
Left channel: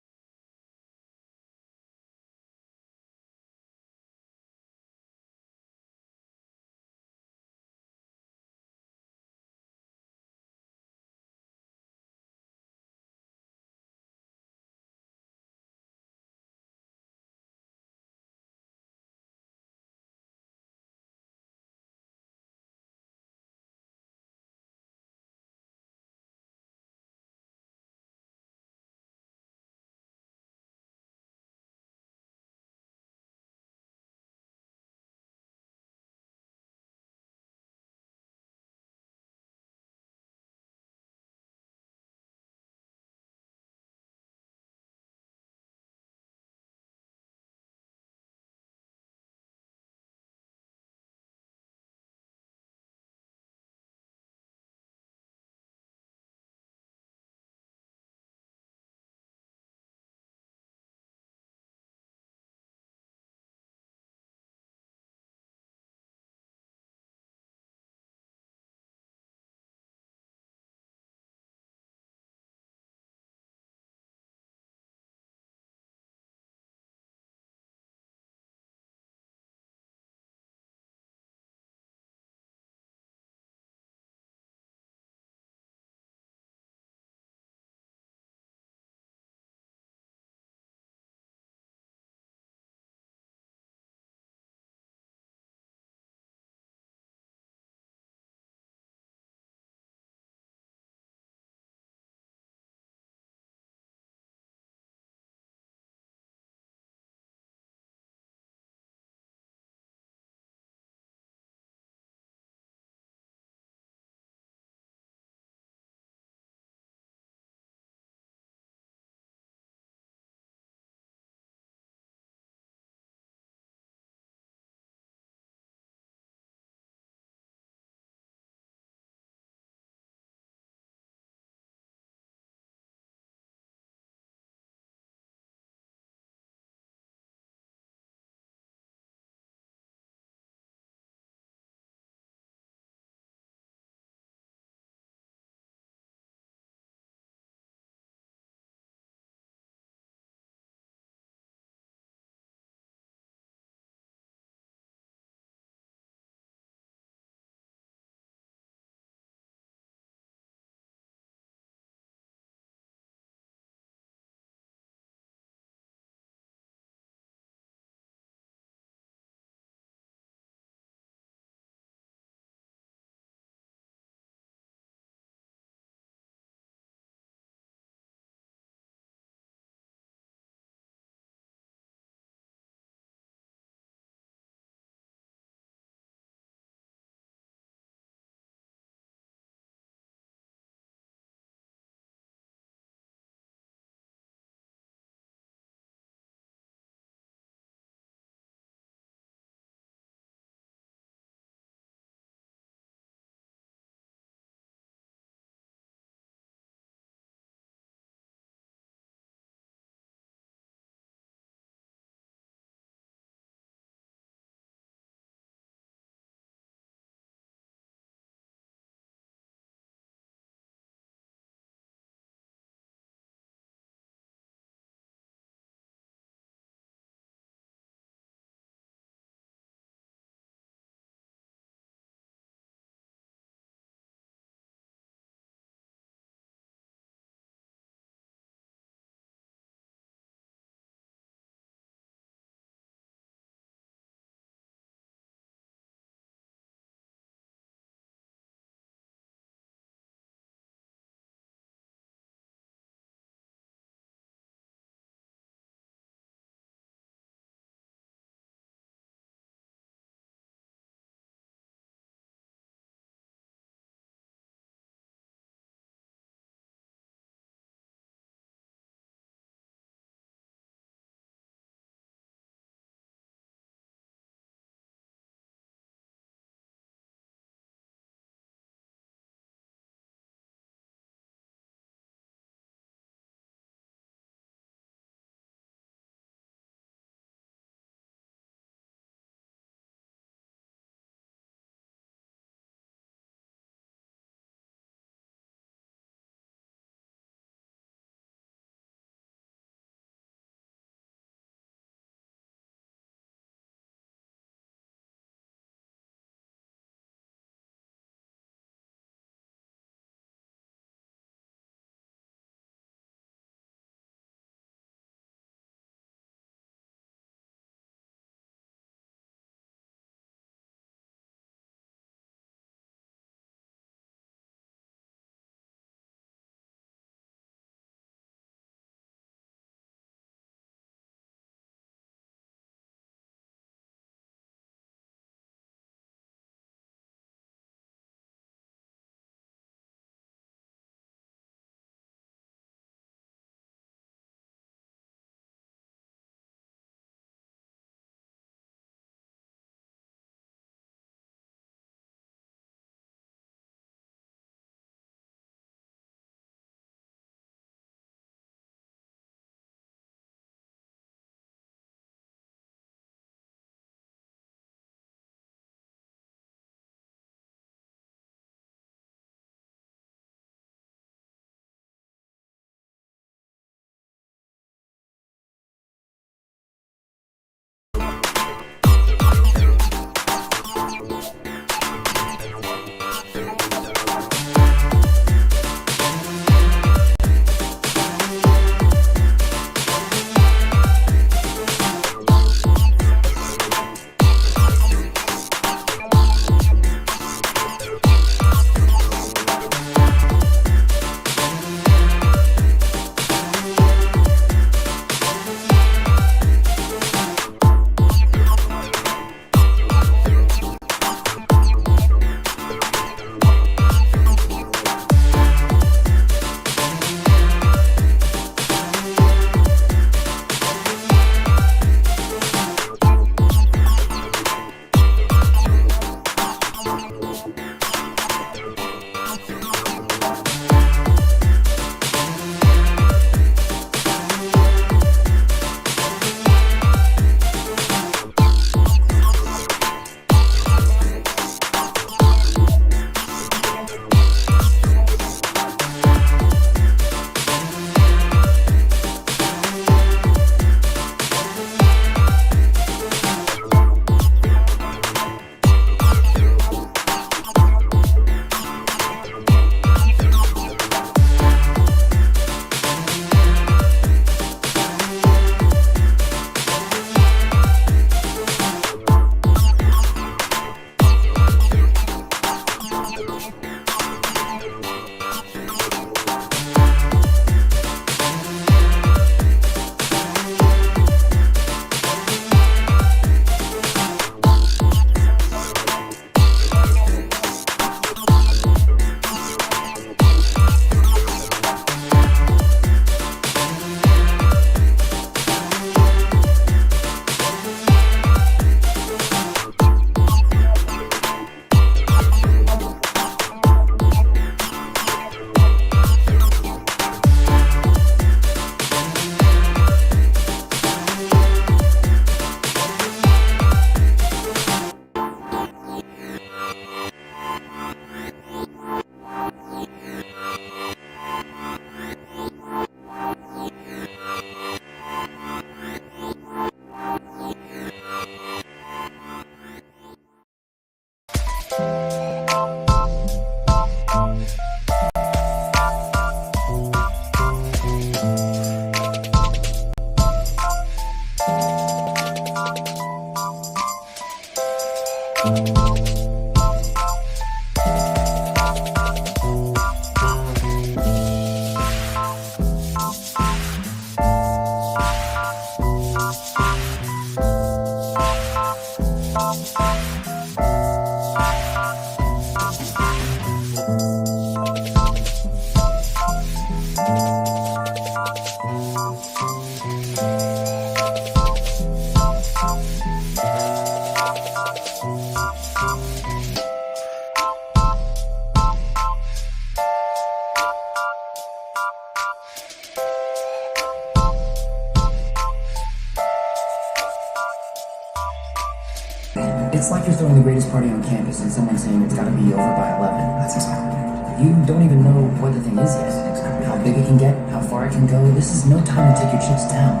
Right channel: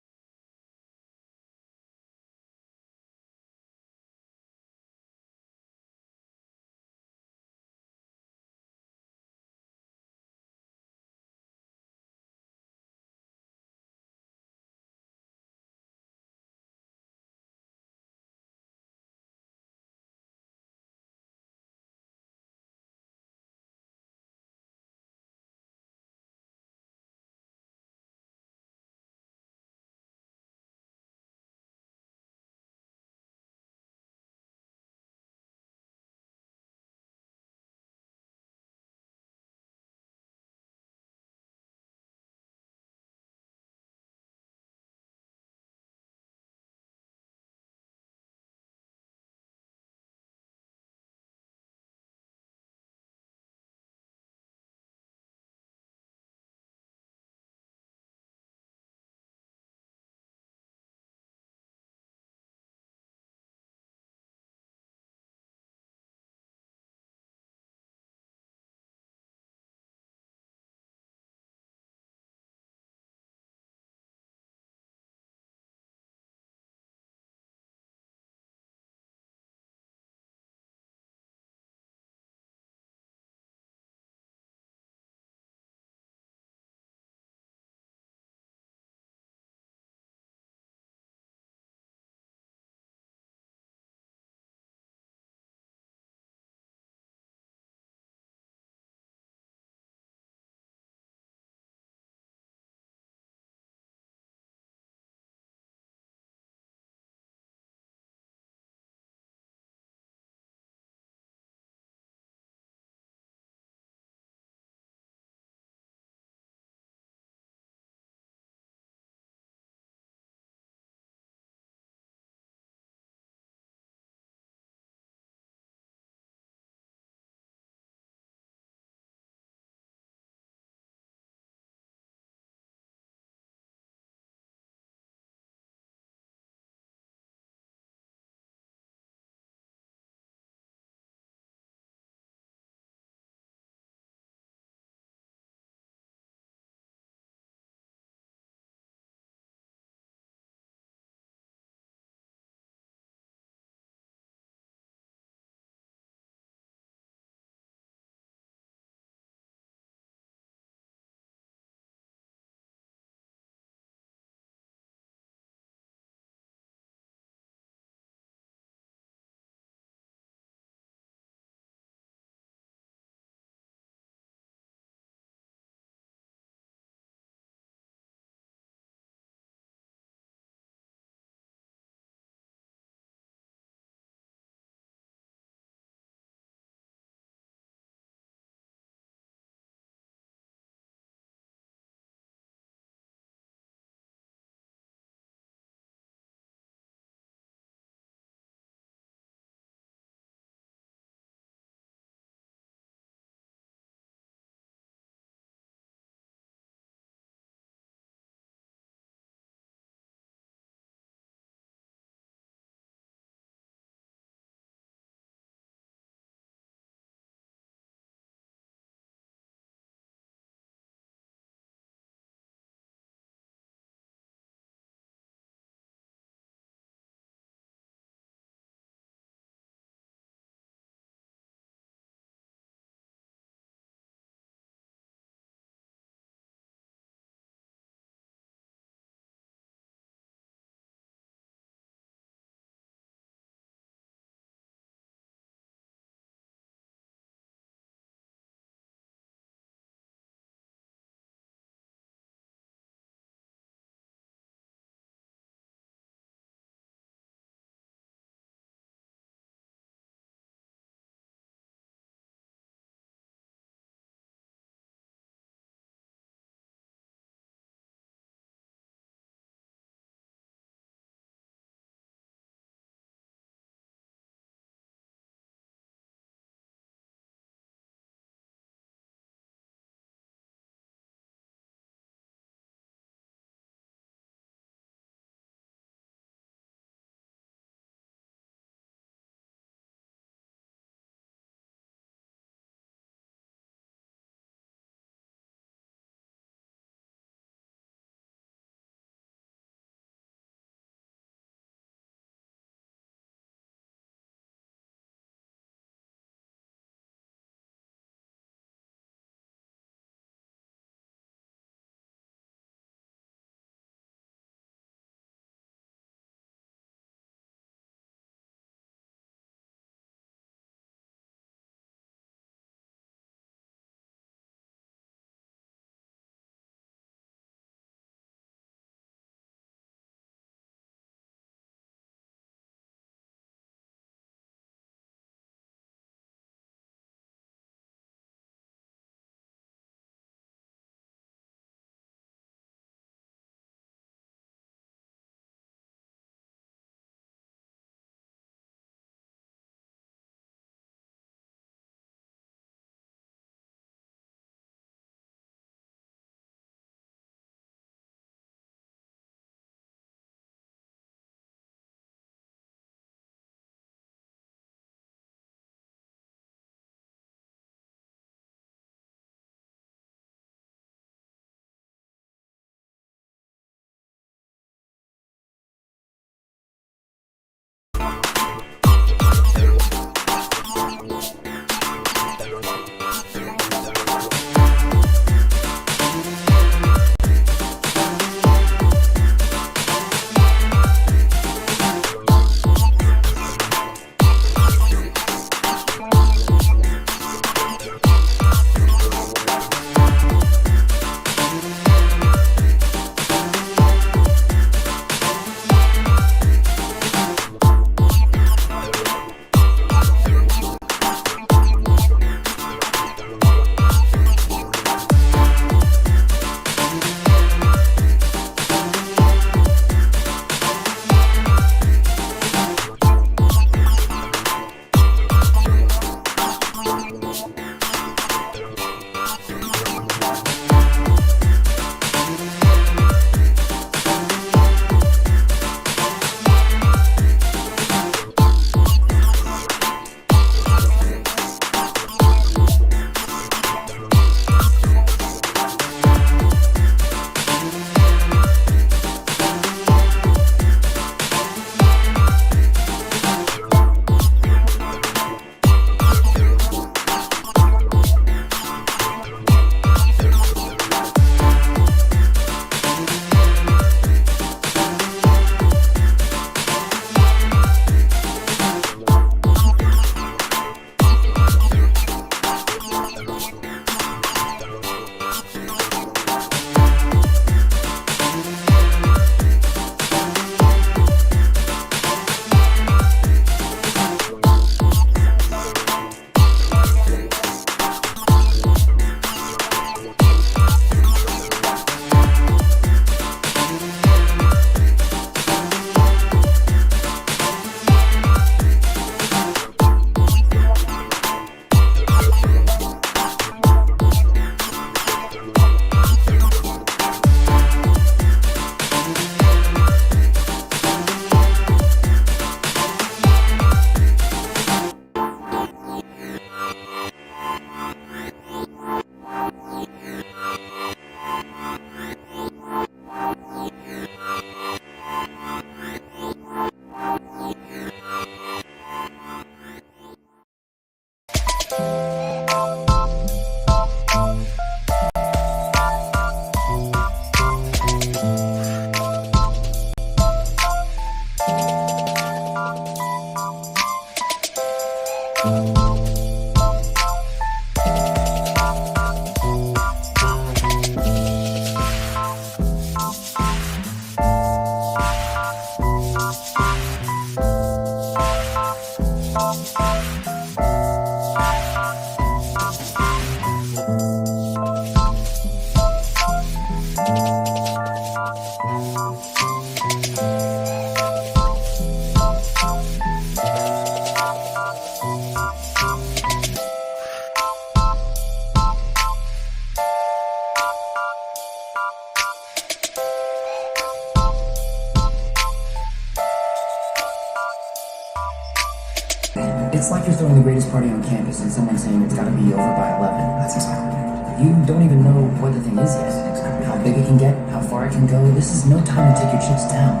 It's like you're throwing the greatest party on campus and someone's saying it's gotta be over by 11. That's exactly right. You don't even know what the thing is yet. How big it can get, how far it can go. This is no time to take your chips down.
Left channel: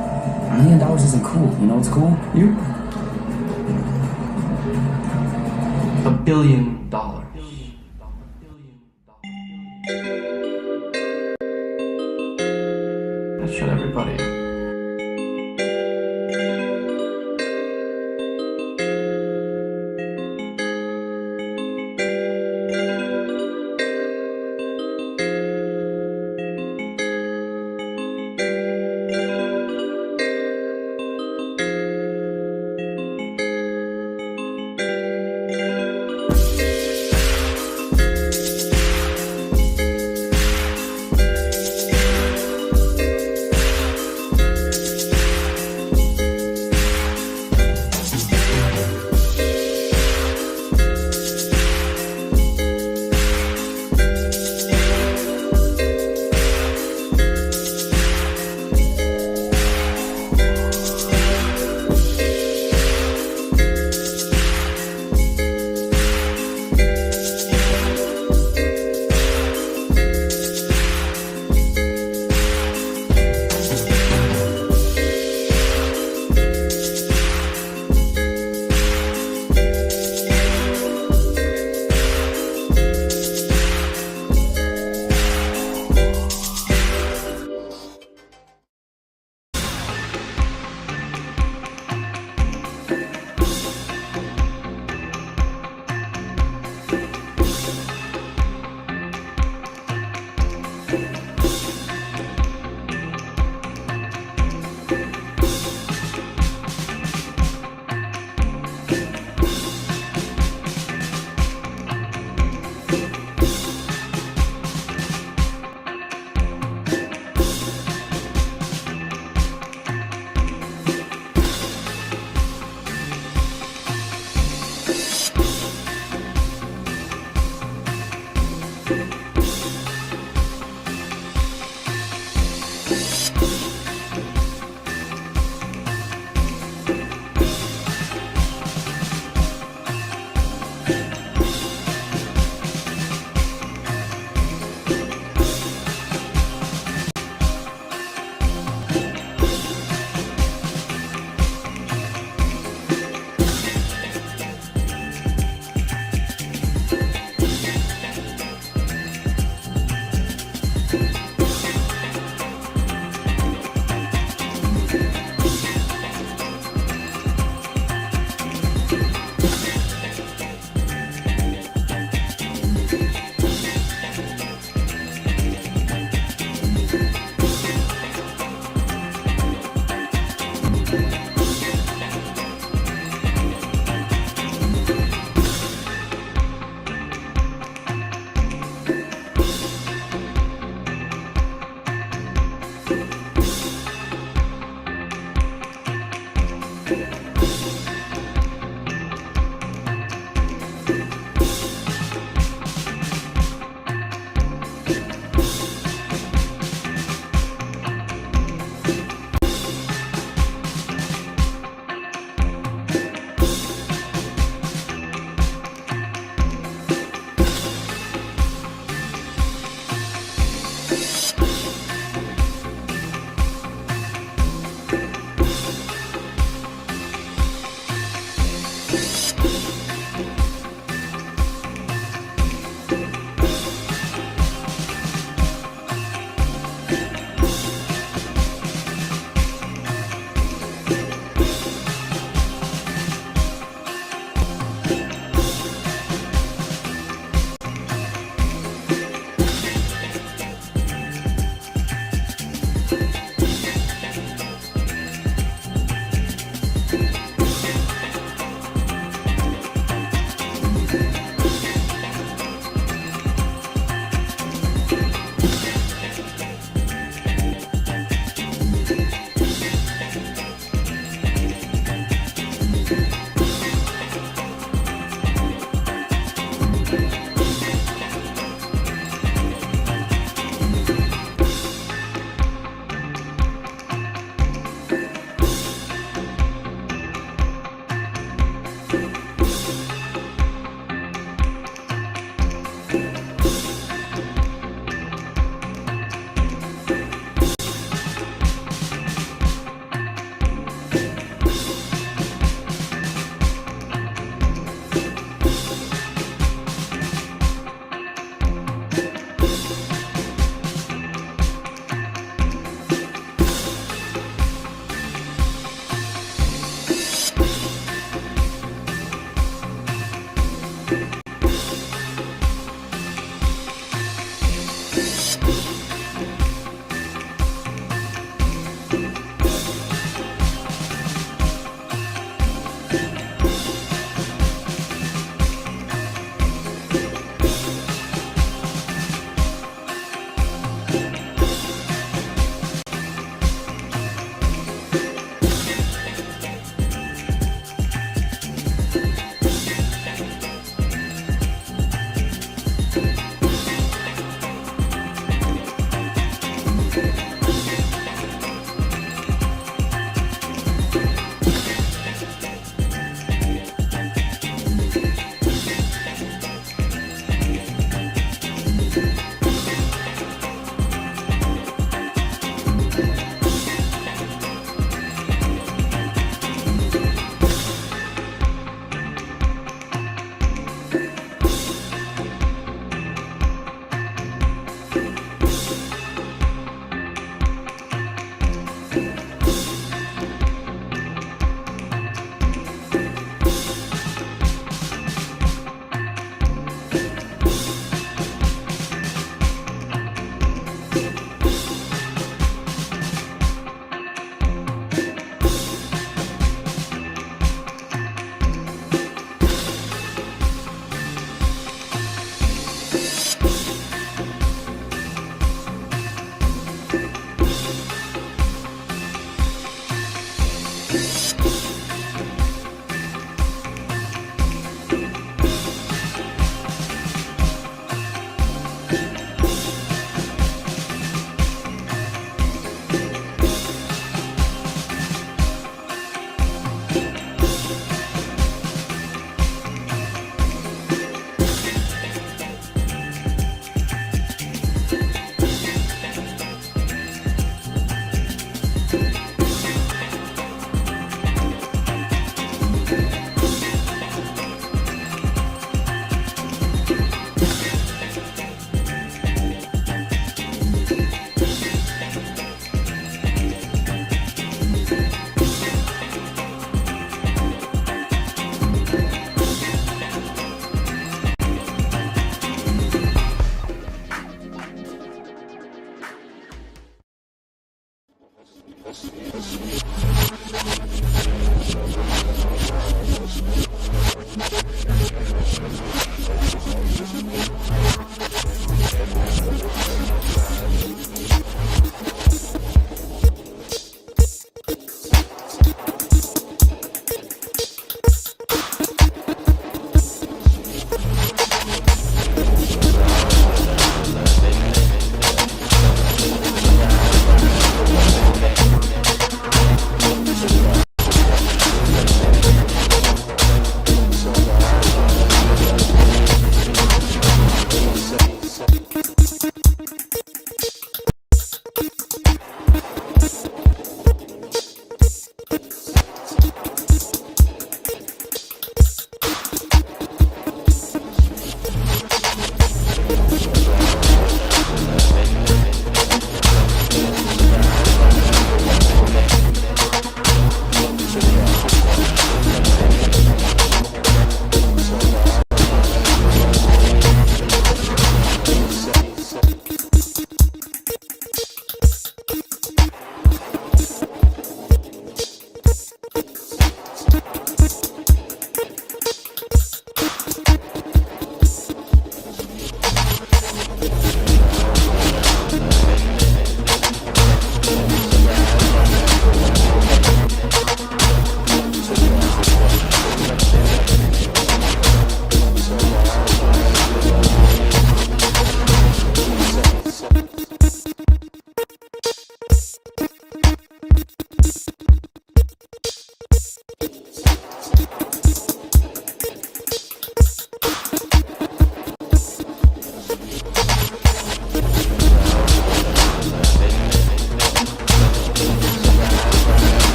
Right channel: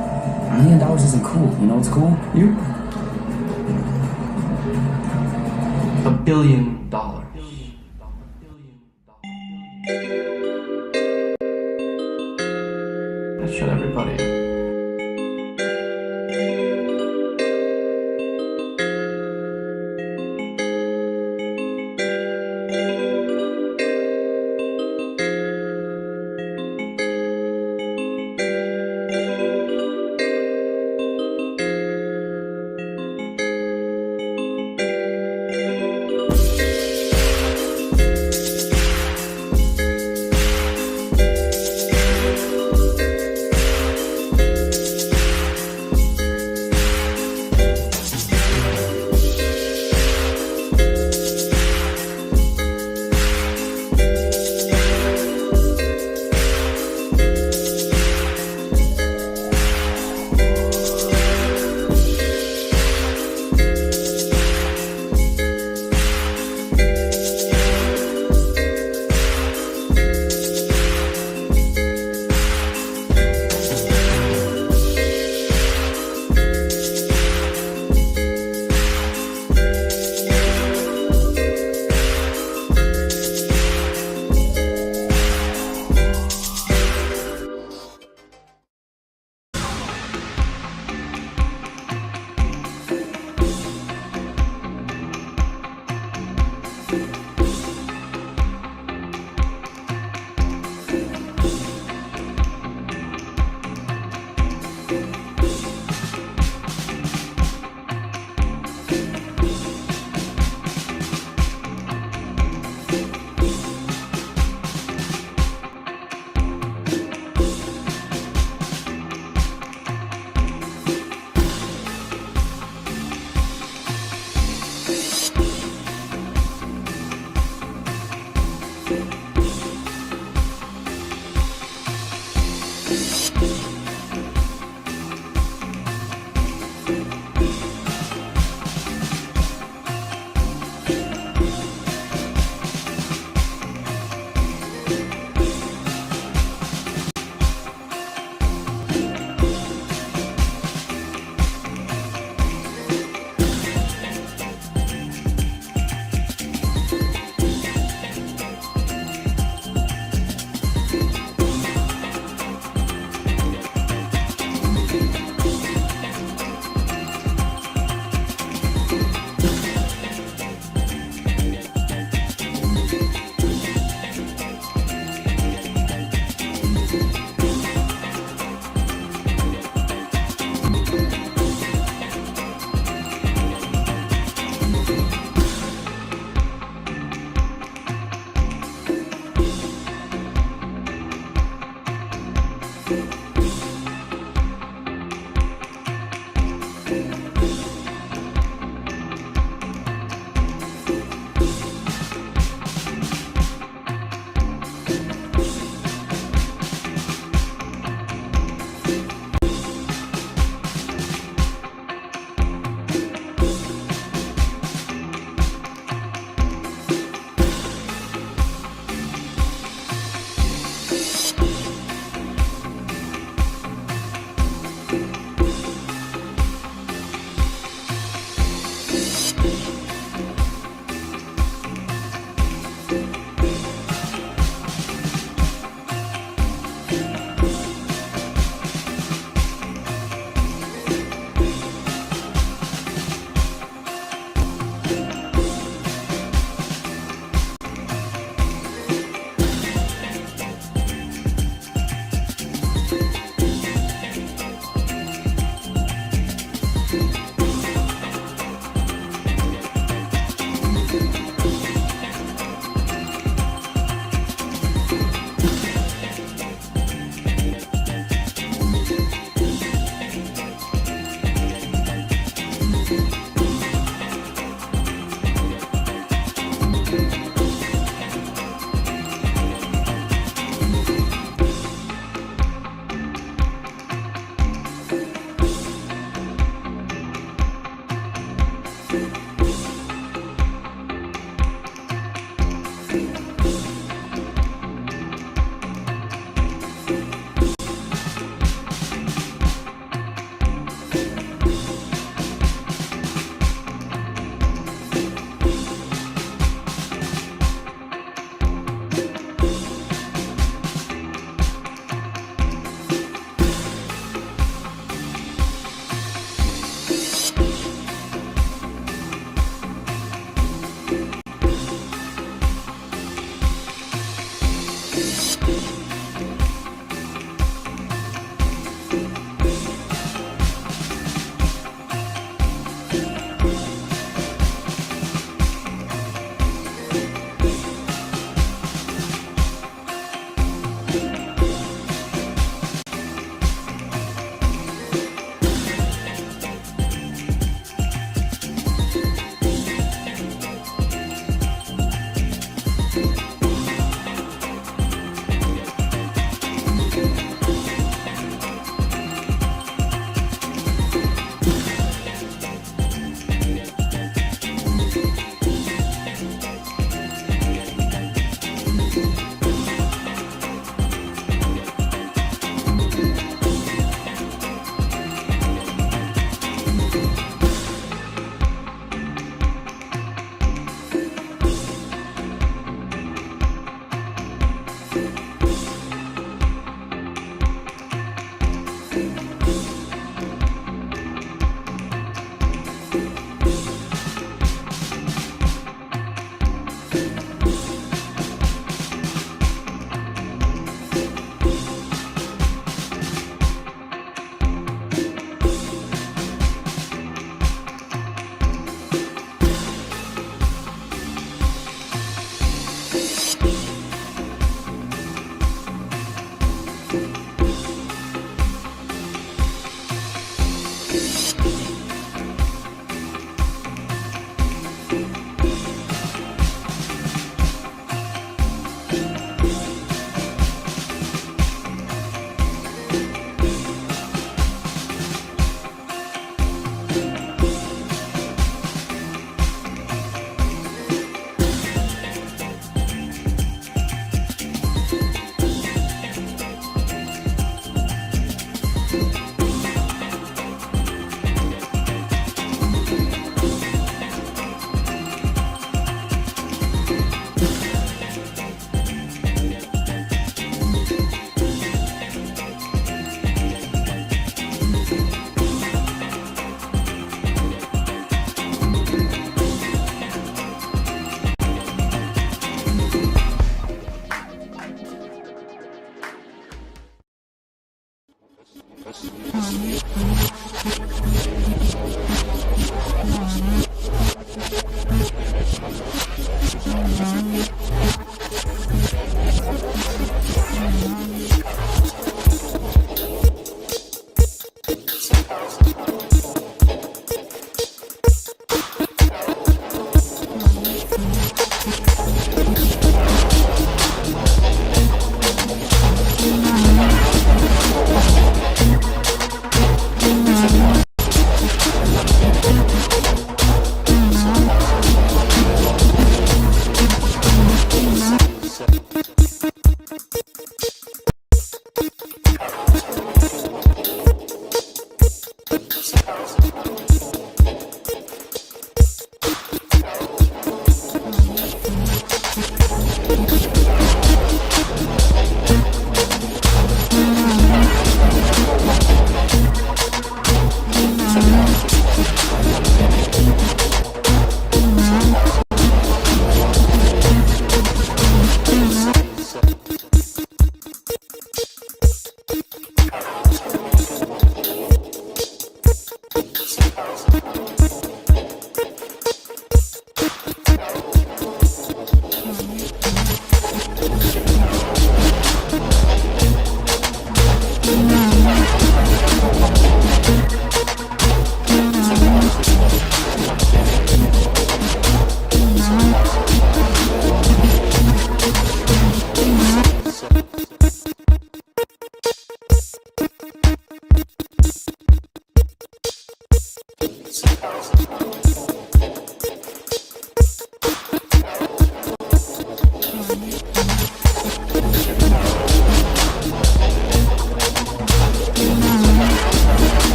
$1 million isn't cool. You know what's cool? You. $1 billion. That shut everybody up.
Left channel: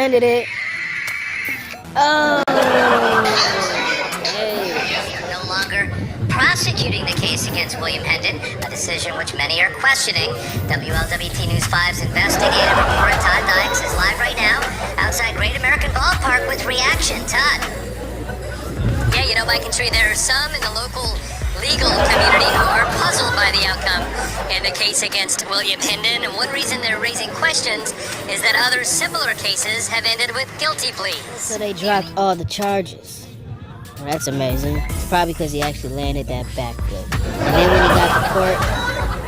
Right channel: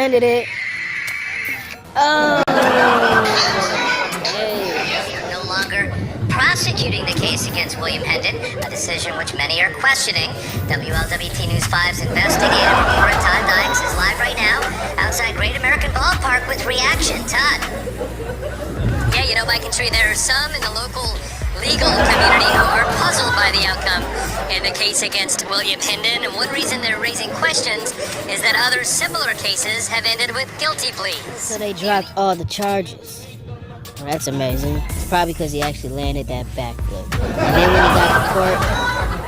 landed it. Oh. No longer prosecuting the case against William Hendon, a decision which many are questioning. WLWT News 5's investigative reporter Todd Dykes is live right now outside Great American Ballpark with reaction. Todd. Yeah, you know, Mike and Tree, there are some in the local legal community who are puzzled by the outcome in the case against William Hendon, and one reason they're raising questions is that other similar cases have ended with guilty pleas. So they dropped all the charges. Well, that's amazing. It's probably because he actually landed that backflip. And then when he got to court,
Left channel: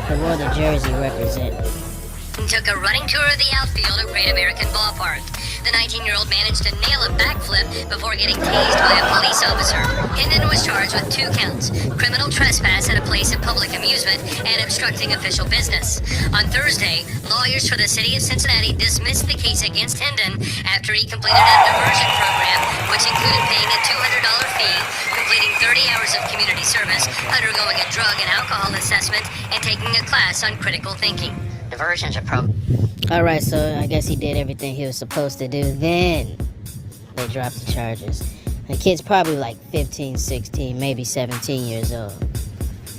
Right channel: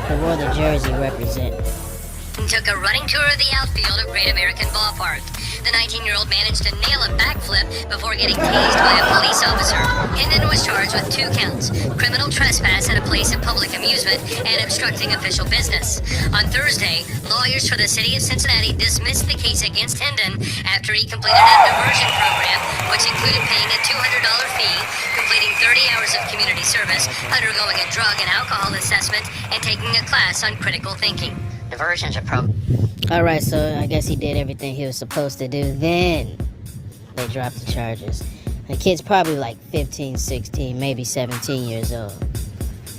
he wore the jersey representing. Took a running tour of the outfield at Great American Ballpark. The 19-year-old managed to nail a backflip before getting tased by a police officer. Hendon was charged with 2 counts: criminal trespass at a place of public amusement and obstructing official business. On Thursday, lawyers for the city of Cincinnati dismissed the case against Hendon after he completed a diversion program, which included paying a $200 fee, completing 30 hours of community service, undergoing a drug and alcohol assessment, and taking a class on critical thinking. Diversion's a program. Alright, so I guess he did everything he was supposed to do. Then they dropped the charges. The kid's probably like 15, 16, maybe 17 years old.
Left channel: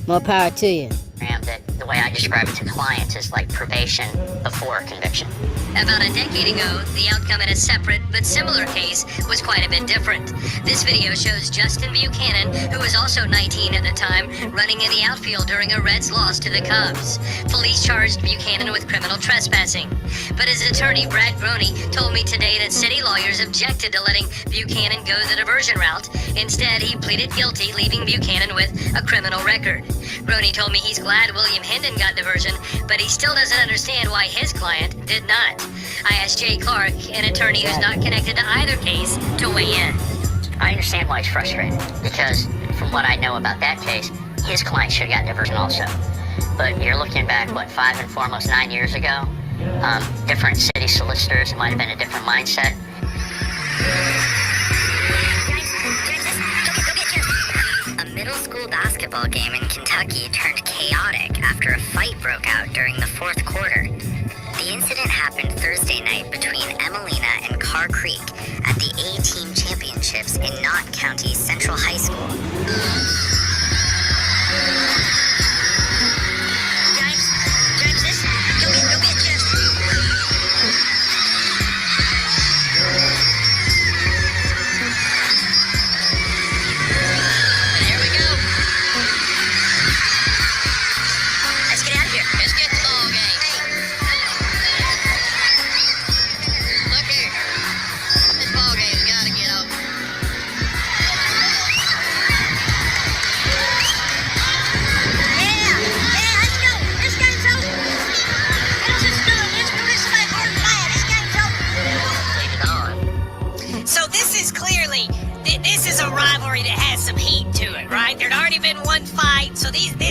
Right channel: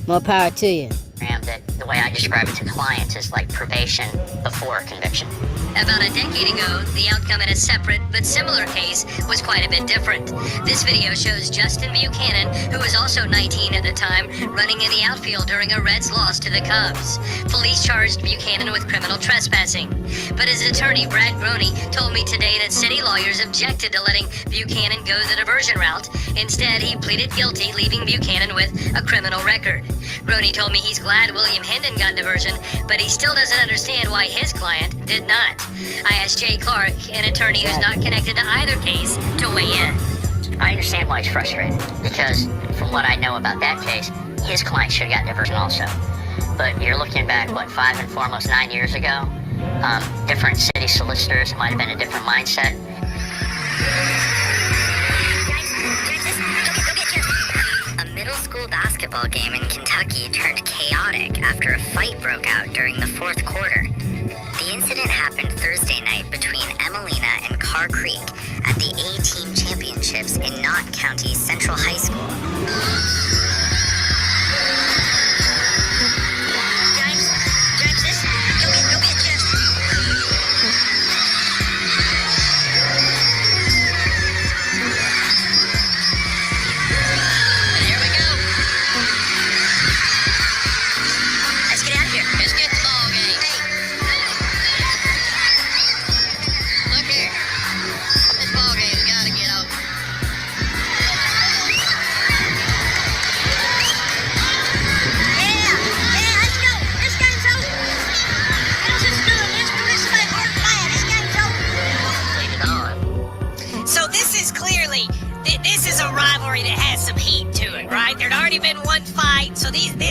More power to you. That the way I describe it to clients is like probation before conviction. About a decade ago, the outcome in a separate but similar case was quite a bit different. This video shows Justin Buchanan, who was also 19 at the time, running in the outfield during a Reds loss to the Cubs. Police charged Buchanan with criminal trespassing. But his attorney, Brad Groney, told me today that city lawyers objected to letting Buchanan go the diversion route. Instead, he pleaded guilty, leaving Buchanan with a criminal record. Groney told me he's glad William Hendon got diversion, but he still doesn't understand why his client did not. I asked Jay Clark, an attorney who's not connected to either case, to weigh in. I understand why he's frustrated, because from what I know about that case, his client should have got diversion also. But you're looking back, 5 and 4, almost 9 years ago? Different city solicitors, might have been a different mindset. A middle school basketball game in Kentucky turned chaotic after a fight broke out during the 4th quarter. The incident happened Thursday night between Emelina and Carr Creek at the A-Team Championships in Knott County's Central High School.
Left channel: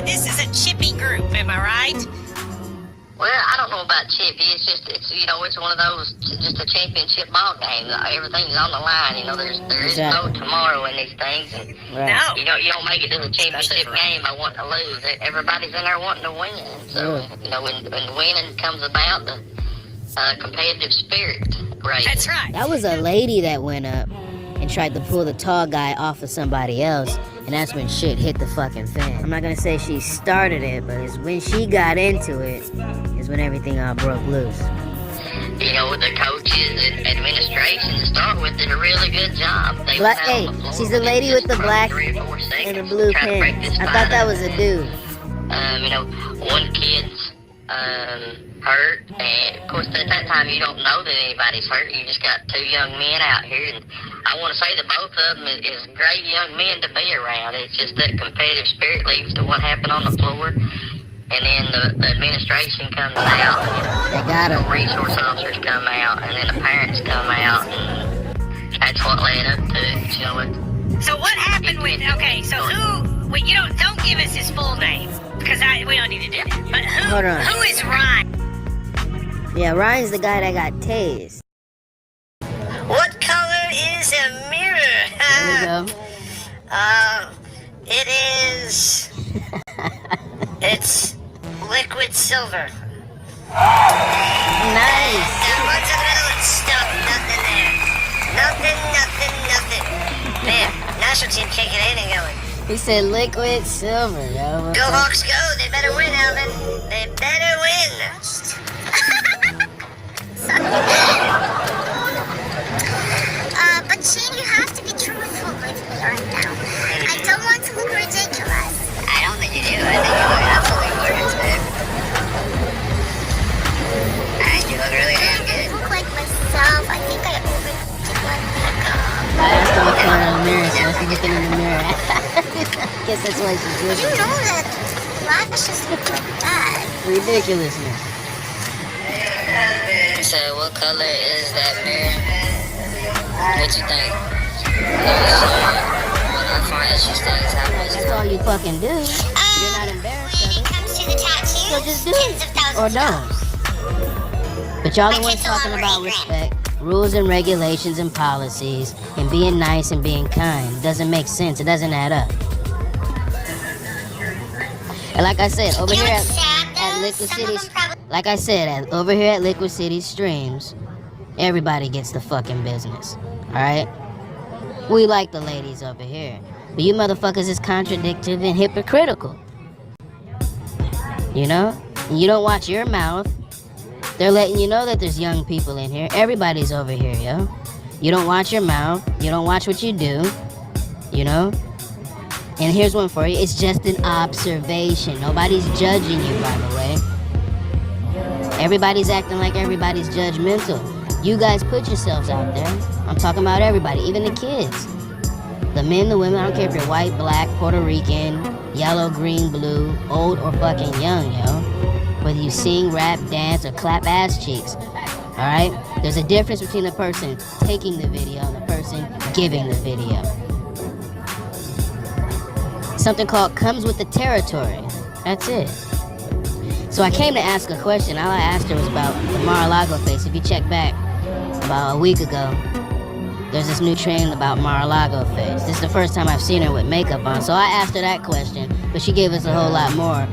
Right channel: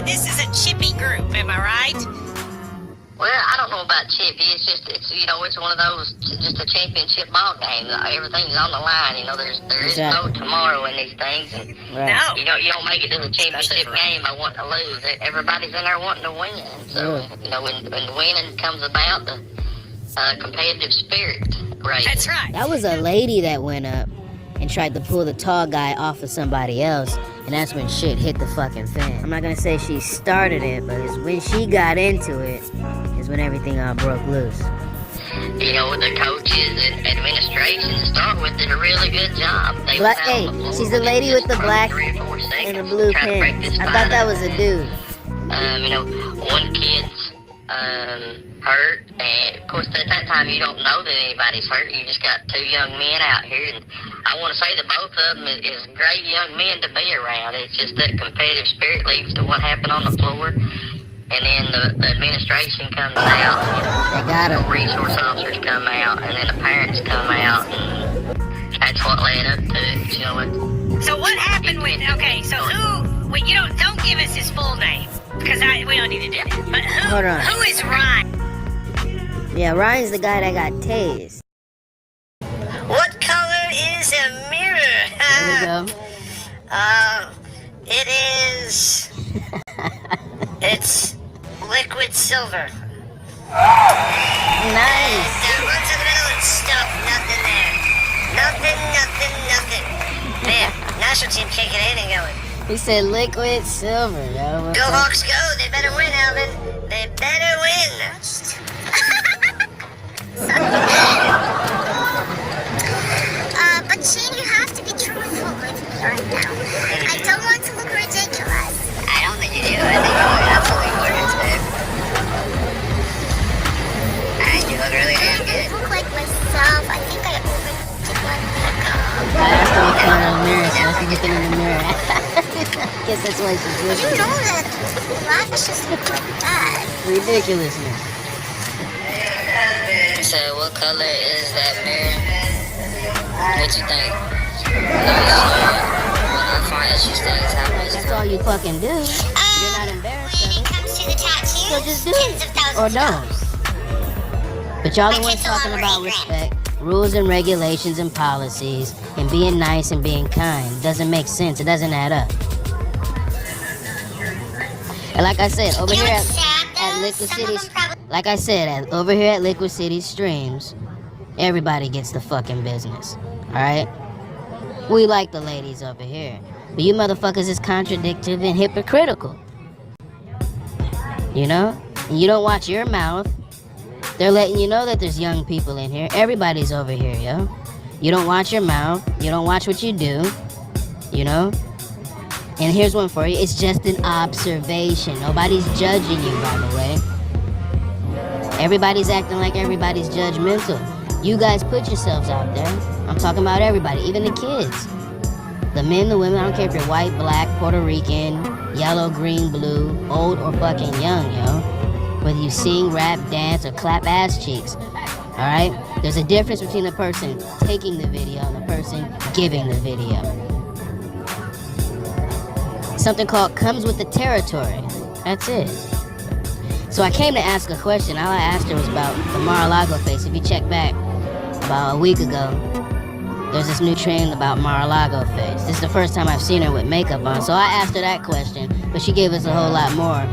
This is a chippy group, am I right? Well, I don't know about chippy. It's one of those, just a championship ball game. Everything's on the line. There is no tomorrow in these things. And right. You don't make it to the championship game by wanting to lose. Everybody's in there wanting to win. So, when winning comes about, the competitive spirit. Right. That's right. That was a lady that went up and tried to pull the tall guy off of somebody else, and that's when shit hit the fucking fan. I'm not gonna say she started it, but it's when she got into it is when everything all broke loose. The coaches and administration to start with did a really good job. Hey, she's the lady with the black and the blue pants. I thought that was a dude. One kid's hurt, and of course at that time you don't know that anybody's hurt. You just got 2 young men out here, and I want to say that both of them is great young men to be around. It's just that competitive spirit leads to what happened on the floor, and then the administration comes out. They got him. Resource officers come out, and then the parents come out, and that's what led up to it. So what happened with? Okay, so who? Well, don't give us his full name, because we don't need to do that. But who is Ryan? Yeah, Ryan's the guy that got tased. What color is a mirror? There we go. It's liquid silver. Nice. What's in the middle and stuff? Nothing there. Nothing. Man, national team kicking in and going. He said liquid silver, yo. Go Hawks go. They better win, Alvin. They better win. But Shane, you have to be truthful with me right now. I don't want to look ridiculous. I don't think you do. I think you look absolutely gorgeous, babe. You look really damn good. I look like myself. I think I overdid my makeup. I asked her what color in the mirror, so she's looking in the mirror. Guess that's why she's You looking. know that lashes look like that. Ridiculousness. So, what color is that mirror? What you think? That's all you fucking do. You're not embarrassed of it. Comes to the tattoos, So just do it. Or don't. But y'all the ones talking about respect, rules and regulations and policies, and being nice and being kind. It doesn't make sense. It doesn't add up. And like I said, over here at Liquid City, over here at Liquid City Streams, everybody gets the fucking business. Alright? We like the ladies over here. But you motherfuckers is contradictory and hypocritical. You know? And you don't watch your mouth. They're letting you know that there's young people in here. Everybody's over here, yo. You don't watch your mouth. You don't watch what you do. You know? And here's one for you. It's just an observation. Nobody's judging you, by the way. Everybody's acting like everybody's judgmental. You guys put yourselves out there. I'm talking about everybody, even the kids. The men, the women, I don't care if you're white, black, Puerto Rican, yellow, green, blue, old or fucking young, yo. Whether you sing, rap, dance, or clap ass cheeks. Alright? There's a difference between the person taking the video and the person giving the video. Something called comes with the territory. That's it. So I came to ask a question. All I asked her was about the Mar-a-Lago face. If you check back about a week ago, there's this new trend about Mar-a-Lago face. This is the first time I've seen her with makeup on. So I asked her that question, but she gave us a whole lot more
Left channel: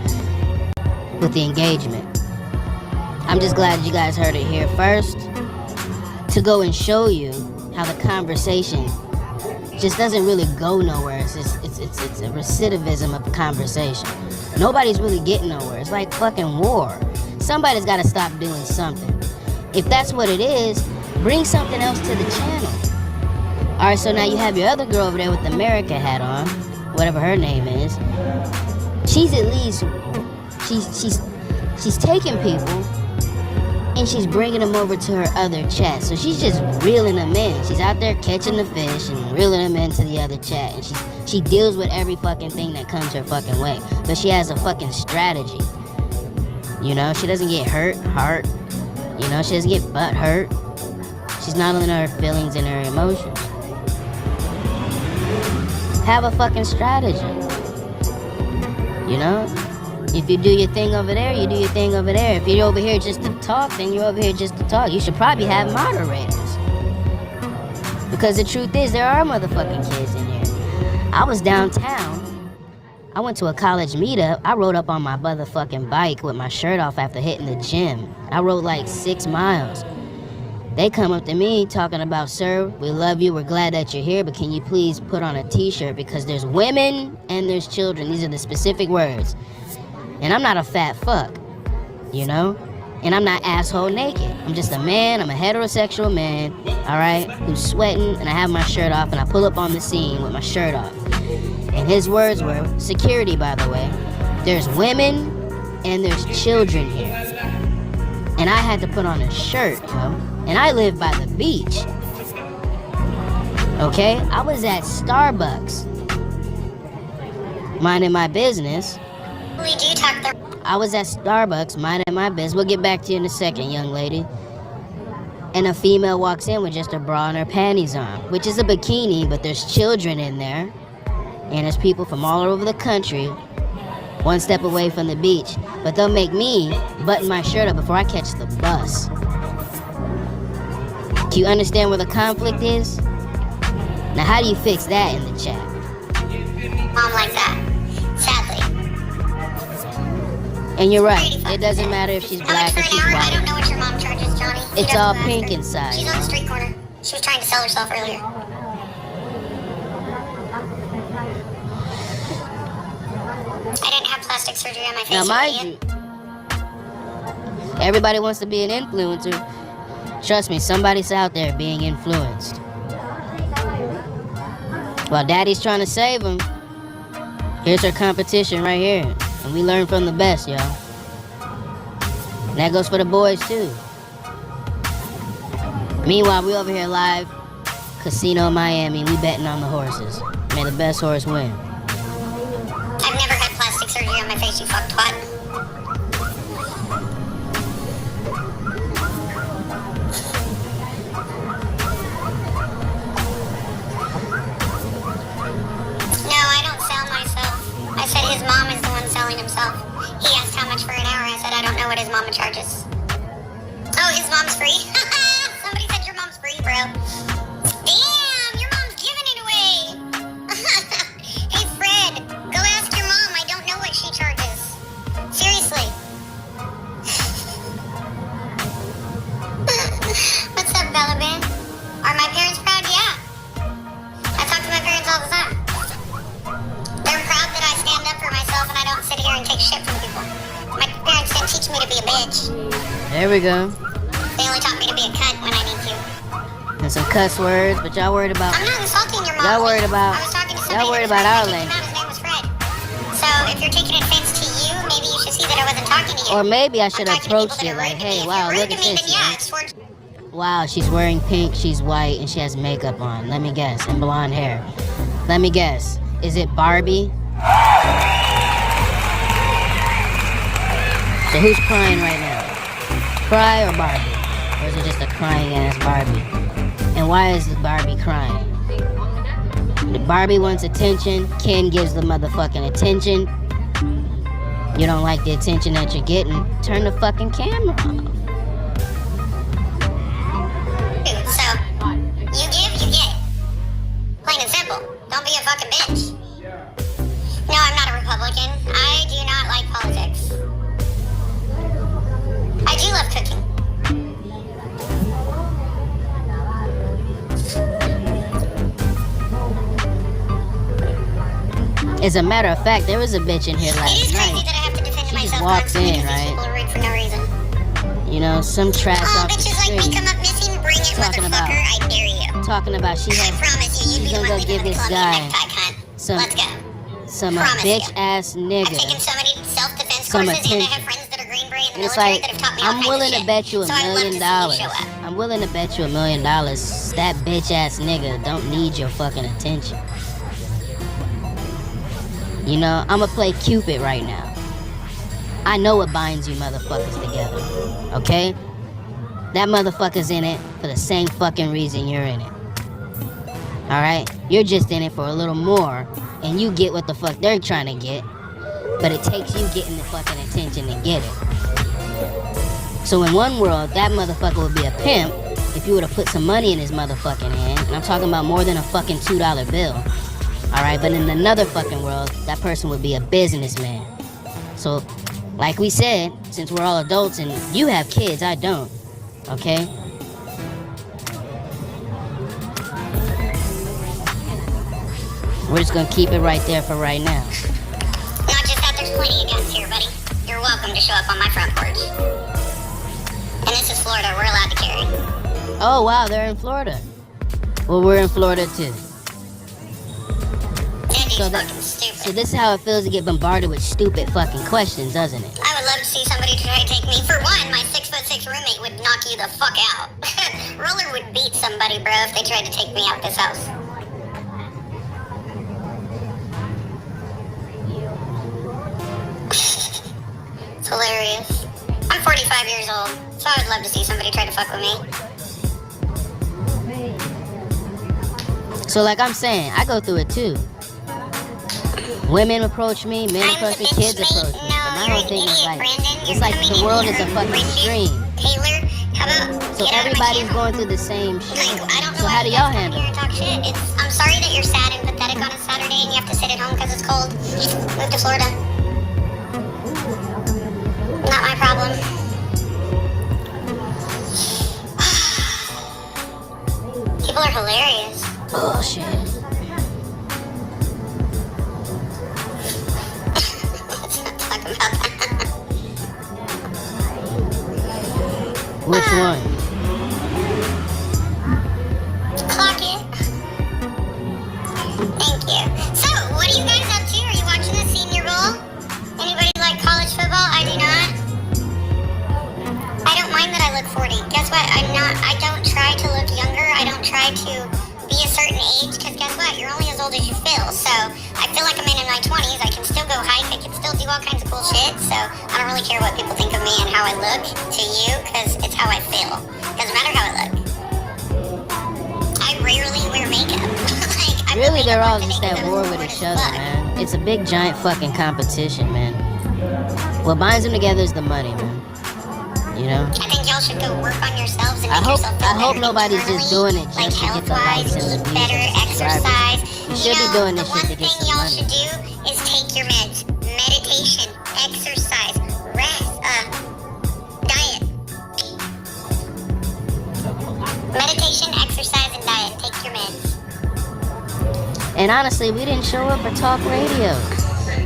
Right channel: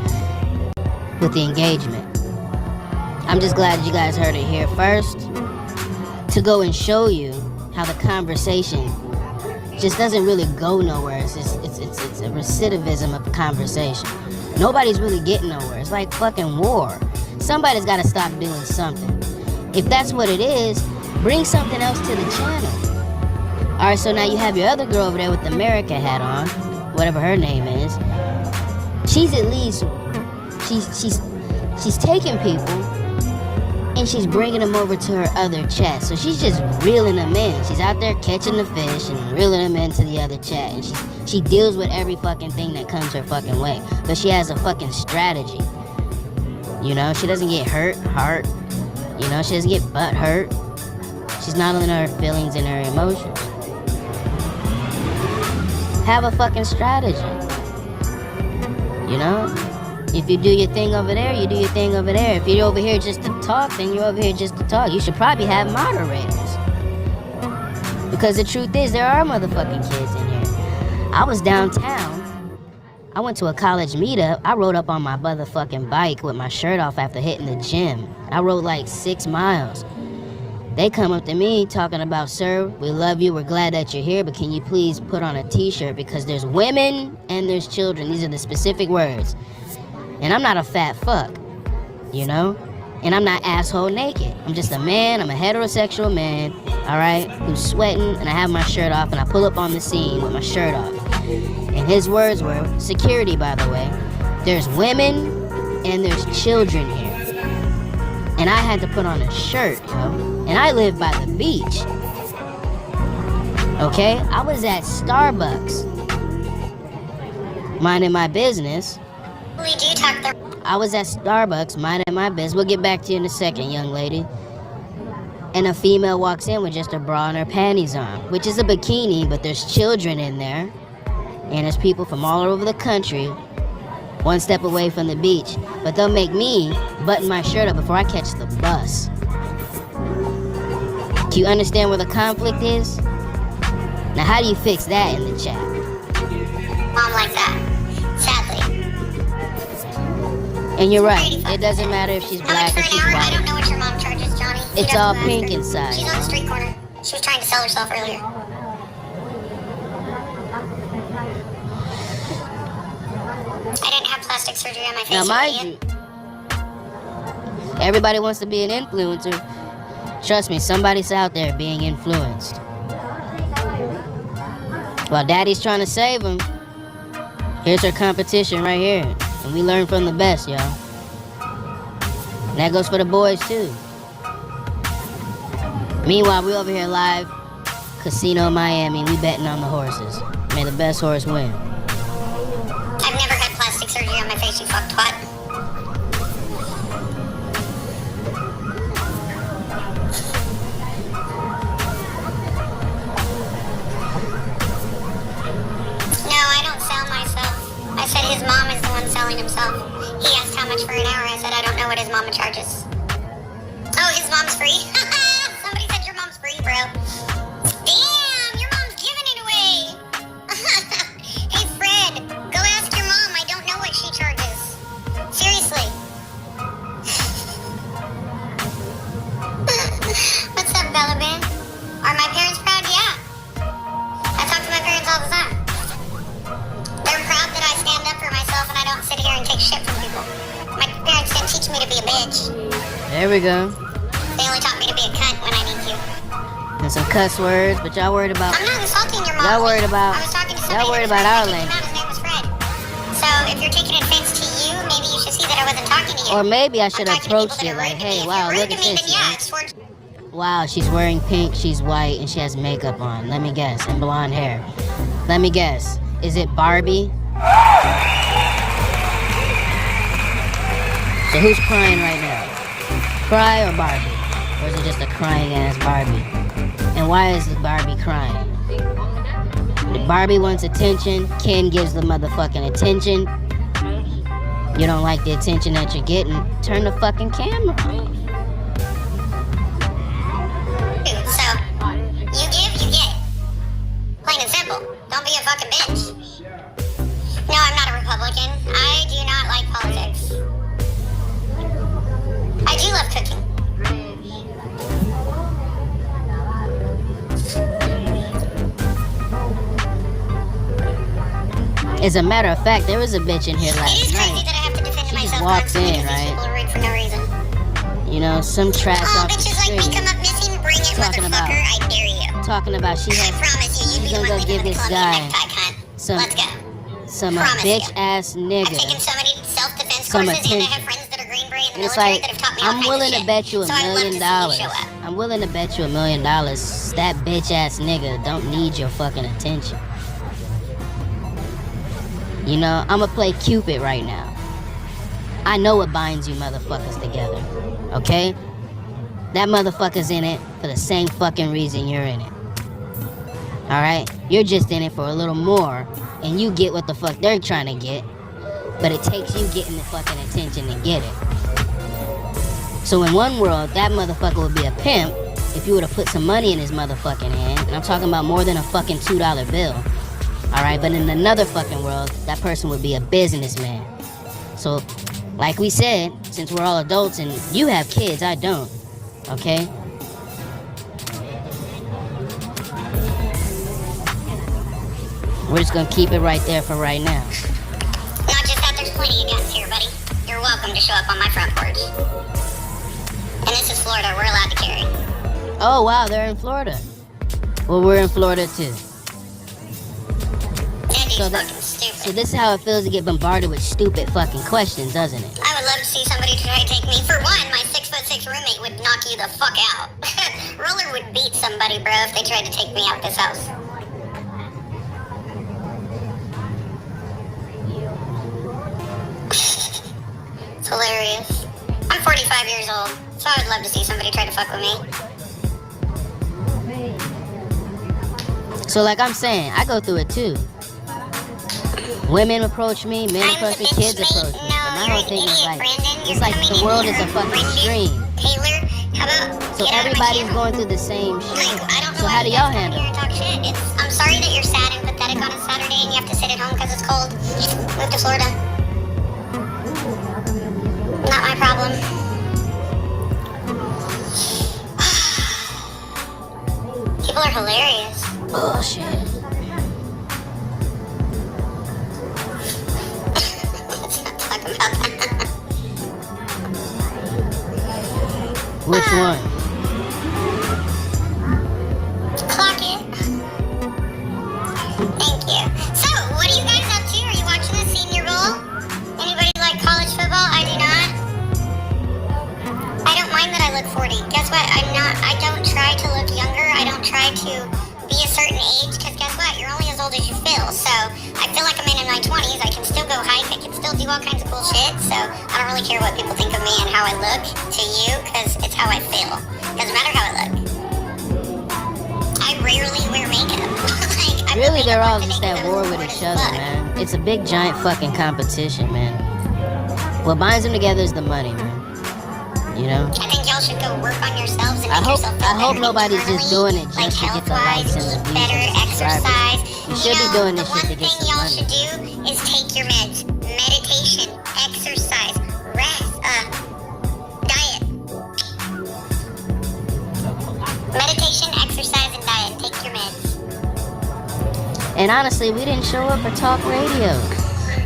with the engagement. I'm just glad you guys heard it here first to go and show you how the conversation just doesn't really go nowhere. It's a recidivism of conversation. Nobody's really getting nowhere. It's like fucking war. Somebody's got to stop doing something. If that's what it is, bring something else to the channel. All right, so now you have your other girl over there with the America hat on, whatever her name is. She's at least she's taking people and she's bringing them over to her other chat. So she's just reeling them in. She's out there catching the fish and reeling them into the other chat. And she deals with every fucking thing that comes her fucking way. But she has a fucking strategy. You know, she doesn't get hurt. You know, she doesn't get butt hurt. She's not in her feelings and her emotions. Have a fucking strategy. You know? If you do your thing over there, you do your thing over there. If you're over here just to talk, then you're over here just to talk. You should probably have moderators. Because the truth is, there are motherfucking kids in here. I was downtown. I went to a college meetup. I rode up on my motherfucking bike with my shirt off after hitting the gym. I rode like 6 miles. They come up to me talking about, sir, we love you, we're glad that you're here, but can you please put on a t-shirt because there's women and there's children. These are the specific words. And I'm not a fat fuck, you know? And I'm not asshole naked. I'm just a man, I'm a heterosexual man, all right, who's sweating, and I have my shirt off, and I pull up on the scene with my shirt off. And his words were, security, by the way, there's women and there's children here. And I had to put on a shirt, yo. And I live by the beach. Okay? I was at Starbucks, minding my business. I was at Starbucks, minding my business. We'll get back to you in a second, young lady. And a female walks in with just a bra and her panties on, which is a bikini, but there's children in there. And there's people from all over the country, one step away from the beach. But they'll make me button my shirt up before I catch the bus. Do you understand where the conflict is? Now, how do you fix that in the chat? Mom like that, sadly. And you're right. It doesn't matter if she's black or she's I white. don't know what your mom charges, Johnny. It's all pink inside. She's on the street corner. She was trying to sell herself earlier. I didn't have plastic surgery on my face. Now, mind you, everybody wants to be an influencer. Trust me, somebody's out there being influenced. While daddy's trying to save him, here's her competition right here. And we learn from the best, y'all. And that goes for the boys, too. Meanwhile, we over here live, Casino Miami. We betting on the horses. May the best horse win. I've never had plastic surgery on my face, you fuck twat. No, I don't sell myself. I said his mom is the one selling himself. He asked how much for an hour. I said I don't know what his mama charges. Oh, his mom's free? Somebody said your mom's free, bro. Damn, your mom's giving it away. Hey, Fred, go ask your mom. I don't know what she charges. Seriously. What's up, Bella Bear? Are my parents proud? Yeah. I talk to my parents all the time. They're proud that I stand up for myself and I don't sit here and take shit from people. My parents didn't teach me to be a bitch. There we go. They only taught me to be a cunt when I need to. And some cuss words, but y'all worried about... I'm not insulting your mom. Y'all worried about... I was talking to somebody Y'all worried about our language. His name was Fred. So if you're taking offense to you, maybe you should see that I wasn't talking to you. Or maybe I should approach it like, hey, wow, look at this. Wow, she's wearing pink, she's white, and she has makeup on. Let me guess. And blonde hair. Let me guess. Is it Barbie? So who's crying right now? Cry or Barbie? Or is it just a crying ass Barbie? And why is the Barbie crying? The Barbie wants attention. Ken gives the motherfucking attention. You don't like the attention that you're getting, turn the fucking camera on. So, you give, you get. Plain and simple. Don't be a fucking bitch. No, I'm not a Republican. I do not like politics. I do love cooking. As a matter of fact, there was a bitch in here last It is crazy night. that I have to defend She myself. just walks in, People right? are rude for no reason. You know, some trash off the Bitches like me street. come up missing, bring it, Talking about- motherfucker. I dare you. Talking about she I has, promise you, you'd she's be the gonna one go leaving give with a this Columbia guy necktie, cunt. some Let's go. some Promise bitch you. ass I've nigga. taken so many self-defense Some courses, and I attention. have friends that are Green Beret in the And it's military like, that have taught me all I'm kinds of willing to shit. bet you $1 So I'd love to million. see you show up. I'm willing to bet you $1 million. That bitch ass nigga don't need your fucking attention. You know, I'ma play Cupid right now. I know what binds you motherfuckers together. Okay? That motherfucker's in it for the same fucking reason you're in it. Alright? You're just in it for a little more, and you get what the fuck they're trying to get. But it takes you getting the fucking attention to get it. So in one world, that motherfucker would be a pimp if you would have put some money in his motherfucking hand. And I'm talking about more than a fucking $2 bill. Alright, but in another fucking world, that person would be a businessman. So, like we said, since we're all adults and you have kids, I don't. Okay? We're just gonna keep it right there for right now. Not just that, there's plenty of guns here, buddy. You're welcome to show up on my front porch. And this is Florida, we're allowed to carry. Oh wow, they're in Florida. Well, we're in Florida too. So this is how it feels to get bombarded with stupid fucking questions, doesn't it? I would love to see somebody try to take me. For one, my 6'6" roommate would knock you the fuck out. Roller would beat somebody, bro, if they tried to take me out this house. It's hilarious. I'm 45 years old, so I would love to see somebody try to fuck with me. So like I'm saying, I go through it too. Women approach me, men approach me, kids approach me. But my whole thing is like, it's like the world is a fucking stream. Taylor, how about So everybody's going through the same shit. So how do y'all handle it? talk shit? I'm sorry that you're sad and pathetic on a Saturday and you have to sit at home because it's cold. Move to Florida. Not my problem. People are hilarious. Bullshit. Let's not talk about that. Which one? Clock it. Thank you. So, what are you guys up to? Are you watching the Senior Bowl? Anybody like college football? I do not. I don't mind that I look 40. Guess what? I don't try to look younger. I don't try to be a certain age, because guess what? You're only as old as you feel. So, I feel like I'm in my 20s. I can still go hike. I can still do all kinds of cool shit. So, I don't really care what people think of me and how I look to you, because it's how I feel. Doesn't matter how I look. I rarely wear makeup. Really, they're all just at war with each other, man. It's a big, giant fucking competition, man. What binds them together is the money, man. You know? I think y'all should go work on yourselves and make yourself feel I hope better nobody's internally, just doing it just like to get the health-wise, likes and the views better and the subscribers. exercise. You should be doing this shit to get The one thing some y'all money. should do is take your meds. Meditation, exercise, rest, diet. Meditation, exercise, and diet. Take your meds. And honestly, we didn't show up for talk radio.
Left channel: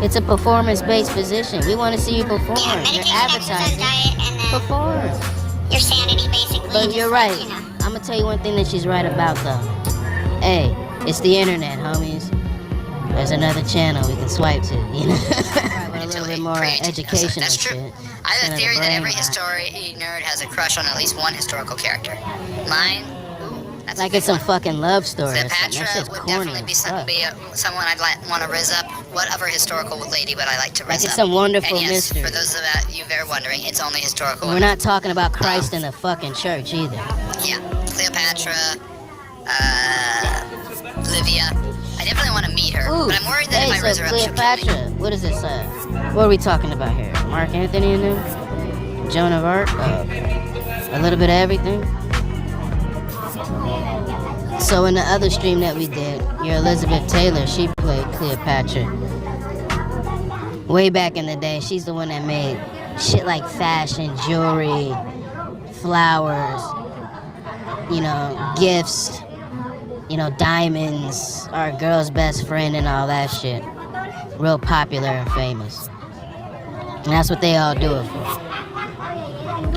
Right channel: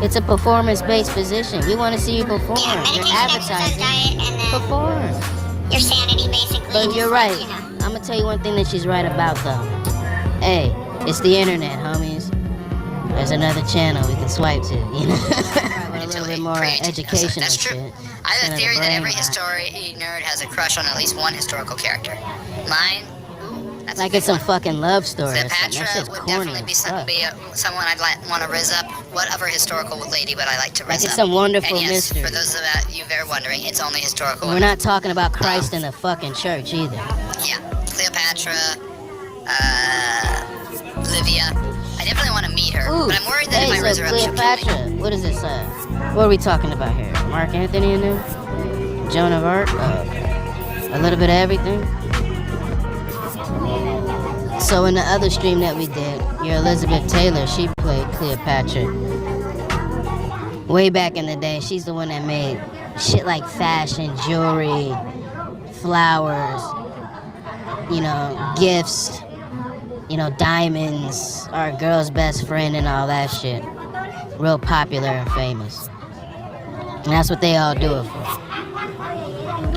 It's a performance-based position. We want to see you perform. You're advertising. Perform. Your sanity, basically. But you're right. I'm going to tell you one thing that she's right about, though. Hey, it's the internet, homies. There's another channel we can swipe to, you know? A little bit more educational That's true. shit. I have a theory that every brain history nerd has a crush on at least one historical character. Mine, that's like it's some fucking love story or something. That Cleopatra shit's would corny definitely be, as fuck. someone I'd want to rizz up. What other historical lady would I like to rizz Like it's up? some wonderful and yes, mystery. for those of you that are wondering, it's only historical. We're not talking about Christ in the fucking church either. Yeah, Cleopatra, Livia. I definitely want to meet her, Ooh, but I'm worried that if I rizz her up, she'll kill me. Cleopatra. What is this? What are we talking about here? Mark Anthony in there? Joan of Arc? A little bit of everything? So in the other stream that we did, your Elizabeth Taylor, she played Cleopatra. Way back in the day, she's the one that made shit like fashion, jewelry, flowers, you know, gifts, you know, diamonds, our girl's best friend and all that shit. Real popular and famous. And that's what they all do it for.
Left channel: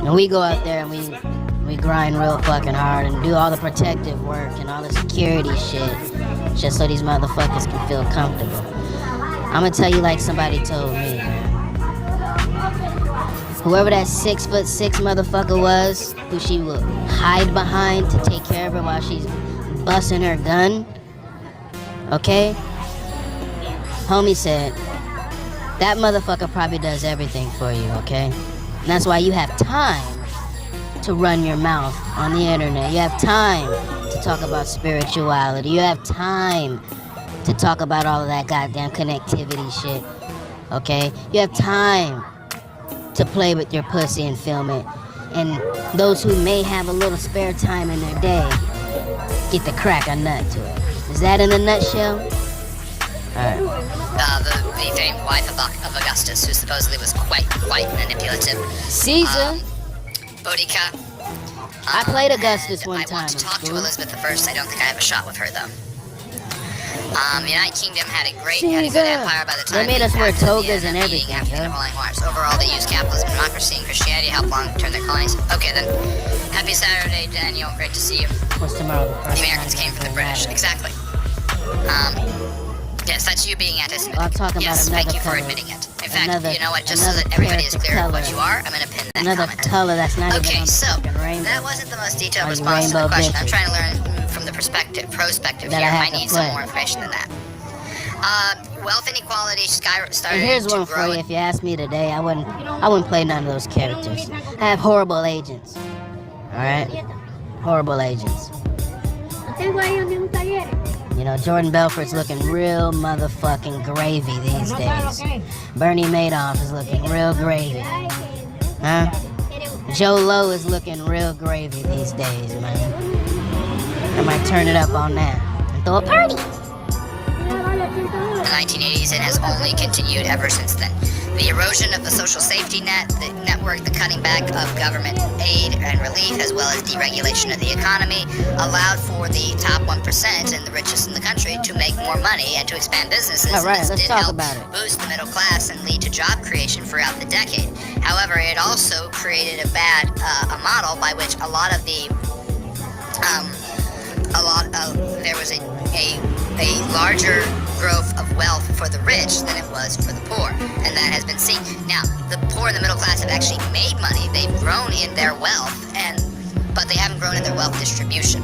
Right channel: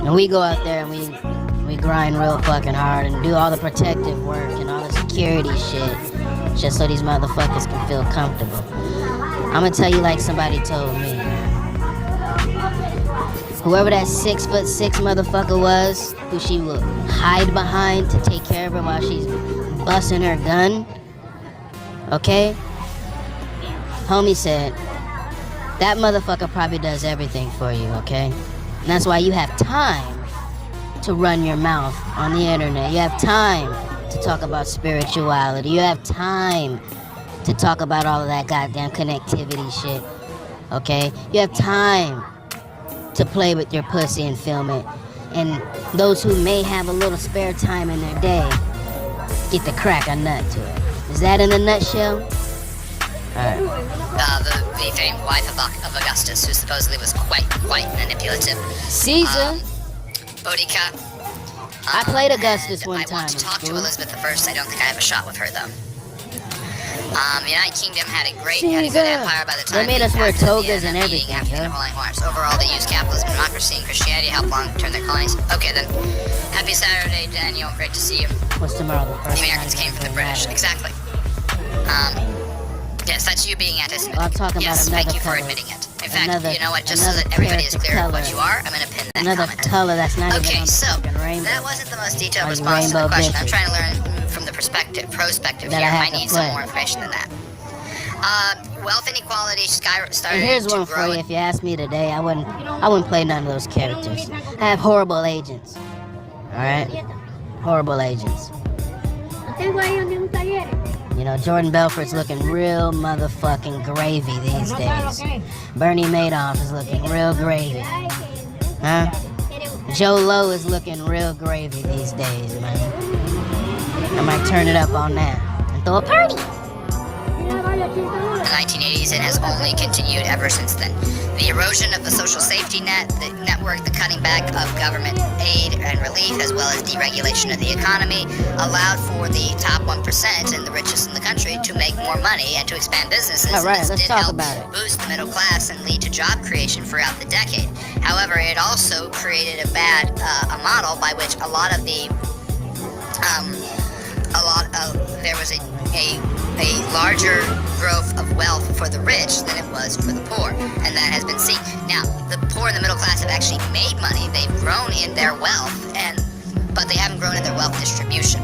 And we go out there and we grind real fucking hard and do all the protective work and all the security shit just so these motherfuckers can feel comfortable. I'm gonna tell you like somebody told me, man. Whoever that 6'6" motherfucker was, who she would hide behind to take care of her while she's busting her gun, okay? Homie said, that motherfucker probably does everything for you, okay? And that's why you have time to run your mouth on the internet. You have time to talk about spirituality. You have time to talk about all of that goddamn connectivity shit, okay? You have time to play with your pussy and film it. And those who may have a little spare time in their day get to crack a nut to it. Is that in a nutshell? Alright. The famed wife of Augustus, who supposedly was quite manipulative. Caesar. Boudica. I played Augustus one time. I want to talk to Elizabeth I. I don't think I have a shot with her, though. The United Kingdom had a good empire by the time they made us wear togas and everything, Overall, they used capitalism, democracy, and Christianity to help long-term their colonies. Okay, then. Happy Saturday, Daniel. Great to see you. What's tomorrow? The Americans came from the British. Exactly. Yes, that's you being anti-Semitic. I'm talking yes, about thank you for admitting it. In fact, you know what? Just so that everybody is clear on what you are, I'm going to pin that comment. Color that's not okay, even so rainbow. That wasn't the most detailed response to the question. I'm trying to learn from the prospective that here. I need some more information than that. Wealth inequality started and here's one to grow. for you. If you asked me today, I wouldn't play none of those characters. I have horrible agents. All right, horrible agents. You know, Jordan Belfort's looking real motherfucking gravy these days. Bernie Madoff is looking real gravy. Huh? Joe Lowe is looking real gravy these days, man. I might turn it up on that and throw a party. the 1980s and has only continued ever since then. The erosion of the social safety net, the network, the cutting back of government aid and relief, as well as deregulation of the economy, allowed for the top 1% and the richest in the country to make more money and to expand businesses. All right, and this let's did talk help about it. boost the middle class and lead to job creation throughout the decade. However, it also created a model by which a lot of the there was a larger growth of wealth for the rich than it was for the poor, and that has been seen. Now, the poor and the middle class have actually made money. They've grown in their wealth, but they haven't grown in their wealth distribution.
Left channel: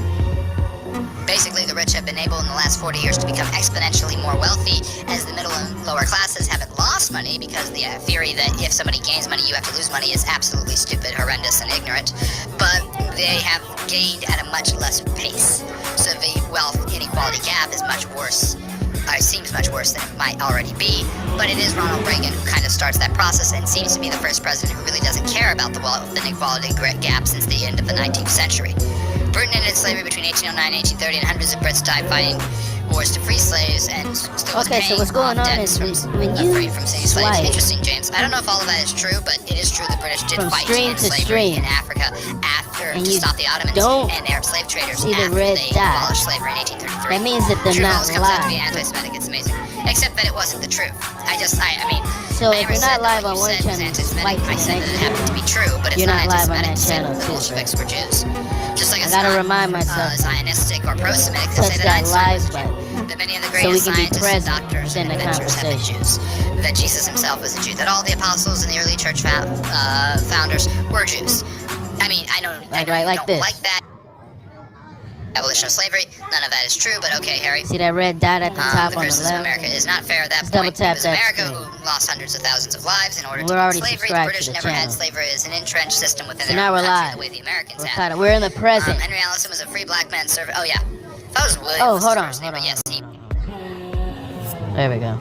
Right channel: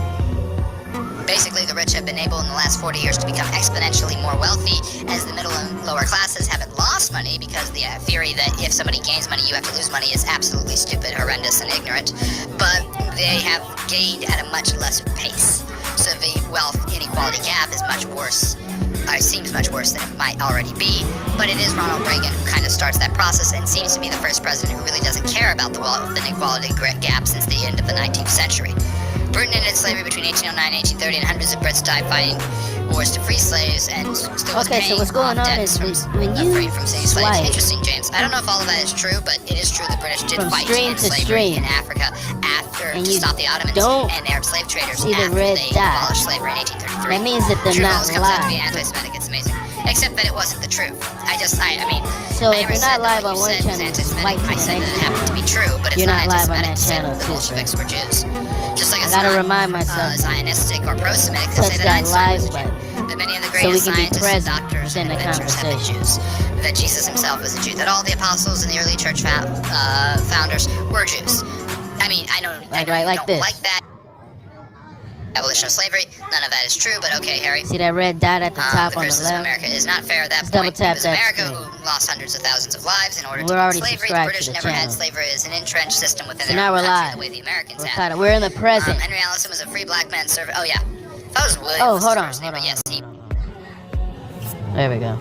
Basically, the rich have been able in the last 40 years to become exponentially more wealthy, as the middle and lower classes haven't lost money, because the theory that if somebody gains money, you have to lose money is absolutely stupid, horrendous, and ignorant. But they have gained at a much less pace. So the wealth inequality gap is much worse, seems much worse than it might already be. But it is Ronald Reagan who kind of starts that process and seems to be the first president who really doesn't care about the wealth inequality gap since the end of the 19th century. Britain ended slavery between 1809 and 1830, and hundreds of Brits died fighting wars to free slaves, and still was Okay, so what's going on is when you free from seeing slaves. swipe Interesting, James. I don't know if all of that is true, but it is true the British did from fight stream in to slavery stream, in Africa after and to you stop the Ottomans don't and Arab slave traders see the after red they dot, abolished slavery in 1833. that means that they're True not always comes out to be live. anti-Semitic. It's amazing. Except that it wasn't the truth. I mean, So I if never you're not said that live what on you one said was channel, anti-Semitic. swipe to I the said next that it happened to be true, but it's You're not not live on anti-Semitic that to say channel that the too, Bolsheviks bro. were Jews. Just like I it's gotta not remind myself. Zionistic or pro-Semitic to Touch say that that Einstein live was a button Jew. That many of the so we greatest can be scientists and present doctors within and the inventors have been conversation. Jews. That Jesus himself was a Jew. That all the apostles and the early church founders were Jews. I mean, I don't like like this. that. Abolition of slavery, none of that is true, but okay, Harry. See that red dot at the top The on the criticism of left? America is not fair at that Let's point. double tap It was that America screen. who lost hundreds of thousands of lives in order We're to already end slavery. The subscribed British to the never had channel. slavery as an entrenched system within So their now own we're country live. the way the Americans We're had. kinda, we're in the present. Henry Allison was a free black man servant. Oh, yeah. If I was William, Oh, was hold his on, first hold name, on, but yes, hold on. There we go.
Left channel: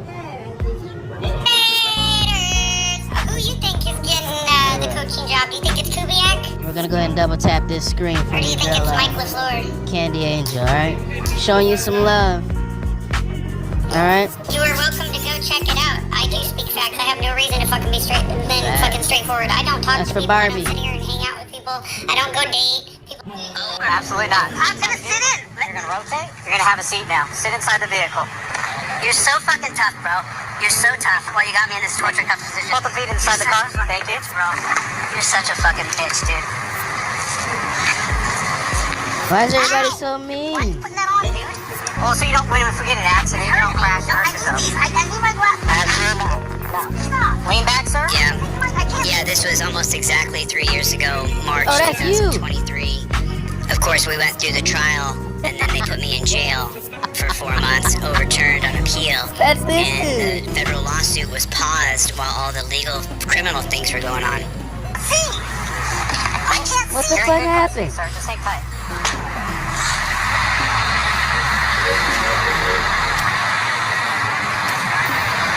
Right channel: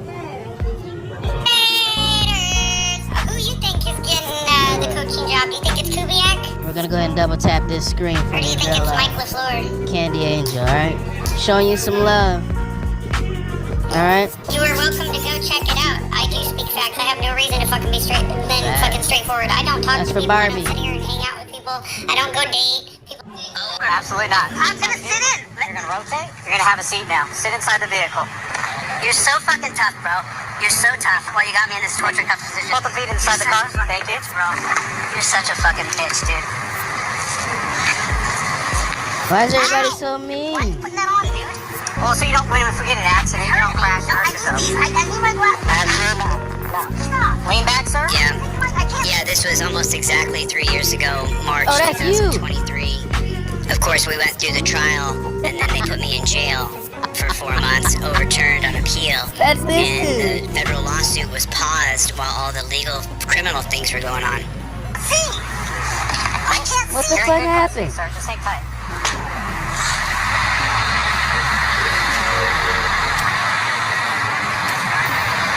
Who you think is getting the coaching job? Do you think it's Kubiak? We're gonna go ahead and double tap this screen for Or do you, you think it's Mike Bella. LaFleur? Candy Angel, alright? Showing you some love. Alright? You are welcome to go check it out. I do speak facts. I have no reason to fucking be fucking straightforward. I don't talk That's to for people. Barbie. I don't sit here and hang out with people. I don't go date. Absolutely not. I'm gonna sit in. You're gonna rotate? You're gonna have a seat now. Sit inside the vehicle. You're so fucking tough, bro. You're so tough. Well, you got me in this torture cuff position. Both the feet inside the car. Thank you. Bro. You're such a fucking bitch, dude. Why is everybody so mean? Putting that on, dude. Well, so you don't win if we get an accident. You don't crash and hurt yourself. I need my glasses. Stop. Lean back, sir. I can't. Yeah, this was almost exactly 3 years ago, March Oh, that's you. 2023. Of course, we went through the trial, and then they put me in jail for 4 months, overturned on appeal. That's this And dude. the federal lawsuit was paused while all the legal criminal things were going on. See? I can't What see. the fuck happened? Sir, just hang tight.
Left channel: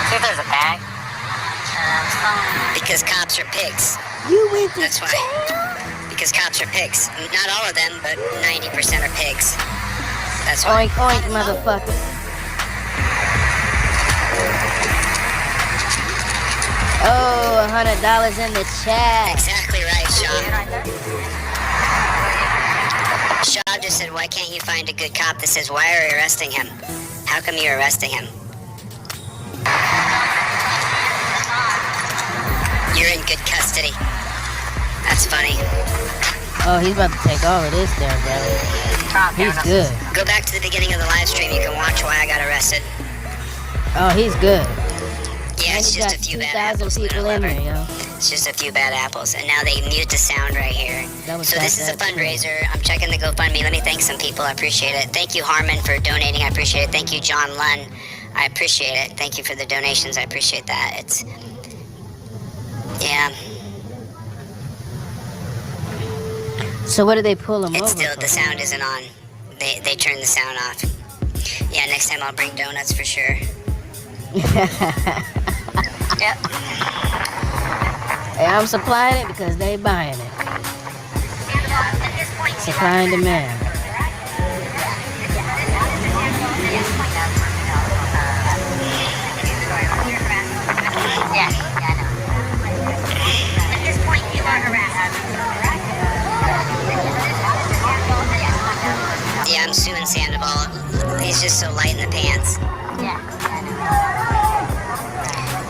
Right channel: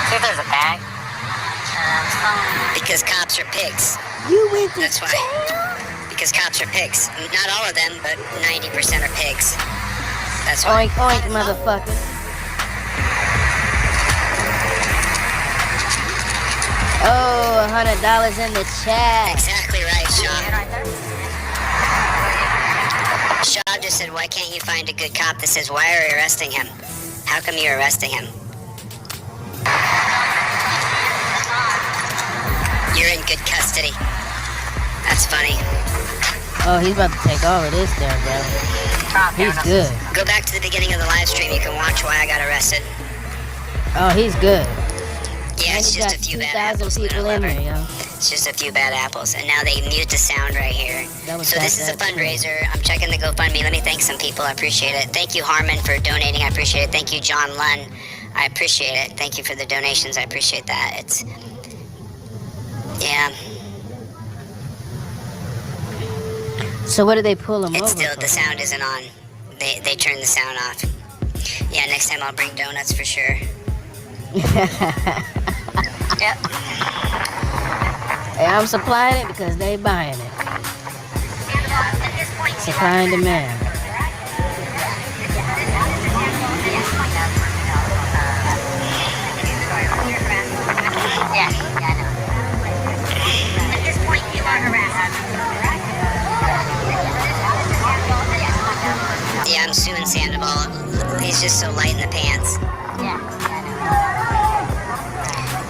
See if there's a bag. Because cops are pigs. You went to That's why. Because cops are pigs. Not all of them, but 90% are pigs. That's why. Oink, oink, motherfucker. Oh, $100 in the chat. Exactly right, Shaw. Shaw just said, why can't you find a good cop that says, why are you arresting him? How come you're arresting him? You're in good custody. That's funny. Oh, he's about to take all of this there, bro. He's good. Go back to the beginning of the live stream. You can watch why I got arrested. Oh, he's good. Yeah, it's And you just got a few bad 2,000 apples. people in there, yo. It's just a few bad apples. And now they mute the sound right here. So this is a fundraiser. I'm checking the GoFundMe. Let me thank some people. I appreciate it. Thank you, Harmon, for donating. I appreciate it. Thank you, John Lunn. I appreciate it. Thank you for the donations. I appreciate that. It's... Yeah. So what did they pull him It's over still... for? The sound isn't on. They turned the sound off. Yeah, next time I'll bring donuts for sure. Yep. Hey, I'm supplying it because they buying it. Supply and demand. just so light in the pants. Yeah.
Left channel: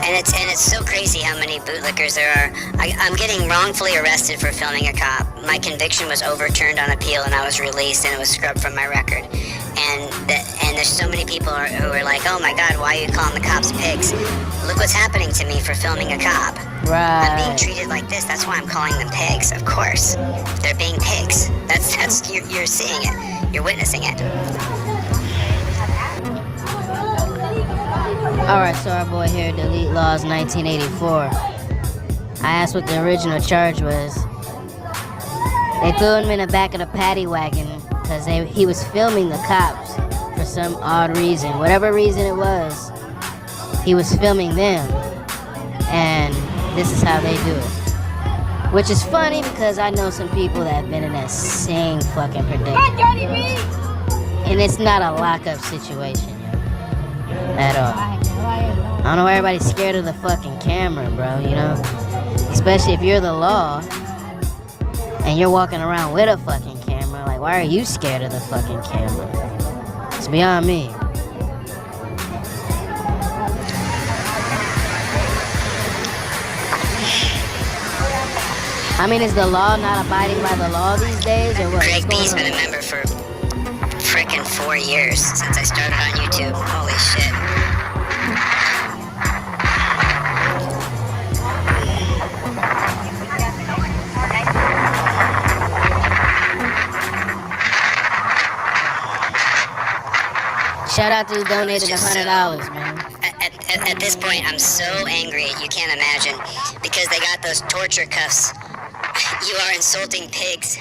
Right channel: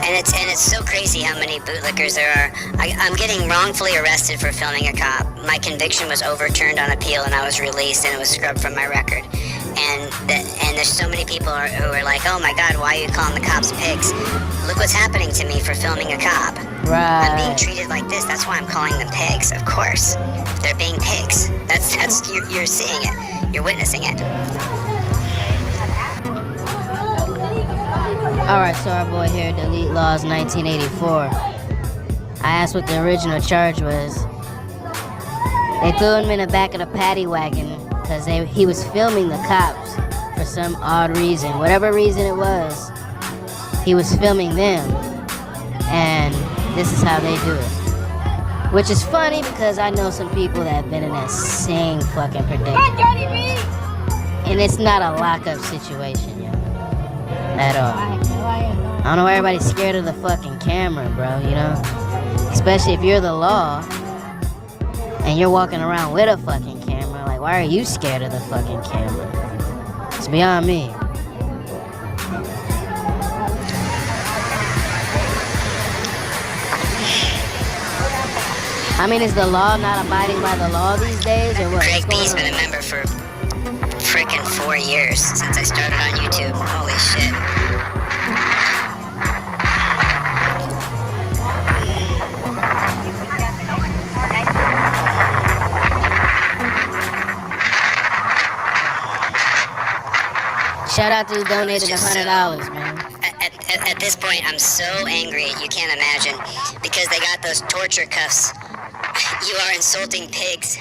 And it's so crazy how many bootlickers there are. I'm getting wrongfully arrested for filming a cop. My conviction was overturned on appeal, and I was released, and it was scrubbed from my record. And there's so many people who are like, oh my God, why are you calling the cops pigs? Look what's happening to me for filming a cop. Right. I'm being treated like this. That's why I'm calling them pigs. Of course, they're being pigs. That's you're seeing it. You're witnessing it. Alright, so our boy here, Delete Laws 1984. I asked what the original charge was. They threw him in the back of the paddy wagon because he was filming the cops for some odd reason. Whatever reason it was, he was filming them. And this is how they do it. Which is funny because I know some people that have been in that same fucking predicament. And it's not a lockup situation, yo. At all. I don't know why everybody's scared of the fucking camera, bro, you know? Especially if you're the law and you're walking around with a fucking camera. Like, why are you scared of the fucking camera? It's beyond me. I mean, is the law not abiding by the law these days, or what? Greg B's been a member for frickin' 4 years since I started on YouTube. Holy shit. Shout out to who donated $100, man. At this point, I'm so angry, you can't imagine. Because they got those torture cuffs. You are insulting pigs.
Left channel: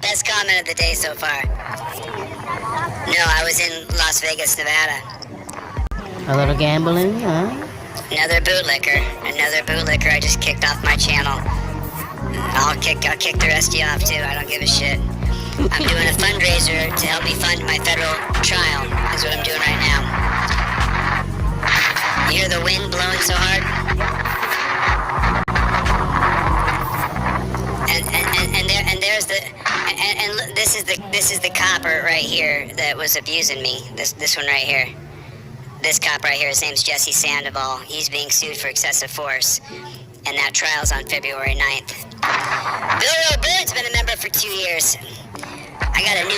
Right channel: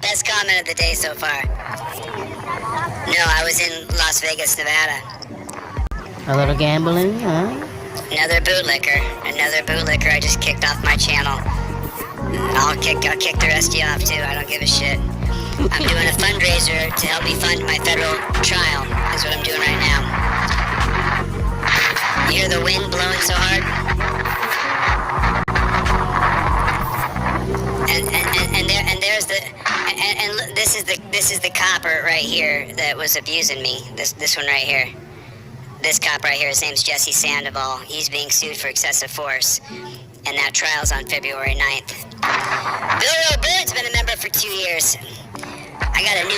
Best comment of the day so far. No, I was in Las Vegas, Nevada. A little gambling, huh? Another bootlicker. I just kicked off my channel. I'll kick the rest of you off too. I don't give a shit. I'm doing a fundraiser to help me fund my federal trial. Is what I'm doing right now. You hear the wind blowing so hard? And this is the copper right here that was abusing me. This one right here. This cop right here, his name's Jesse Sandoval. He's being sued for excessive force, and that trial's on February 9th. Bill Bird's been a member for 2 years. We have a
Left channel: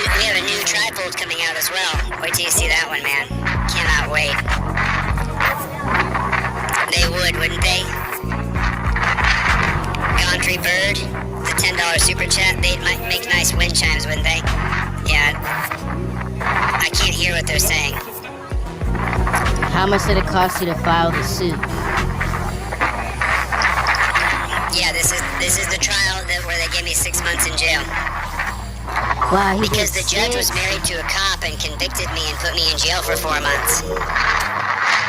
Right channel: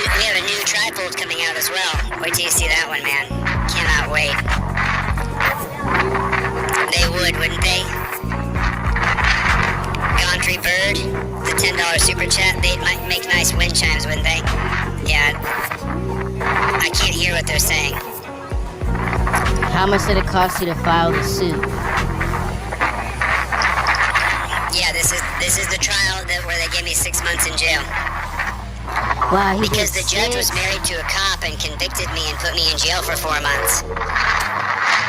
new trifold coming out as well. Wait till you see that one, man. Cannot wait. They would, wouldn't they? Gondry Bird, the $10 super chat, they'd make nice wind chimes, wouldn't they? Yeah. I can't hear what they're saying. How much did it cost you to file the suit? Yeah, this is the trial where they gave me 6 months in jail. Wow, because the judge was married to a cop and convicted me and put me in jail for 4 months.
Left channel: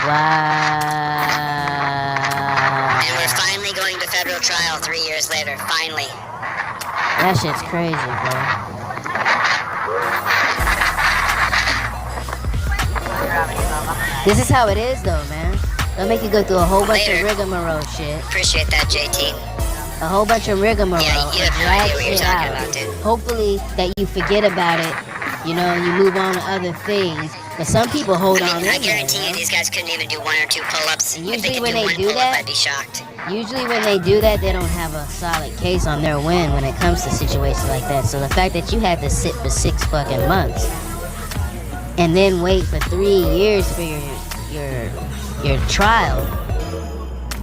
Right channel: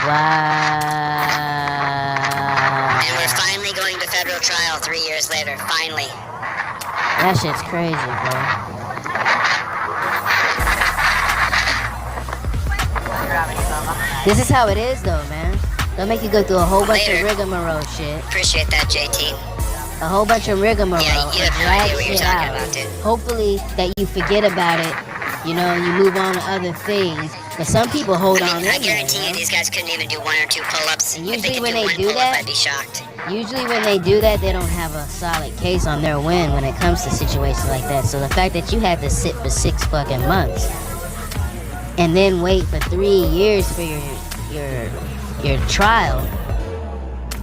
Wow. And we're finally going to federal trial 3 years later. Finally. That shit's crazy, bro. This is how it is, though, man. They'll make you go through a whole bunch of rigmarole shit. Appreciate that, JT. A whole bunch of rigmarole. Yeah, you have no idea what you're talking about, dude. Hopefully that you forget about it, you know, and you move on to other things. But some people hold on in I guarantee you these guys couldn't even do 1 or 2 pull-ups. And if they usually could when do they one do pull-up, that, I'd be shocked. usually when they do that, they don't have a solid case on their win when it comes to situations like that. So the fact that you had to sit for 6 fucking months and then wait for 3 years for your trial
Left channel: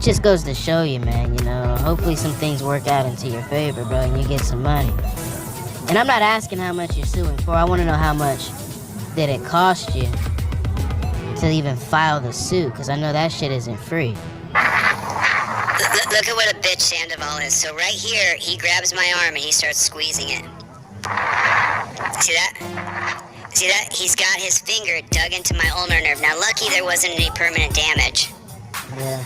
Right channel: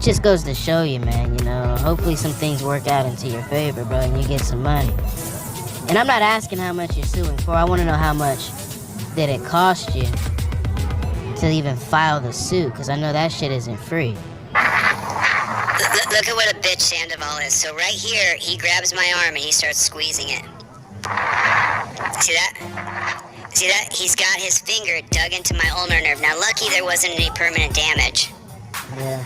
just goes to show you, man, you know. Hopefully some things work out into your favor, bro, and you get some money. And I'm not asking how much you're suing for. I want to know how much did it cost you to even file the suit, because I know that shit isn't free. Look at what a bitch Sandoval is. So right here, he grabs my arm and he starts squeezing it. See that? See that? He's got his finger dug into my ulnar nerve. Now, lucky there wasn't any permanent damage. Yeah.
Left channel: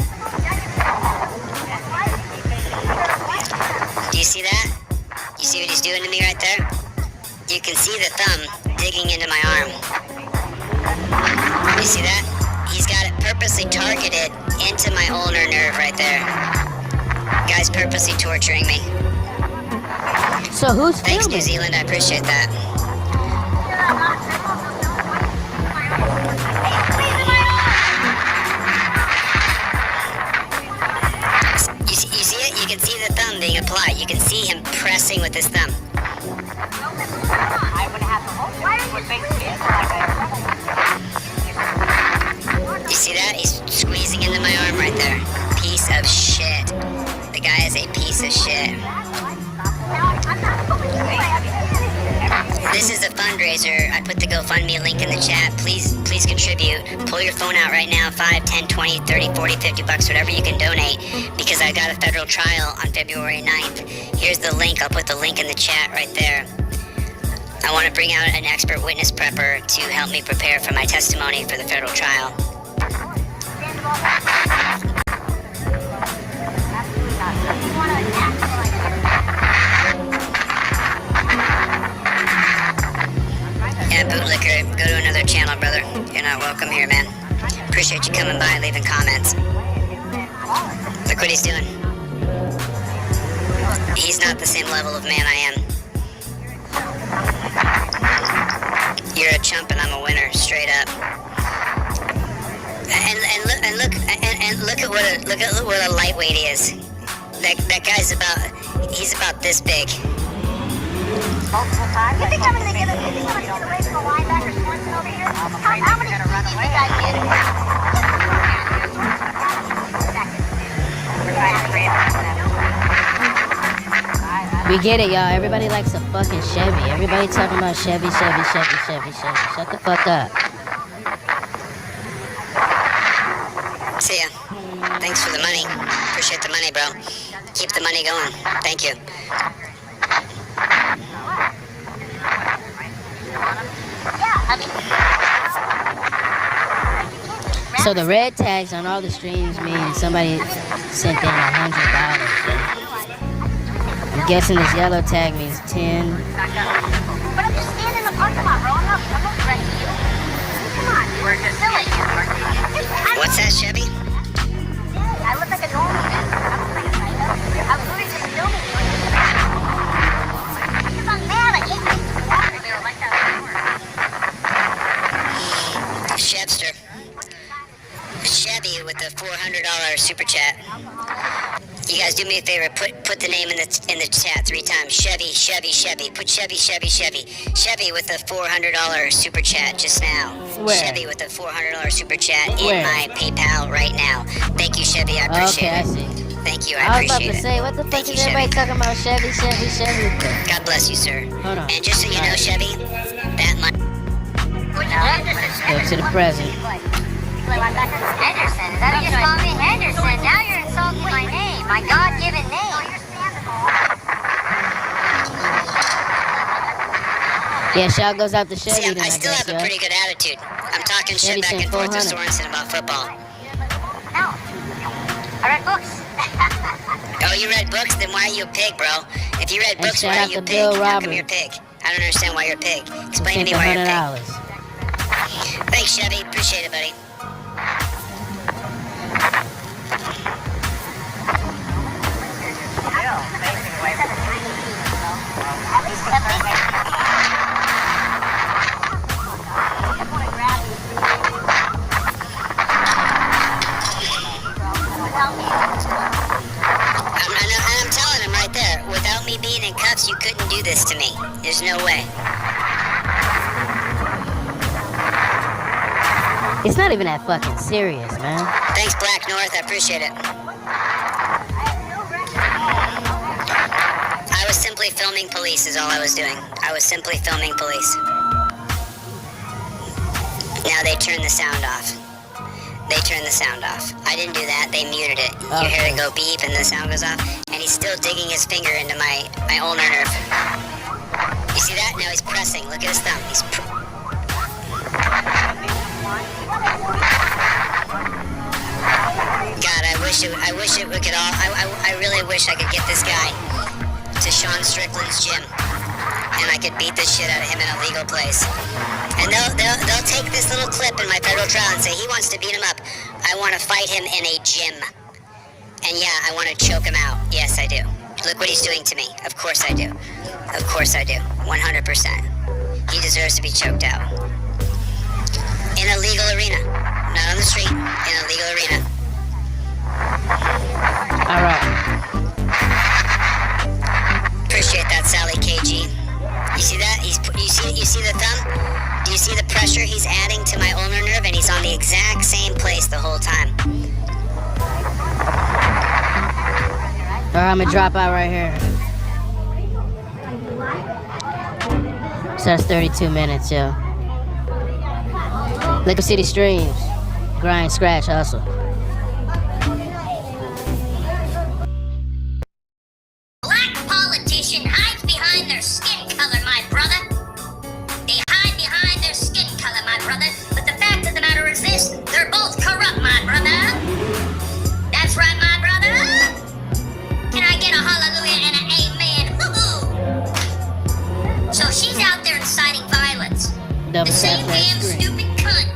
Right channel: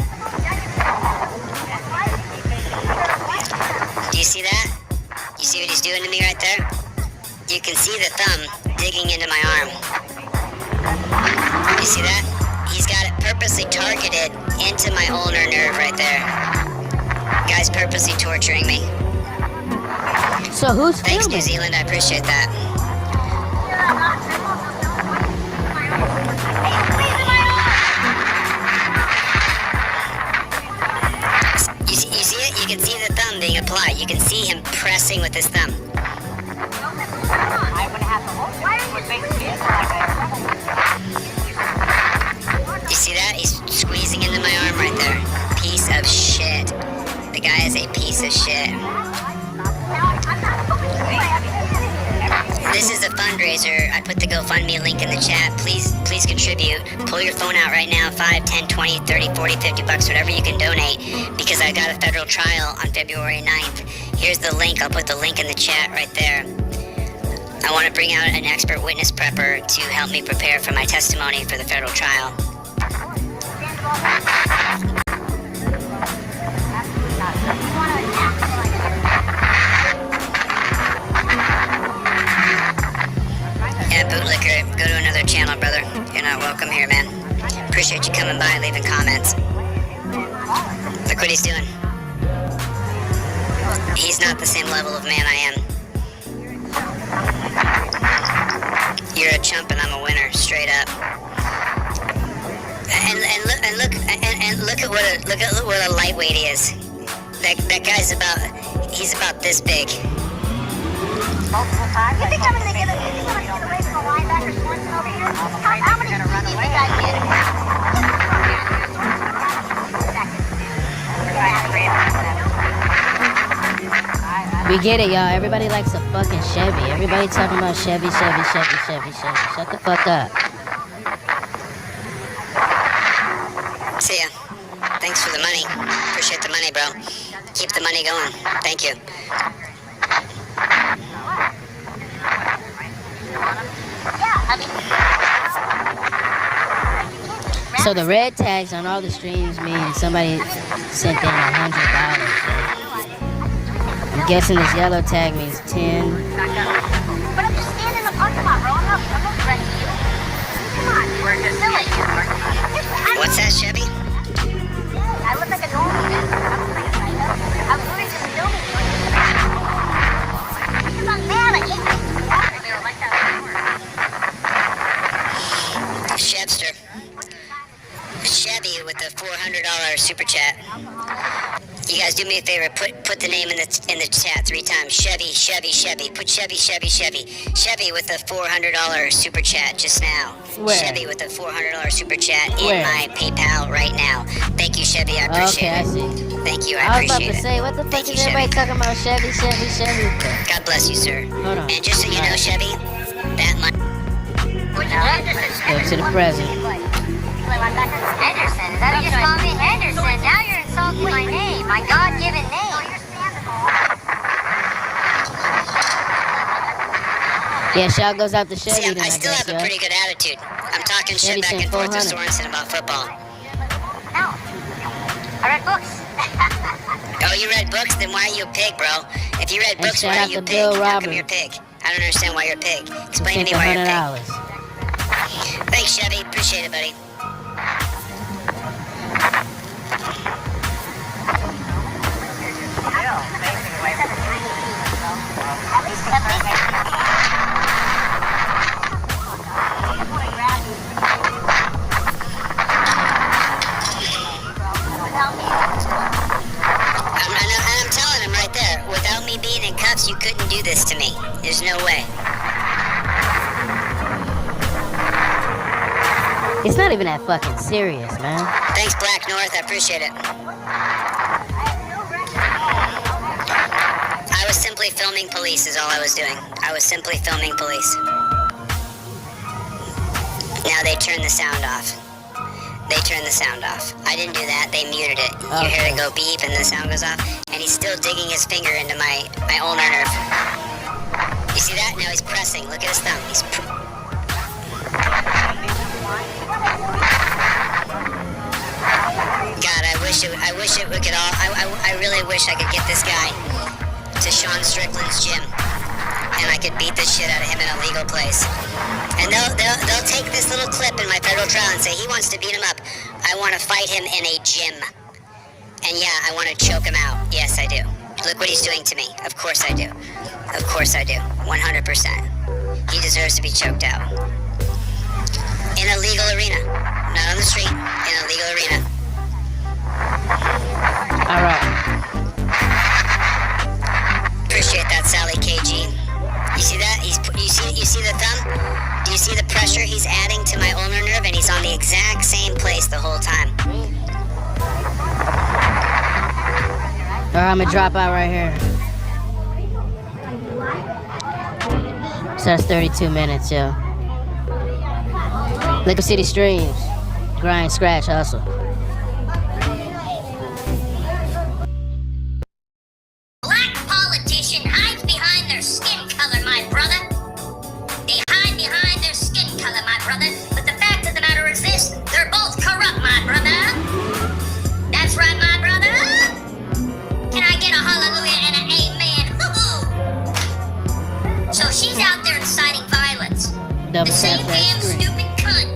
Do you see that? You see what he's doing to me right there? You can see the thumb digging into my arm. You see that? He's got it purposely targeted into my ulnar nerve right there. Guy's purposely torturing me. So who's Thanks, filming? New Zealand. I appreciate that. fundraiser. I put the GoFundMe link in the chat. Please contribute. Pull your phone out right now. 5, 10, 20, 30, 40, 50 bucks, whatever you can donate, because I got a federal trial on February 9th. Here's the link. I'll put the link in the chat right there. I want to bring out an expert witness prepper to help me prepare for my testimony for the federal trial. Yeah, bootlicker, go to another channel, brother. You're not welcome here, man. Appreciate you coming by and leaving comments. Look what he's doing. He's not the same level of man I am. You're a chump and I'm a winner, straight up. And look at what a lightweight he is. That guy's he's about this big. Multiple times. You think I'm gonna get away from the linebacker Swanson over here? How many do you think I We get it, y'all. Everybody likes a fucking Chevy. Everybody talking about Chevy. Shut the fuck up. See ya. Thanks for the money. Appreciate the money, bro. Keep the money going. Thank you. So the red tags on all the streams mean somebody sent in $100. I'm guessing this yellow tag means 10. But I'm just standing in the parking lot, bro. I'm not threatening you. Come on, we're just silly. What's that, Chevy? I look like a normal man. I was literally just filming you. Because I'm mad. I hate you. Like that Chevster. Chevy with the $400 super chat. You guys do me a favor, put the name in the chat 3 times. Chevy. Put Chevy. Chevy with the $400 super chat just now. Where? Chevy with the $400 super chat Where? in my PayPal right now. Thank you, Chevy. I appreciate Okay, I it. see. Thank you. I I was about appreciate to it. say, what the fuck Thank is you, everybody Chevy. talking about Chevy? God bless you, sir. Hold on. And just so you know, Chevy, that money. Go to the present. Henderson. Is that you just call me Henderson? Now you're insulting my name, my God-given name. Yeah, shout goes out to Chevy. See, then, I still guess, have a yo. pretty good attitude. I'm talking shit Chevy back said and forth to 400. Sorensen about football. No. I read books. Oh, you read books? Then why are you a pig, bro? If you read And books, shout why are out you a to pig? Bill How come Roberts. you're a pig? I don't understand why you're a pig. He Explain to sent me why you're a pig. $100. Thanks, Chevy. Appreciate it, buddy. I'm telling him right there, without me being in cuffs, you couldn't do this to me. There's no way. It's not even that fucking serious, man. Thanks, Black North. I appreciate it. I was simply filming police is all I was doing. I was simply filming police. Now they turn the sound off. They turned the sound off. I didn't do that. They muted it. You hear it go beep and the sound goes off. And he's still digging his finger into my ulnar nerve. You see that? Now he's pressing. Look at his thumb. He's God, I wish it could all. I really wish I could get this guy to Sean Strickland's gym, and I could beat the shit out of him in a legal place. And they'll take this little clip in my federal trial and say he wants to beat him up. I want to fight him in a gym, and yeah, I want to choke him out. Yes, I do. Look what he's doing to me. Of course I do. Of course I do. 100%. He deserves to be choked out in a legal arena, not on the street. In a legal arena. All right. Appreciate that, Sally KG. You see that? You see the thumb? Do you see the pressure he's adding to my ulnar nerve? And he's on the exact same place the whole time. All right, I'm gonna drop out right here. That's 32 minutes, yo. Liquid City Streams. Grind, scratch, hustle. Black politician hides behind their skin color, my brother. They hide behind their skin color, my brother. But the fact of the matter is this, they're both corrupt, my brother. That's right, my brother. Can I get a hallelujah and an amen? Woo-hoo. So she's out there inciting violence. The same damn stupid cunt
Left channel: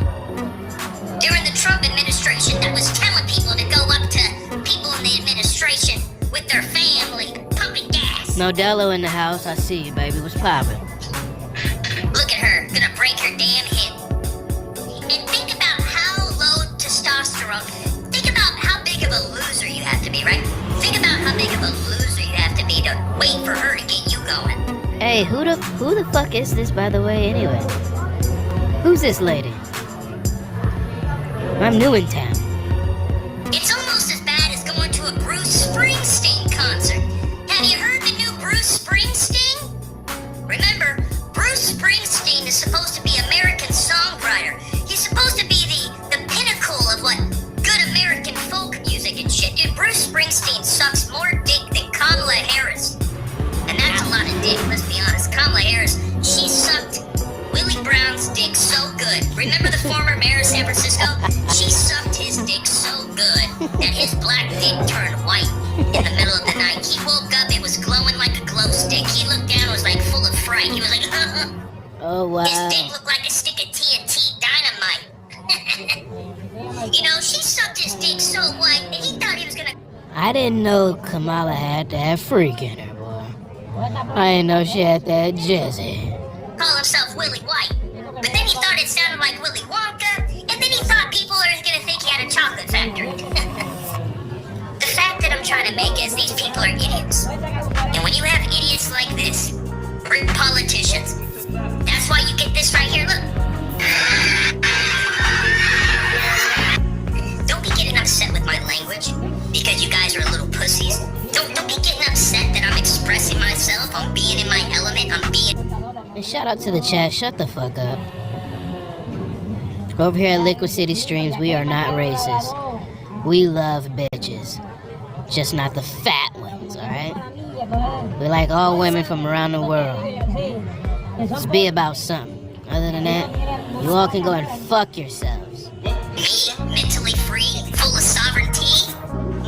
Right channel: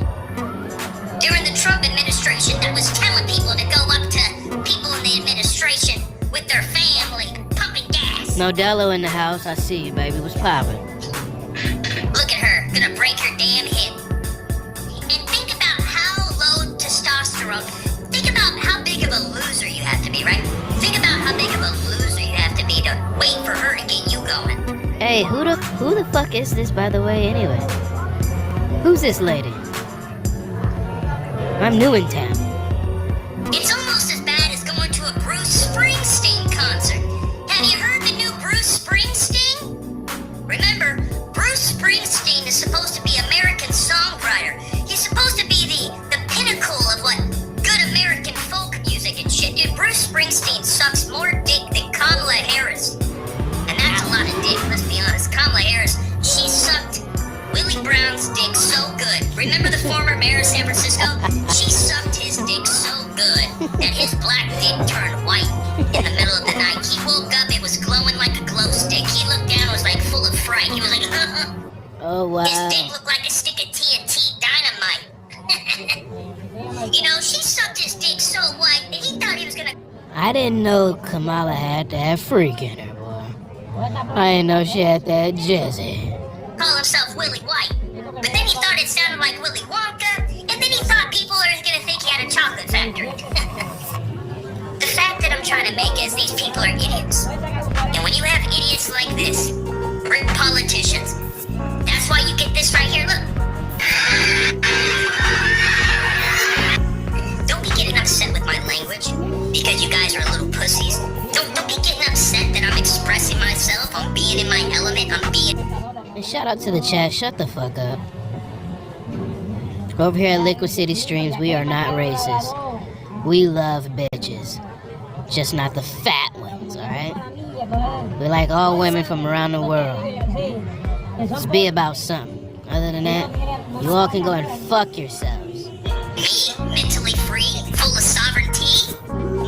during the Trump administration that was telling people to go up to people in the administration with their family, pumping gas. Modelo in the house. I see you, baby. What's poppin'? Look at her, gonna break her damn hip. And think about how low testosterone, think about how big of a loser you have to be, right? Think about how big of a loser you have to be to wait for her to get you going. Hey, who the fuck is this, by the way, anyway? Who's this lady? I'm new in town. It's almost as bad as going to a Bruce Springsteen concert. Have you heard the new Bruce Springsteen? Remember, Bruce Springsteen is supposed to be American songwriter. He's supposed to be the pinnacle of what good American folk music and shit. Dude, Bruce Springsteen sucks more dick than Kamala Harris. And that's a lot of dick, let's be honest. Kamala Harris, she sucked Willie Brown's dick so good. Remember the former mayor of San Francisco? She sucked his dick so good that his black dick turned white in the middle of the night. He woke up, it was glowing like a glow stick. He looked down, it was like full of fright. He was like, Oh, wow. His dick looked like a stick of TNT dynamite. You know, she sucked his dick so white that he thought he was gonna... I didn't know Kamala had that freak in her, boy. I didn't know she had that jizzy. Call himself Willie White. But then he thought it sounded like Willy Wonka, and then he thought people are gonna think he had a chocolate factory. The fact that I'm trying to make is these people are idiots. And when you have idiots like this, or politicians, that's why you get this right here, look. Don't be getting upset with my language, because you guys are little pussies. Don't be getting upset that I'm expressing myself, I'm being in my element, I'm being... And shout out to the chat, shut the fuck up. Over here at Liquid City Streams, we are not racist. We love bitches. Just not the fat ones, alright? We like all women from around the world. Just be about something. Other than that, you all can go and fuck yourselves. Me, mentally free, full of sovereignty.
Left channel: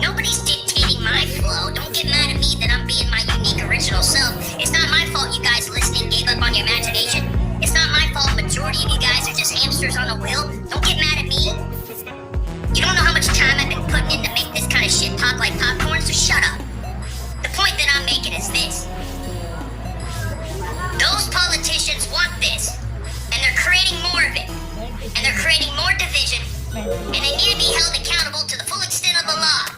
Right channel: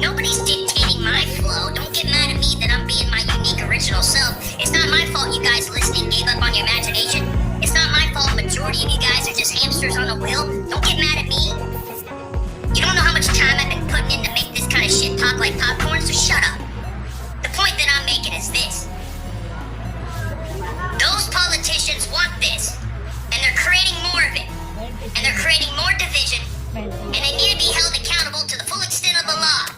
Nobody's dictating my flow. Don't get mad at me that I'm being my unique original self. It's not my fault you guys listening gave up on your imagination. It's not my fault majority of you guys are just hamsters on a wheel. Don't get mad at me. You don't know how much time I've been putting in to make this kind of shit pop like popcorn, so shut up. The point that I'm making is this. Those politicians want this, and they're creating more of it. And they're creating more division, and they need to be held accountable to the full extent of the law.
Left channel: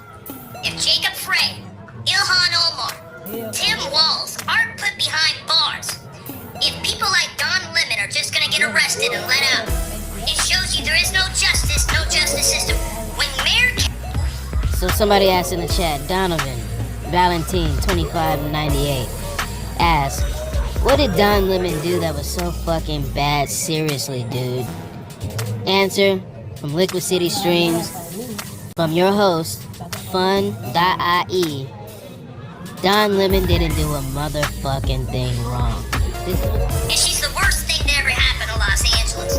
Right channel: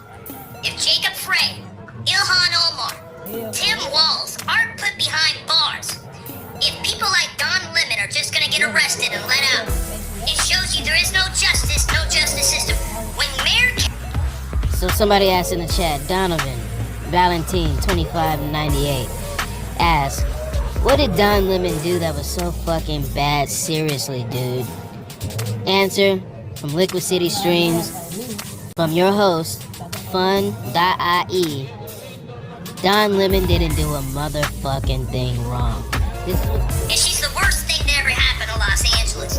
If Jacob Frey, Ilhan Omar, Tim Walz aren't put behind bars, if people like Don Lemon are just gonna get arrested and let out, it shows you there is no justice system. When Mayor... So somebody asked in the chat, Donovan, Valentine 2598, asked, what did Don Lemon do that was so fucking bad? Seriously, dude. Answer from Liquid City Streams, from your host, fun.ie. Don Lemon didn't do a motherfucking thing wrong. And she's the worst thing to ever happen to Los Angeles.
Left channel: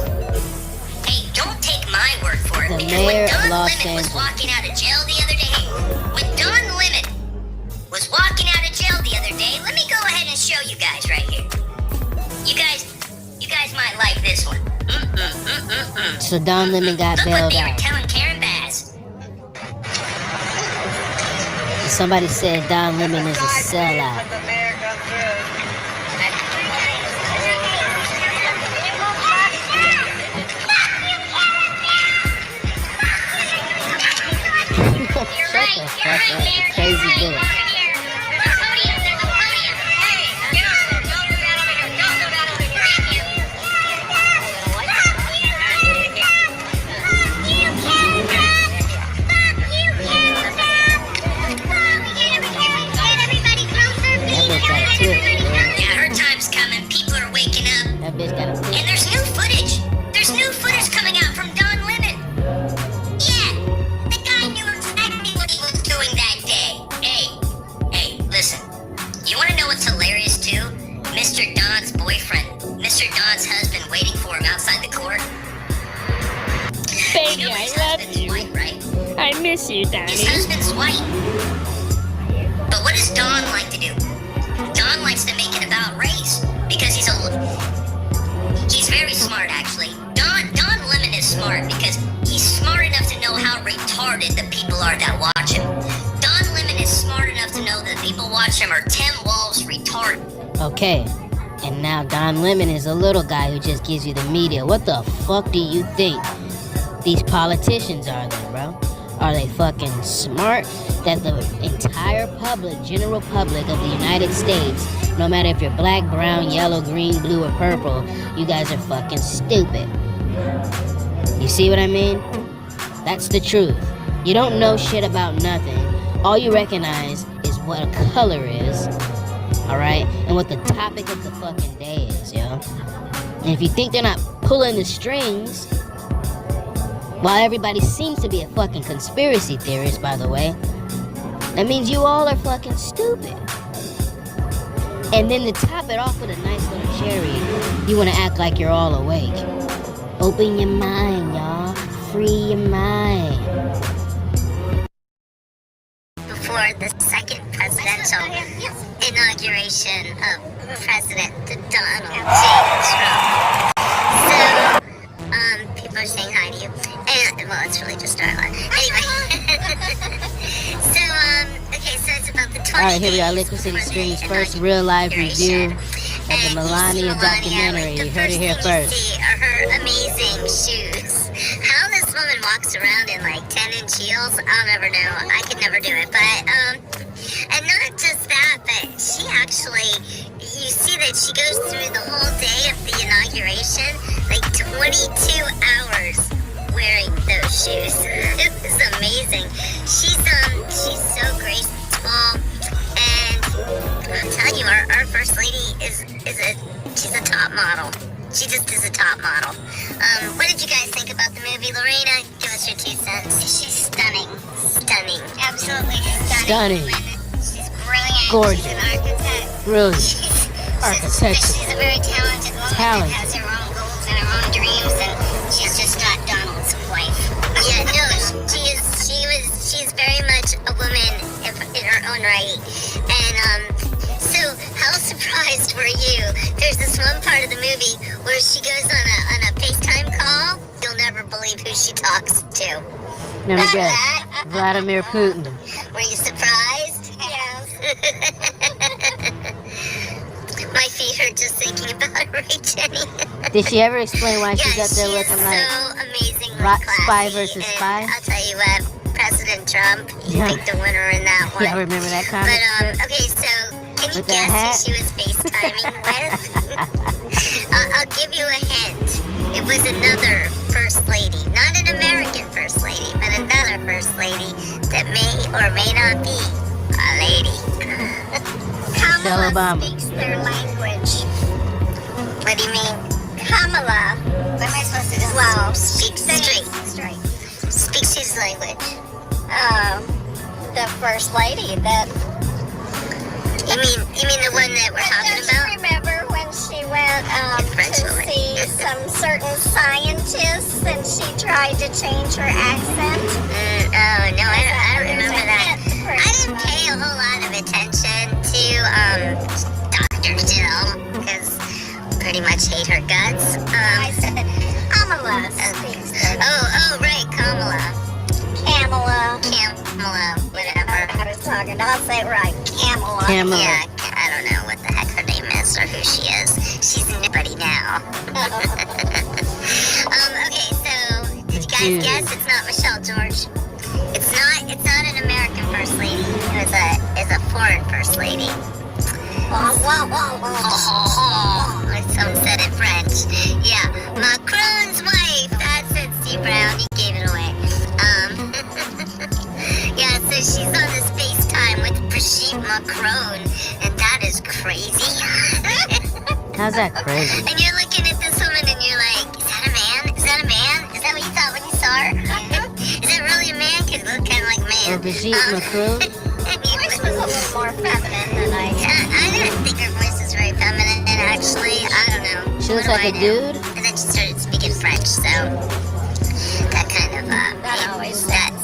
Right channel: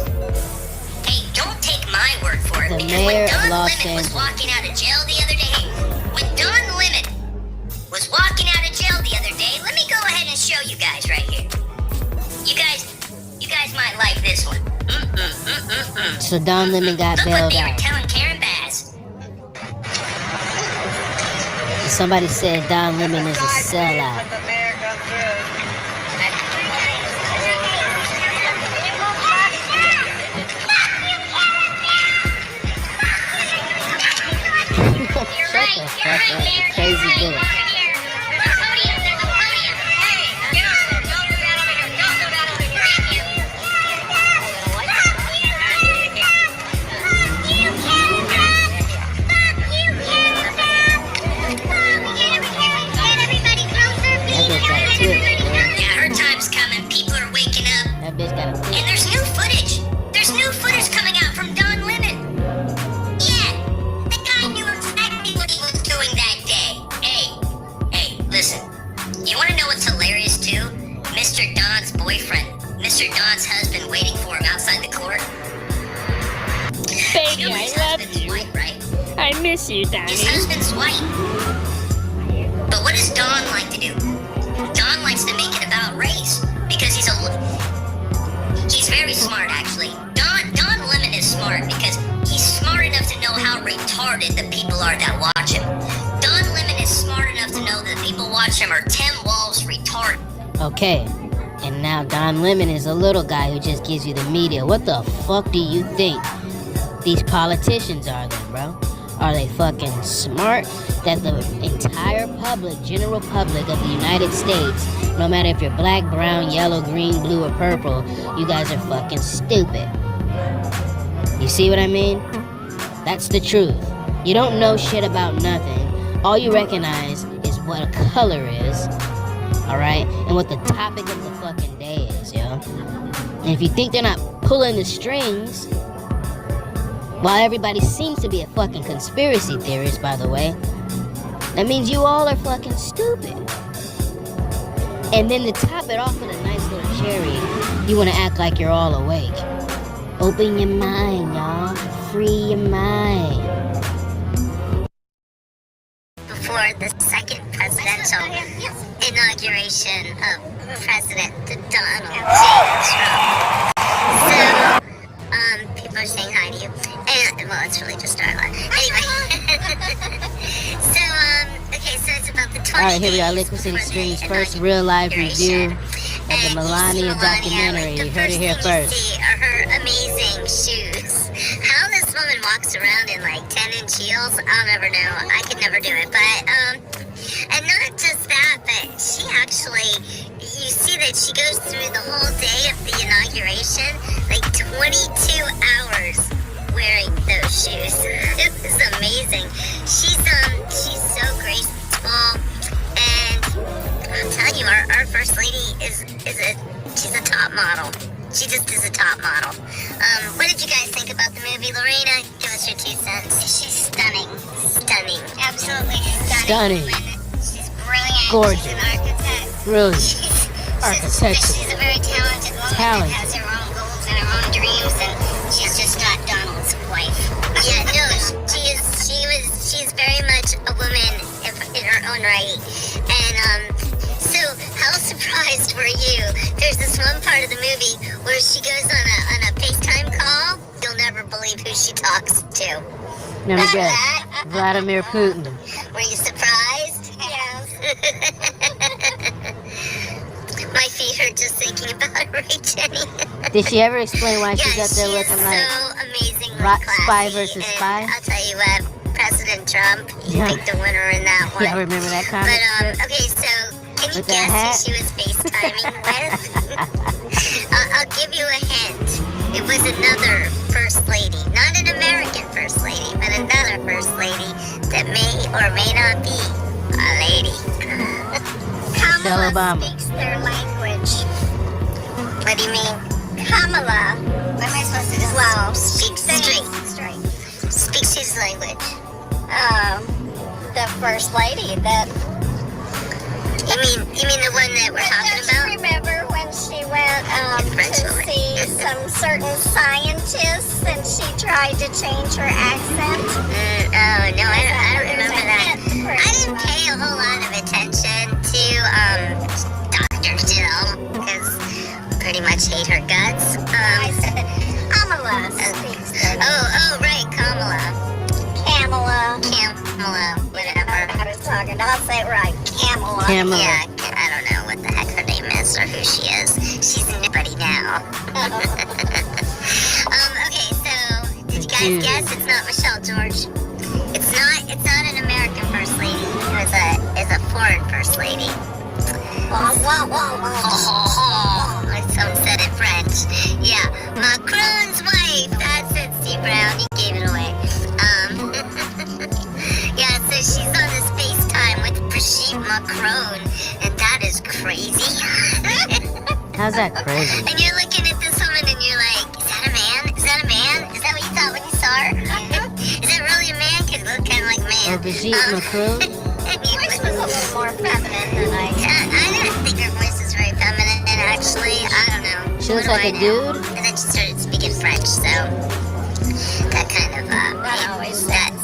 Hey, don't take my word for it, because when Don Lemon was walking out of jail the other day, let me go ahead and show you guys right here. You guys might like this one. So Don Lemon got bailed out. Telling Karen Bass. Somebody said Don Lemon is a sellout. Crazy bitch. miss you, Donnie. His husband's white. But what does Don like to do? Don likes to make it about race because he's very smart, actually. Don Lemon is smart because he's smart enough to know how retarded the people are that watch him. Don Lemon is smart enough to know that the people watch him are 10 walls retarded. Okay, and now Don Lemon is a little guy who just gives you the media. What the fuck do you think these politicians are then, bro? Are they fucking smart that the entire public, general public of the United States, no matter if you're black, brown, yellow, green, blue, or purple, you guys are fucking stupid? You see what I mean? That's the truth. You don't know shit about nothing. All you recognize is what a color is, alright? And what the topic of the fucking day is, yo. And if you think they're not pulling the strings, while everybody seems to be a fucking conspiracy theorist, by the way, that means you all are fucking stupid. And then to top it off with a nice little cherry, you want to act like you're all awake. Open your mind, y'all. Free your mind. Before the second presidential inauguration of President Donald J. Trump. So, people are saying hi to you. And, well, it's really just Darla. Anyway. Okay, so it's about the 20 Alright, here we are. LiquiCITY Stream's first real live review of the Melania documentary. You heard it here first. Are her amazing shoes. How this woman walks around in like 10-inch heels, I'll never know. I could never do it. But, and not just that, but she actually, you see that she goes through the whole day of the inauguration, like 22 hours wearing those shoes. It was amazing. She's so graceful, and I'll tell you, our first lady she's a top model. She just is a top model. What did you guys think about the movie, Lorena? Give us your 2 cents. She's stunning, absolutely stunning. She's brilliant. Gorgeous. She's an architect. Brilliant. Architecture. She's a very talented woman that has her own goals and her own dreams, and she's just not Donald's wife. Yeah, no, she's very much a woman in her own right. And so how surprised were you? There's this one part of the movie where she goes on a FaceTime call. You'll never believe who she talks to. Never guess. Vladimir Putin. Were you surprised? Yes. My feet hurt just thinking about it, right, Jenny? Did she ever explain why she's up there looking like so amazingly Spy versus Spy? I'll tell you what, President Trump, you picked the winner in that one. Yeah, I remember that comment. But, okay, so can you guess who she was FaceTiming with? I'll give you a hint. It was another First Lady. Not an American First Lady, but another First Lady that may or may not be a lady. Michelle Obama. Speaks their language. What do you mean? Kamala. What am I supposed to do? Well, speaks straight. Speaks his language. The First Lady that... You mean the one that we're talking about? Don't you remember when she went to see some certain scientists and she tried to change her accent? Oh, no, I don't remember that. I didn't pay a whole lot of attention to Dr. Jill because I pretty much hate her guts. I said Kamala speaks. Oh, right, Kamala, whatever. I was talking. I'll say it right. Kamala. Yeah, I don't know what the heck her name is or who she is. She's nobody now. Okay, so did you guys guess? It's not Michelle George. It's not an American First Lady. It's a foreign First Lady. Some said it French. Yeah, Macron's wife. That's it, Steve Brown. You gave it away. Yeah, so she's on this FaceTime with Brigitte Macron, and that is crazy. How's that crazy? And you're looking at this woman and you're like, is that a man? Is that a man? Is that what you thought when you saw her? Is that really a man? Because it looked kind of like a man. Or Brigitte Macron? Her voice was a little more feminine than I didn't think her voice was very feminine, actually. I don't know. She looks like a dude? And then she started speaking French, so that kind of, that always sounds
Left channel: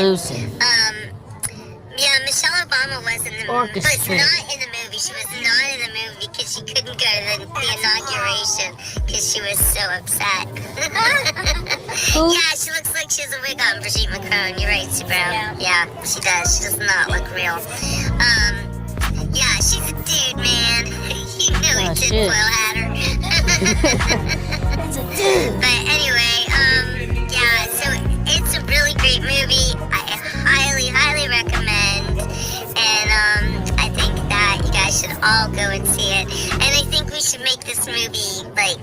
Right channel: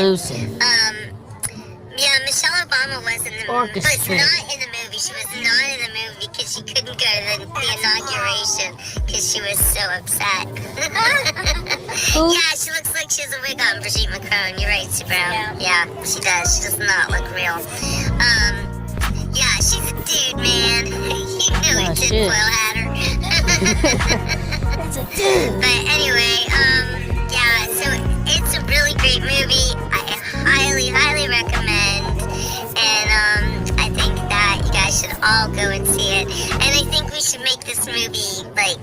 Inclusive. Yeah, Michelle Obama was in the movie. Was Orchestrated. not in the movie. She was not in the movie because she couldn't go to the inauguration because she was so upset. Yeah, she looks like she has a wig on, Brigitte Macron. You're right, Sue Brown. Yeah, she does. She does not look real. Yeah, she's a dude, man. You know Oh, it, shit. tinfoil hatter. It's a dude. But anyway, yeah, so it's a really great movie. I highly, highly recommend. And I think that you guys should all go and see it. And I think we should make this movie, like,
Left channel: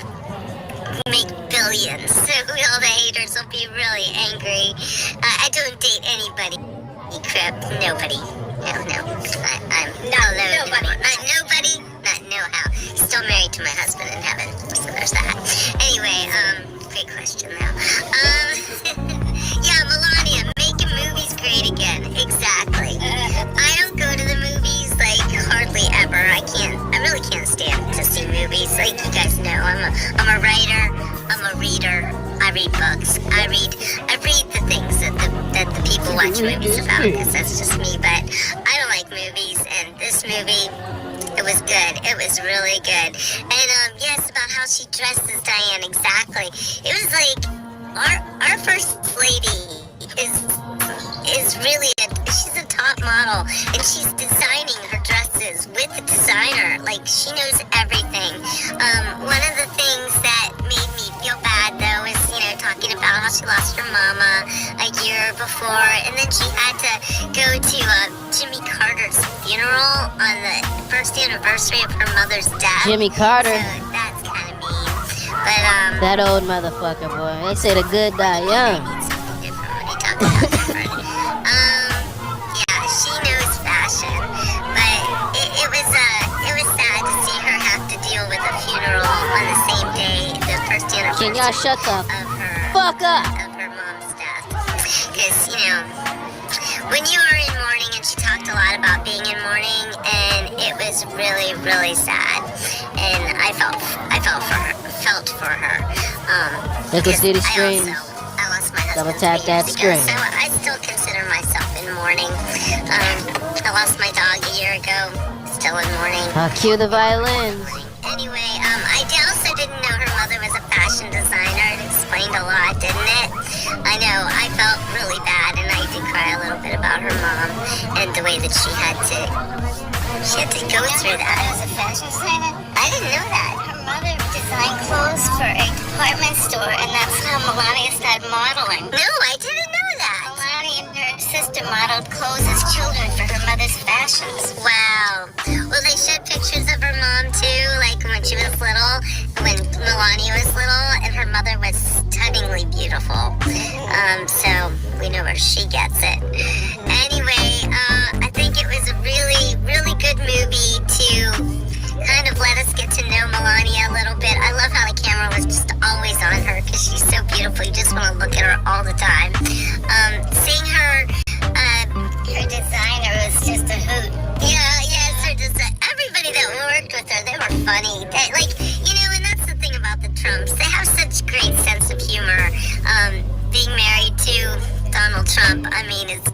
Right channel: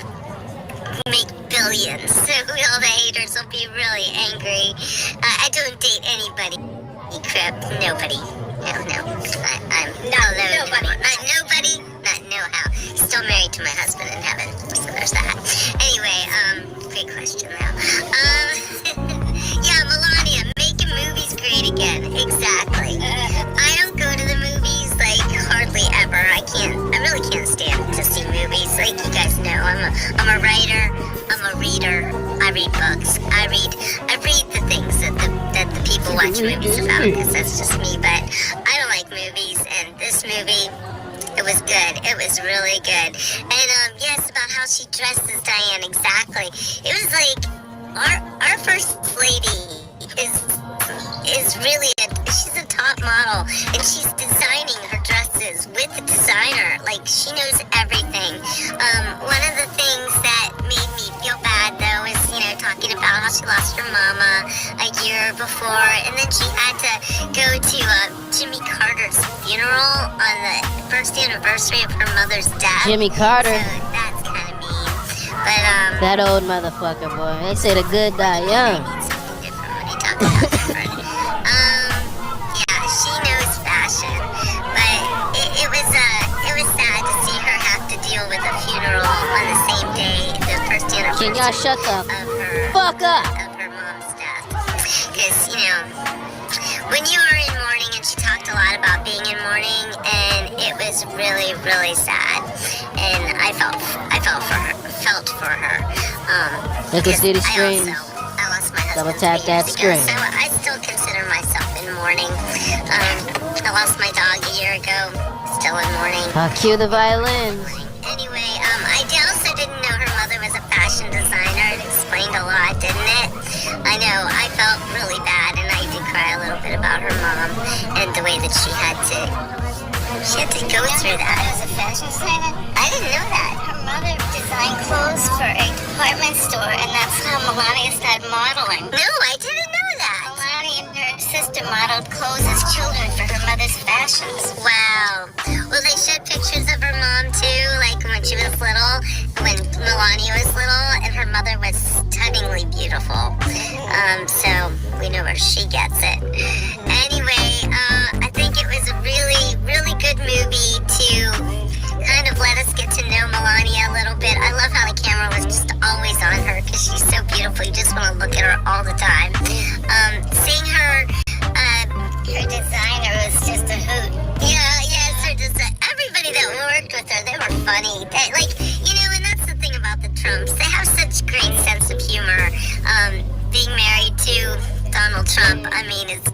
make billions. So all the haters will be really angry. I don't date anybody. Crap, nobody. No. I'm not alone. Not nobody, not no how. Still married to my husband in heaven. So there's that. Anyway, great question though. Yeah, Melania, making movies great again. Exactly. I don't go to the movies like hardly ever. I really can't stand to see movies. Like you guys know, I'm a writer. I'm a reader. I read books. I read the things that the people watch movies about because that's just me. But I don't like movies, and this movie, it was good. It was really good. And yes, about how she dresses Diane exactly. It was like our first lady is really she's a top model, and she's designing her dresses with the designer. Like she knows everything. One of the things that made me feel bad though is talking about how she lost her mama a year before, and then she had to go to Jimmy Carter's funeral on the first anniversary of her mother's death. Jimmy Carter. So that's kind of mean. But That old motherfucker, boy. They say the good die young. Yeah, she knows fashion, but it was sad to see her have to deal with a funeral on the same day, the first anniversary Can y'all shut the fuck up? of her mom's death. Because when you are in mourning, and she talked a lot about being in mourning, and it was really, really sad, and I felt for her. LiquiCITY streams. I lost my husband Double tap 3 that years ago, screen. so I still consider myself in mourning. I lost my dog a year ago, still in mourning. I'll cue the violins. Anyway, I also didn't know her mother was a fashion designer. It explained a lot, didn't it? I know, I felt really bad, and I did cry a little bit about her mom and the way that she had to go through that. As a fashion designer? I didn't know that. Her mother designed clothes for a department store, and that's how Melania started modeling. No, I didn't know that. Melania and her sister modeled clothes as children for her mother's fashions. Wow. Well, they showed pictures of her mom too, like when she was little, when Melania was little, and her mother was stunningly beautiful. So we know where she gets it. Anyway, I think it was a really, really good movie to kind of let us get to know Melania a little bit. I love how the camera was just always on her because she's so beautiful. You just want to look at her all the time. Seeing her designer was just a hoot. Yes, her design. Everybody that worked with her, they were funny. And that's the thing about the Trumps. They have such great sense of humor. Being married to Donald Trump, I mean, it's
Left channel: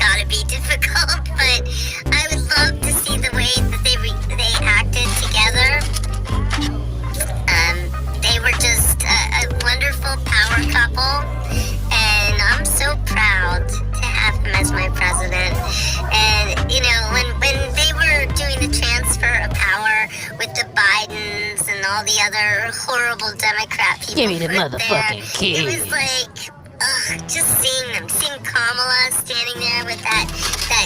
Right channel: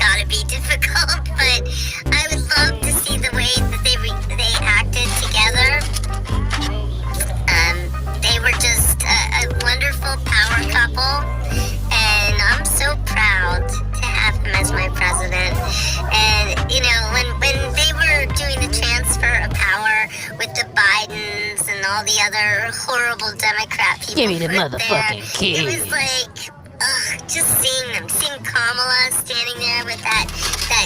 gotta be difficult, but I would love to see the way that they acted together. They were just a wonderful power couple, and I'm so proud to have him as my president. And when they were doing the transfer of power with the Bidens and all the other horrible Democrat people, Give me the put motherfucking there, key. it was like, just seeing Kamala standing there with that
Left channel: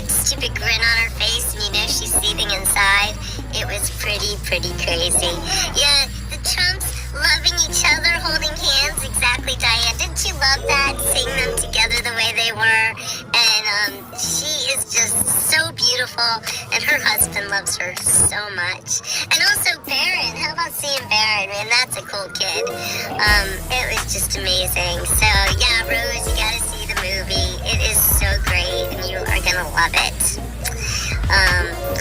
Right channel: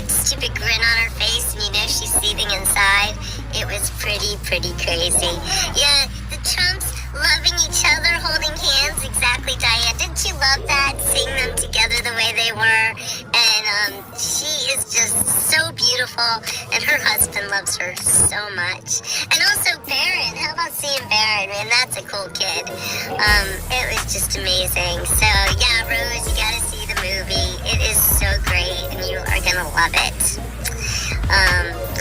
stupid grin on her face, and she's seething inside. It was pretty crazy. Yeah, the Trumps loving each other, holding hands. Exactly, Diane. Didn't you love that? Seeing them together the way they were. And she is just so beautiful, and her husband loves her so much. And also Barron. How about seeing Barron? Man, that's a cool kid. It was just amazing. So yeah, Rose, you gotta see the movie. It is so great, and you are gonna love it.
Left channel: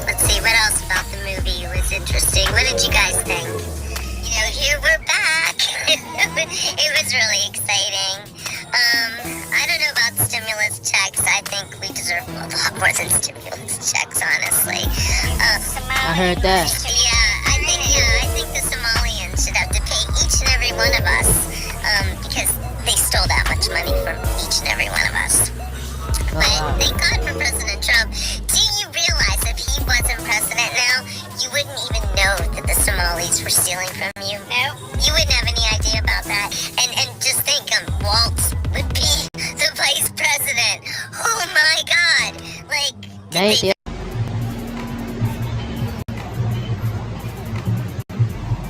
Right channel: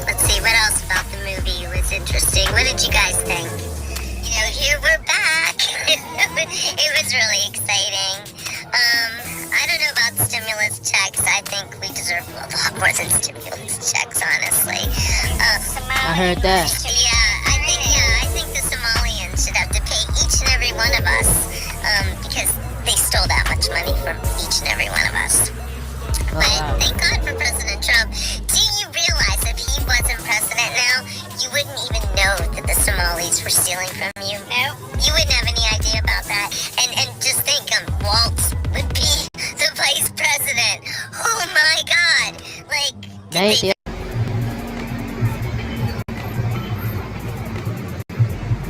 Let's see, what else about the movie was interesting? What did you guys think? Here we're back. It was really exciting. I don't know about stimulus checks. I doesn't stimulus checks, honestly. I heard that. Yeah, I think the Somalians should have to pay each and every one of us because they stole that much money from each and every one of us. Oh, But wow. thank God for President Trump. Do you realize if he wasn't president now, you wouldn't even know that the Somalis were stealing from you? No. You wouldn't have any idea about that. And just think, Waltz would be the vice president. Oh my God. Like, Thank you.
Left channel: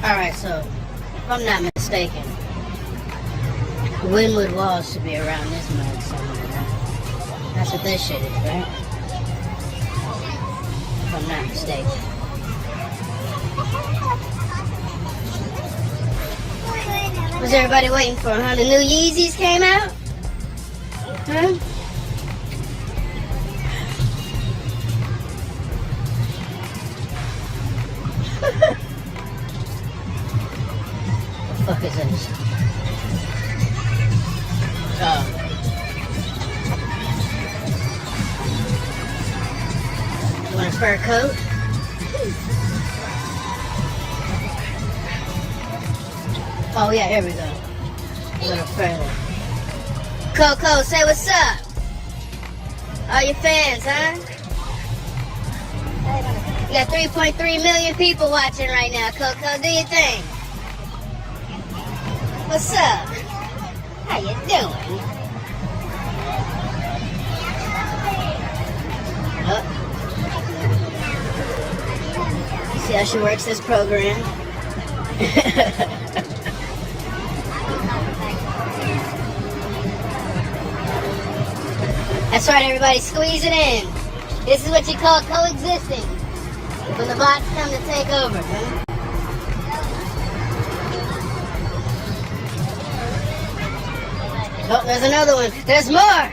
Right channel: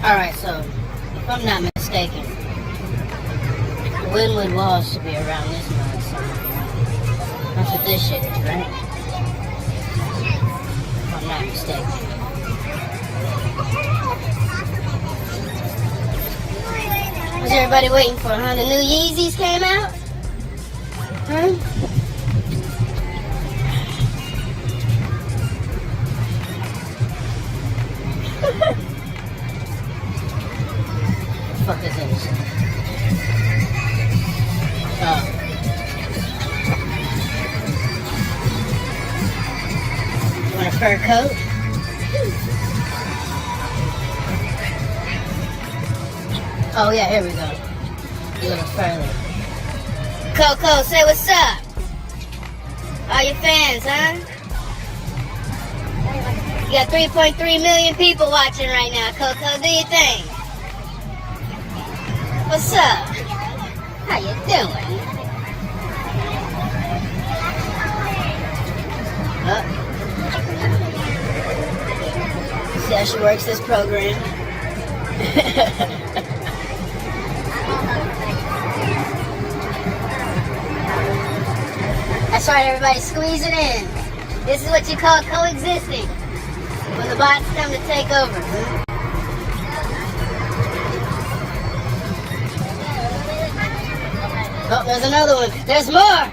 Alright, so, if I'm not mistaken, Windward Walls should be around this month, so that's what this shit is, right? If I'm not mistaken. Was everybody waiting for it, huh? The new Yeezys came out? Huh? What the fuck is this? You want a fur coat? Oh yeah, here we go. You want a fur. Coco, say what's up. All your fans, huh? You got 3.3 million people watching right now, Coco. Do your thing. What's up? How you doing? See how she works this program? That's right, everybody, squeeze it in. This is what you call coexisting. When the bots come to take over. Huh? Oh, there's another one. There's more.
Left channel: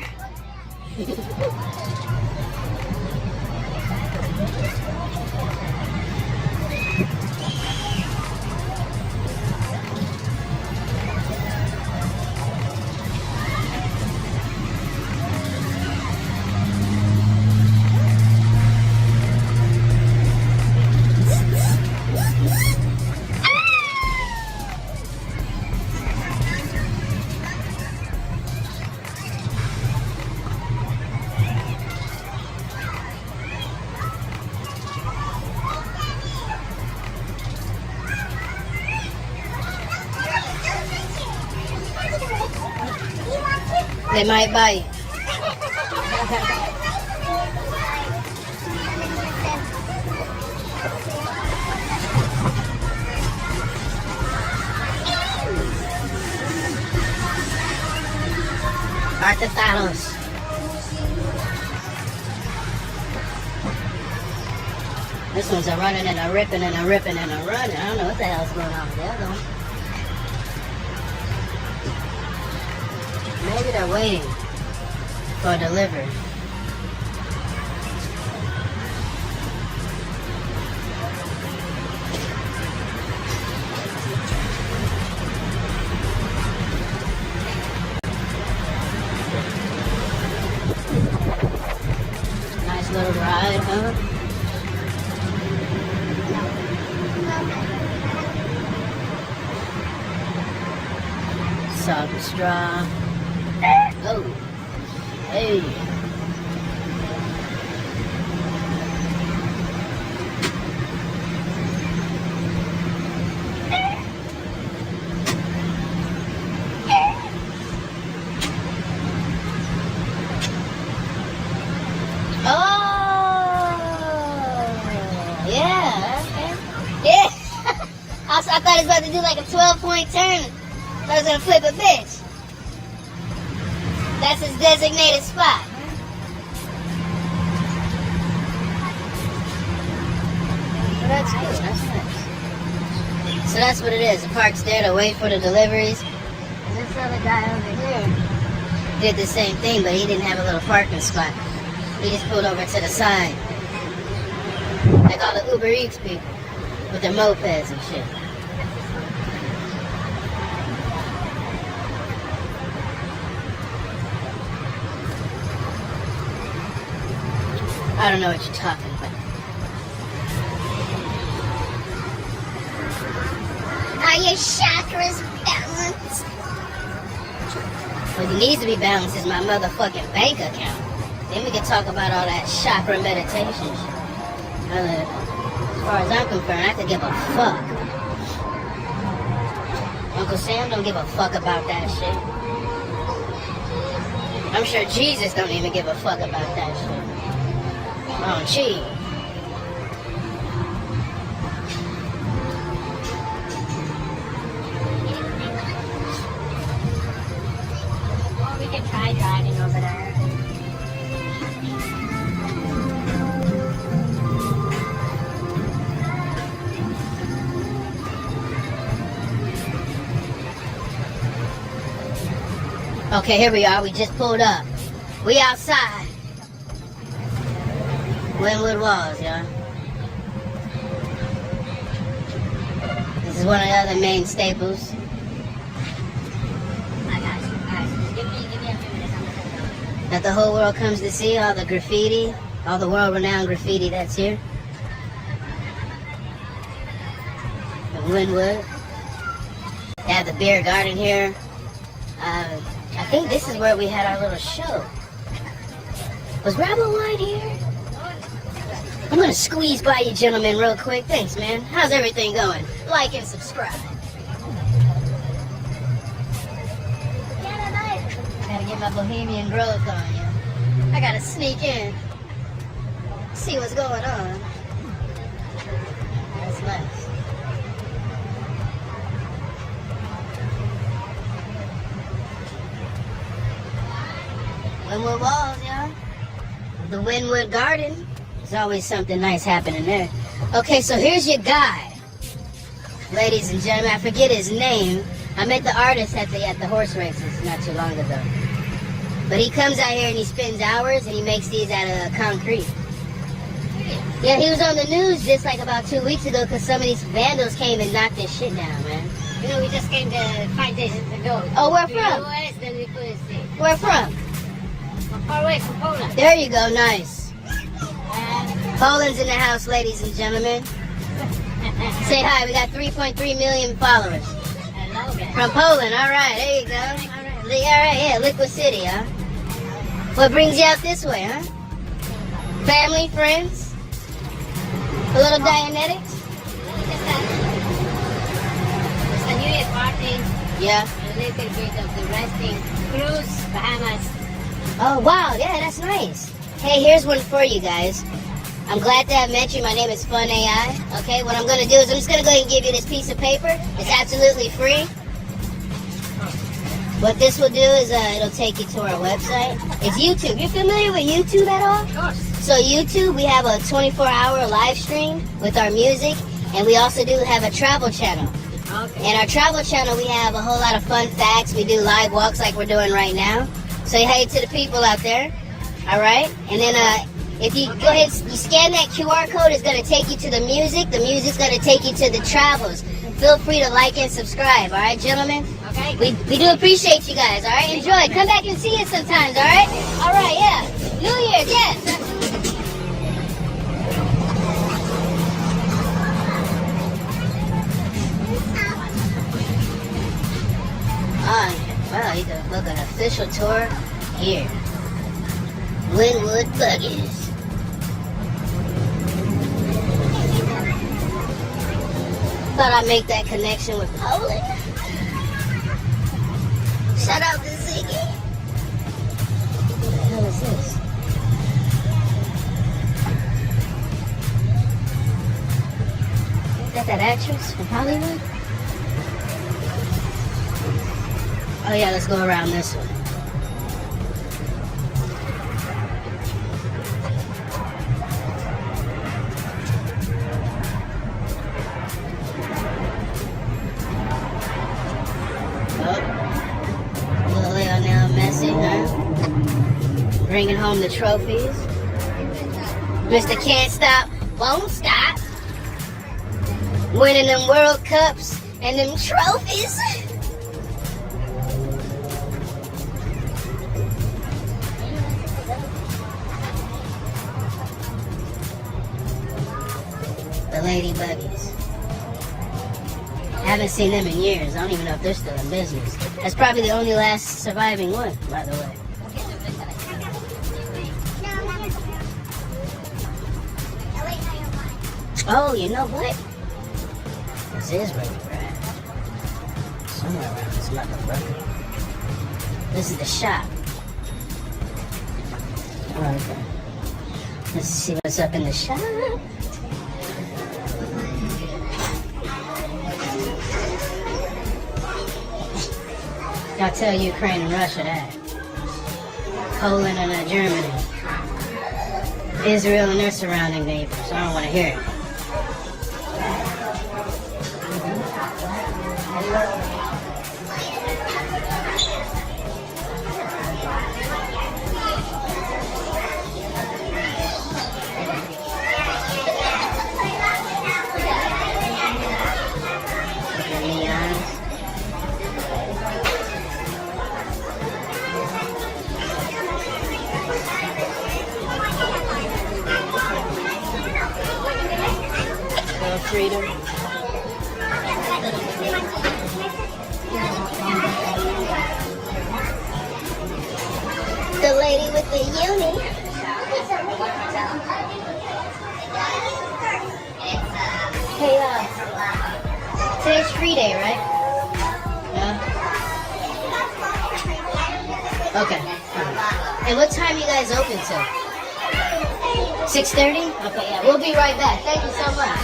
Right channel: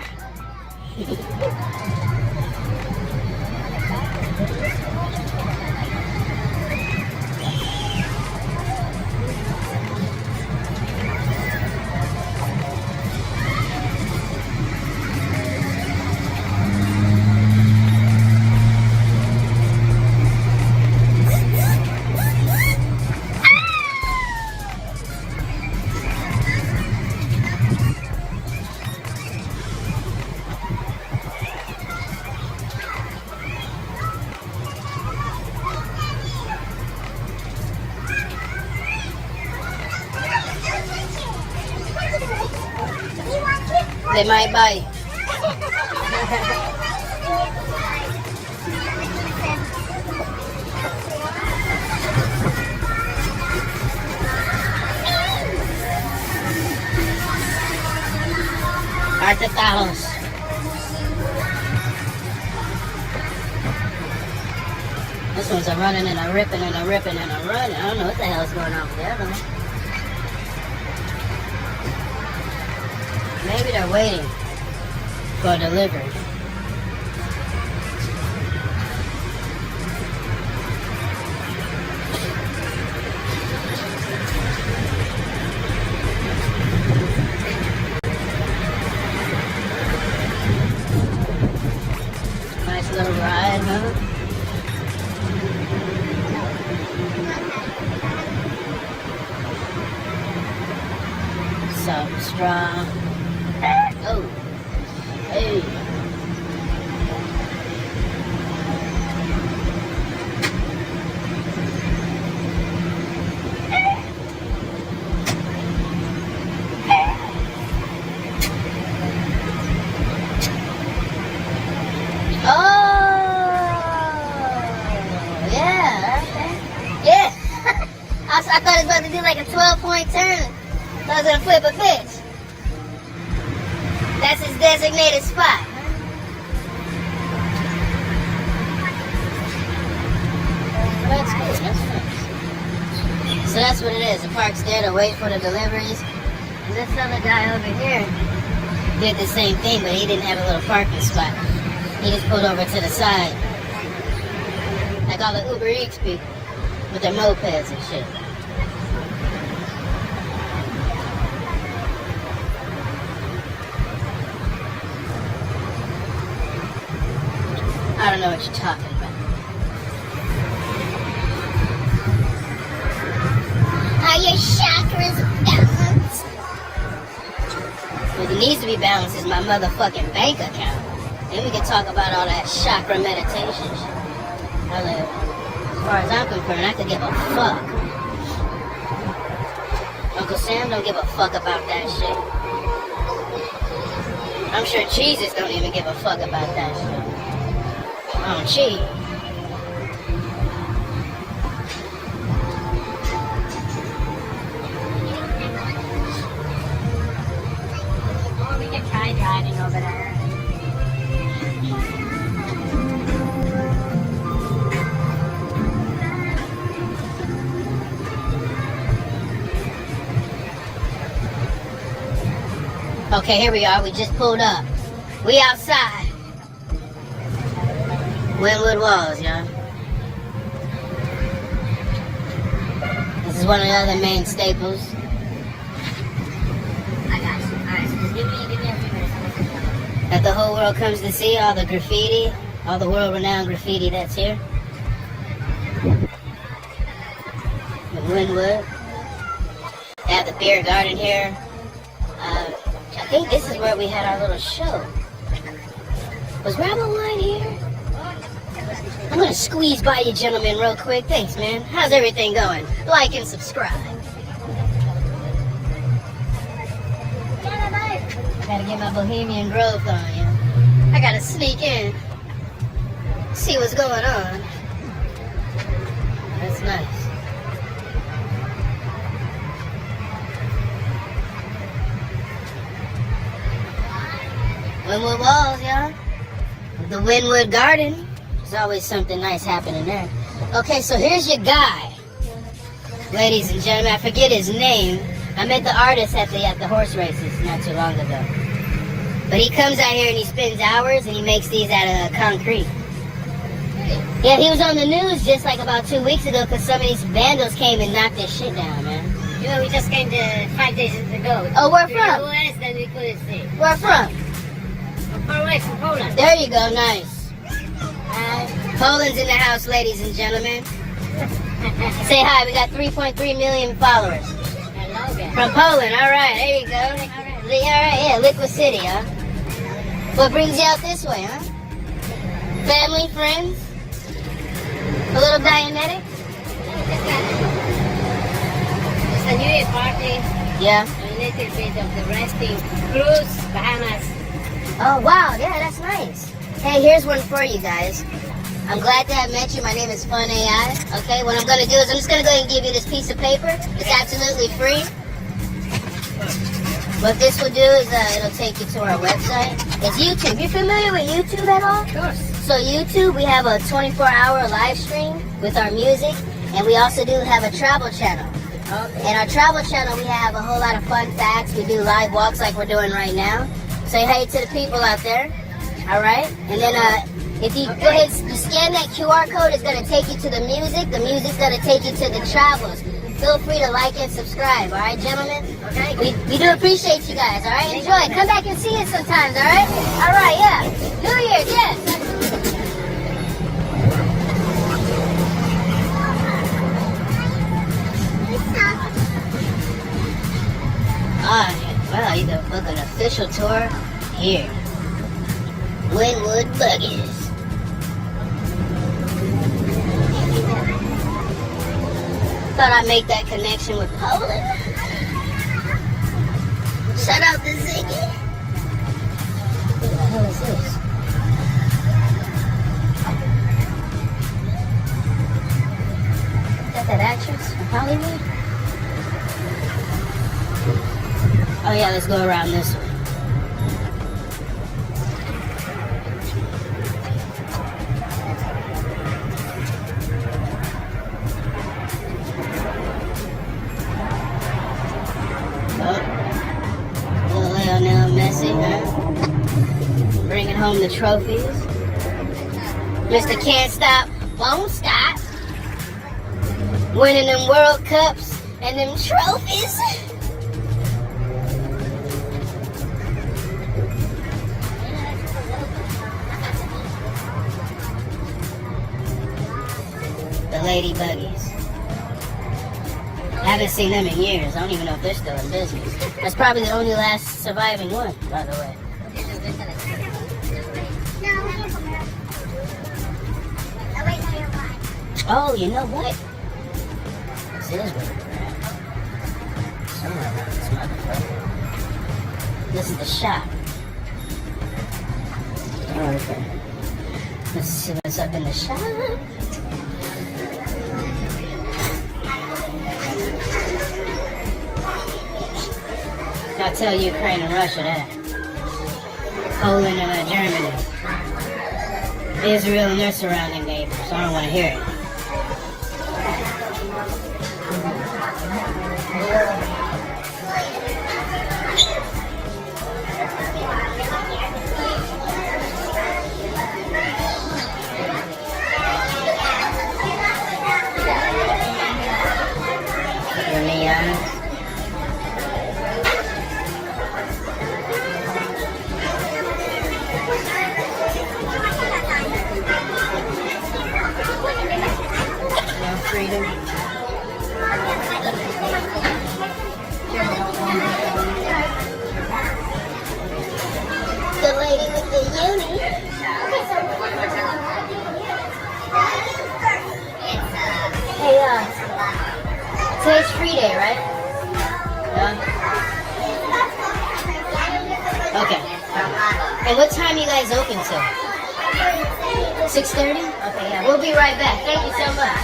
They might bite. Artetalos. This one's a running and a ripping and a ripping and a running. I don't know what the hell's going on with that one. Maybe they're waiting for delivery. Nice little ride, huh? Salt and straw. Oh, hey. Yeah. I thought it was about to do like a 12-point turn. I was gonna flip a bitch. That's his designated spot. But that's good. That's nice. So that's what it is. The park's there to wait for the deliveries. And this other guy over here did the same thing, but he didn't have a little parking spot. He just pulled over to the side. Like all the Uber Eats people with their mopeds and shit. I don't know what you're talking about. Are your chakras balanced? What needs to be balanced is my motherfucking bank account. Then we can talk about all that chakra meditation shit. As far as I'm concerned, I could give a fuck. Uncle Sam don't give a fuck about that shit. I'm sure Jesus don't even give a fuck about that shit. On cheese. We can try driving over there. Okay, here we are. We just pulled up. We outside. Wynwood Walls, y'all. This is one of the other main staples. I got you. Alright, so just give me a few minutes. That the whole world comes to see, all the graffiti, all the world-renowned graffiti that's here. In Wynwood. They have the beer garden here. I think this is where we had our little show. Was Rebel Wine here? I'm gonna squeeze by you gentlemen real quick. Thanks, man. How's everything going? Like and subscribe. I gotta get my bohemian growth on you. I gotta sneak in. See what's going on. That's nice. Wynwood Walls, y'all. The Wynwood Garden. There's always something nice happening there. Okay, so here's your guy. Ladies and gentlemen, I forget his name. I met the artist at the horse races not too long ago. But he comes out here and he spends hours and he makes these out of concrete. Yeah, he was on the news just like about 2 weeks ago because some of these vandals came and knocked this shit down, man. You know, we just came to 5 days ago. Oh, where to from? the US, then we couldn't see. Where from? Far away from Poland. There you go, nice. Poland's in the house, ladies and gentlemen. Say hi, we got 3.3 million followers. From Poland, all right, there you go. All right, yeah, LiquiCITY, huh? What brings you out this way, huh? Family, friends? A little Dianetics? It's a New Year party. Yeah. A little bit of the resting cruise, Bahamas. Oh, wow, yeah, that's nice. Hey, here's one for you guys. I'm glad that I met you. My name is Fun AI. Okay, what I'm going to do is I'm just going to go ahead and give you this piece of paper. It's absolutely free. What this will do is it'll take you to our website. It's YouTube. You familiar with YouTube at all? Of course. So YouTube, we have a 24-hour live stream with our music, and we also do have a travel channel. Okay. And our travel channel, we have a whole lot of fun facts. We do live walks like we're doing right now. Say hey to the people out there. All right? And then if you go ahead and scan that QR code, it's going to take you to the music. The music's going to take you to the travels. Feel free to like and subscribe, all right, gentlemen? Okay. We do appreciate you guys, all right? Enjoy. Come back and see us sometimes, all right? All right, yeah. New Year's, yes. All right. Wow, you can book an official tour here. Wynwood Buggies. Thought I'd make that connection with Poland. Shout out to Ziggy. What the hell is this? Is that actress from Hollywood? Oh yeah, let's go around this one. Lionel Messi, huh? Bringing home the trophies. Mr. Can't Stop, Won't Stop. Winning them World Cups and them trophies. lady buggies. I haven't seen them in years. I don't even know if they're still in business. That's probably the only last surviving one, by the way. Oh, you know what? This is where we're at. Somewhere around this motherfucker. This is the shop. Okay. Let's see what's up in the shop. I'll tell Ukraine and Russia that. Poland and Germany. Israel and their surrounding neighbors. I don't want to hear it. Freedom. The lady with the uni. Hey, today's free day, right? Okay. And what time you guys open till? 6:30? Okay, yeah, we'll be right back. Thank you so much.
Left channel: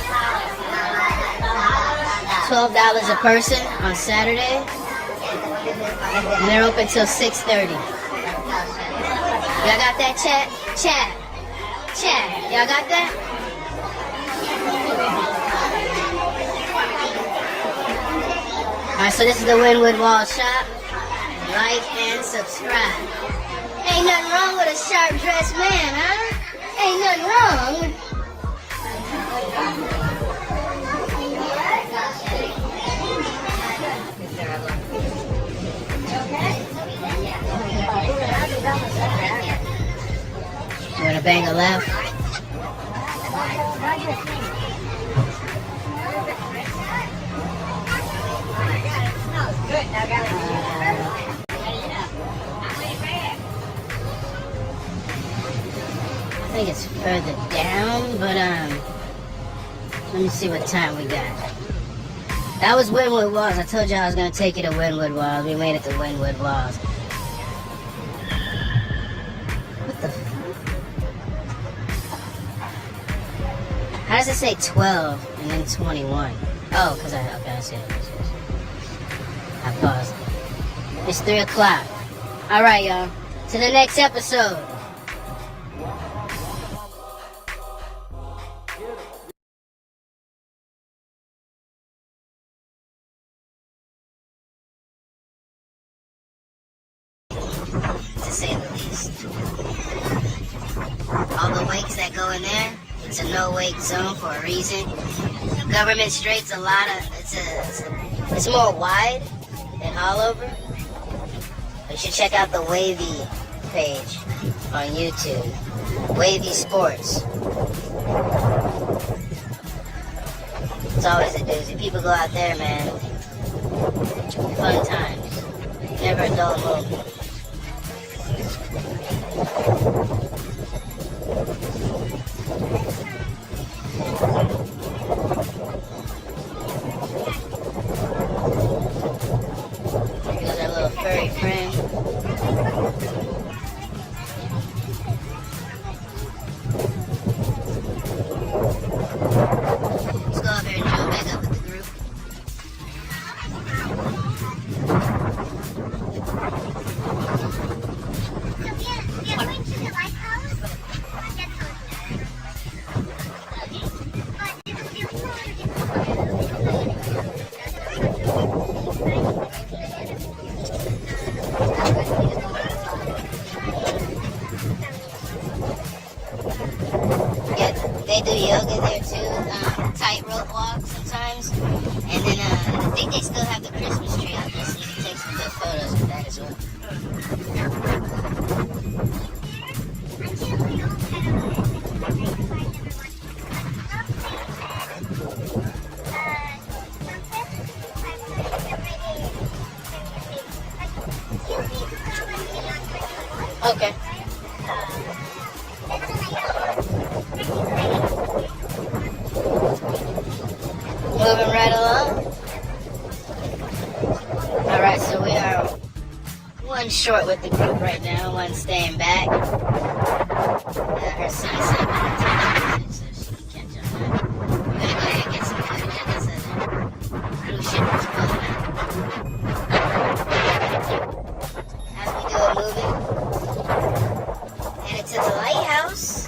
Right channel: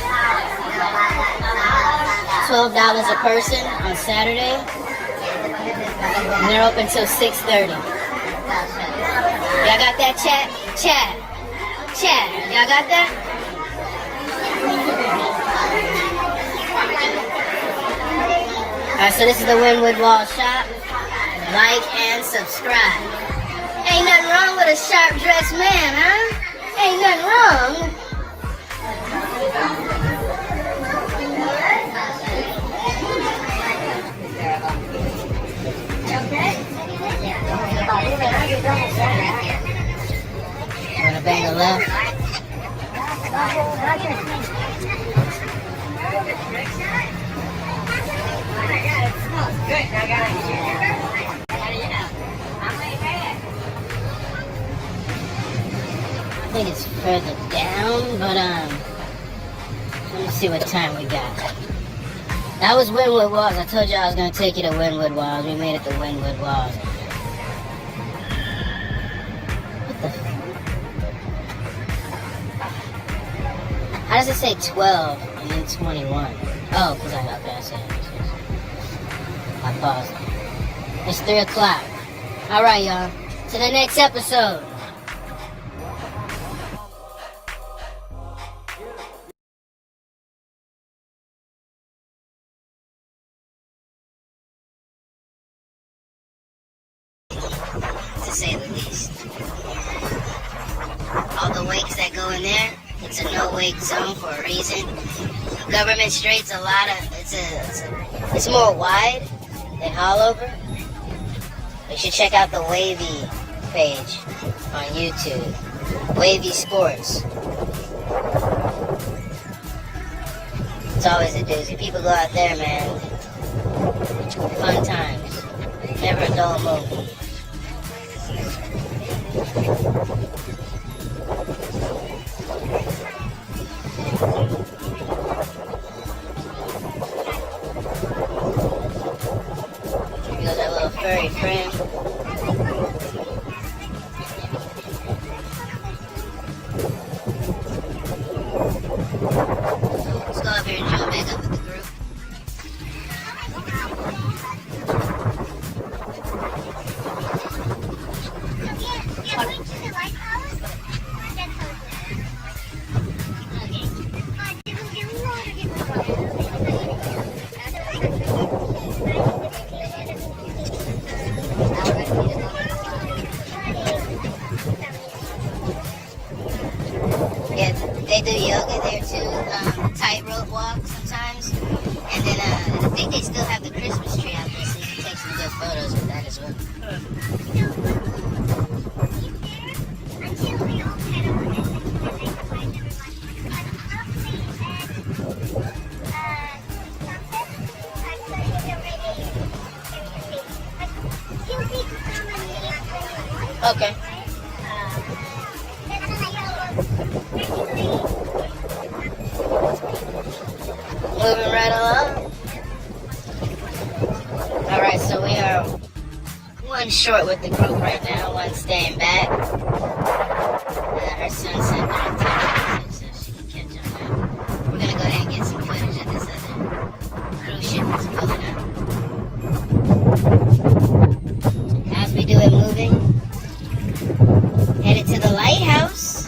$12 a person on Saturday. And they're open till 6:30. Y'all got that, chat? Chat. Chat. Y'all got that? Alright, so this is the Winwood Wall shop. Like and subscribe. Ain't nothing wrong with a sharp dressed man, huh? Ain't nothing wrong. You wanna bang a left? I think it's further down, but let me see what time we got. That was Winwood Walls. I told you I was gonna take you to Winwood Walls. We made it to Winwood Walls. What the fuck? How does it say 12 and then 21? Oh, because I see it. I paused it. It's 3 o'clock. Alright, y'all. To the next episode. To say the least. All the wakes that go in there, it's a no-wake zone for a reason. Government Strait's a lot of, it's more wide than all over. You should check out the Wavy page on YouTube. Wavy Sports. It's always a doozy. People go out there, man. Fun times. Never a dull moment. Here goes our little furry friend. Let's go up here and jump back up with the group. Yeah, they do yoga there too, tightrope walk sometimes. And then I think they still have the Christmas tree out there, so you can take some good photos with that as well. son staying back. Her son sent me a text so she can catch on that. We're gonna go ahead and get some footage of this cruise ship that's pulling out. As we do it moving, headed to the lighthouse.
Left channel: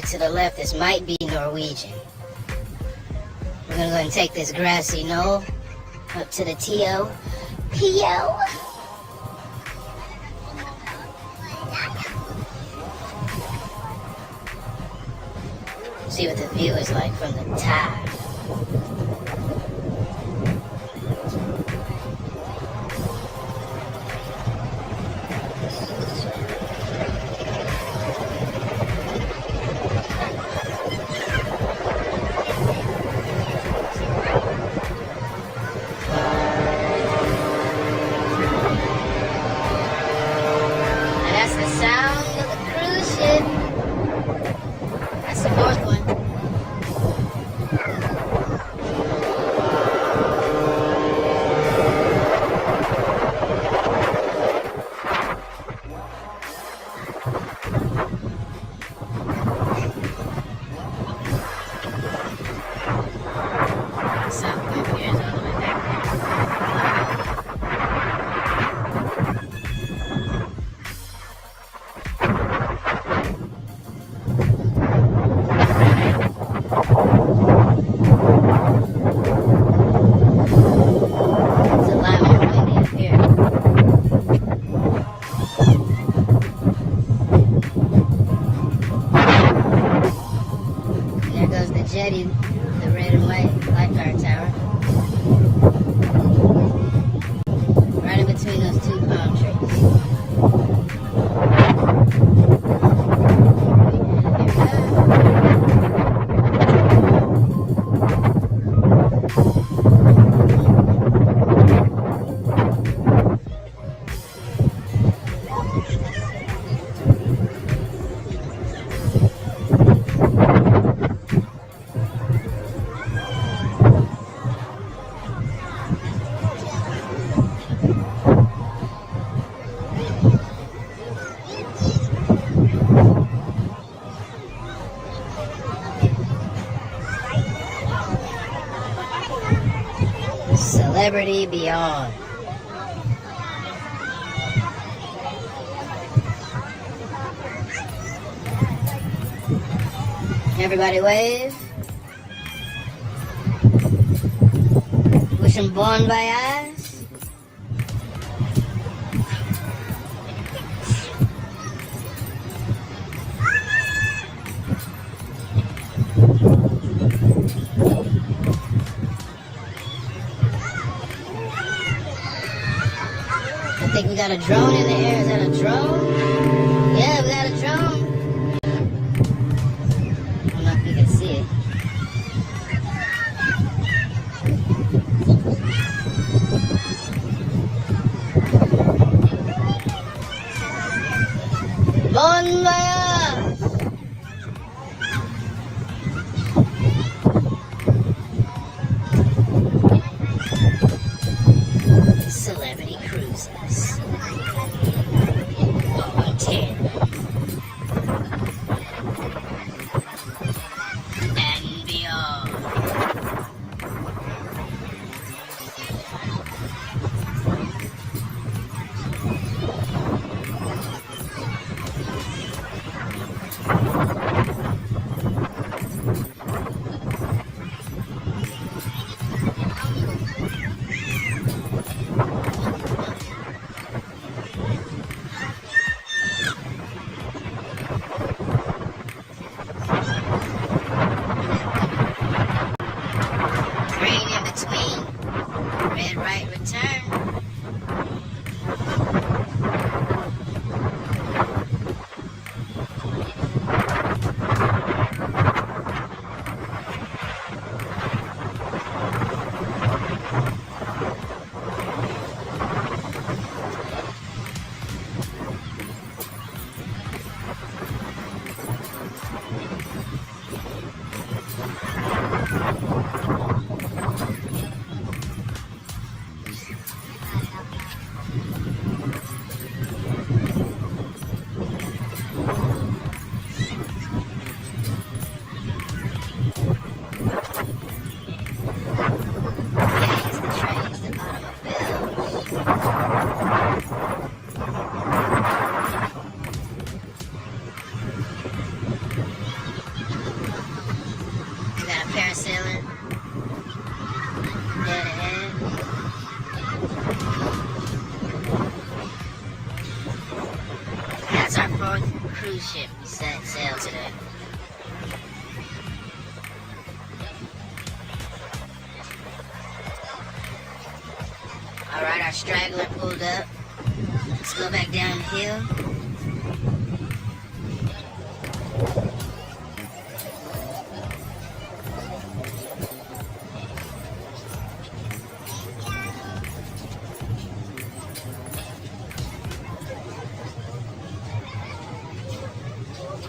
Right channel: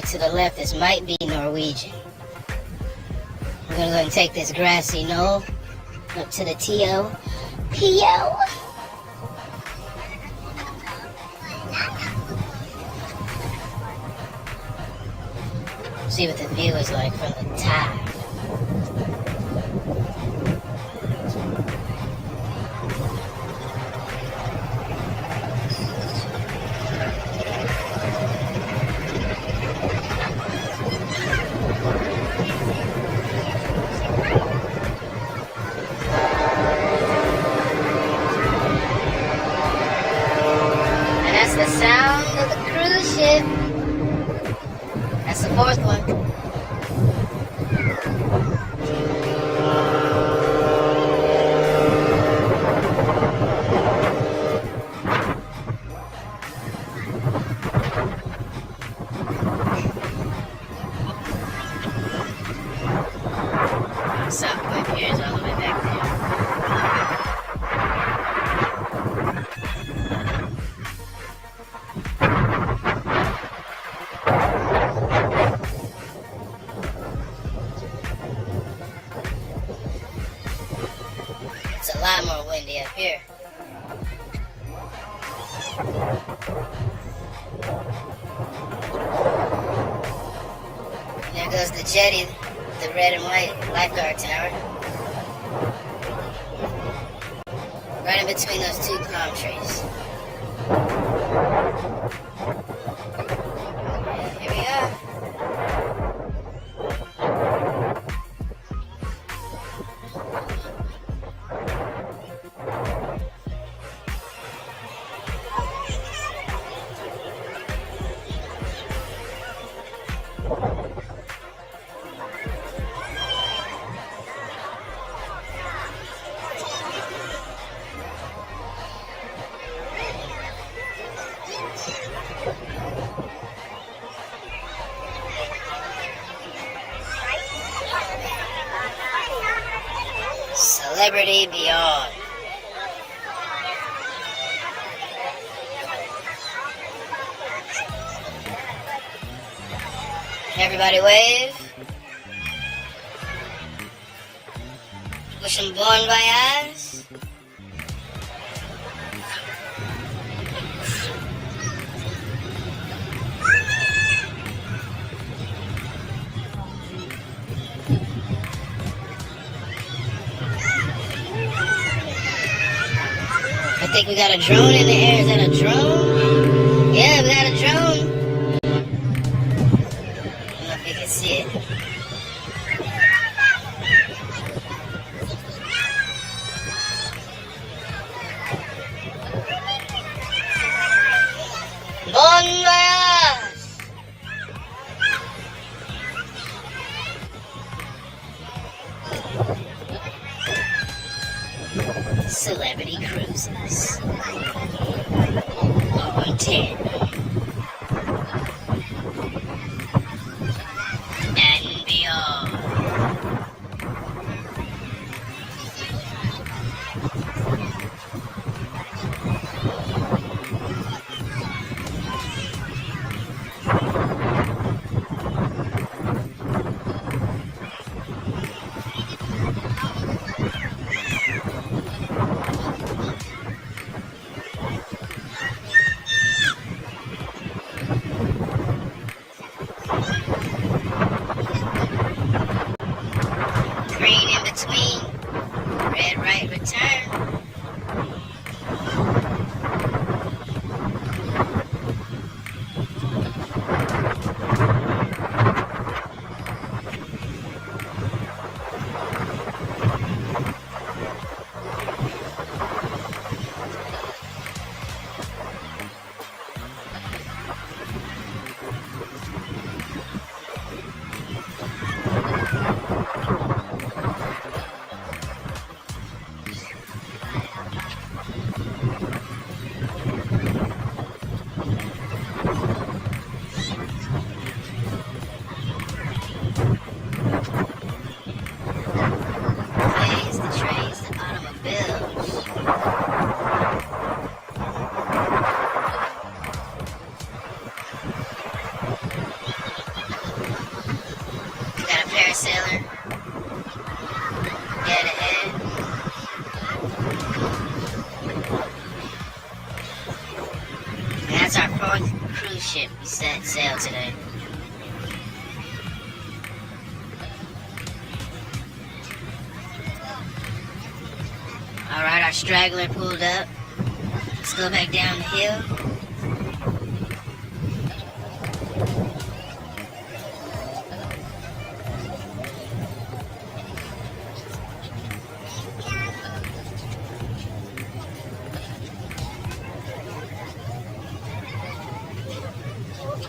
To the left, this might be Norwegian. We're gonna go ahead and take this grassy knoll up to the P.O. See what the view is like from the top. The sound of the cruise ship. That's the fourth one. South Point Pier is all the way back there. The jetty, the red and white lifeguard tower. Right in between those two palm trees. Here we go. Celebrity Beyond. Everybody wave. Wish them bon voyage. I think we got a drone in the air. Is that a drone? Yeah, we got a drone. I don't know if you can see it. parasailer. Dead ahead. That's our fourth cruise ship we set sail today. Alright, our straggler pulled up. Let's go back down the hill.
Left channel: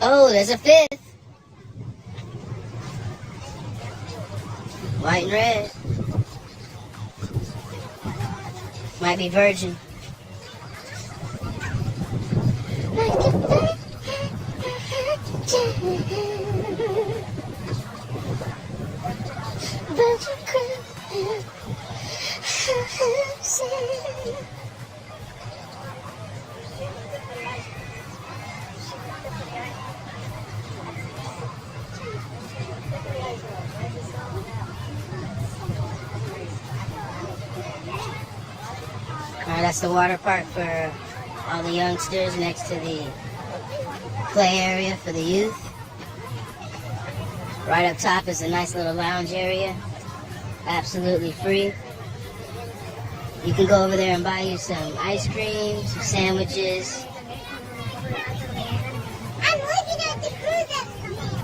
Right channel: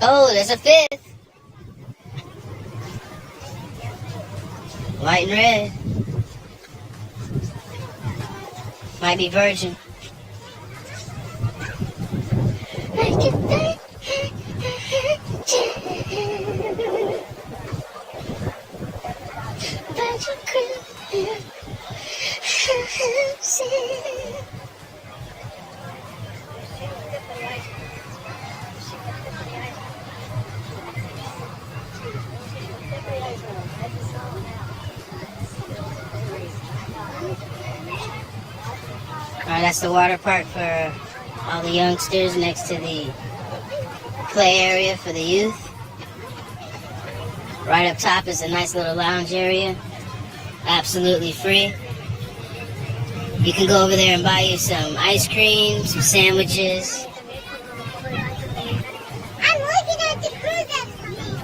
Oh, there's a fifth. White and red. Might be virgin. Alright, that's the water park for all the youngsters next to the play area for the youth. Right up top is a nice little lounge area. Absolutely free. You can go over there and buy you some ice cream, some sandwiches. I'm looking at the cruise that's coming.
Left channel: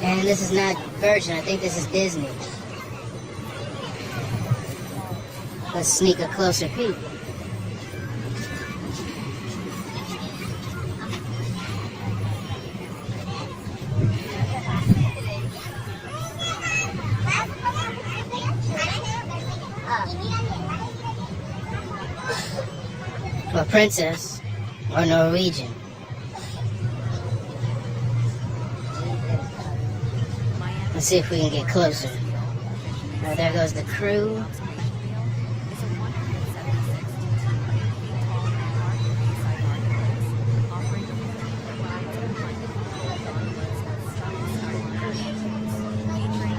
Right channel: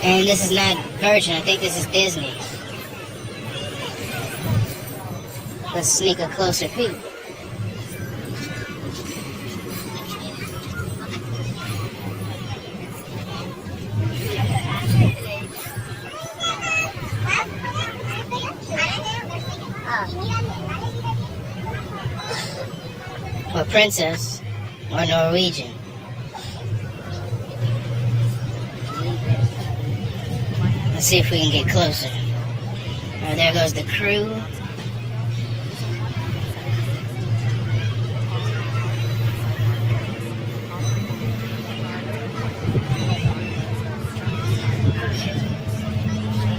And this is not Virgin, I think this is Disney. Let's sneak a closer peek. A princess or Norwegian. Let's see if we can get closer. Right, there goes the crew.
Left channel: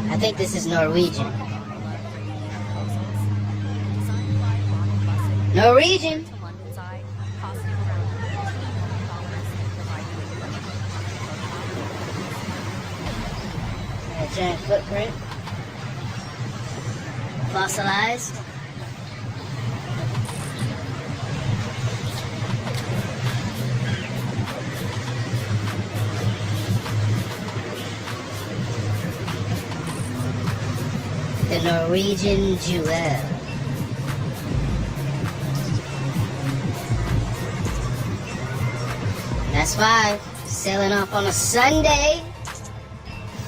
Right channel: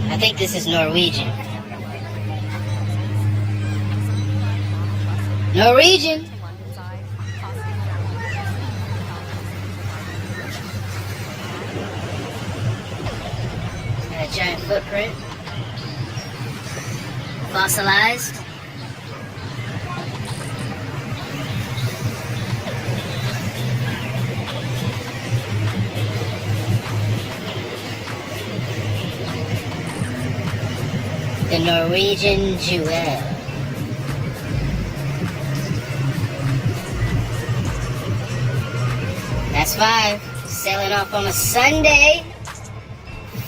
I think this is Norwegian. Norwegian! A giant footprint. Fossilized. The Norwegian Jewel. That's 5. Sailing off on a Sunday.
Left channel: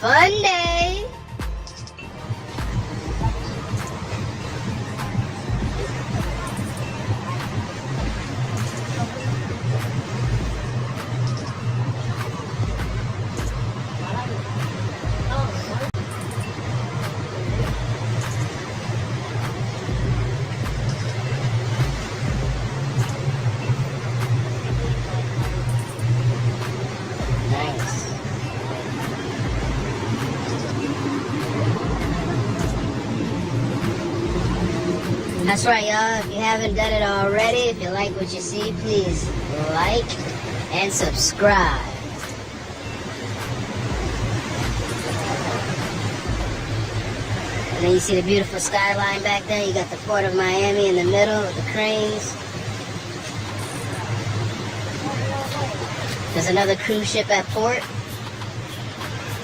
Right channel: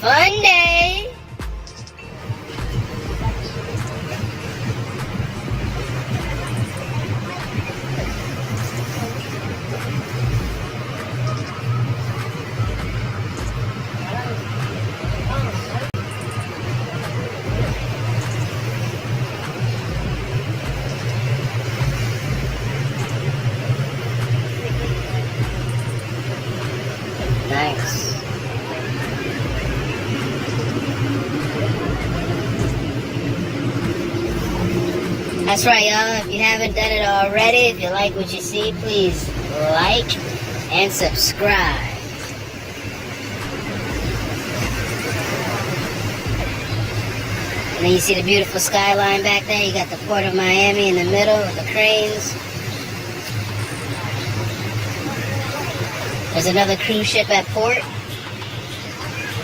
Fun day. Nice. That's right, y'all. If you haven't done it already, if you like what you see, please like and subscribe. And then you see the beautiful skyline back there. You got the Port of Miami in the middle with the cranes. There's another cruise ship at port.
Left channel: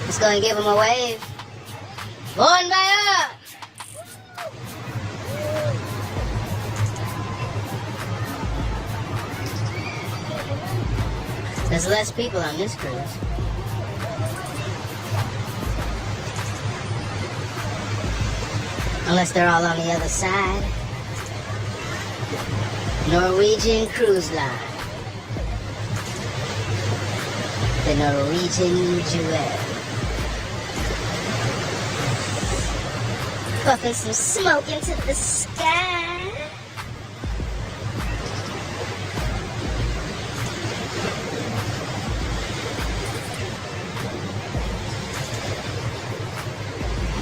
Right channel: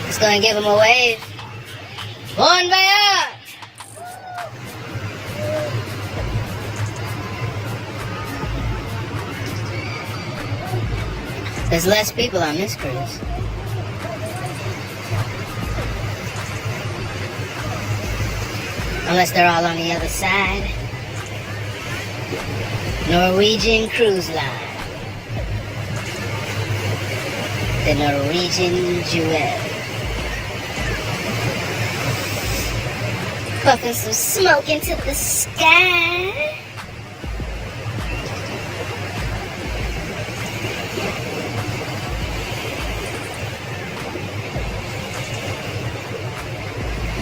Just gonna give him a wave. Bon voyage! There's less people on this cruise. Unless they're all on the other side. Norwegian Cruise Line. The Norwegian Jewel. Puffing some smoke into the sky.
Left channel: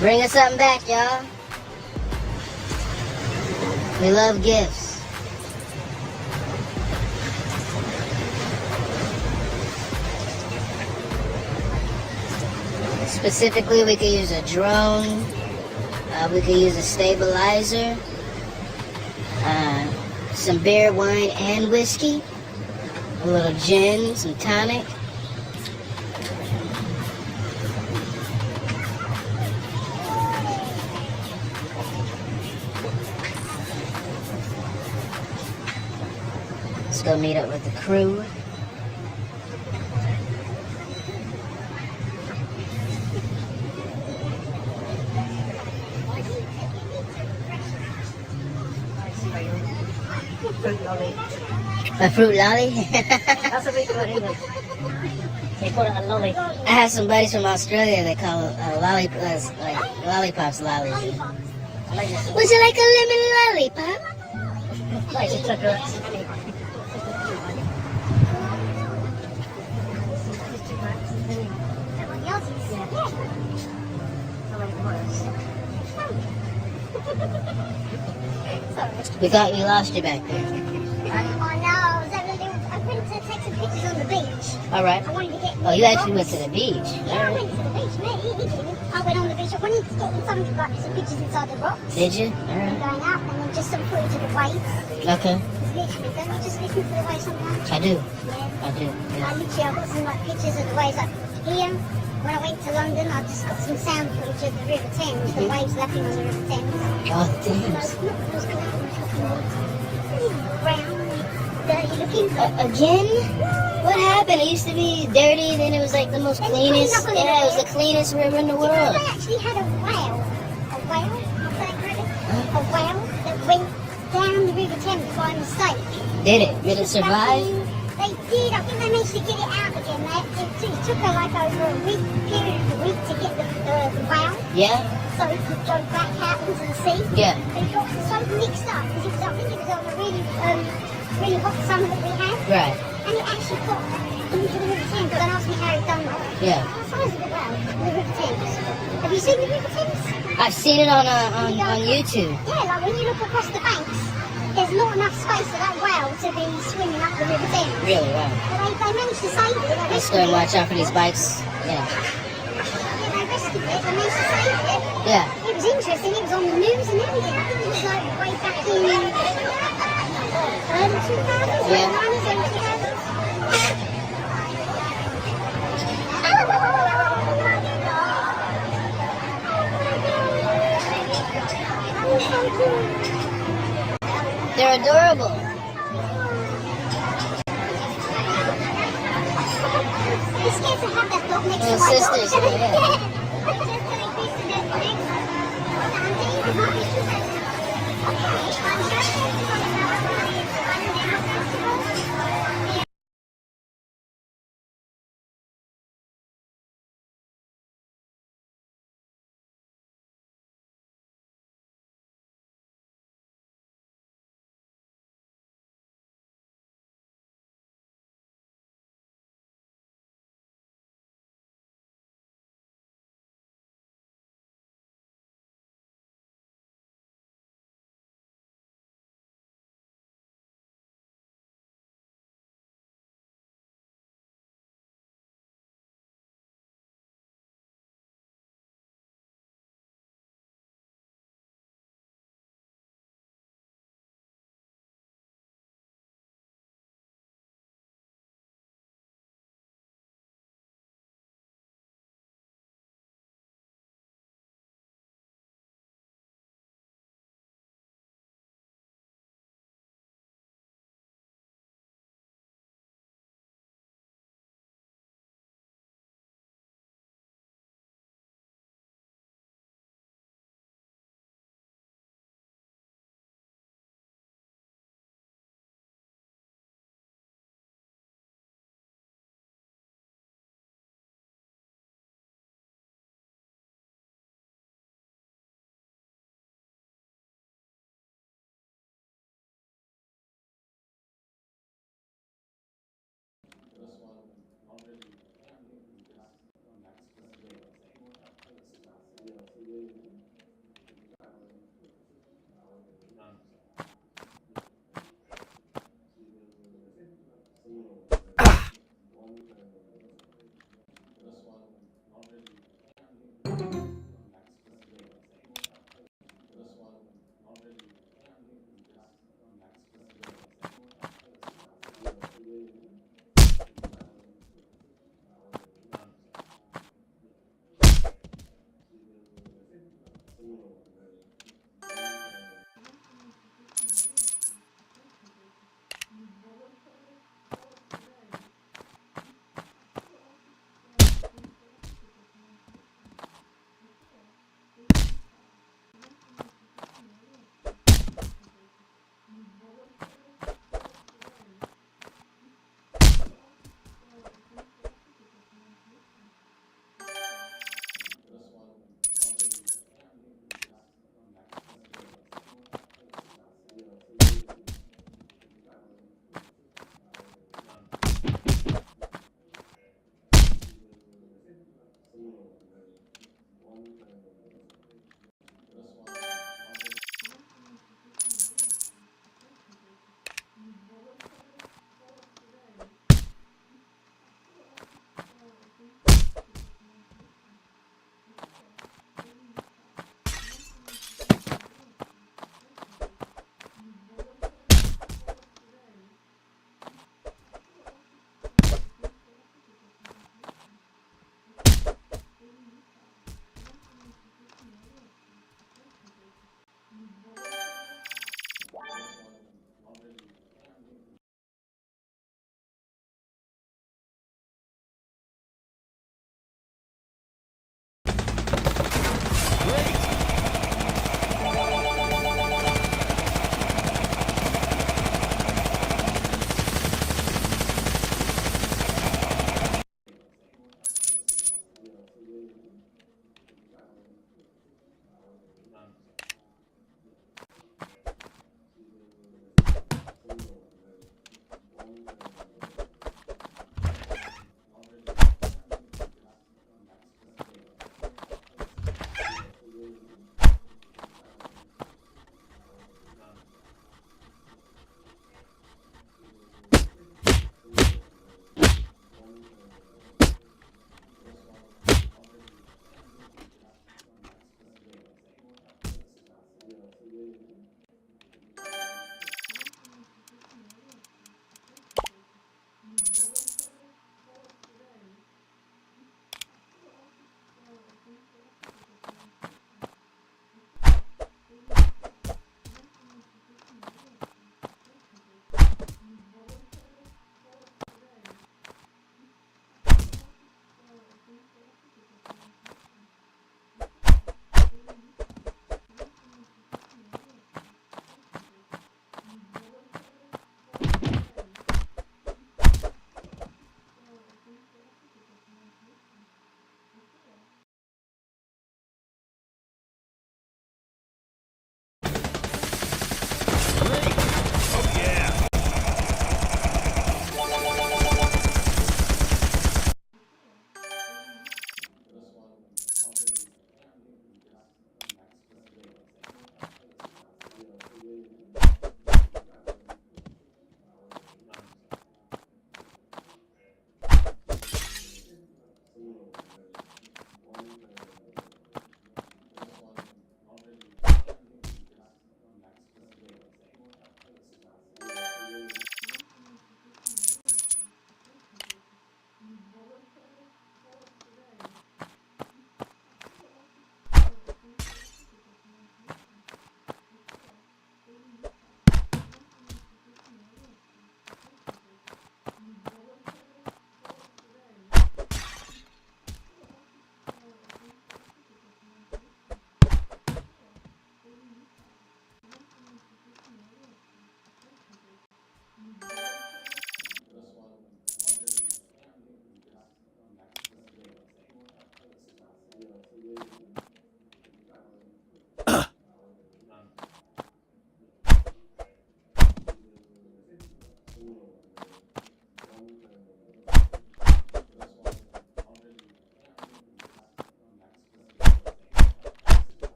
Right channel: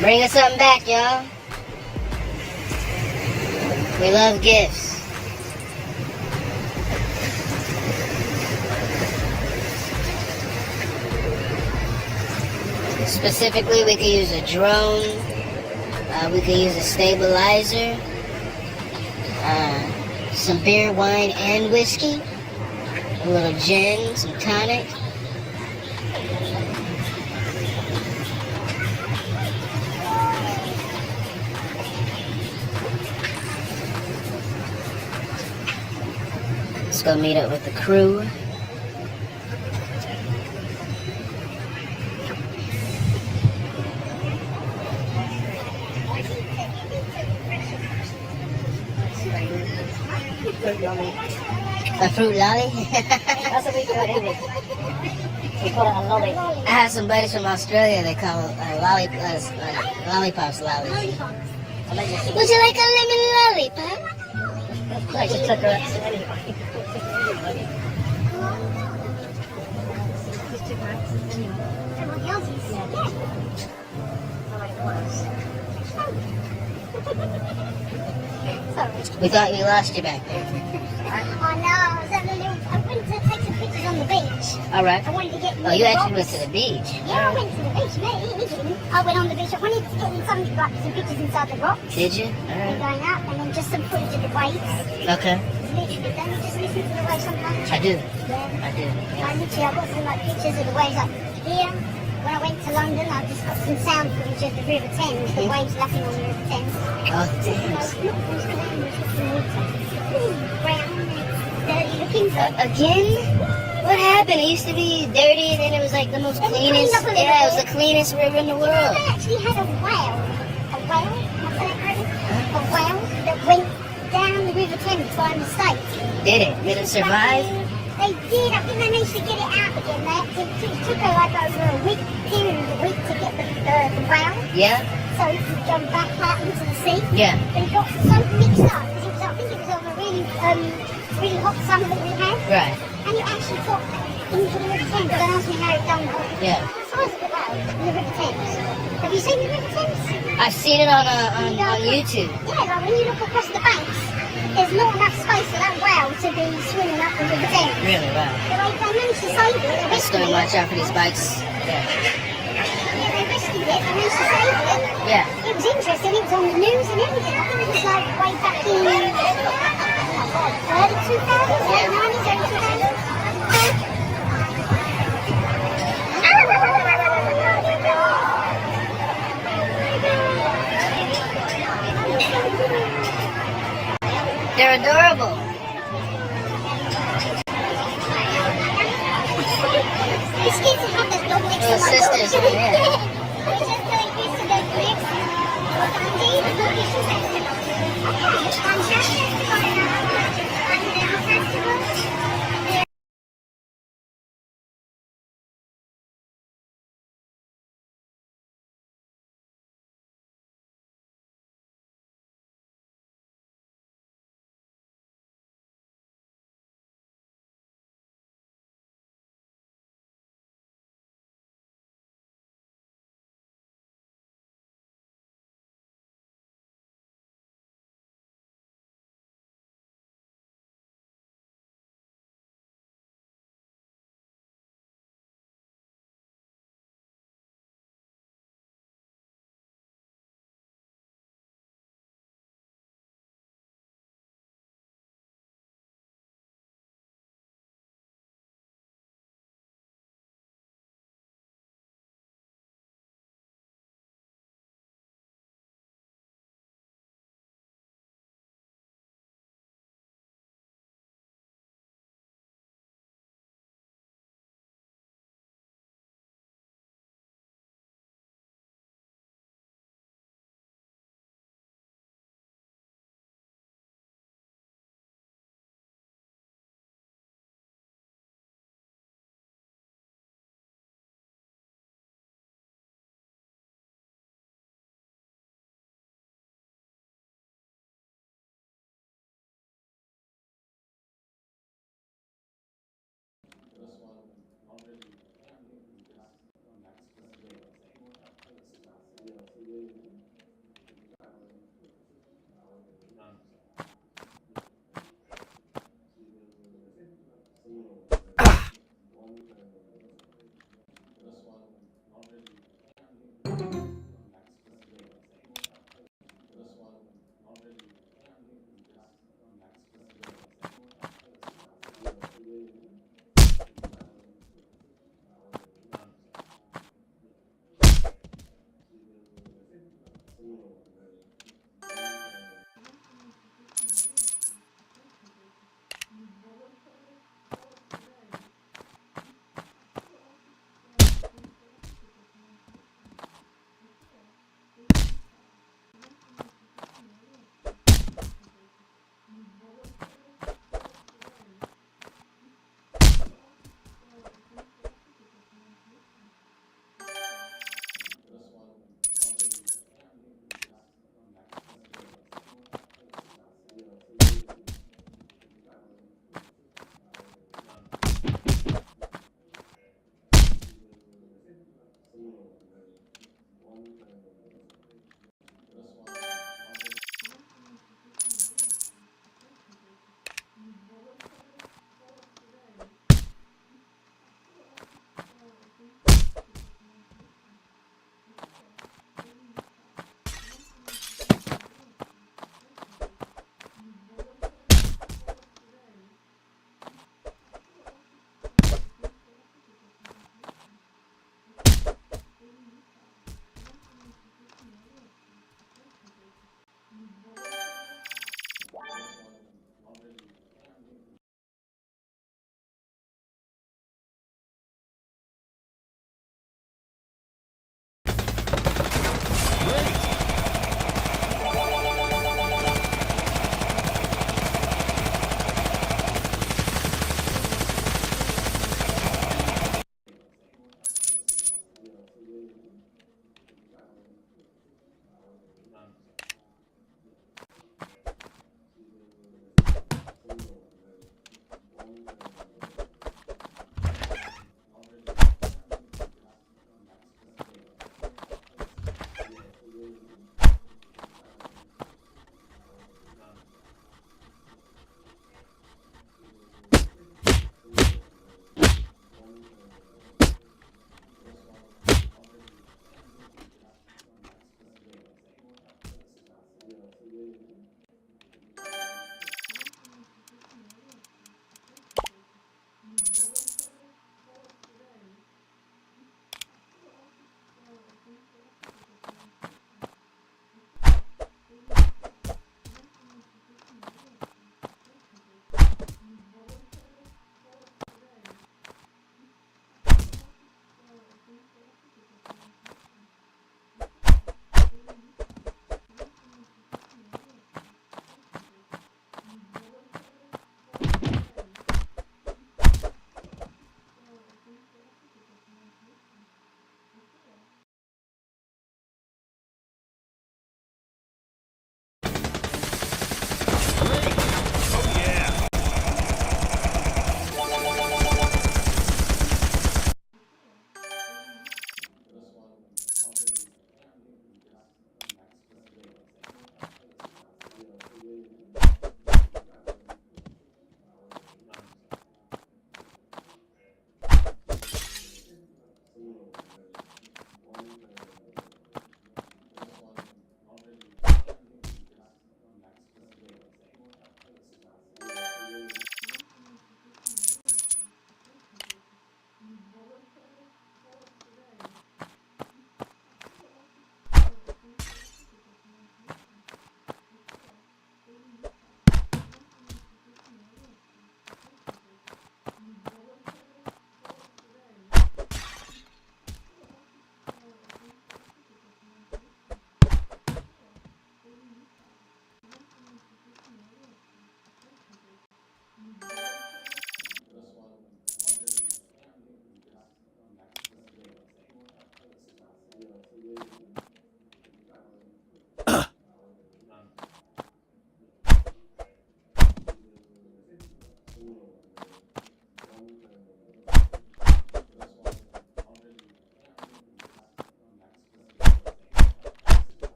Bring us something back, y'all. We love gifts. Specifically, we could use a drone. We could use a stabilizer. Some beer, wine, and whiskey. A little gin, some tonic. Let's go meet up with the crew. A fruit lolly? That's what we call it in English. You call it a lolly. I have some buddies from Australia that call lollipops lollies. Would you like a lemon lollipop? I just took her. We thought you lost you back there. I went to take some pictures on the beach. Alright. Oh, you actually went to the beach. Yeah, I went to the beach. Me, he didn't. I went on the beach. I wanted to get some pictures inside the rocks. Did you? Alright. Going up, and then just some footage of the waves. Okay. Literally, don't you just listen to the waves sometimes? I do. Yeah. I do. Yeah. Literally, I got some pictures of the waves up here. When I went to London, I just got some sound footage of the River Thames, the waves lapping on the River Thames. Oh, the Thames. Again? What happened? It used to be dirty, and then it was like the most cleanest. Yeah, it was the cleanest river in the world. They actually had a whale that went down the River Thames by mistake. Did it? Did it survive? They did. I think they managed to get it out again. It took her like over a week, period of a week to get the whale. Yeah. So it could go back out into the sea. Yeah. But it got so mixed up because I think it was on a really hot summer that we had. Right. And it actually got into the River Thames. Don't ask me how it done that. Yeah. What size is the whale in the River Thames? Have you seen the River Thames? I've seen it on YouTube. Yeah, like when you look across the banks, there's not enough space for that whale to be swimming up the River Thames. Really? Wow. But they managed to save it. Let's go and watch out for these bikes. Yeah. They rescued it. They managed to save it. Yeah. It was interesting. It was on the news and everything. I think it was like way back in early 2000s, Yeah. 90s, early 2000s. They're adorable. It's scared to have that dog next to Little my sisters, dog. yeah. I was just doing this and then this. Sandy, there's no issues. I'm happy.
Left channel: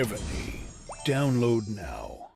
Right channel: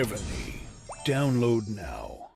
Ebony. Download now.